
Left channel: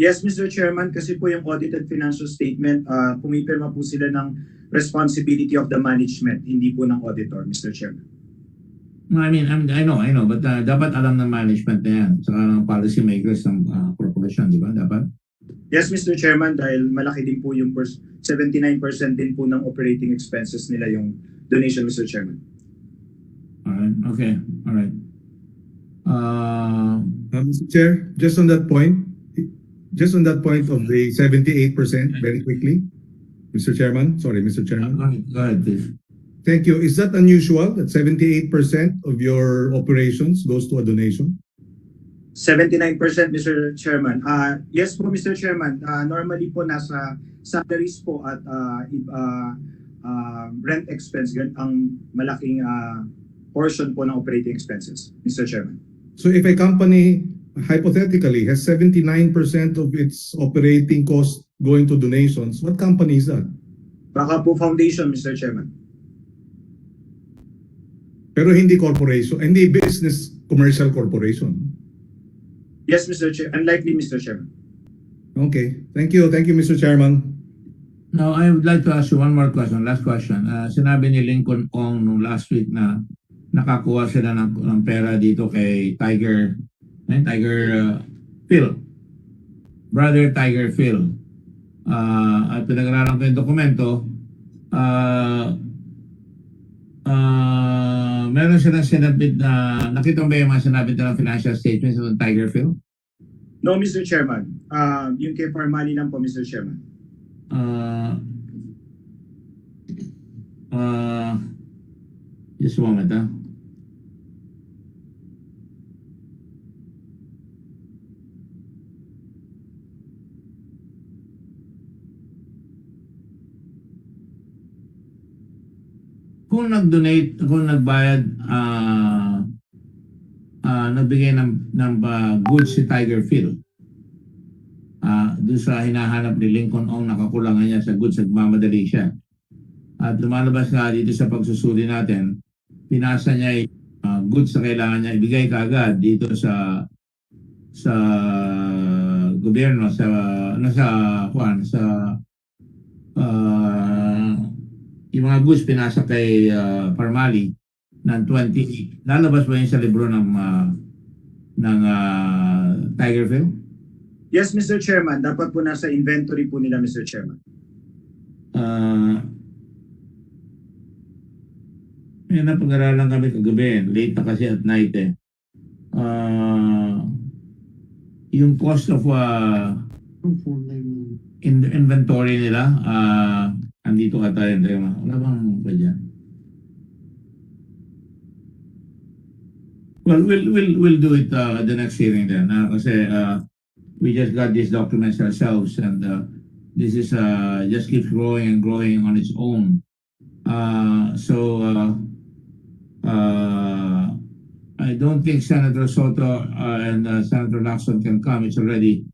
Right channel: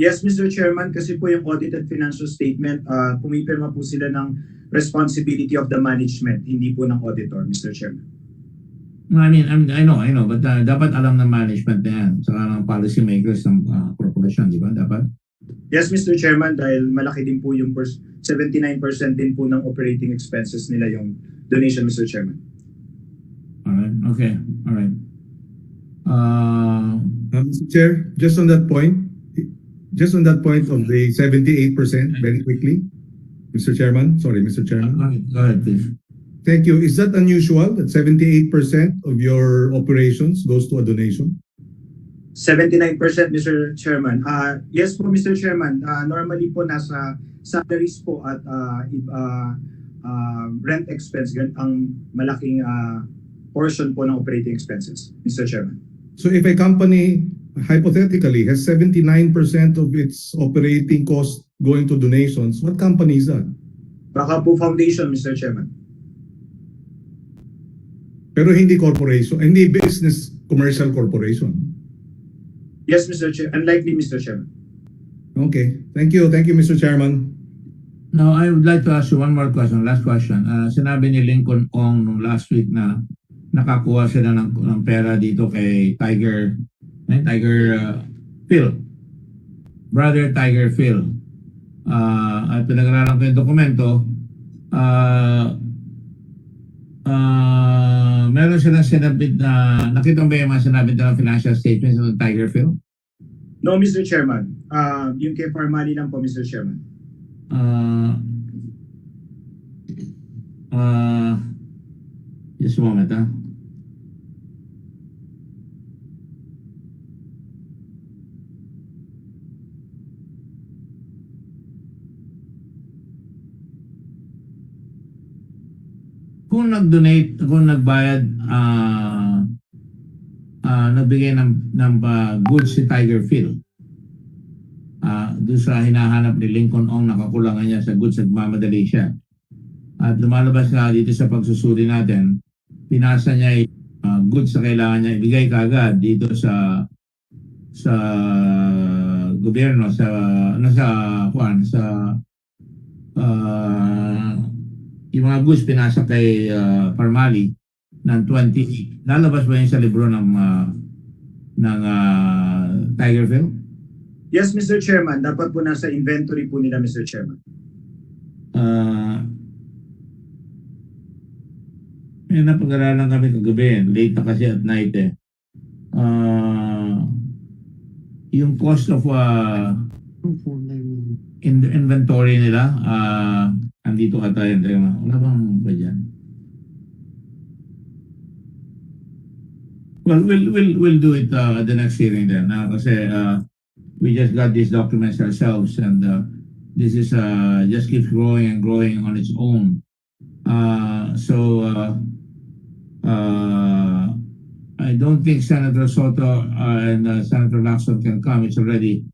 Yes, Mr. Chairman, kasi po yung audited financial statement, pumipirma po sila ng responsibility of the management, hindi po ng auditor, Mr. Chairman. I mean, I know, but dapat alam ng management na yan, saka ng policy makers ng corporation, di ba? Dapat? Yes, Mr. Chairman, dahil malaki din po yung 79% din po ng operating expenses nila yung donation, Mr. Chairman. Alright, okay, alright. Mr. Chair, just on that point of the 78%, very quickly, Mr. Chairman, Go ahead, please. Thank you. Is that unusual that 78% of your operations goes to a donation? 79%, Mr. Chairman. Yes po, Mr. Chairman. Normally po nasa salaries po at rent expense ang malaking portion po ng operating expenses, Mr. Chairman. So if a company hypothetically has 79% of its operating cost going to donations, what company is that? Baka po foundation, Mr. Chairman. Pero hindi corporation, hindi business commercial corporation. Yes, Mr. Chair. Unlikely, Mr. Chairman. Okay. Thank you. Thank you, Mr. Chairman. Now, I would like to ask you one more question. Last question. Sinabi ni Lincoln Ong nung last week na nakakuha sila ng pera dito kay Tiger Phil. Brother Tiger Phil. At pinag-aralan ko yung dokumento. Meron silang sinabit na, nakita mo ba yung mga sinabit na financial statements ng Tiger Phil? No, Mr. Chairman. Yung kay Parmali lang po, Mr. Chairman. Just a moment, ha? Kung nag-donate, kung nagbayad, nagbigay ng goods si Tiger Phil, doon sa hinahanap ni Lincoln Ong, nakakulangan niya sa goods, nagmamadali siya. At lumalabas nga dito sa pagsusuri natin, pinasa niya yung goods na kailangan niya ibigay kaagad dito sa gobyerno, sa yung mga goods pinasa kay Parmali ng 28. Lalabas ba yun sa libro ng Tigerville? Yes, Mr. Chairman. Dapat po nasa inventory po nila, Mr. Chairman. Napag-aralan kami kagabi. Late na kasi at night eh. Yung cost of inventory nila, andito ka tayo. Wala bang ba dyan? Well, we'll do it at the next hearing then. Kasi we just got these documents ourselves, and this is just keeps growing and growing on its own. I don't think Senator Soto and Senator Lacson can come. It's already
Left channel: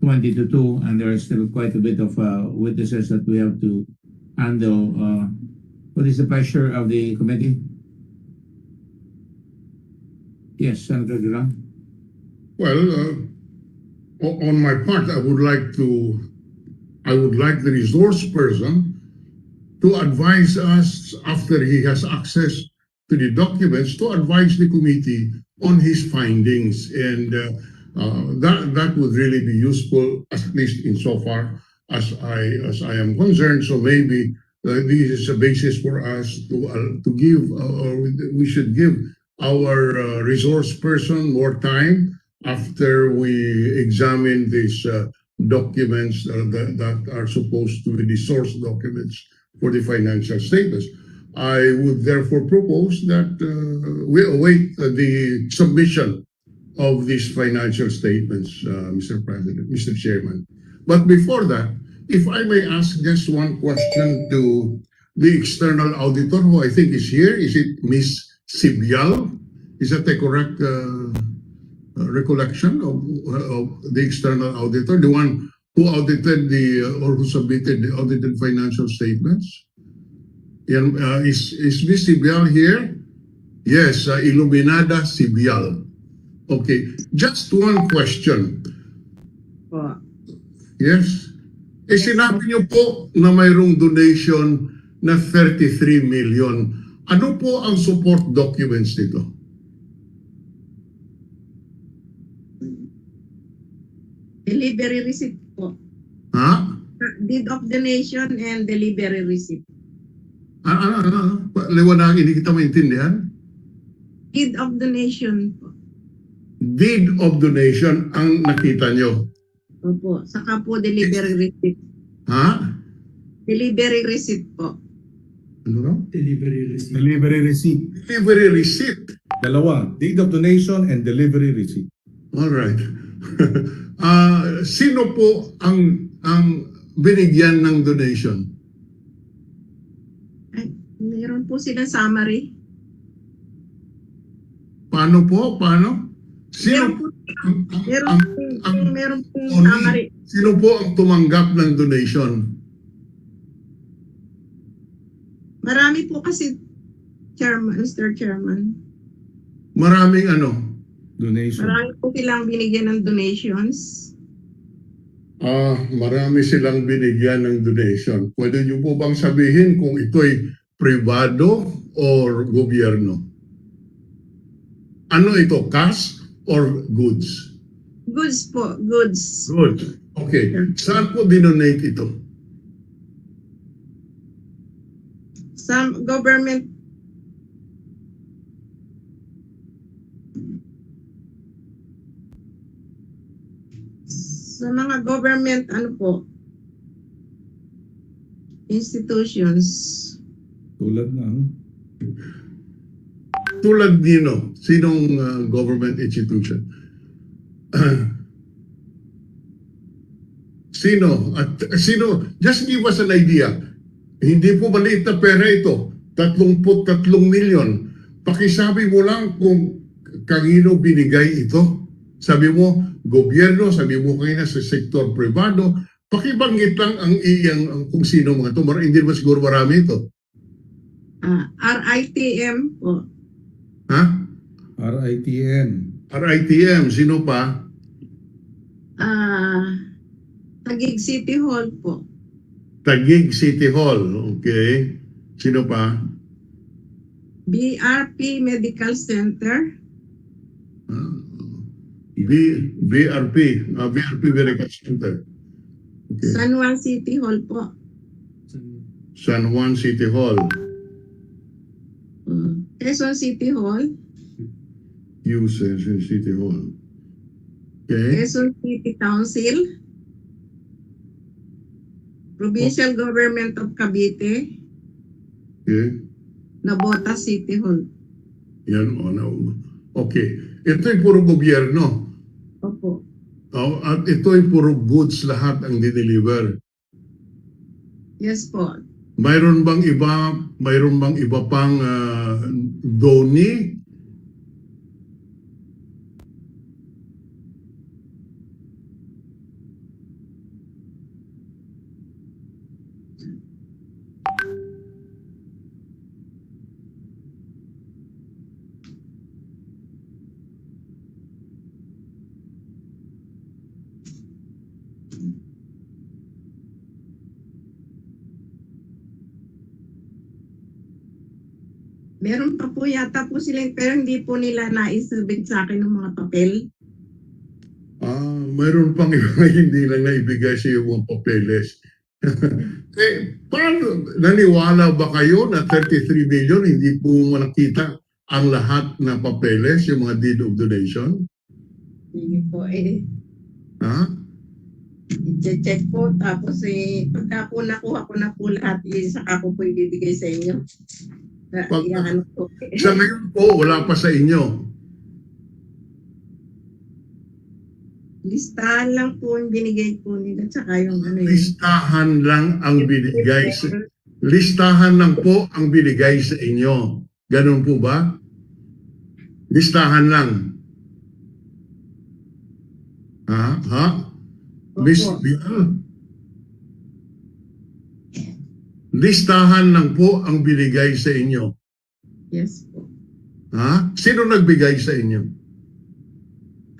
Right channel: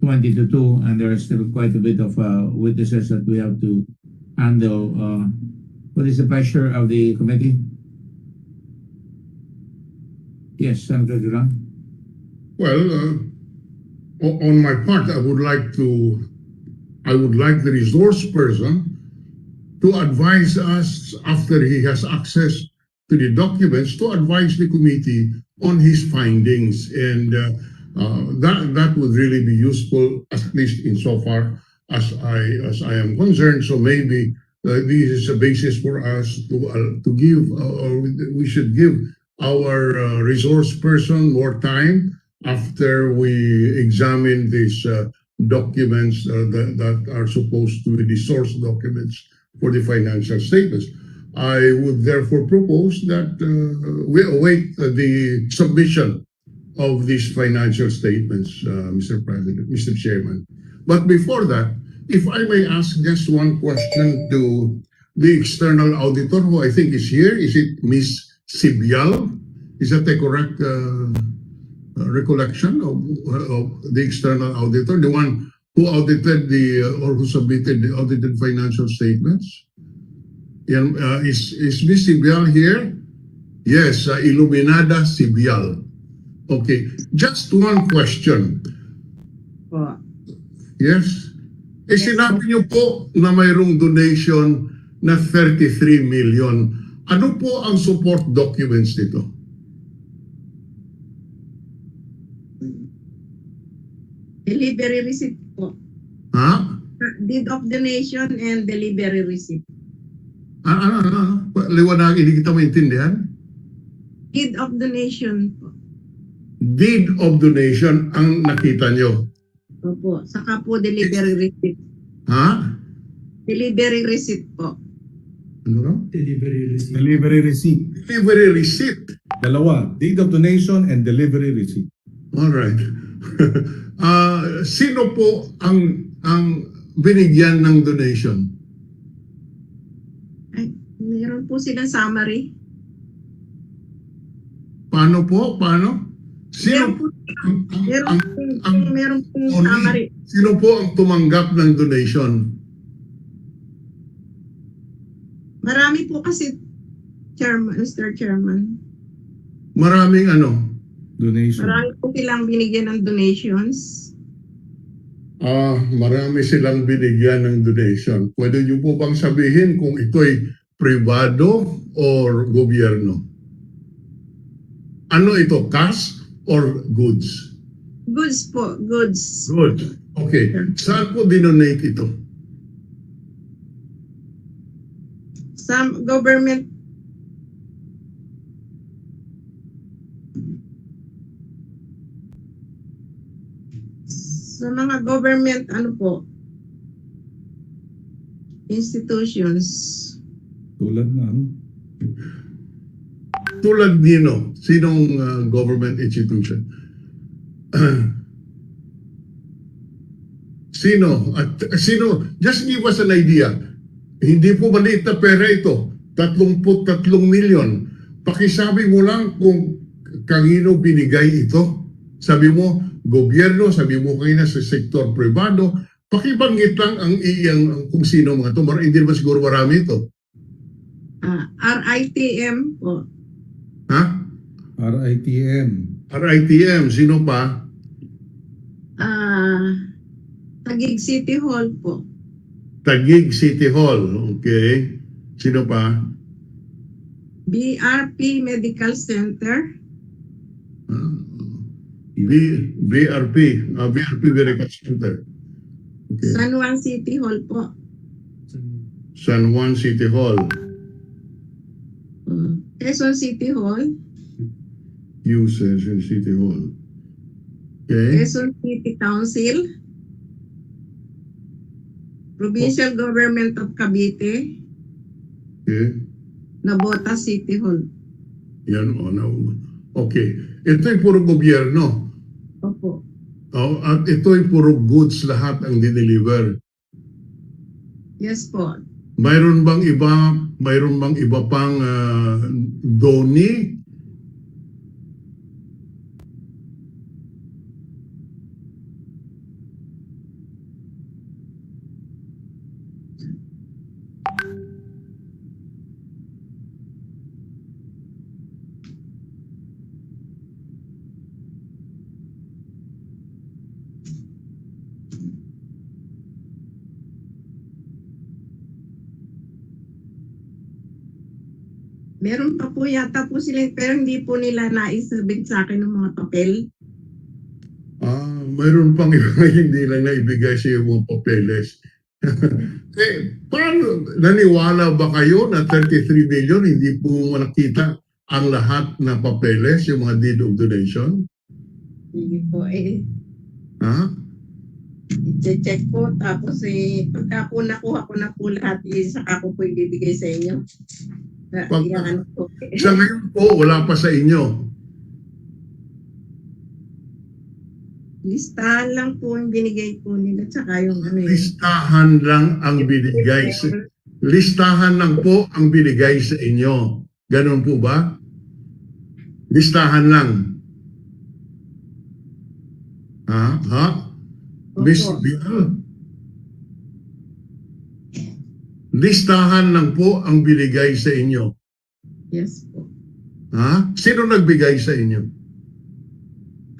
20 to 2, and there is still quite a bit of witnesses that we have to handle. What is the pressure of the committee? Yes, Senator Duran. Well, on my part, I would like the resource person to advise us after he has access to the documents, to advise the committee on his findings, and that would really be useful, at least insofar as I am concerned. So maybe this is a basis for us to give, or we should give our resource person more time after we examine these documents that are supposed to be the source documents for the financial statements. I would therefore propose that we await the submission of these financial statements, Mr. President, Mr. Chairman. But before that, if I may ask just one question to the external auditor, who I think is here. Is it Ms. Sibyal? Is that a correct recollection of the external auditor, the one who audited or who submitted the audited financial statements? Is Ms. Sibyal here? Yes, Iluminada Sibyal. Okay, just one question. Yes? Sinabi niyo po na mayroong donation na 33 million. Ano po ang support documents nito? Delivery receipt po. Ha? Deed of donation and delivery receipt. Liwanagin, hindi kita maintindihan. Deed of donation po. Deed of donation ang nakita nyo. Opo. Saka po delivery receipt. Ha? Delivery receipt po. Ano raw? Delivery receipt. Delivery receipt. Delivery receipt. Dalawa. Deed of donation and delivery receipt. Alright. Sino po ang binigyan ng donation? Ay, meron po silang summary. Paano po? Paano? Sino po meron po summary. Sino po ang tumanggap ng donation? Marami po kasi, Chairman, Mr. Chairman. Maraming ano? Donation. Marami po silang binigyan ng donations. Marami silang binigyan ng donation. Pwede niyo po bang sabihin kung ito'y privado or gobyerno? Ano ito? Cash or goods? Goods po, goods. Good. Okay. Saan po dinonate ito? Some government sa mga government institutions. Tulad ng Tulad nino, sinong government institution? Sino, just give us an idea. Hindi po maliit na pera ito. 33 milyon. Pakisabi mo lang kung kanino binigay ito. Sabi mo, gobyerno, sabi mo kayo na sa sektor privado. Pakibanggit lang ang kung sino mga ito. Hindi naman siguro marami ito. RITM po. Ha? RITM. RITM, sino pa? Taguig City Hall po. Taguig City Hall, okay. Sino pa? BRP Medical Center. BRP Medical Center. Okay. San Juan City Hall po. San Juan City Hall. Quezon City Hall. Quezon City Hall. Okay. Quezon City Council. Provincial Government of Cavite. Okay. Nabota City Hall. Yan, okay. Ito'y puro gobyerno. Opo. At ito'y puro goods lahat ang dineliver. Yes po. Mayroon bang iba pang donee? Meron pa po yata po sila, pero hindi po nila naisubig sa akin ng mga papel. Mayroon pang iba hindi lang naibigay sa iyo mga papeles. Paano, naniwala ba kayo na 33 million hindi po nakita ang lahat na papeles, yung mga deed of donation? Hindi po Ha? I-check po, tapos pagka po nakuha ko na po lahat, saka ko po ibibigay sa inyo. Sa ngayon po, wala pa sa inyo. Listahan lang po yung binigay po nila, tsaka yung Listahan lang ang binigay. Listahan lang po ang binigay sa inyo. Ganun po ba? Listahan lang. Ha? Miss Bill? Listahan lang po ang binigay sa inyo. Yes po. Ha? Sino nagbigay sa inyo?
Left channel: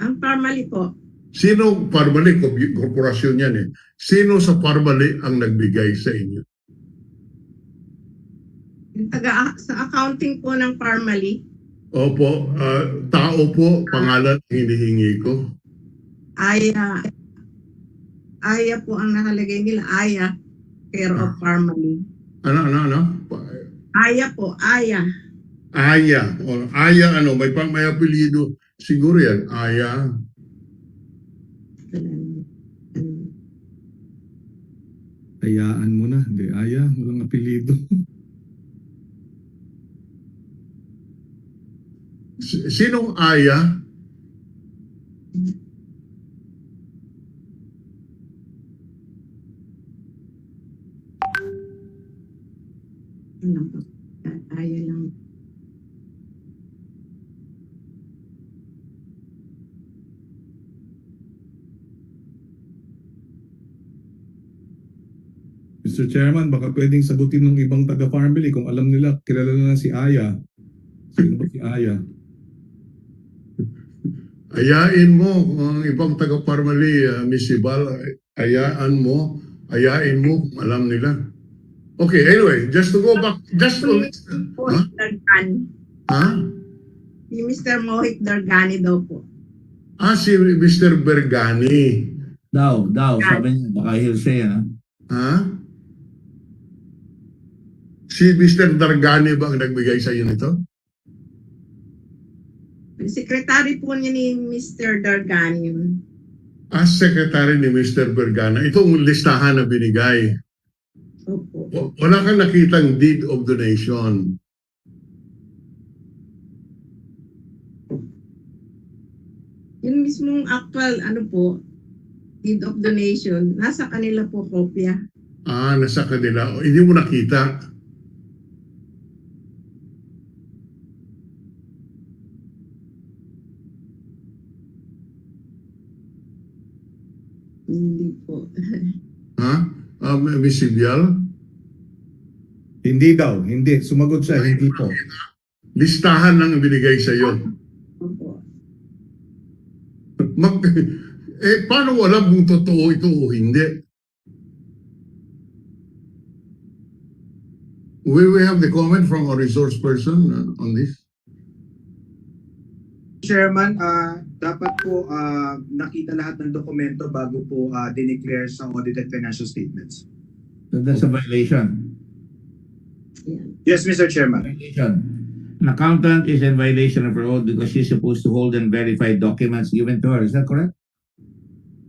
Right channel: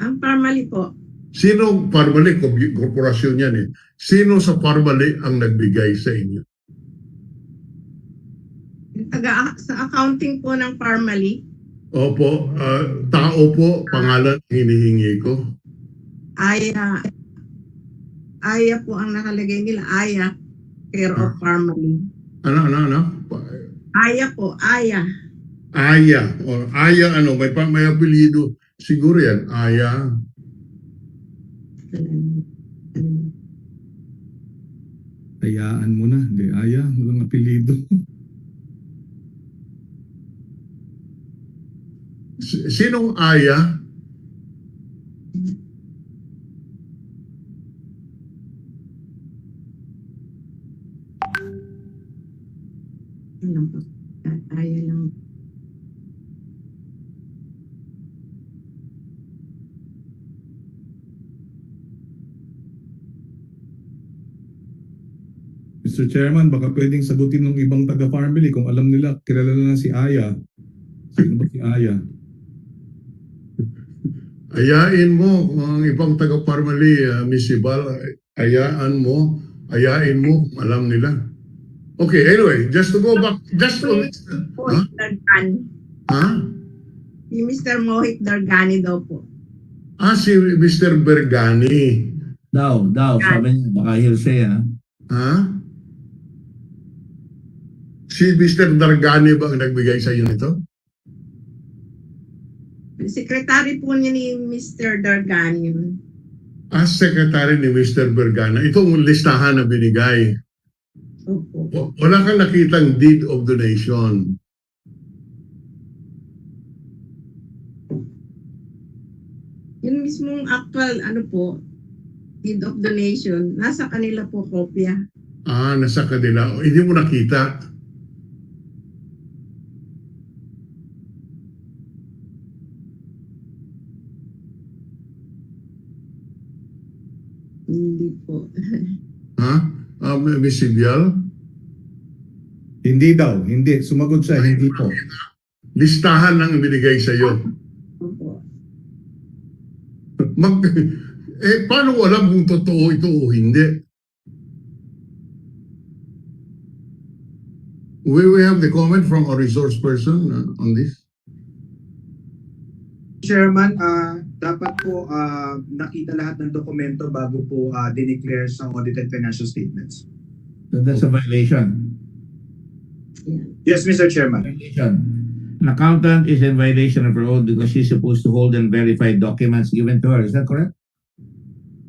Ang Parmali po. Sino Parmali? Korporasyon yan eh. Sino sa Parmali ang nagbigay sa inyo? Sa accounting po ng Parmali. Opo. Tao po, pangalan hinihingi ko. Aya po ang nakalagay nila. Aya. Care of Parmali. Ano? Aya po. Aya. Aya. Aya ano? May apelyido. Siguro yan. Aya. Ayaan mo na. Hindi, Aya. Walang apelido. Sinong Aya? Aya lang. Mr. Chairman, baka pwedeng sagutin ng ibang taga-family kung alam nila, kilala na si Aya. Sino ba si Aya? Ayain mo ang ibang taga-family, Miss Ibal. Ayain mo, alam nila. Okay, anyway, just to go back, Ha? Si Mr. Mohit Dargani daw po. Si Mr. Bergani. Daw, sabi niya, baka hearsay Ha? Si Mr. Dargani ba ang nagbigay sa iyo nito? Secretary po niya ni Mr. Dargani. As secretary ni Mr. Bergana, itong listahan na binigay. Opo. Wala kang nakitang deed of donation. Yung mismong actual, deed of donation, nasa kanila po kopya. Nasa kanila. Hindi mo nakita. Hindi po. Ha? Miss Sibyal? Hindi daw, hindi. Sumagot siya, hindi po. Listahan lang binigay sa iyo. Opo. Paano mo alam kung totoo ito o hindi? We have the comment from a resource person on this. Chairman, dapat po nakita lahat ng dokumento bago po dineclare sa audited financial statements. So that's a violation. Yes, Mr. Chairman. Violation. An accountant is in violation of her oath because she's supposed to hold and verify documents given to her. Is that correct?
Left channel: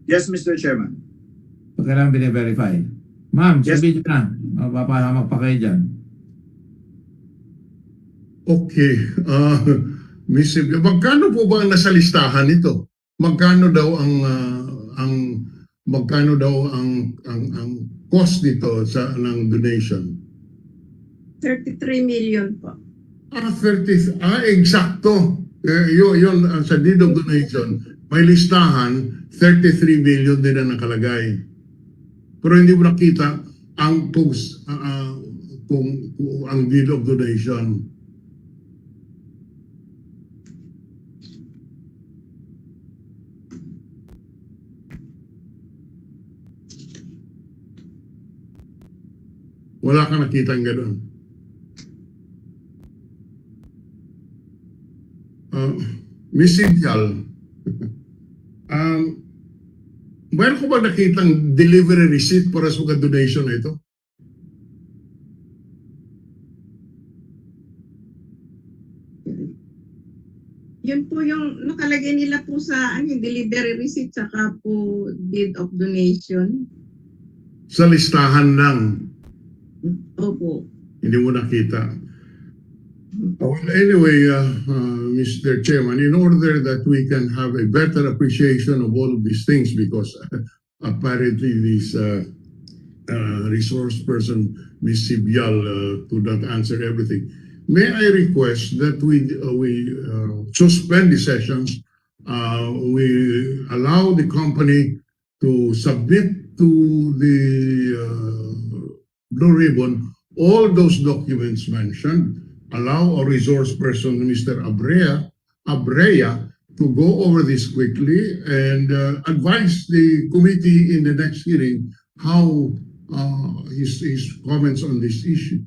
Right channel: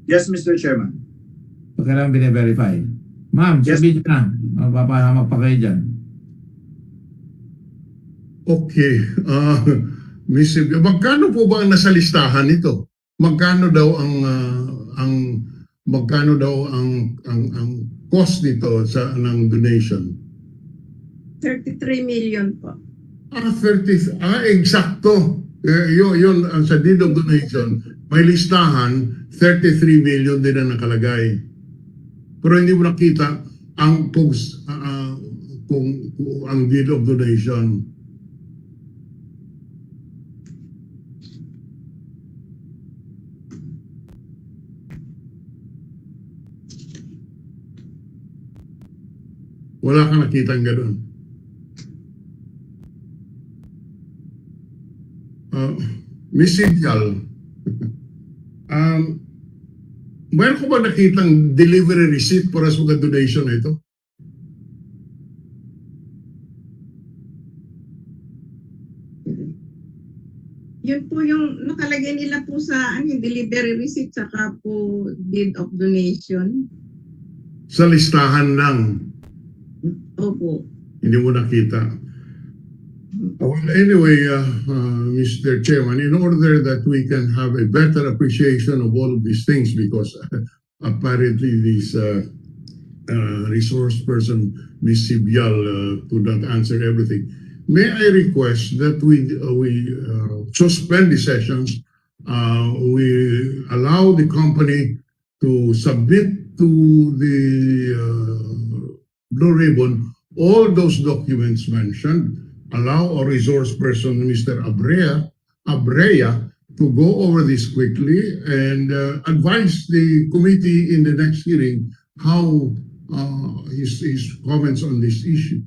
Yes, Mr. Chairman. So kailangan bine-verify. Ma'am, Yes. sabihin na. Papahamak pa kayo dyan. Okay. Miss Sibyal, magkano po ba ang nasa listahan nito? Magkano daw ang cost nito ng donation? 33 million po. 30, eksakto. Yun, sa deed of donation, may listahan, 33 million din ang nakalagay. Pero hindi mo nakita ang kung ang deed of donation. Wala kang nakitang gano'n. Miss Sibyal, mayroon ko ba nakitang delivery receipt para sa mga donation na ito? Yun po yung nakalagay nila po sa delivery receipt saka po deed of donation. Sa listahan lang. Opo. Hindi mo nakita. Well, anyway, Mr. Chairman, in order that we can have a better appreciation of all of these things, because apparently this resource person, Ms. Sibyal, could not answer everything, may I request that we suspend the sessions, we allow the company to submit to the Blue Ribbon all those documents mentioned, allow a resource person, Mr. Abrea, to go over this quickly and advise the committee in the next hearing how his comments on this issue.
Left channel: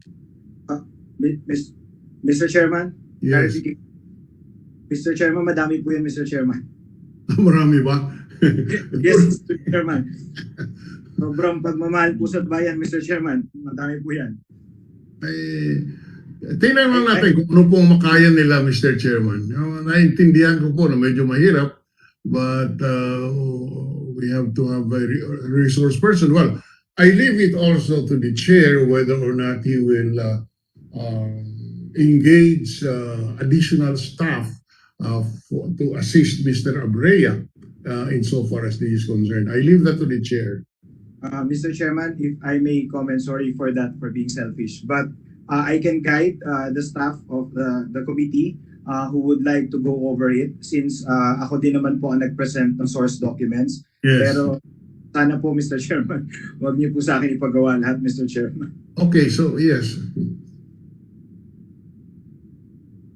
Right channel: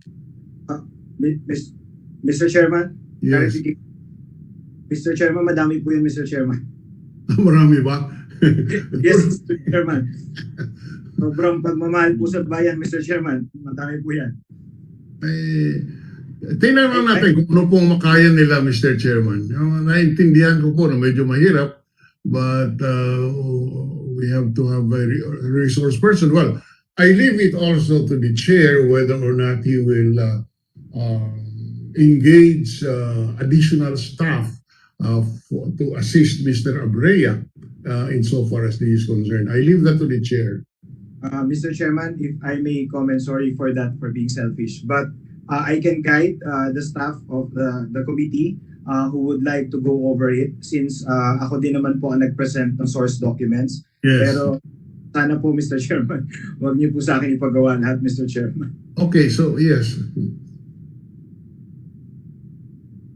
Mr. Chairman? Yes. Mr. Chairman, madami po yun, Mr. Chairman. Marami ba? Yes, Mr. Chairman. Sobrang pagmamahal po sa bayan, Mr. Chairman. Madami po yan. Tingnan lang natin kung ano pong makaya nila, Mr. Chairman. Naintindihan ko po na medyo mahirap, but we have to have a resource person. Well, I leave it also to the chair whether or not he will engage additional staff to assist Mr. Abrea insofar as this is concerned. I leave that to the chair. Mr. Chairman, if I may comment, sorry for that, for being selfish, but I can guide the staff of the committee who would like to go over it since ako din naman po ang nag-present ng source documents. Yes. Pero sana po, Mr. Chairman, huwag niyo po sa akin ipagawa lahat, Mr. Chairman. Okay, so yes.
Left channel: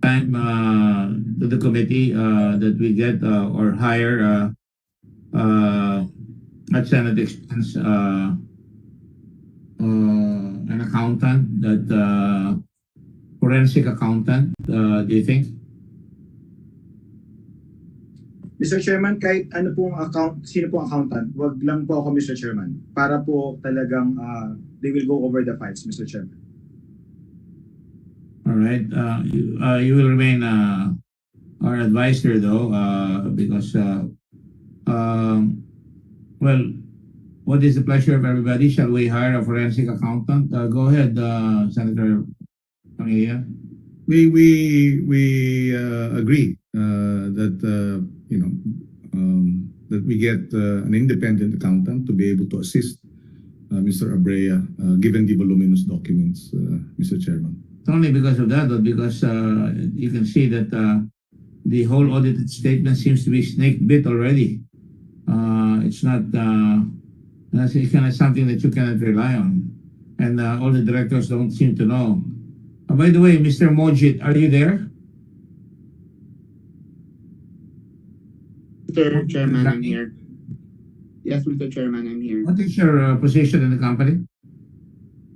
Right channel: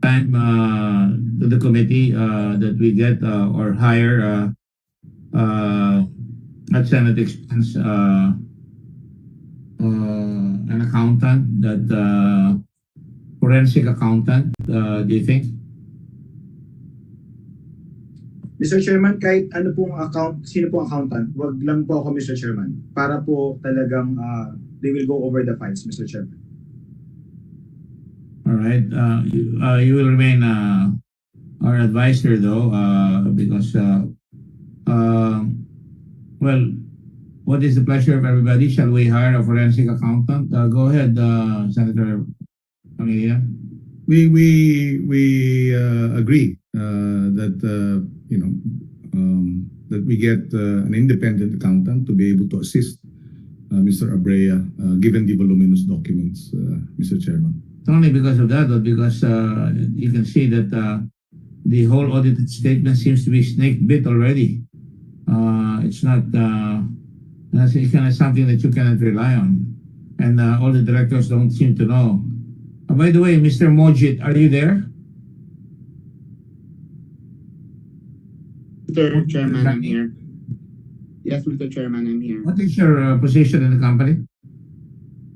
Time to the committee that we get or hire at Senate expense an accountant, that forensic accountant, do you think? Mr. Chairman, kahit ano pong sino pong accountant, wag lang po ako, Mr. Chairman, para po talagang they will go over the files, Mr. Chairman. All right. You will remain our advisor, though, because well, what is the pleasure of everybody? Shall we hire a forensic accountant? Go ahead, Senator Amelia. We agree that that we get an independent accountant to be able to assist Mr. Abrea, given the voluminous documents, Mr. Chairman. It's only because of that, or because you can see that the whole audited statement seems to be snake bit already. It's not it's kind of something that you cannot rely on, and all the directors don't seem to know. By the way, Mr. Mojit, are you there? Mr. Chairman, I'm here. Yes, Mr. Chairman, I'm here. What is your position in the company?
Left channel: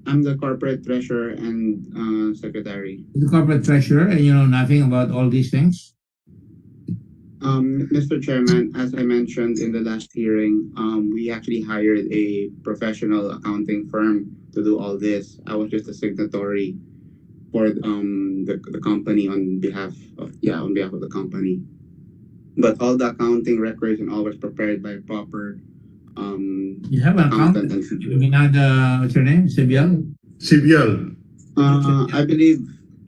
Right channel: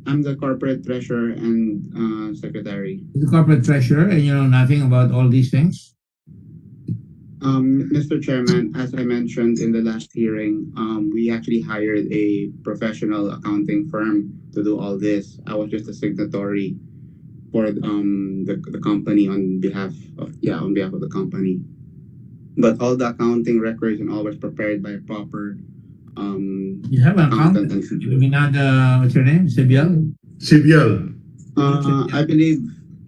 I'm the corporate treasurer and secretary. The corporate treasurer, and you know nothing about all these things? Mr. Chairman, as I mentioned in the last hearing, we actually hired a professional accounting firm to do all this. I was just a signatory for the company on behalf of the company. But all the accounting records and all was prepared by a proper You have an accountant. What's your name? Sibial? Sibial.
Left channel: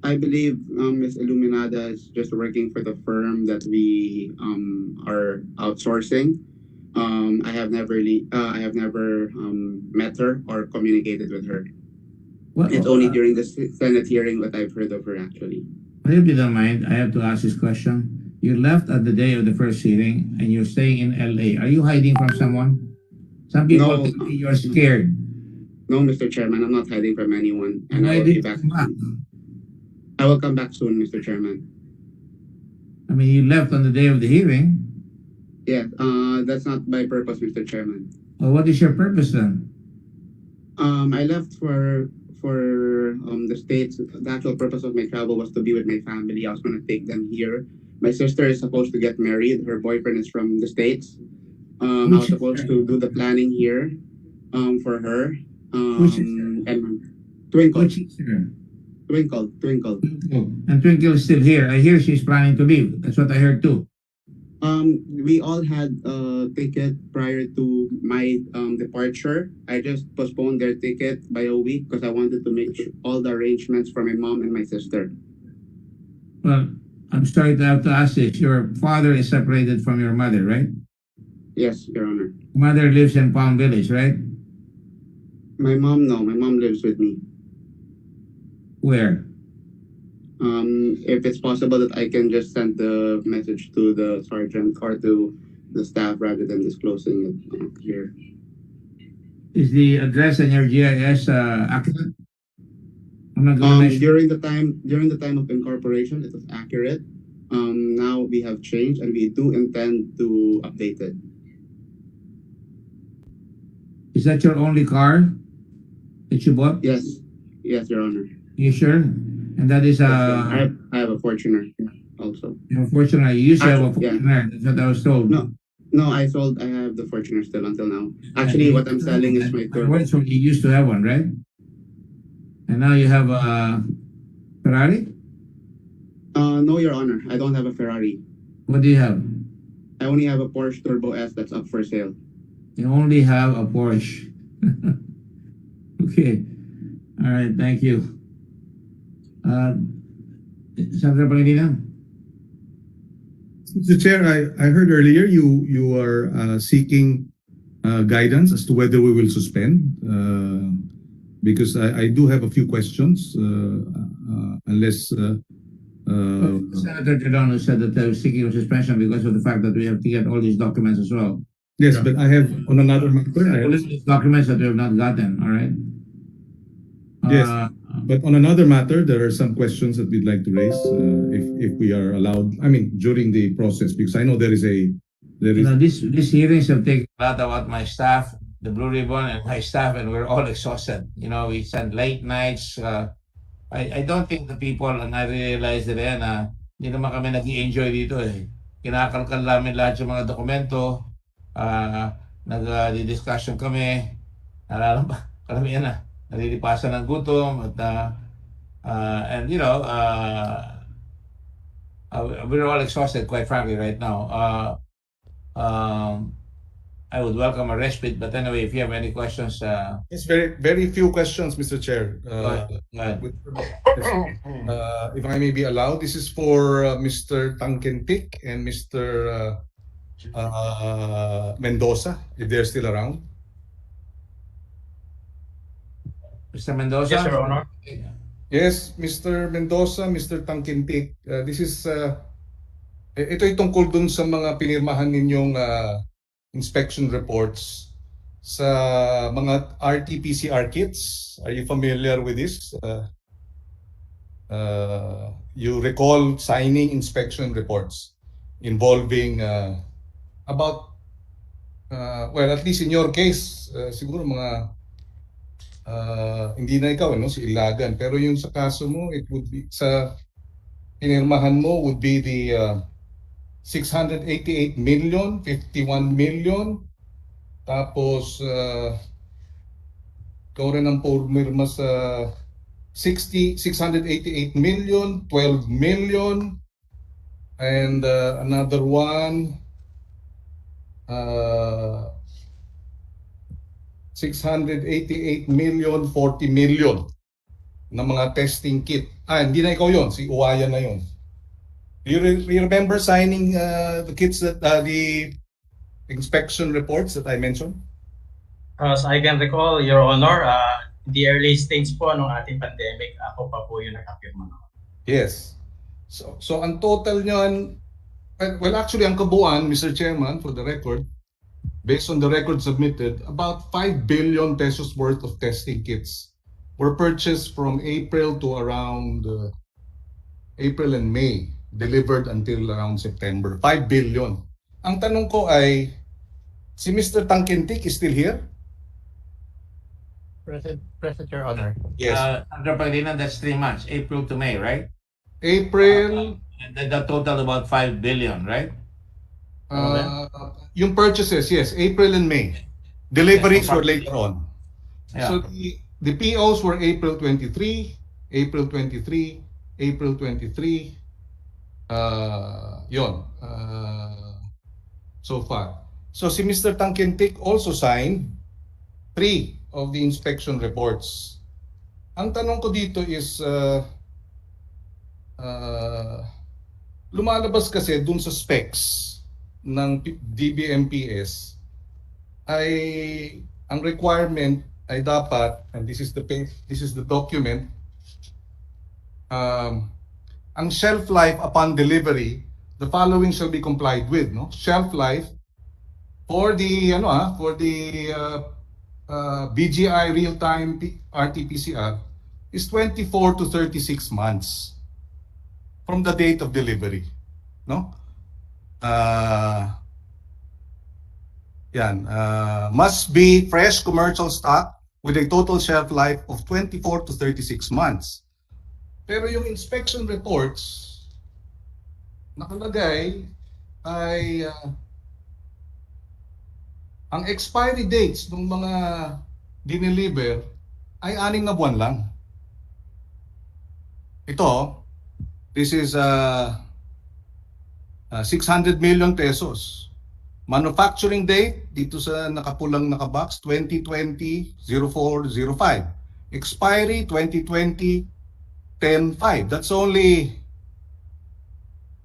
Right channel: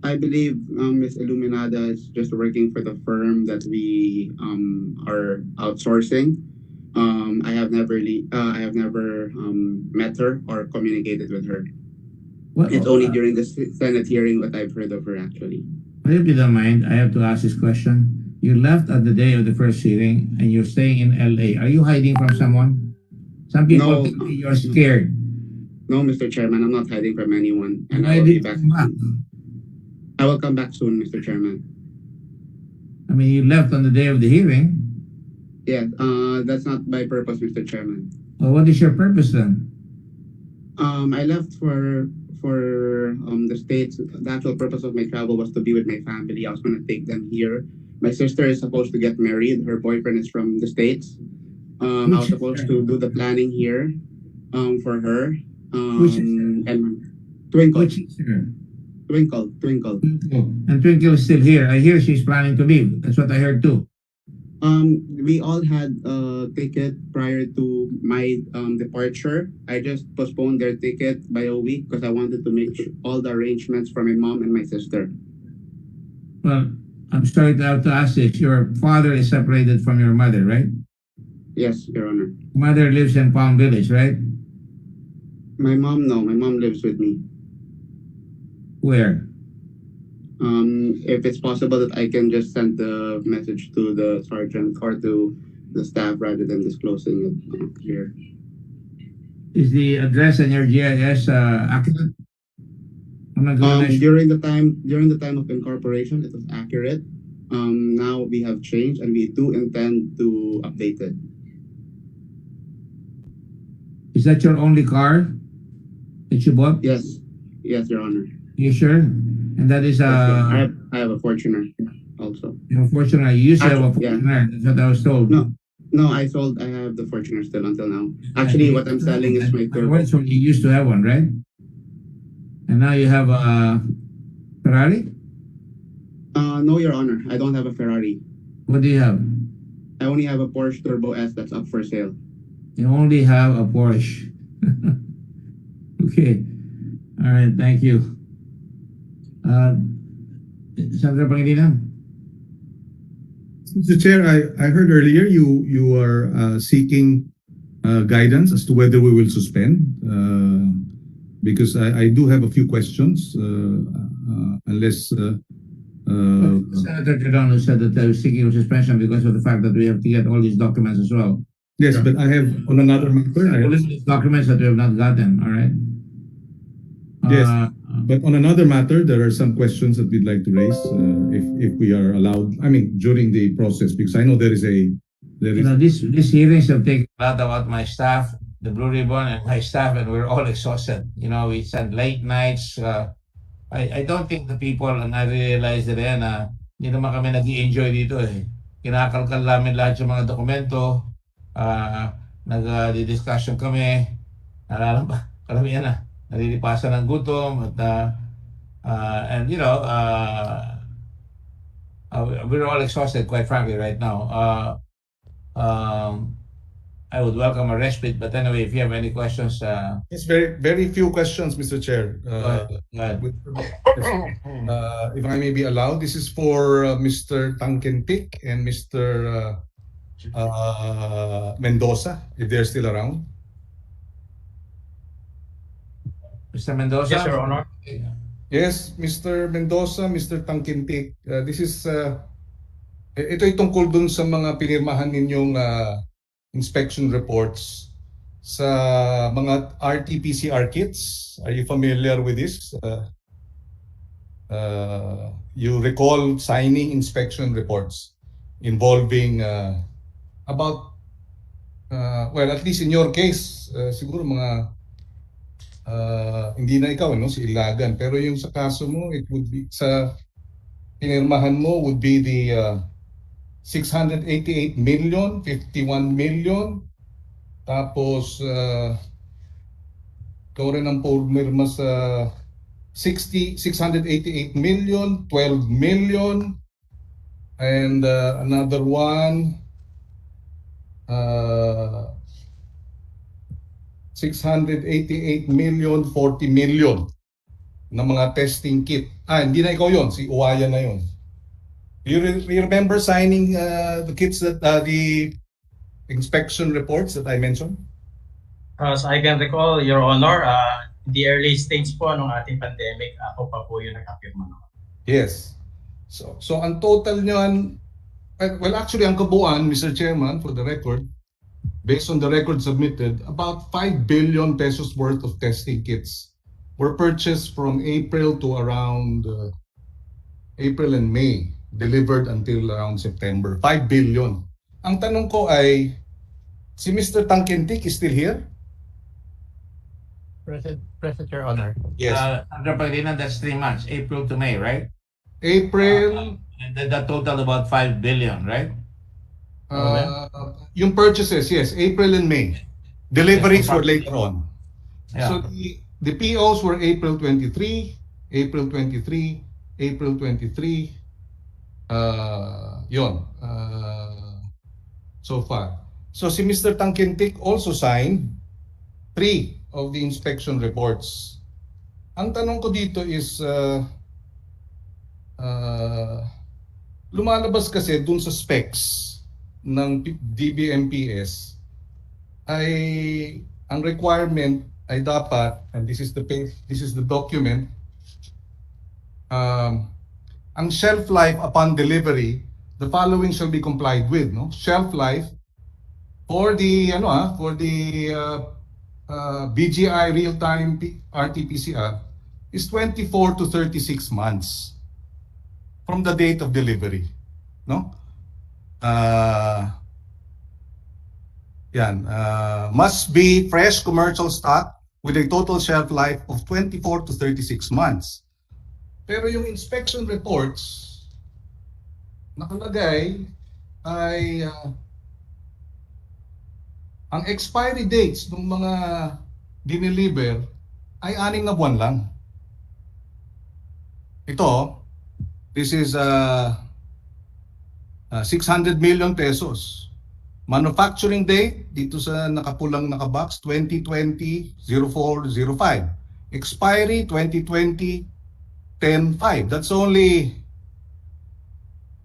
I believe Ms. Illuminada is just working for the firm that we are outsourcing. I have never met her or communicated with her. It's only during the Senate hearing that I've heard of her actually. If you don't mind, I have to ask this question. You left at the day of the first hearing and you're staying in LA. Are you hiding from someone? Some people think you're scared. No, Mr. Chairman, I'm not hiding from anyone. And Why I will did be back. you come back? I will come back soon, Mr. Chairman. I mean, you left on the day of the hearing. Yeah, that's not my purpose, Mr. Chairman. Well, what is your purpose then? I left for the States. The actual purpose of my travel was to be with my family. I was going to take them here. My sister is supposed to get married. Her boyfriend is from the States. I was supposed to do the planning here for her. And Twinkle. Twinkle. And Twinkle is still here. I hear she's planning to leave. That's what I heard too. We all had a ticket prior to my departure. I just postponed their ticket by a week because I wanted to make all the arrangements for my mom and my sister. Well, I'm sorry to have to ask this. Your father is separated from your mother, right? Yes, Your Honor. Mother lives in Palm Village, right? My mom, no. My mom lives with me. Where? If it's possible that I can just send the message to the sergeant or to the staff rather than disclosing it here. Is the address in your GIS accurate? I'm not gonna during the time of incorporation, it was accurate. Now we have changed and we do intend to update it. Is that your only car that you bought? Yes, Your Honor. You sure? And that is I have a Fortuner also. You have a Fortuner. You used to have a Fortuner. That's what I was told. No, I have the Fortuner still until now. Actually, what I'm selling is my Turbo. So you used to have one, right? And now you have a Ferrari? No, Your Honor. I don't have a Ferrari. What do you have? I only have a Porsche Turbo S that's up for sale. You only have a Porsche. Okay. All right. Thank you. Senator Pangilinan? Mr. Chair, I heard earlier you are seeking guidance as to whether we will suspend, because I do have a few questions, unless... Senator Tridon said that I was seeking a suspension because of the fact that we have to get all these documents as well. Yes, but I have on another matter. All these documents that we have not gotten, all right? Yes, but on another matter, there are some questions that we'd like to raise, if we are allowed. I mean, during the process, because I know there is a. You know, these hearings have taken a lot about my staff, the Blue Ribbon, and my staff, and we're all exhausted. You know, we spend late nights. I don't think the people na-realize nila na hindi naman kami nag-i-enjoy dito eh. Kinakalkal namin lahat yung mga dokumento, nag-discussion kami, karamihan na, nalilipasan ng gutom, at and you know, we're all exhausted, quite frankly, right now. I would welcome a respite, but anyway, if you have any questions, Yes, very few questions, Mr. Chair. go ahead. If I may be allowed, this is for Mr. Tangkentik and Mr. Mendoza, if they're still around. Mr. Mendoza? Yes, Your Honor. Yes, Mr. Mendoza, Mr. Tangkintik, this is ito ay tungkol dun sa mga pinirmahan ninyong inspection reports sa mga RT-PCR kits. Are you familiar with this? You recall signing inspection reports involving about well, at least in your case, siguro mga hindi na ikaw, no, si Ilagan, pero yung sa kaso mo, it would be sa pinirmahan mo would be the 688 million, 51 million, tapos ikaw rin ang pumirma sa 688 million, 12 million, and another one 688 million, 40 million na mga testing kit. Hindi na ikaw yun, si Uwaya na yun. You remember signing the kits that the inspection reports that I mentioned? As I can recall, Your Honor, the early stage po ng ating pandemic, ako pa po yung nakapirma. Yes. So ang total niyan, well actually ang kabuuan, Mr. Chairman, for the record, based on the record submitted, about 5 billion pesos worth of testing kits were purchased from April to around April and May, delivered until around September. 5 billion. Ang tanong ko ay, si Mr. Tangkintik is still here? Present, Your Honor. Yes. Under Pangilinan, that's 3 months, April to May, right? April. And the total about 5 billion, right? Yung purchases, yes, April and May. Deliveries were later on. Yeah. So the POs were April 23, April 23, April 23. Yon. So far. So si Mr. Tangkintik also signed 3 of the inspection reports. Ang tanong ko dito is lumalabas kasi dun sa specs ng DBMPS ay ang requirement ay dapat, and this is the document, ang shelf life upon delivery, the following shall be complied with, no? Shelf life for the BGI real-time RT-PCR is 24 to 36 months from the date of delivery, no? Must be fresh commercial stock with a total shelf life of 24 to 36 months. Pero yung inspection reports nakalagay ay ang expiry dates ng mga dineliver ay 6 na buwan lang. Ito, this is 600 million pesos. Manufacturing date, dito sa nakapulang nakabox, 2020-04-05. Expiry, 2020-10-5. That's only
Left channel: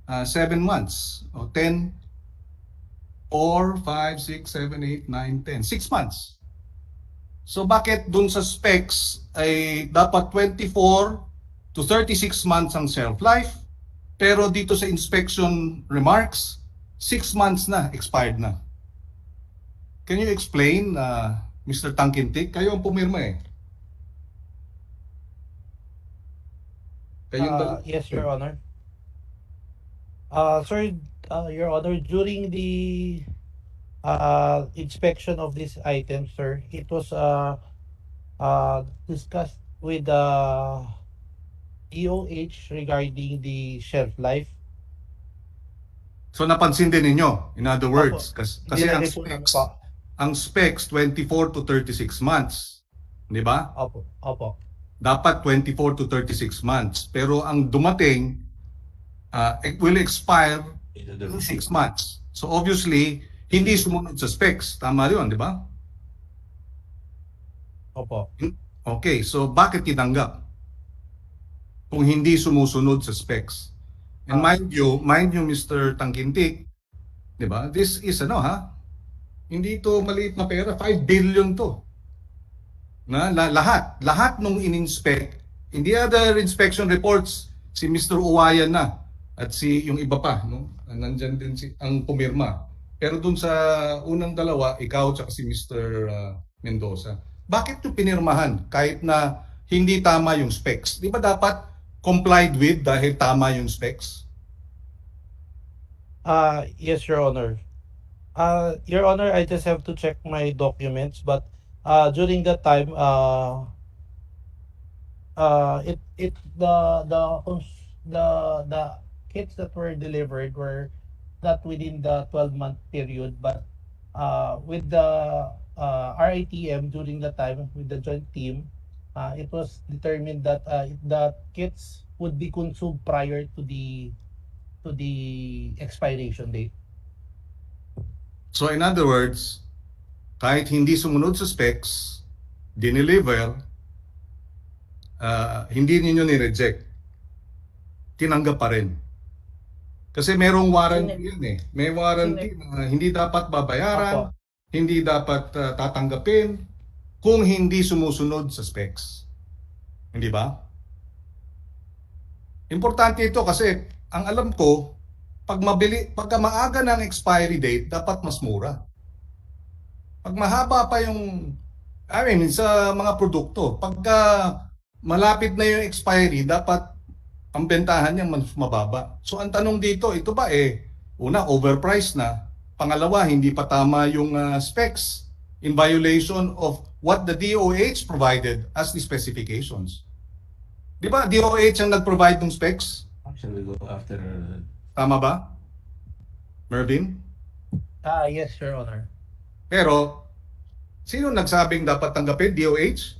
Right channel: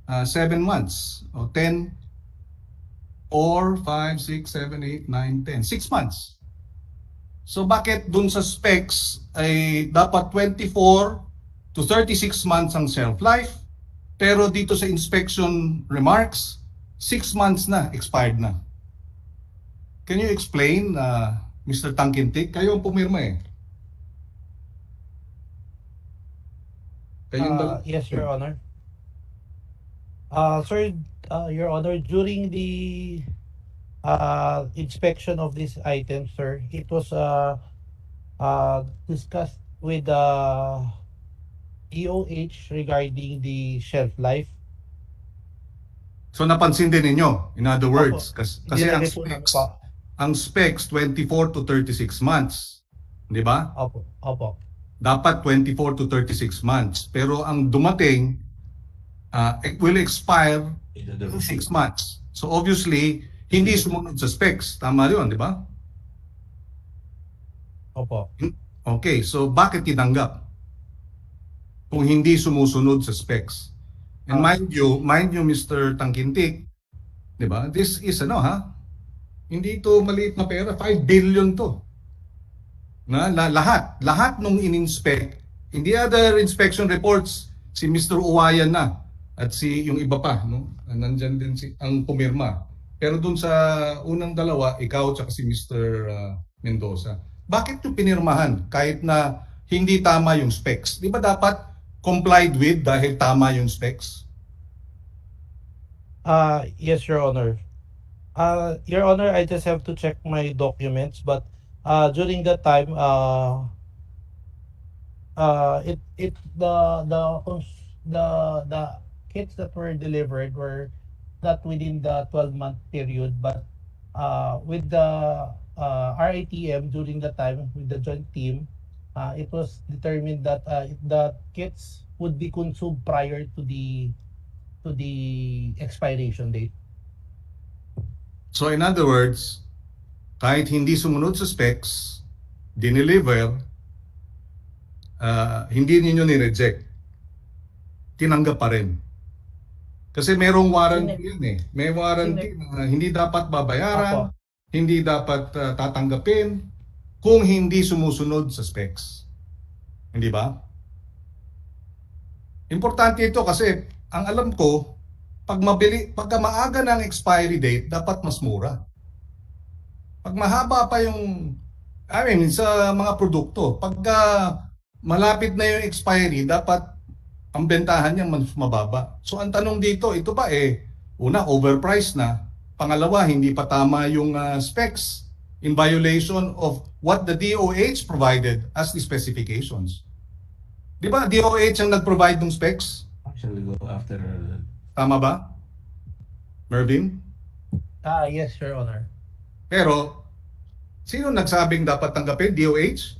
7 months. O 10, 4, 5, 6, 7, 8, 9, 10. 6 months. So bakit dun sa specs ay dapat 24 to 36 months ang shelf life, pero dito sa inspection remarks, 6 months na, expired na. Can you explain, Mr. Tangkintik? Kayo ang pumirma eh. Yes, Your Honor. Sir, Your Honor, during the inspection of this item, sir, it was discussed with the DOH regarding the shelf life. So napansin din ninyo, in other words, kasi Nilagay ang specs 24 to 36 months. Di ba? Opo. Dapat 24 to 36 months. Pero ang dumating, it will expire in 6 months. So obviously, hindi sumunod sa specs. Tama yun, di ba? Opo. Okay, so bakit tinanggap? Kung hindi sumusunod sa specs. And mind you, Mr. Tangkintik, 'Di ba? This is hindi ito maliit na pera, 5 billion to. Lahat nung in-inspect, in the other inspection reports, si Mr. Uwayan na at si yung iba pa, no? Nandyan din ang pumirma. Pero dun sa unang dalawa, ikaw at si Mr. Mendoza. Bakit yung pinirmahan kahit na hindi tama yung specs? Di ba dapat complied with dahil tama yung specs? Yes, Your Honor. Your Honor, I just have to check my documents, but during that time, it the kits that were delivered were not within the 12-month period, but with the RITM during the time with the joint team, it was determined that the kits would be consumed prior to the expiration date. So in other words, kahit hindi sumunod sa specs, dineliver, hindi ninyo ni-reject. Tinanggap pa rin. Kasi merong warranty yun eh. May warranty na hindi dapat babayaran, hindi dapat tatanggapin kung hindi sumusunod sa specs. Hindi ba? Importante ito kasi ang alam ko, pagka maaga ng expiry date, dapat mas mura. Pag mahaba pa yung, sa mga produkto, pagka malapit na yung expiry, dapat ang bentahan niya mas mababa. So ang tanong dito, ito ba una, overpriced na. Pangalawa, hindi pa tama yung specs in violation of what the DOH provided as the specifications. Di ba DOH ang nag-provide ng specs? Shall we go after? Tama ba? Mervin? Yes, Your Honor. Pero, sino nagsabing dapat tanggapin? DOH?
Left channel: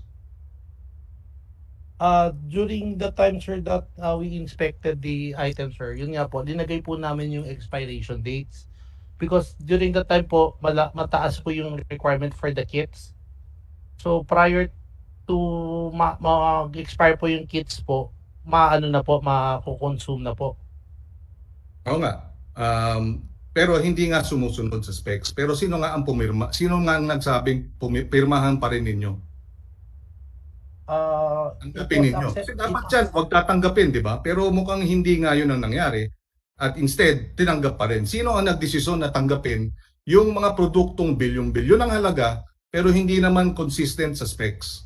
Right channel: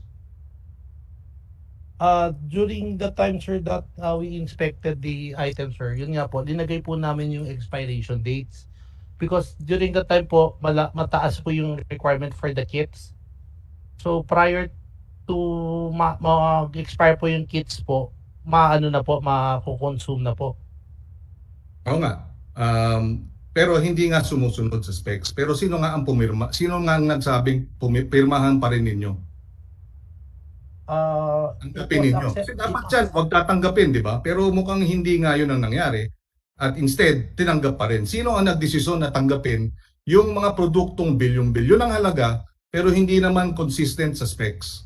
During the time, sir, that we inspected the items, sir, yun nga po, linagay po namin yung expiration dates. Because during the time po, mataas po yung requirement for the kits. So, prior to mag-expire po yung kits po, mako-consume na po. Oo nga. Pero hindi nga sumusunod sa specs. Pero sino nga ang pumirma? Sino nga ang nagsabing pirmahan pa rin ninyo? Tanggapin ninyo. Kasi dapat yan, huwag tatanggapin, di ba? Pero mukhang hindi nga yun ang nangyari. At instead, tinanggap pa rin. Sino ang nagdesisyon na tanggapin yung mga produktong bilyon-bilyon ang halaga pero hindi naman consistent sa specs?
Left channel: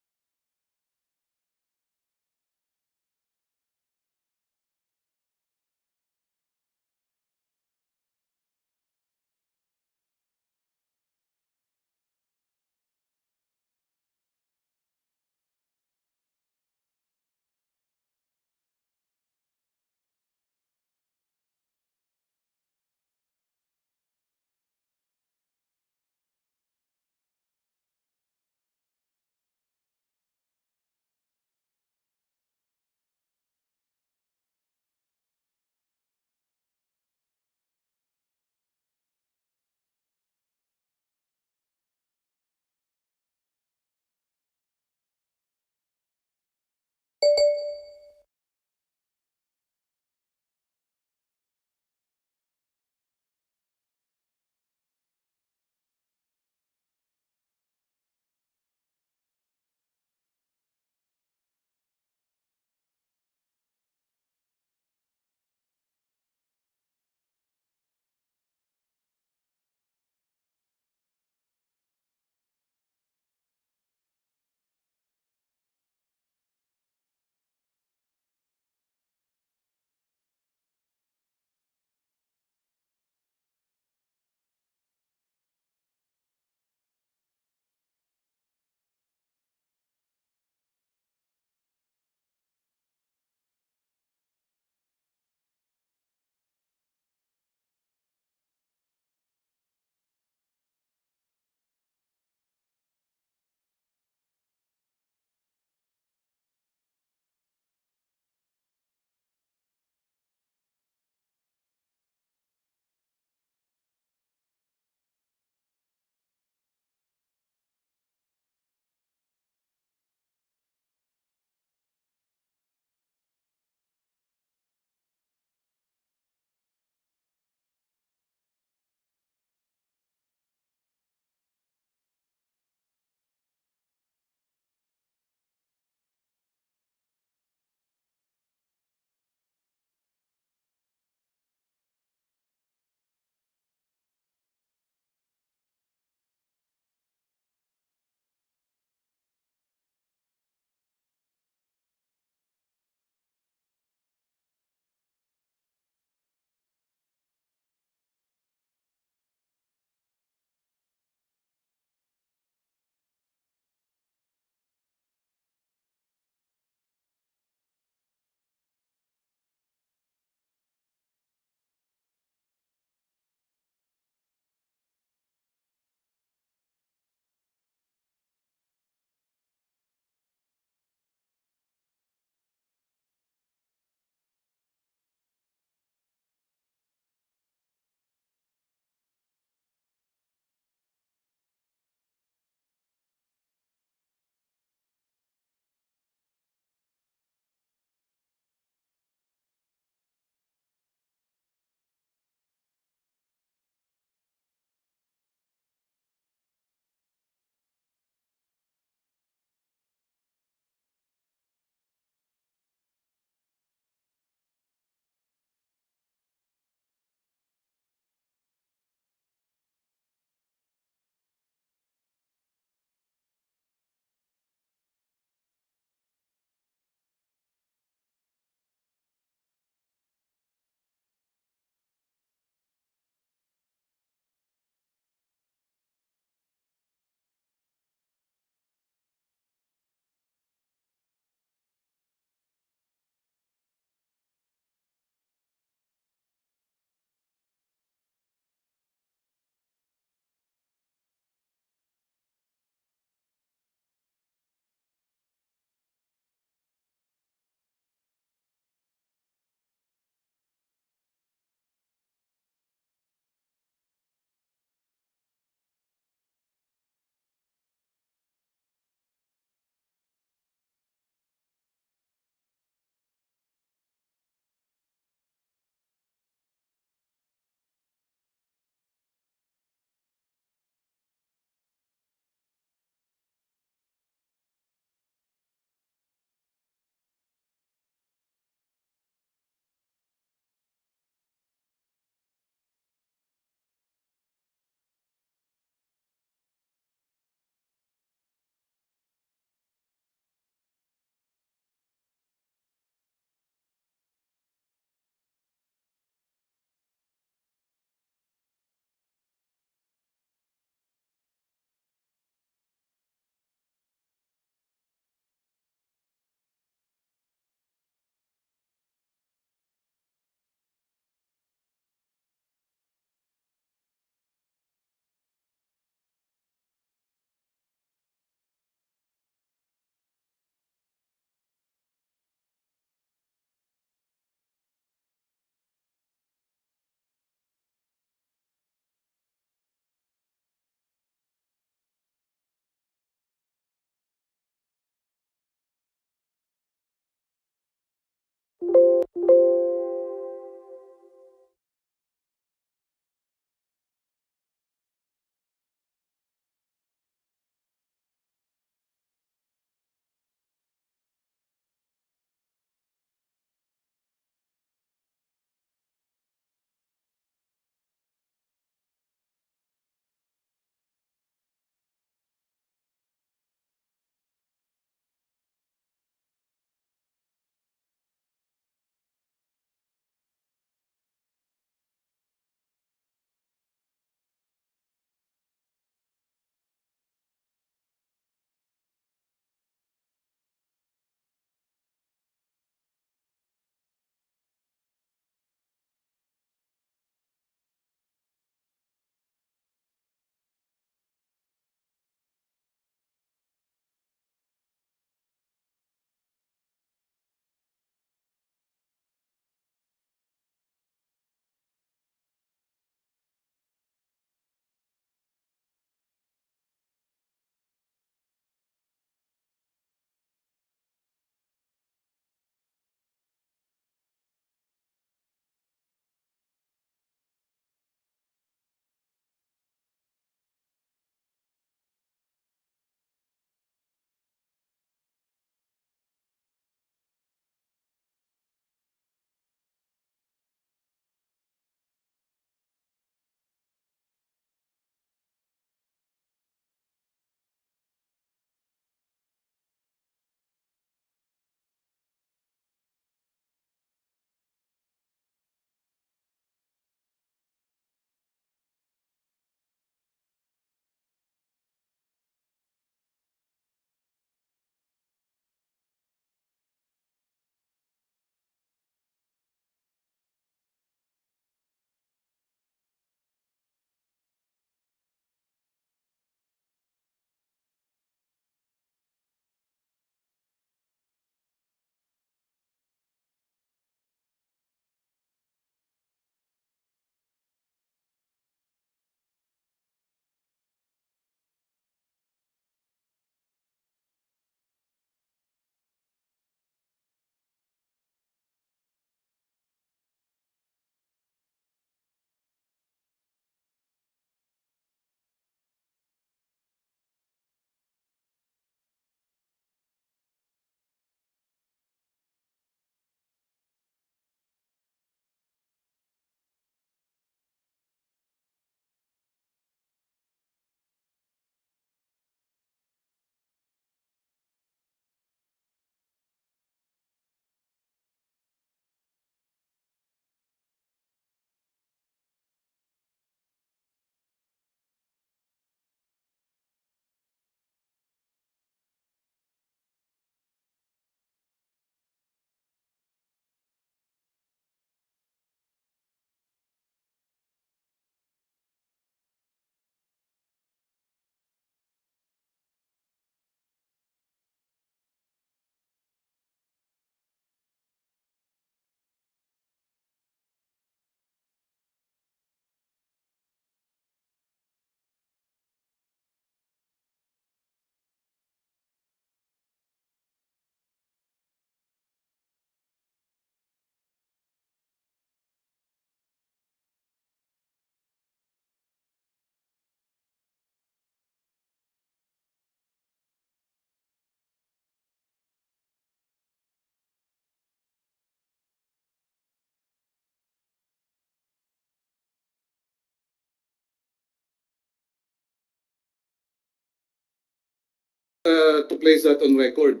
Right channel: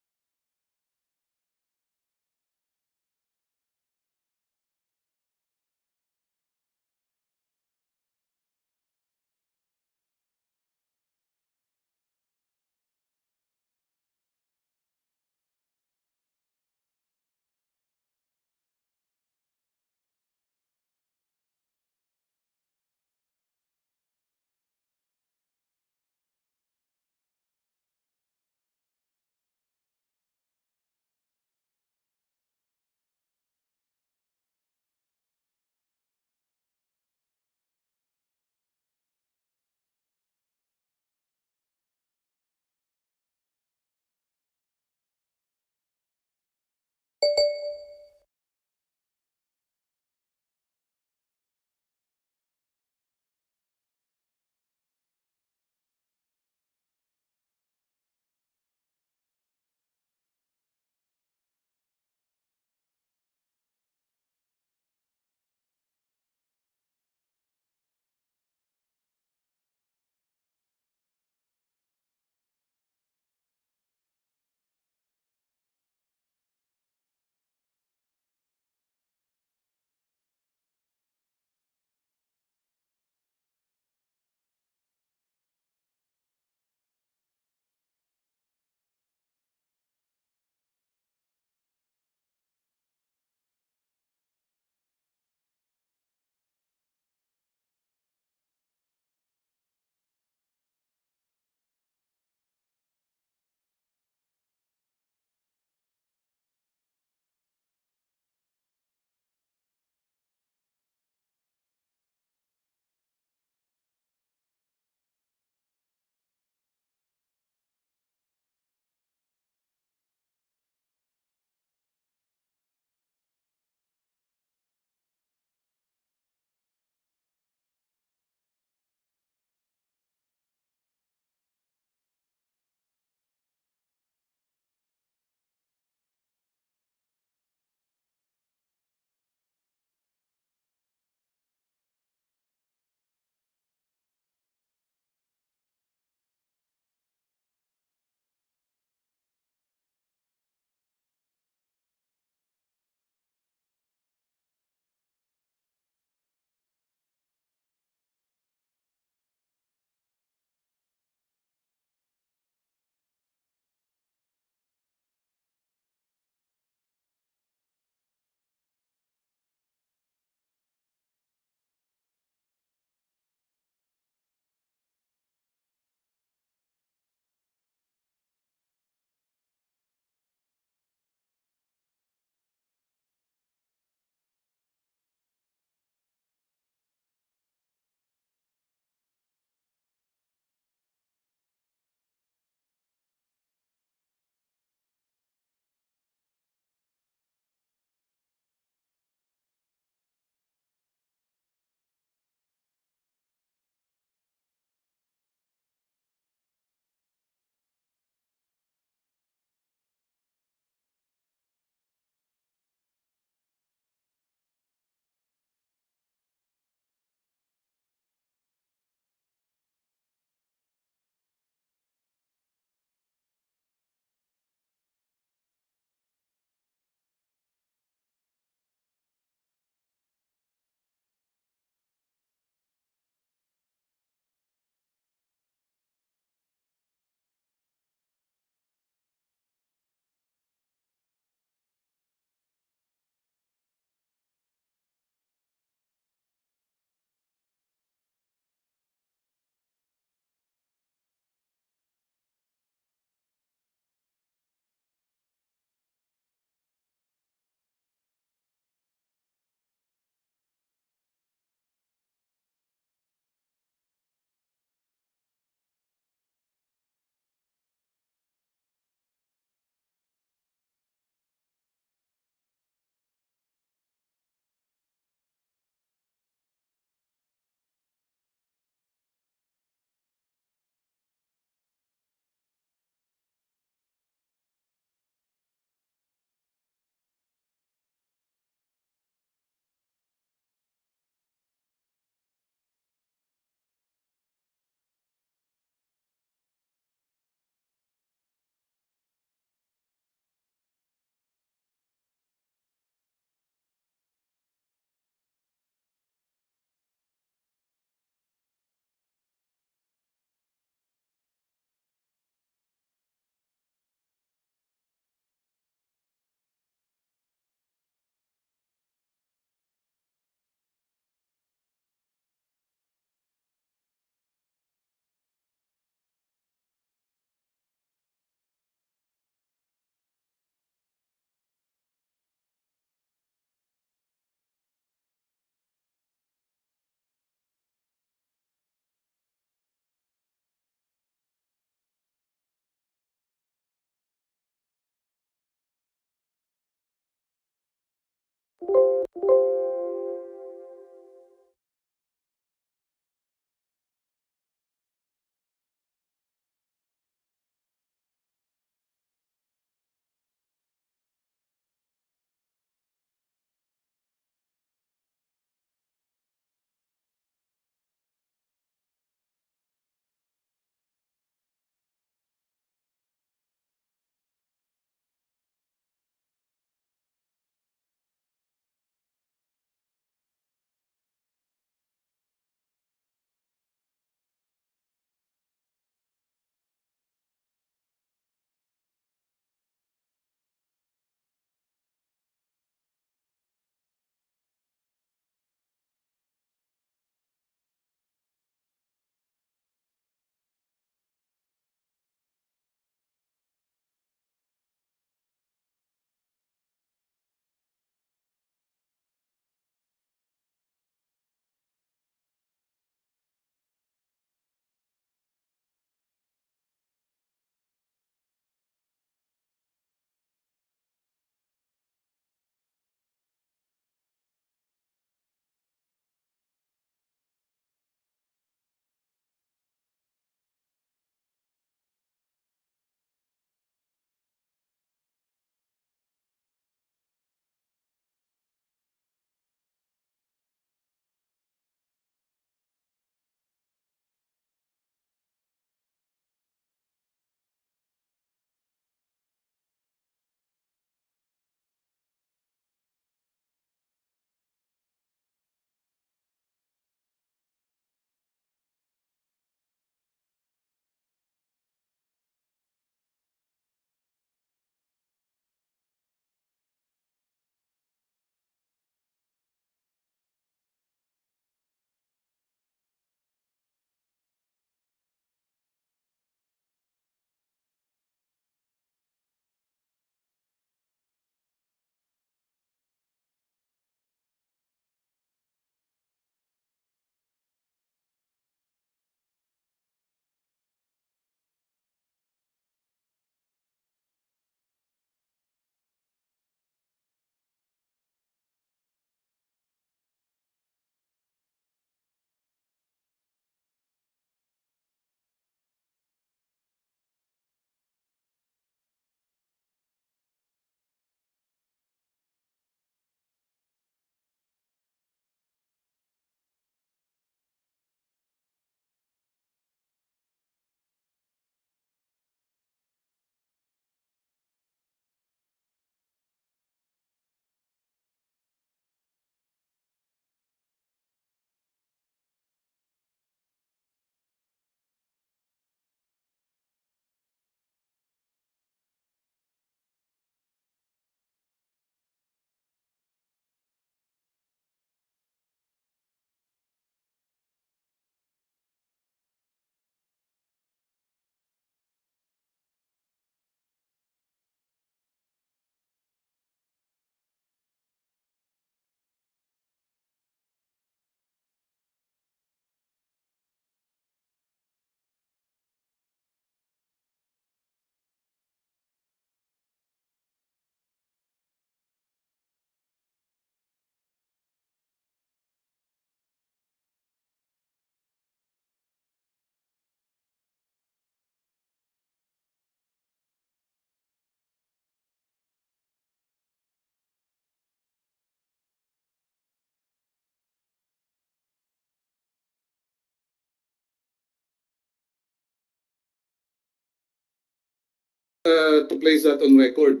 To place that on record,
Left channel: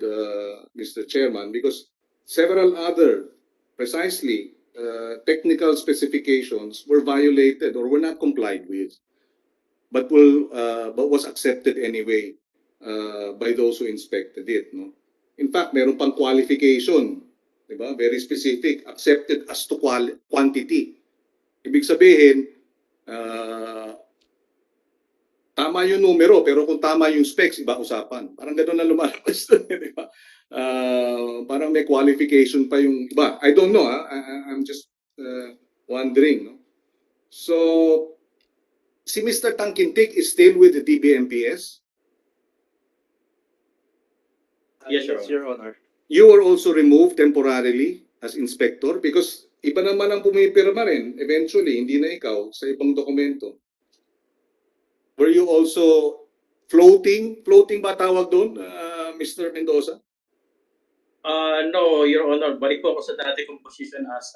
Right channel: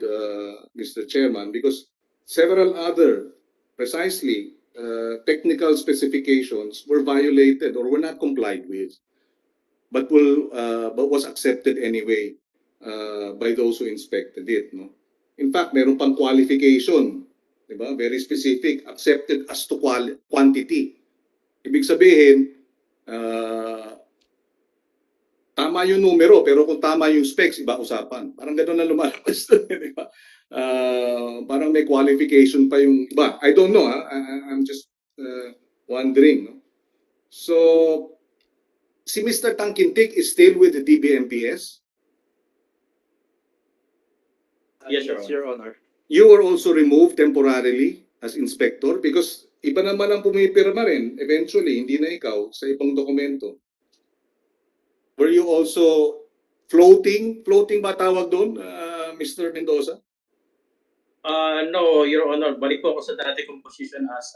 Mr. Chairman, because several other precisely technical specifications were violated or were not complied with, but was accepted anyway by those who inspected it. No? In fact, meron pang qualification, di ba? Very specific, accepted as to quantity. Ibig sabihin, tama yung numero, pero kung tama yung specs, iba usapan. Parang gano'n na lumalabas doon, di ba? Parang may qualification pa yung iba. I don't know, I'm just wondering. No? So, si Mr. Tangkintik is still with the DBMPS? Yes, Your Honor. You were also removed temporarily as inspector because iba naman ang pumipirma rin, eventually, hindi na ikaw, sa ibang dokumento. Were you also floating? Floating ba tawag doon, Mr. Mendoza? No, Your Honor. Balik po ako sa dati kong position as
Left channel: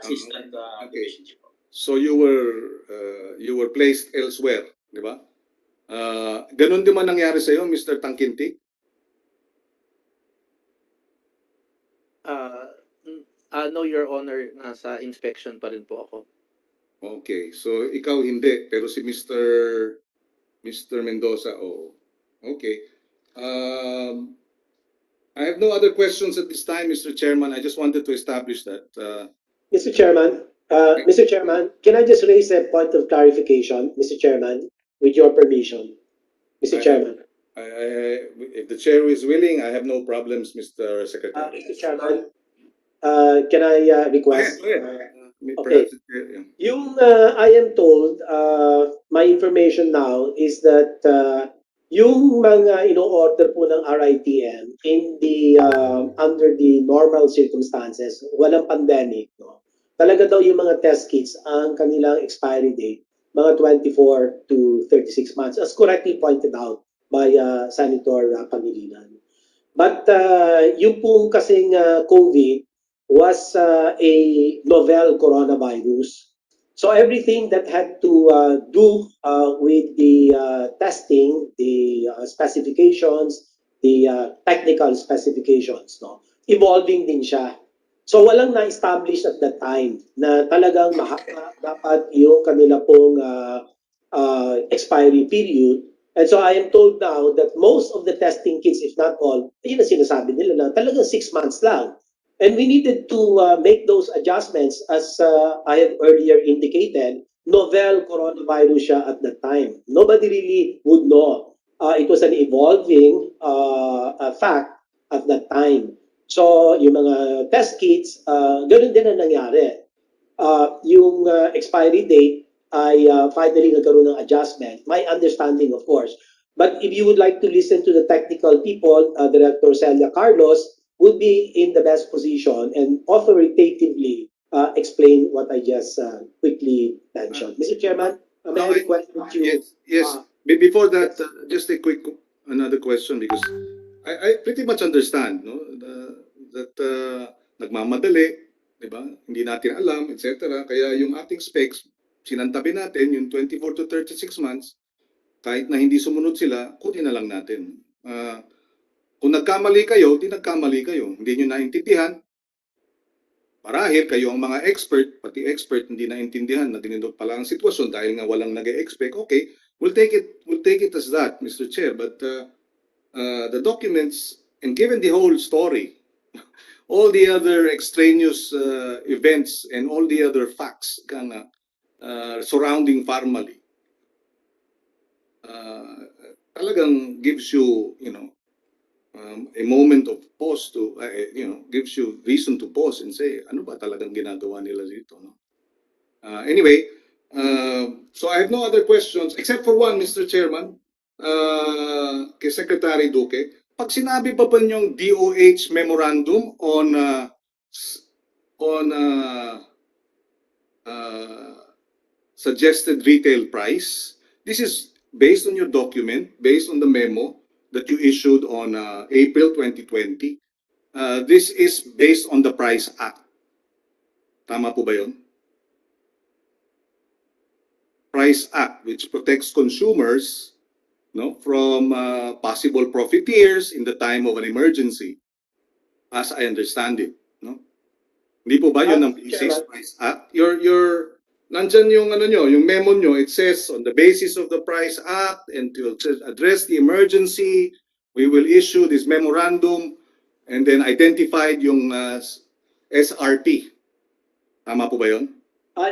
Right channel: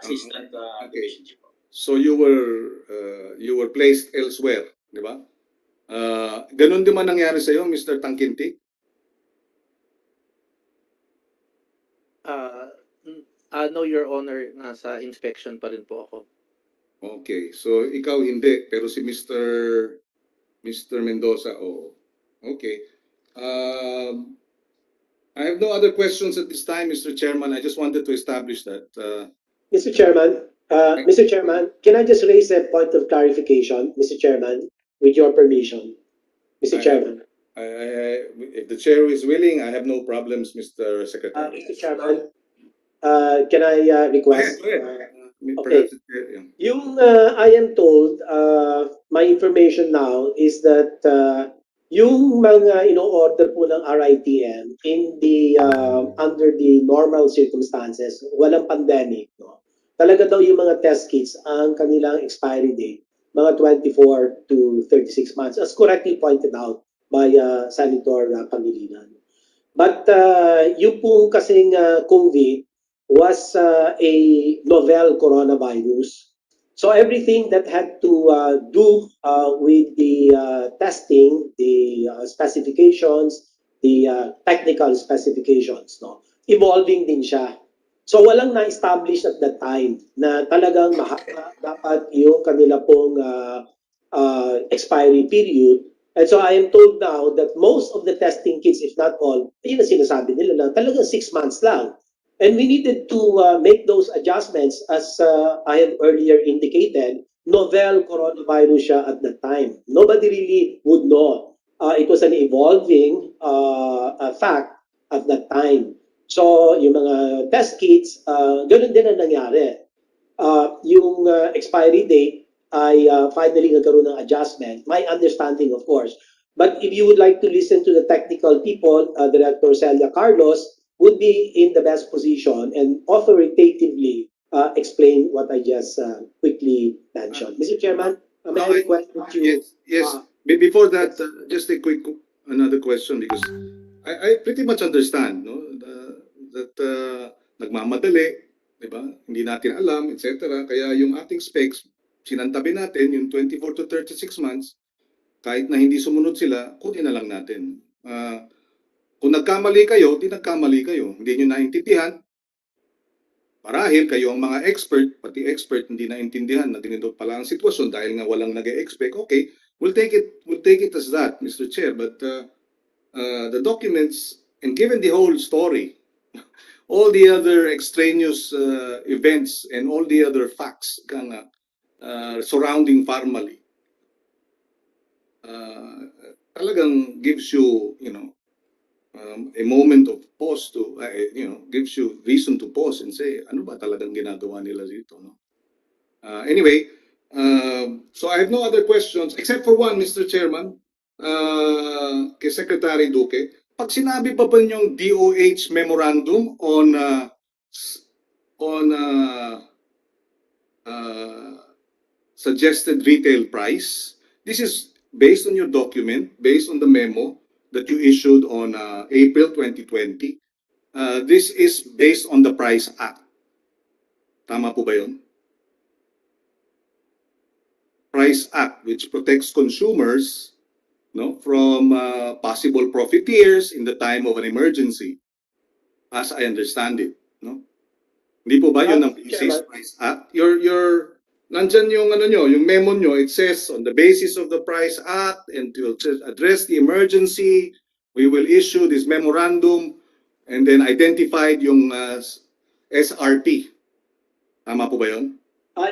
assistant division chief. So you were placed elsewhere, di ba? Ganun din man nangyari sa iyo, Mr. Tangkintik? No, Your Honor. Nasa inspection pa rin po ako. Okay, so ikaw hindi, pero si Mr. Mendoza, oo. Okay. I have no other questions at this time, Mr. Chairman. I just wanted to establish that. Mr. Chairman, can I just raise a point of clarification, Mr. Chairman, with your permission, Mr. Chairman? If the chair is willing, I have no problems, Mr. Secretary. Mr. Chairman, can I request? Go ahead. Okay. Yung I am told, my information now is that yung mga ino-order po ng RITM in the under the normal circumstances, walang pandemic, no? Talaga daw yung mga test kits ang kanilang expiry date mga 24 to 36 months, as correctly pointed out by Senator Pangilinan. But yung pong kasing COVID was a novel coronavirus. So everything that had to do with the testing, the specifications, the technical specifications, no, evolving din siya. So walang na-establish at that time na talagang mahaba dapat yung kanila pong expiry period. And so I am told now that most of the testing kits, if not all, yun ang sinasabi nila na talagang 6 months lang. And we needed to make those adjustments as I had earlier indicated. Novel coronavirus siya at that time. Nobody really would know. It was an evolving fact at that time. So yung mga test kits, ganoon din ang nangyari. Yung expiry date ay finally nagkaroon ng adjustment. My understanding, of course. But if you would like to listen to the technical people, Director Celia Carlos would be in the best position and authoritatively explain what I just quickly mentioned. Mr. Chairman, may I request that you... Yes. Before that, just a quick another question because I pretty much understand, no, that nagmamadali, di ba? Hindi natin alam, etc. Kaya yung ating specs, sinantabi natin yung 24 to 36 months, kahit na hindi sumunod sila, kunin na lang natin. Kung nagkamali kayo, di nagkamali kayo. Hindi nyo naintindihan. Marahil kayo ang mga expert, pati expert hindi naintindihan na ganito pala ang sitwasyon dahil nga walang nag-expect. Okay, we'll take it as that, Mr. Chair. But the documents, and given the whole story, all the other extraneous events and all the other facts surrounding Farmally, talagang gives you, a moment of pause to, gives you reason to pause and say, ano ba talagang ginagawa nila dito? No? Anyway, so I have no other questions except for one, Mr. Chairman, kay Secretary Duque. Pag sinabi pa yung DOH memorandum on suggested retail price, this is based on your document, based on the memo that you issued on April 2020. This is based on the Price Act. Tama po ba yun? Price Act, which protects consumers no, from possible profiteers in the time of an emergency, as I understand it, no? Hindi po ba yun ang Basis Price Act? Nandyan yung ano nyo, yung memo nyo, it says on the basis of the Price Act and to address the emergency, we will issue this memorandum and then identified yung SRP. Tama po ba yun?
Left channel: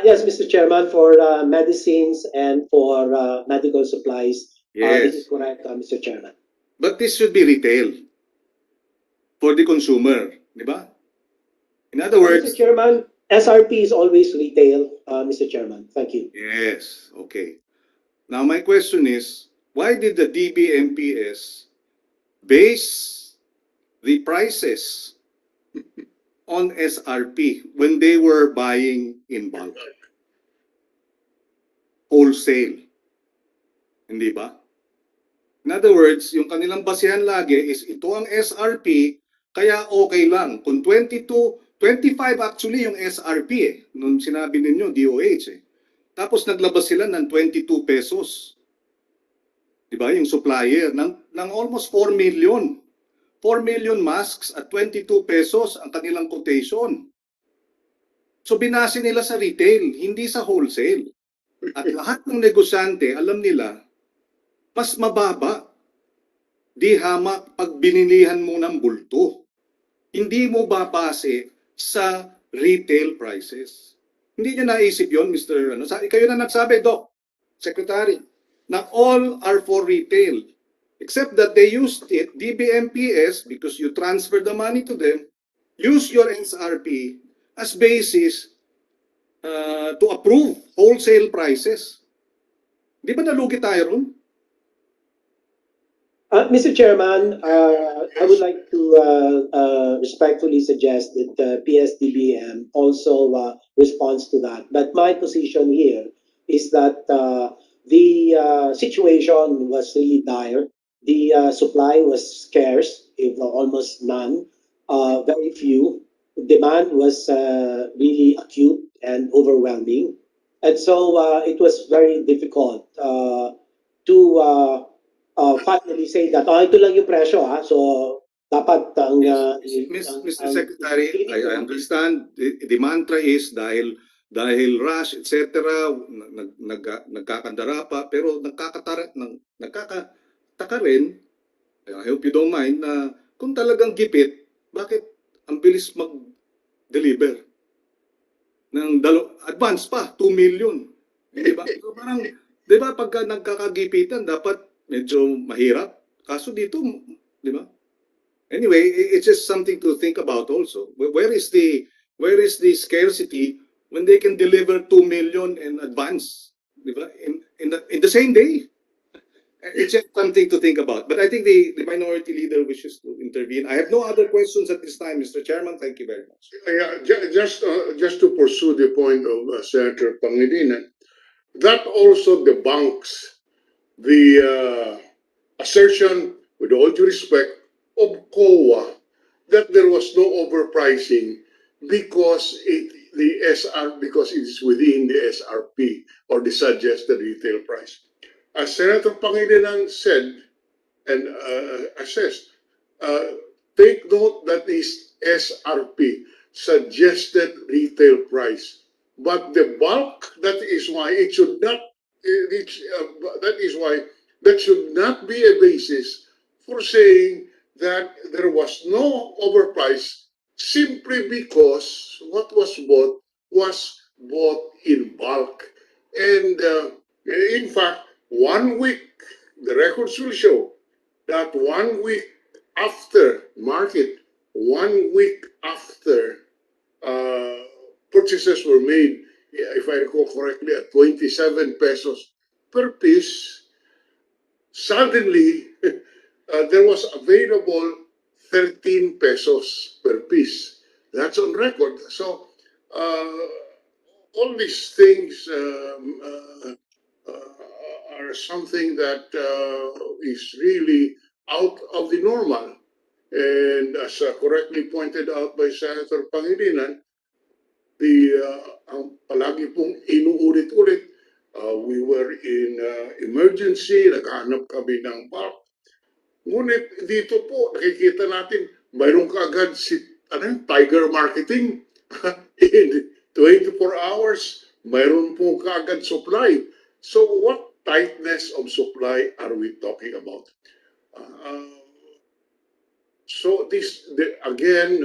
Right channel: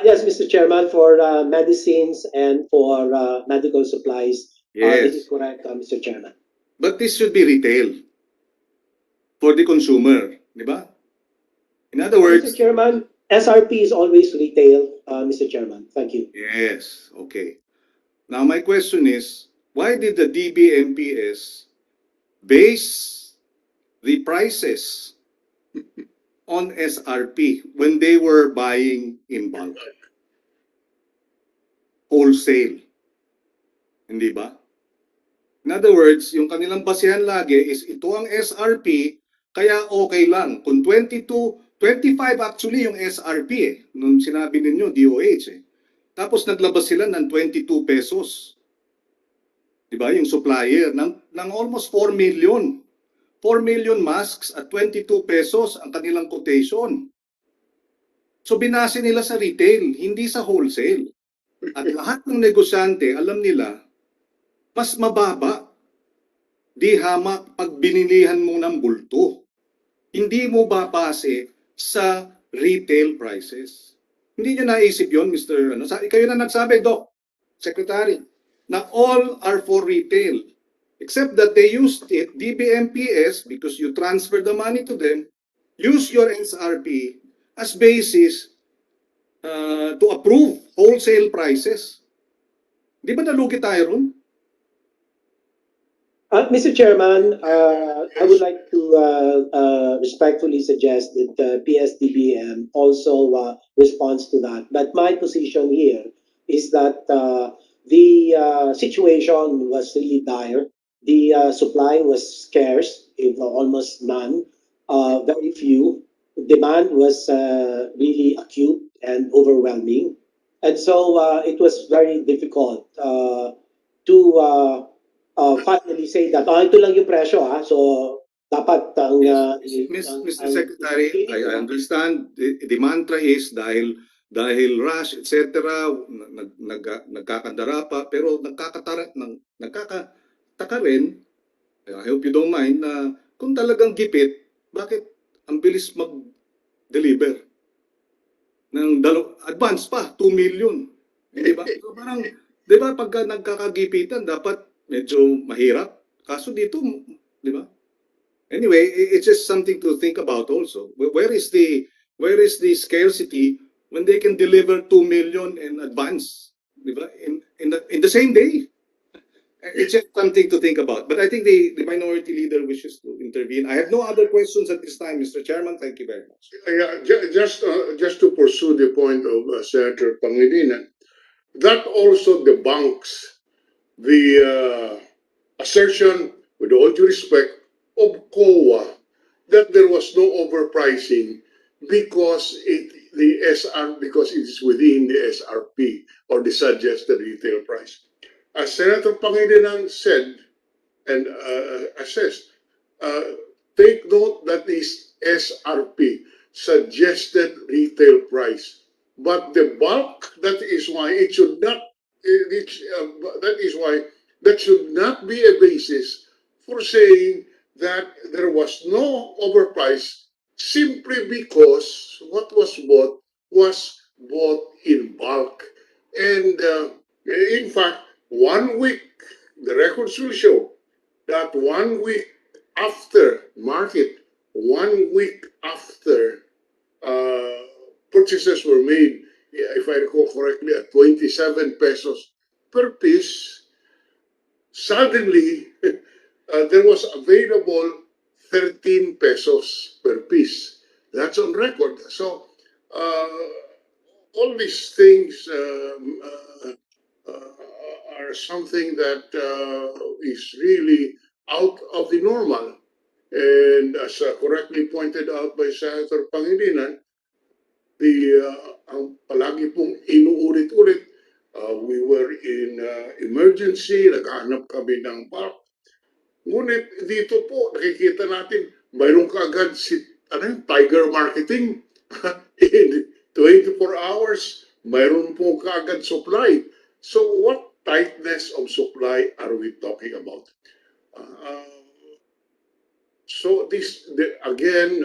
Yes, Mr. Chairman, for medicines and for medical supplies. This is Yes. correct, Mr. Chairman. But this should be retail for the consumer, di ba? In other words, Mr. Chairman, SRP is always retail, Mr. Chairman. Thank you. yes, okay. Now my question is, why did the DBMPS base the prices on SRP when they were buying in bulk? Wholesale. Hindi ba? In other words, yung kanilang basihan lagi is ito ang SRP, kaya okay lang. Kung 25 actually yung SRP nung sinabi ninyo, DOH Tapos naglabas sila ng 22 pesos. Diba? Yung supplier ng almost 4 million. 4 million masks at 22 pesos ang kanilang quotation. So binase nila sa retail, hindi sa wholesale. At lahat ng negosyante, alam nila, mas mababa. Di hamak pag binilihan mo ng bulto. Hindi mo babase sa retail prices. Hindi nyo naisip yon, Mr. Kayo na nagsabi, Doc, Secretary, na all are for retail. Except that they used it, DBMPS, because you transfer the money to them, use your SRP as basis to approve wholesale prices. Di ba nalugi tayo ron? Mr. Chairman, I would like to respectfully suggest that PSDBM also responds to that. But my position here is that the situation was really dire. The supply was scarce, if almost none, very few. Demand was really acute and overwhelming. And so it was very difficult to finally say that, ito lang yung presyo So, dapat ang... Mr. Secretary, I understand the mantra is dahil rush, etc., nagkakandara pa, pero nagkakataka rin, I hope you don't mind, na kung talagang gipit, bakit ang bilis mag-deliver? Ng advance pa, 2 million. Diba? So parang, diba, pagka nagkakagipitan, dapat medyo mahirap. Kaso dito, di ba? Anyway, it's just something to think about also. Where is the scarcity when they can deliver 2 million in advance, di ba? In the same day. It's just something to think about. But I think the minority leader wishes to intervene. I have no other questions at this time, Mr. Chairman. Thank you very much. Just to pursue the point of Senator Pangilinan, that also debunks the assertion, with all due respect, of COA that there was no overpricing because it is within the SRP or the suggested retail price. As Senator Pangilinan said and assessed, take note that is SRP, suggested retail price. But the bulk, that is why it should not. That is why that should not be a basis for saying that there was no overprice simply because what was bought in bulk. And in fact, 1 week, the records will show that 1 week after market, 1 week after purchases were made, if I recall correctly, at 27 pesos per piece, suddenly there was available 13 pesos per piece. That's on record. So all these things are something that is really out of the normal. And as correctly pointed out by Senator Pangilinan, ang palagi pong inuulit-ulit We were in emergency, naghanap kami ng park. Ngunit dito po, nakikita natin, mayroon kaagad si Tiger Marketing. In 24 hours, mayroon po kaagad supply. So what tightness of supply are we talking about? So this again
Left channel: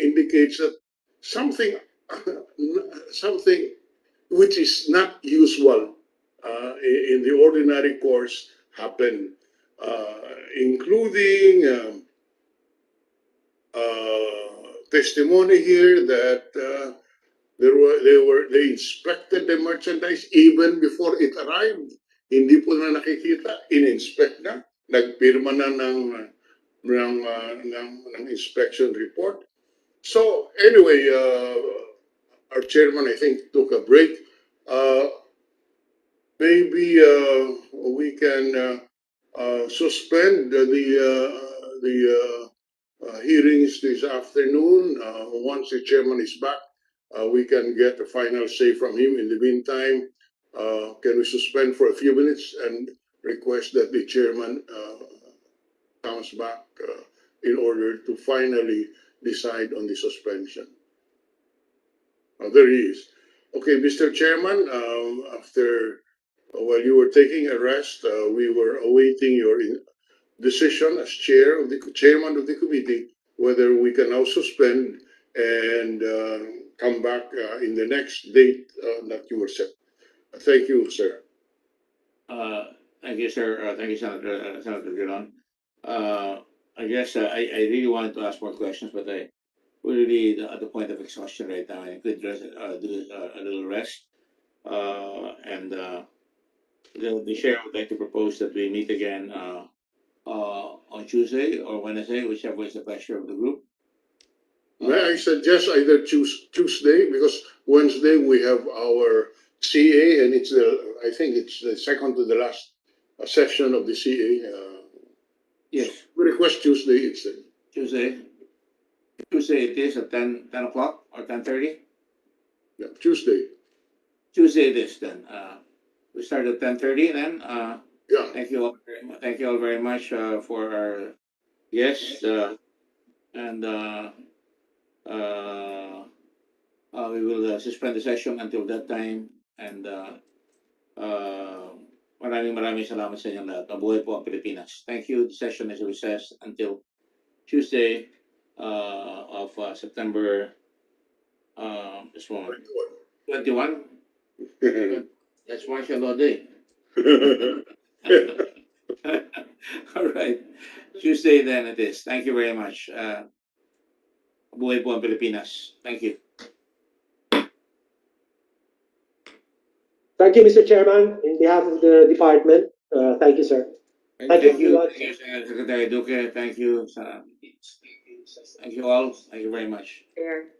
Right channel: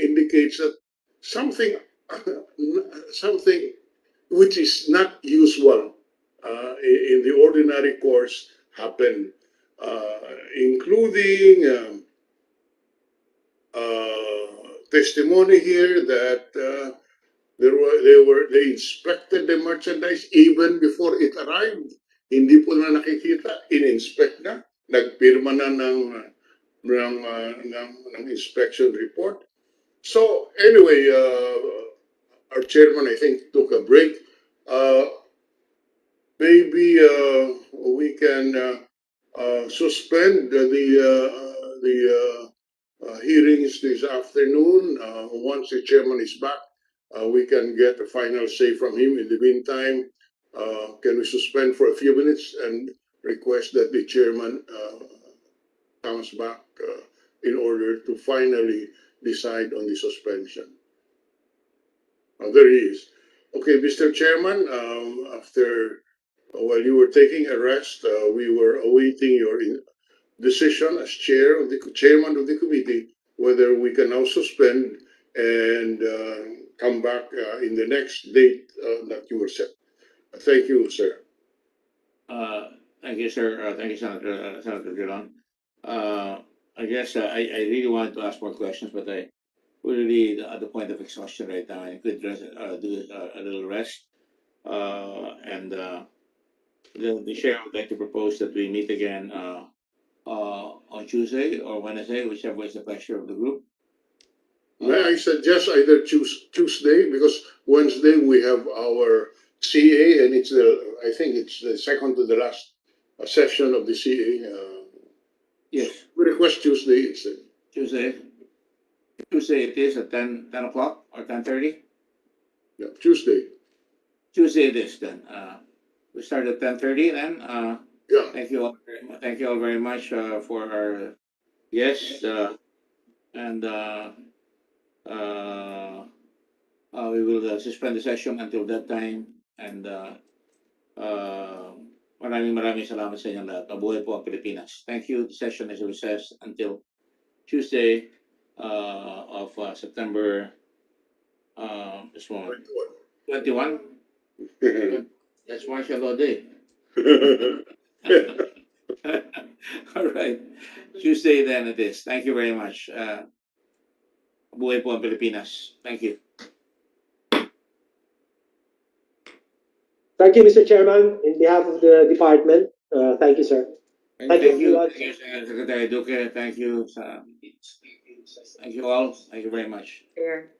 indicates that something something which is not usual in the ordinary course happen, including testimony here that they inspected the merchandise even before it arrived. Hindi po na nakikita, in-inspect na, nagpirma na ng inspection report. So anyway, our chairman, I think, took a break. Maybe we can suspend the hearings this afternoon. Once the chairman is back, we can get a final say from him. In the meantime, can we suspend for a few minutes and request that the chairman comes back in order to finally decide on the suspension? There he is. Okay, Mr. Chairman, while you were taking a rest, we were awaiting your decision as chairman of the committee, whether we can now suspend and come back in the next date that you were set. Thank you, sir. Thank you, sir. Thank you, Senator Dillon. I guess I really wanted to ask more questions, but we're really at the point of exhaustion right now. I could do a little rest. And the chair would like to propose that we meet again on Tuesday or Wednesday, whichever is the pleasure of the group. May I suggest either Tuesday, because Wednesday we have our CA, and I think it's the second to the last session of the CA. Yes. We request Tuesday instead. Tuesday it is at 10 o'clock or 10:30? Yeah, Tuesday. Tuesday it is then. We start at 10:30 then. Yeah. Thank you all very much for our guests. And we will suspend the session until that time. And maraming salamat sa inyong lahat. Mabuhay po ang Pilipinas. Thank you. The session is recessed until Tuesday of September this one. 21. That's martial law day. All right. Tuesday then it is. Thank you very much. Mabuhay po ang Pilipinas. Thank you. Thank you, Mr. Chairman. In behalf of the department, thank you, sir. Thank you, Secretary Duque. Thank you. Thank you all. Thank you very much. Chair.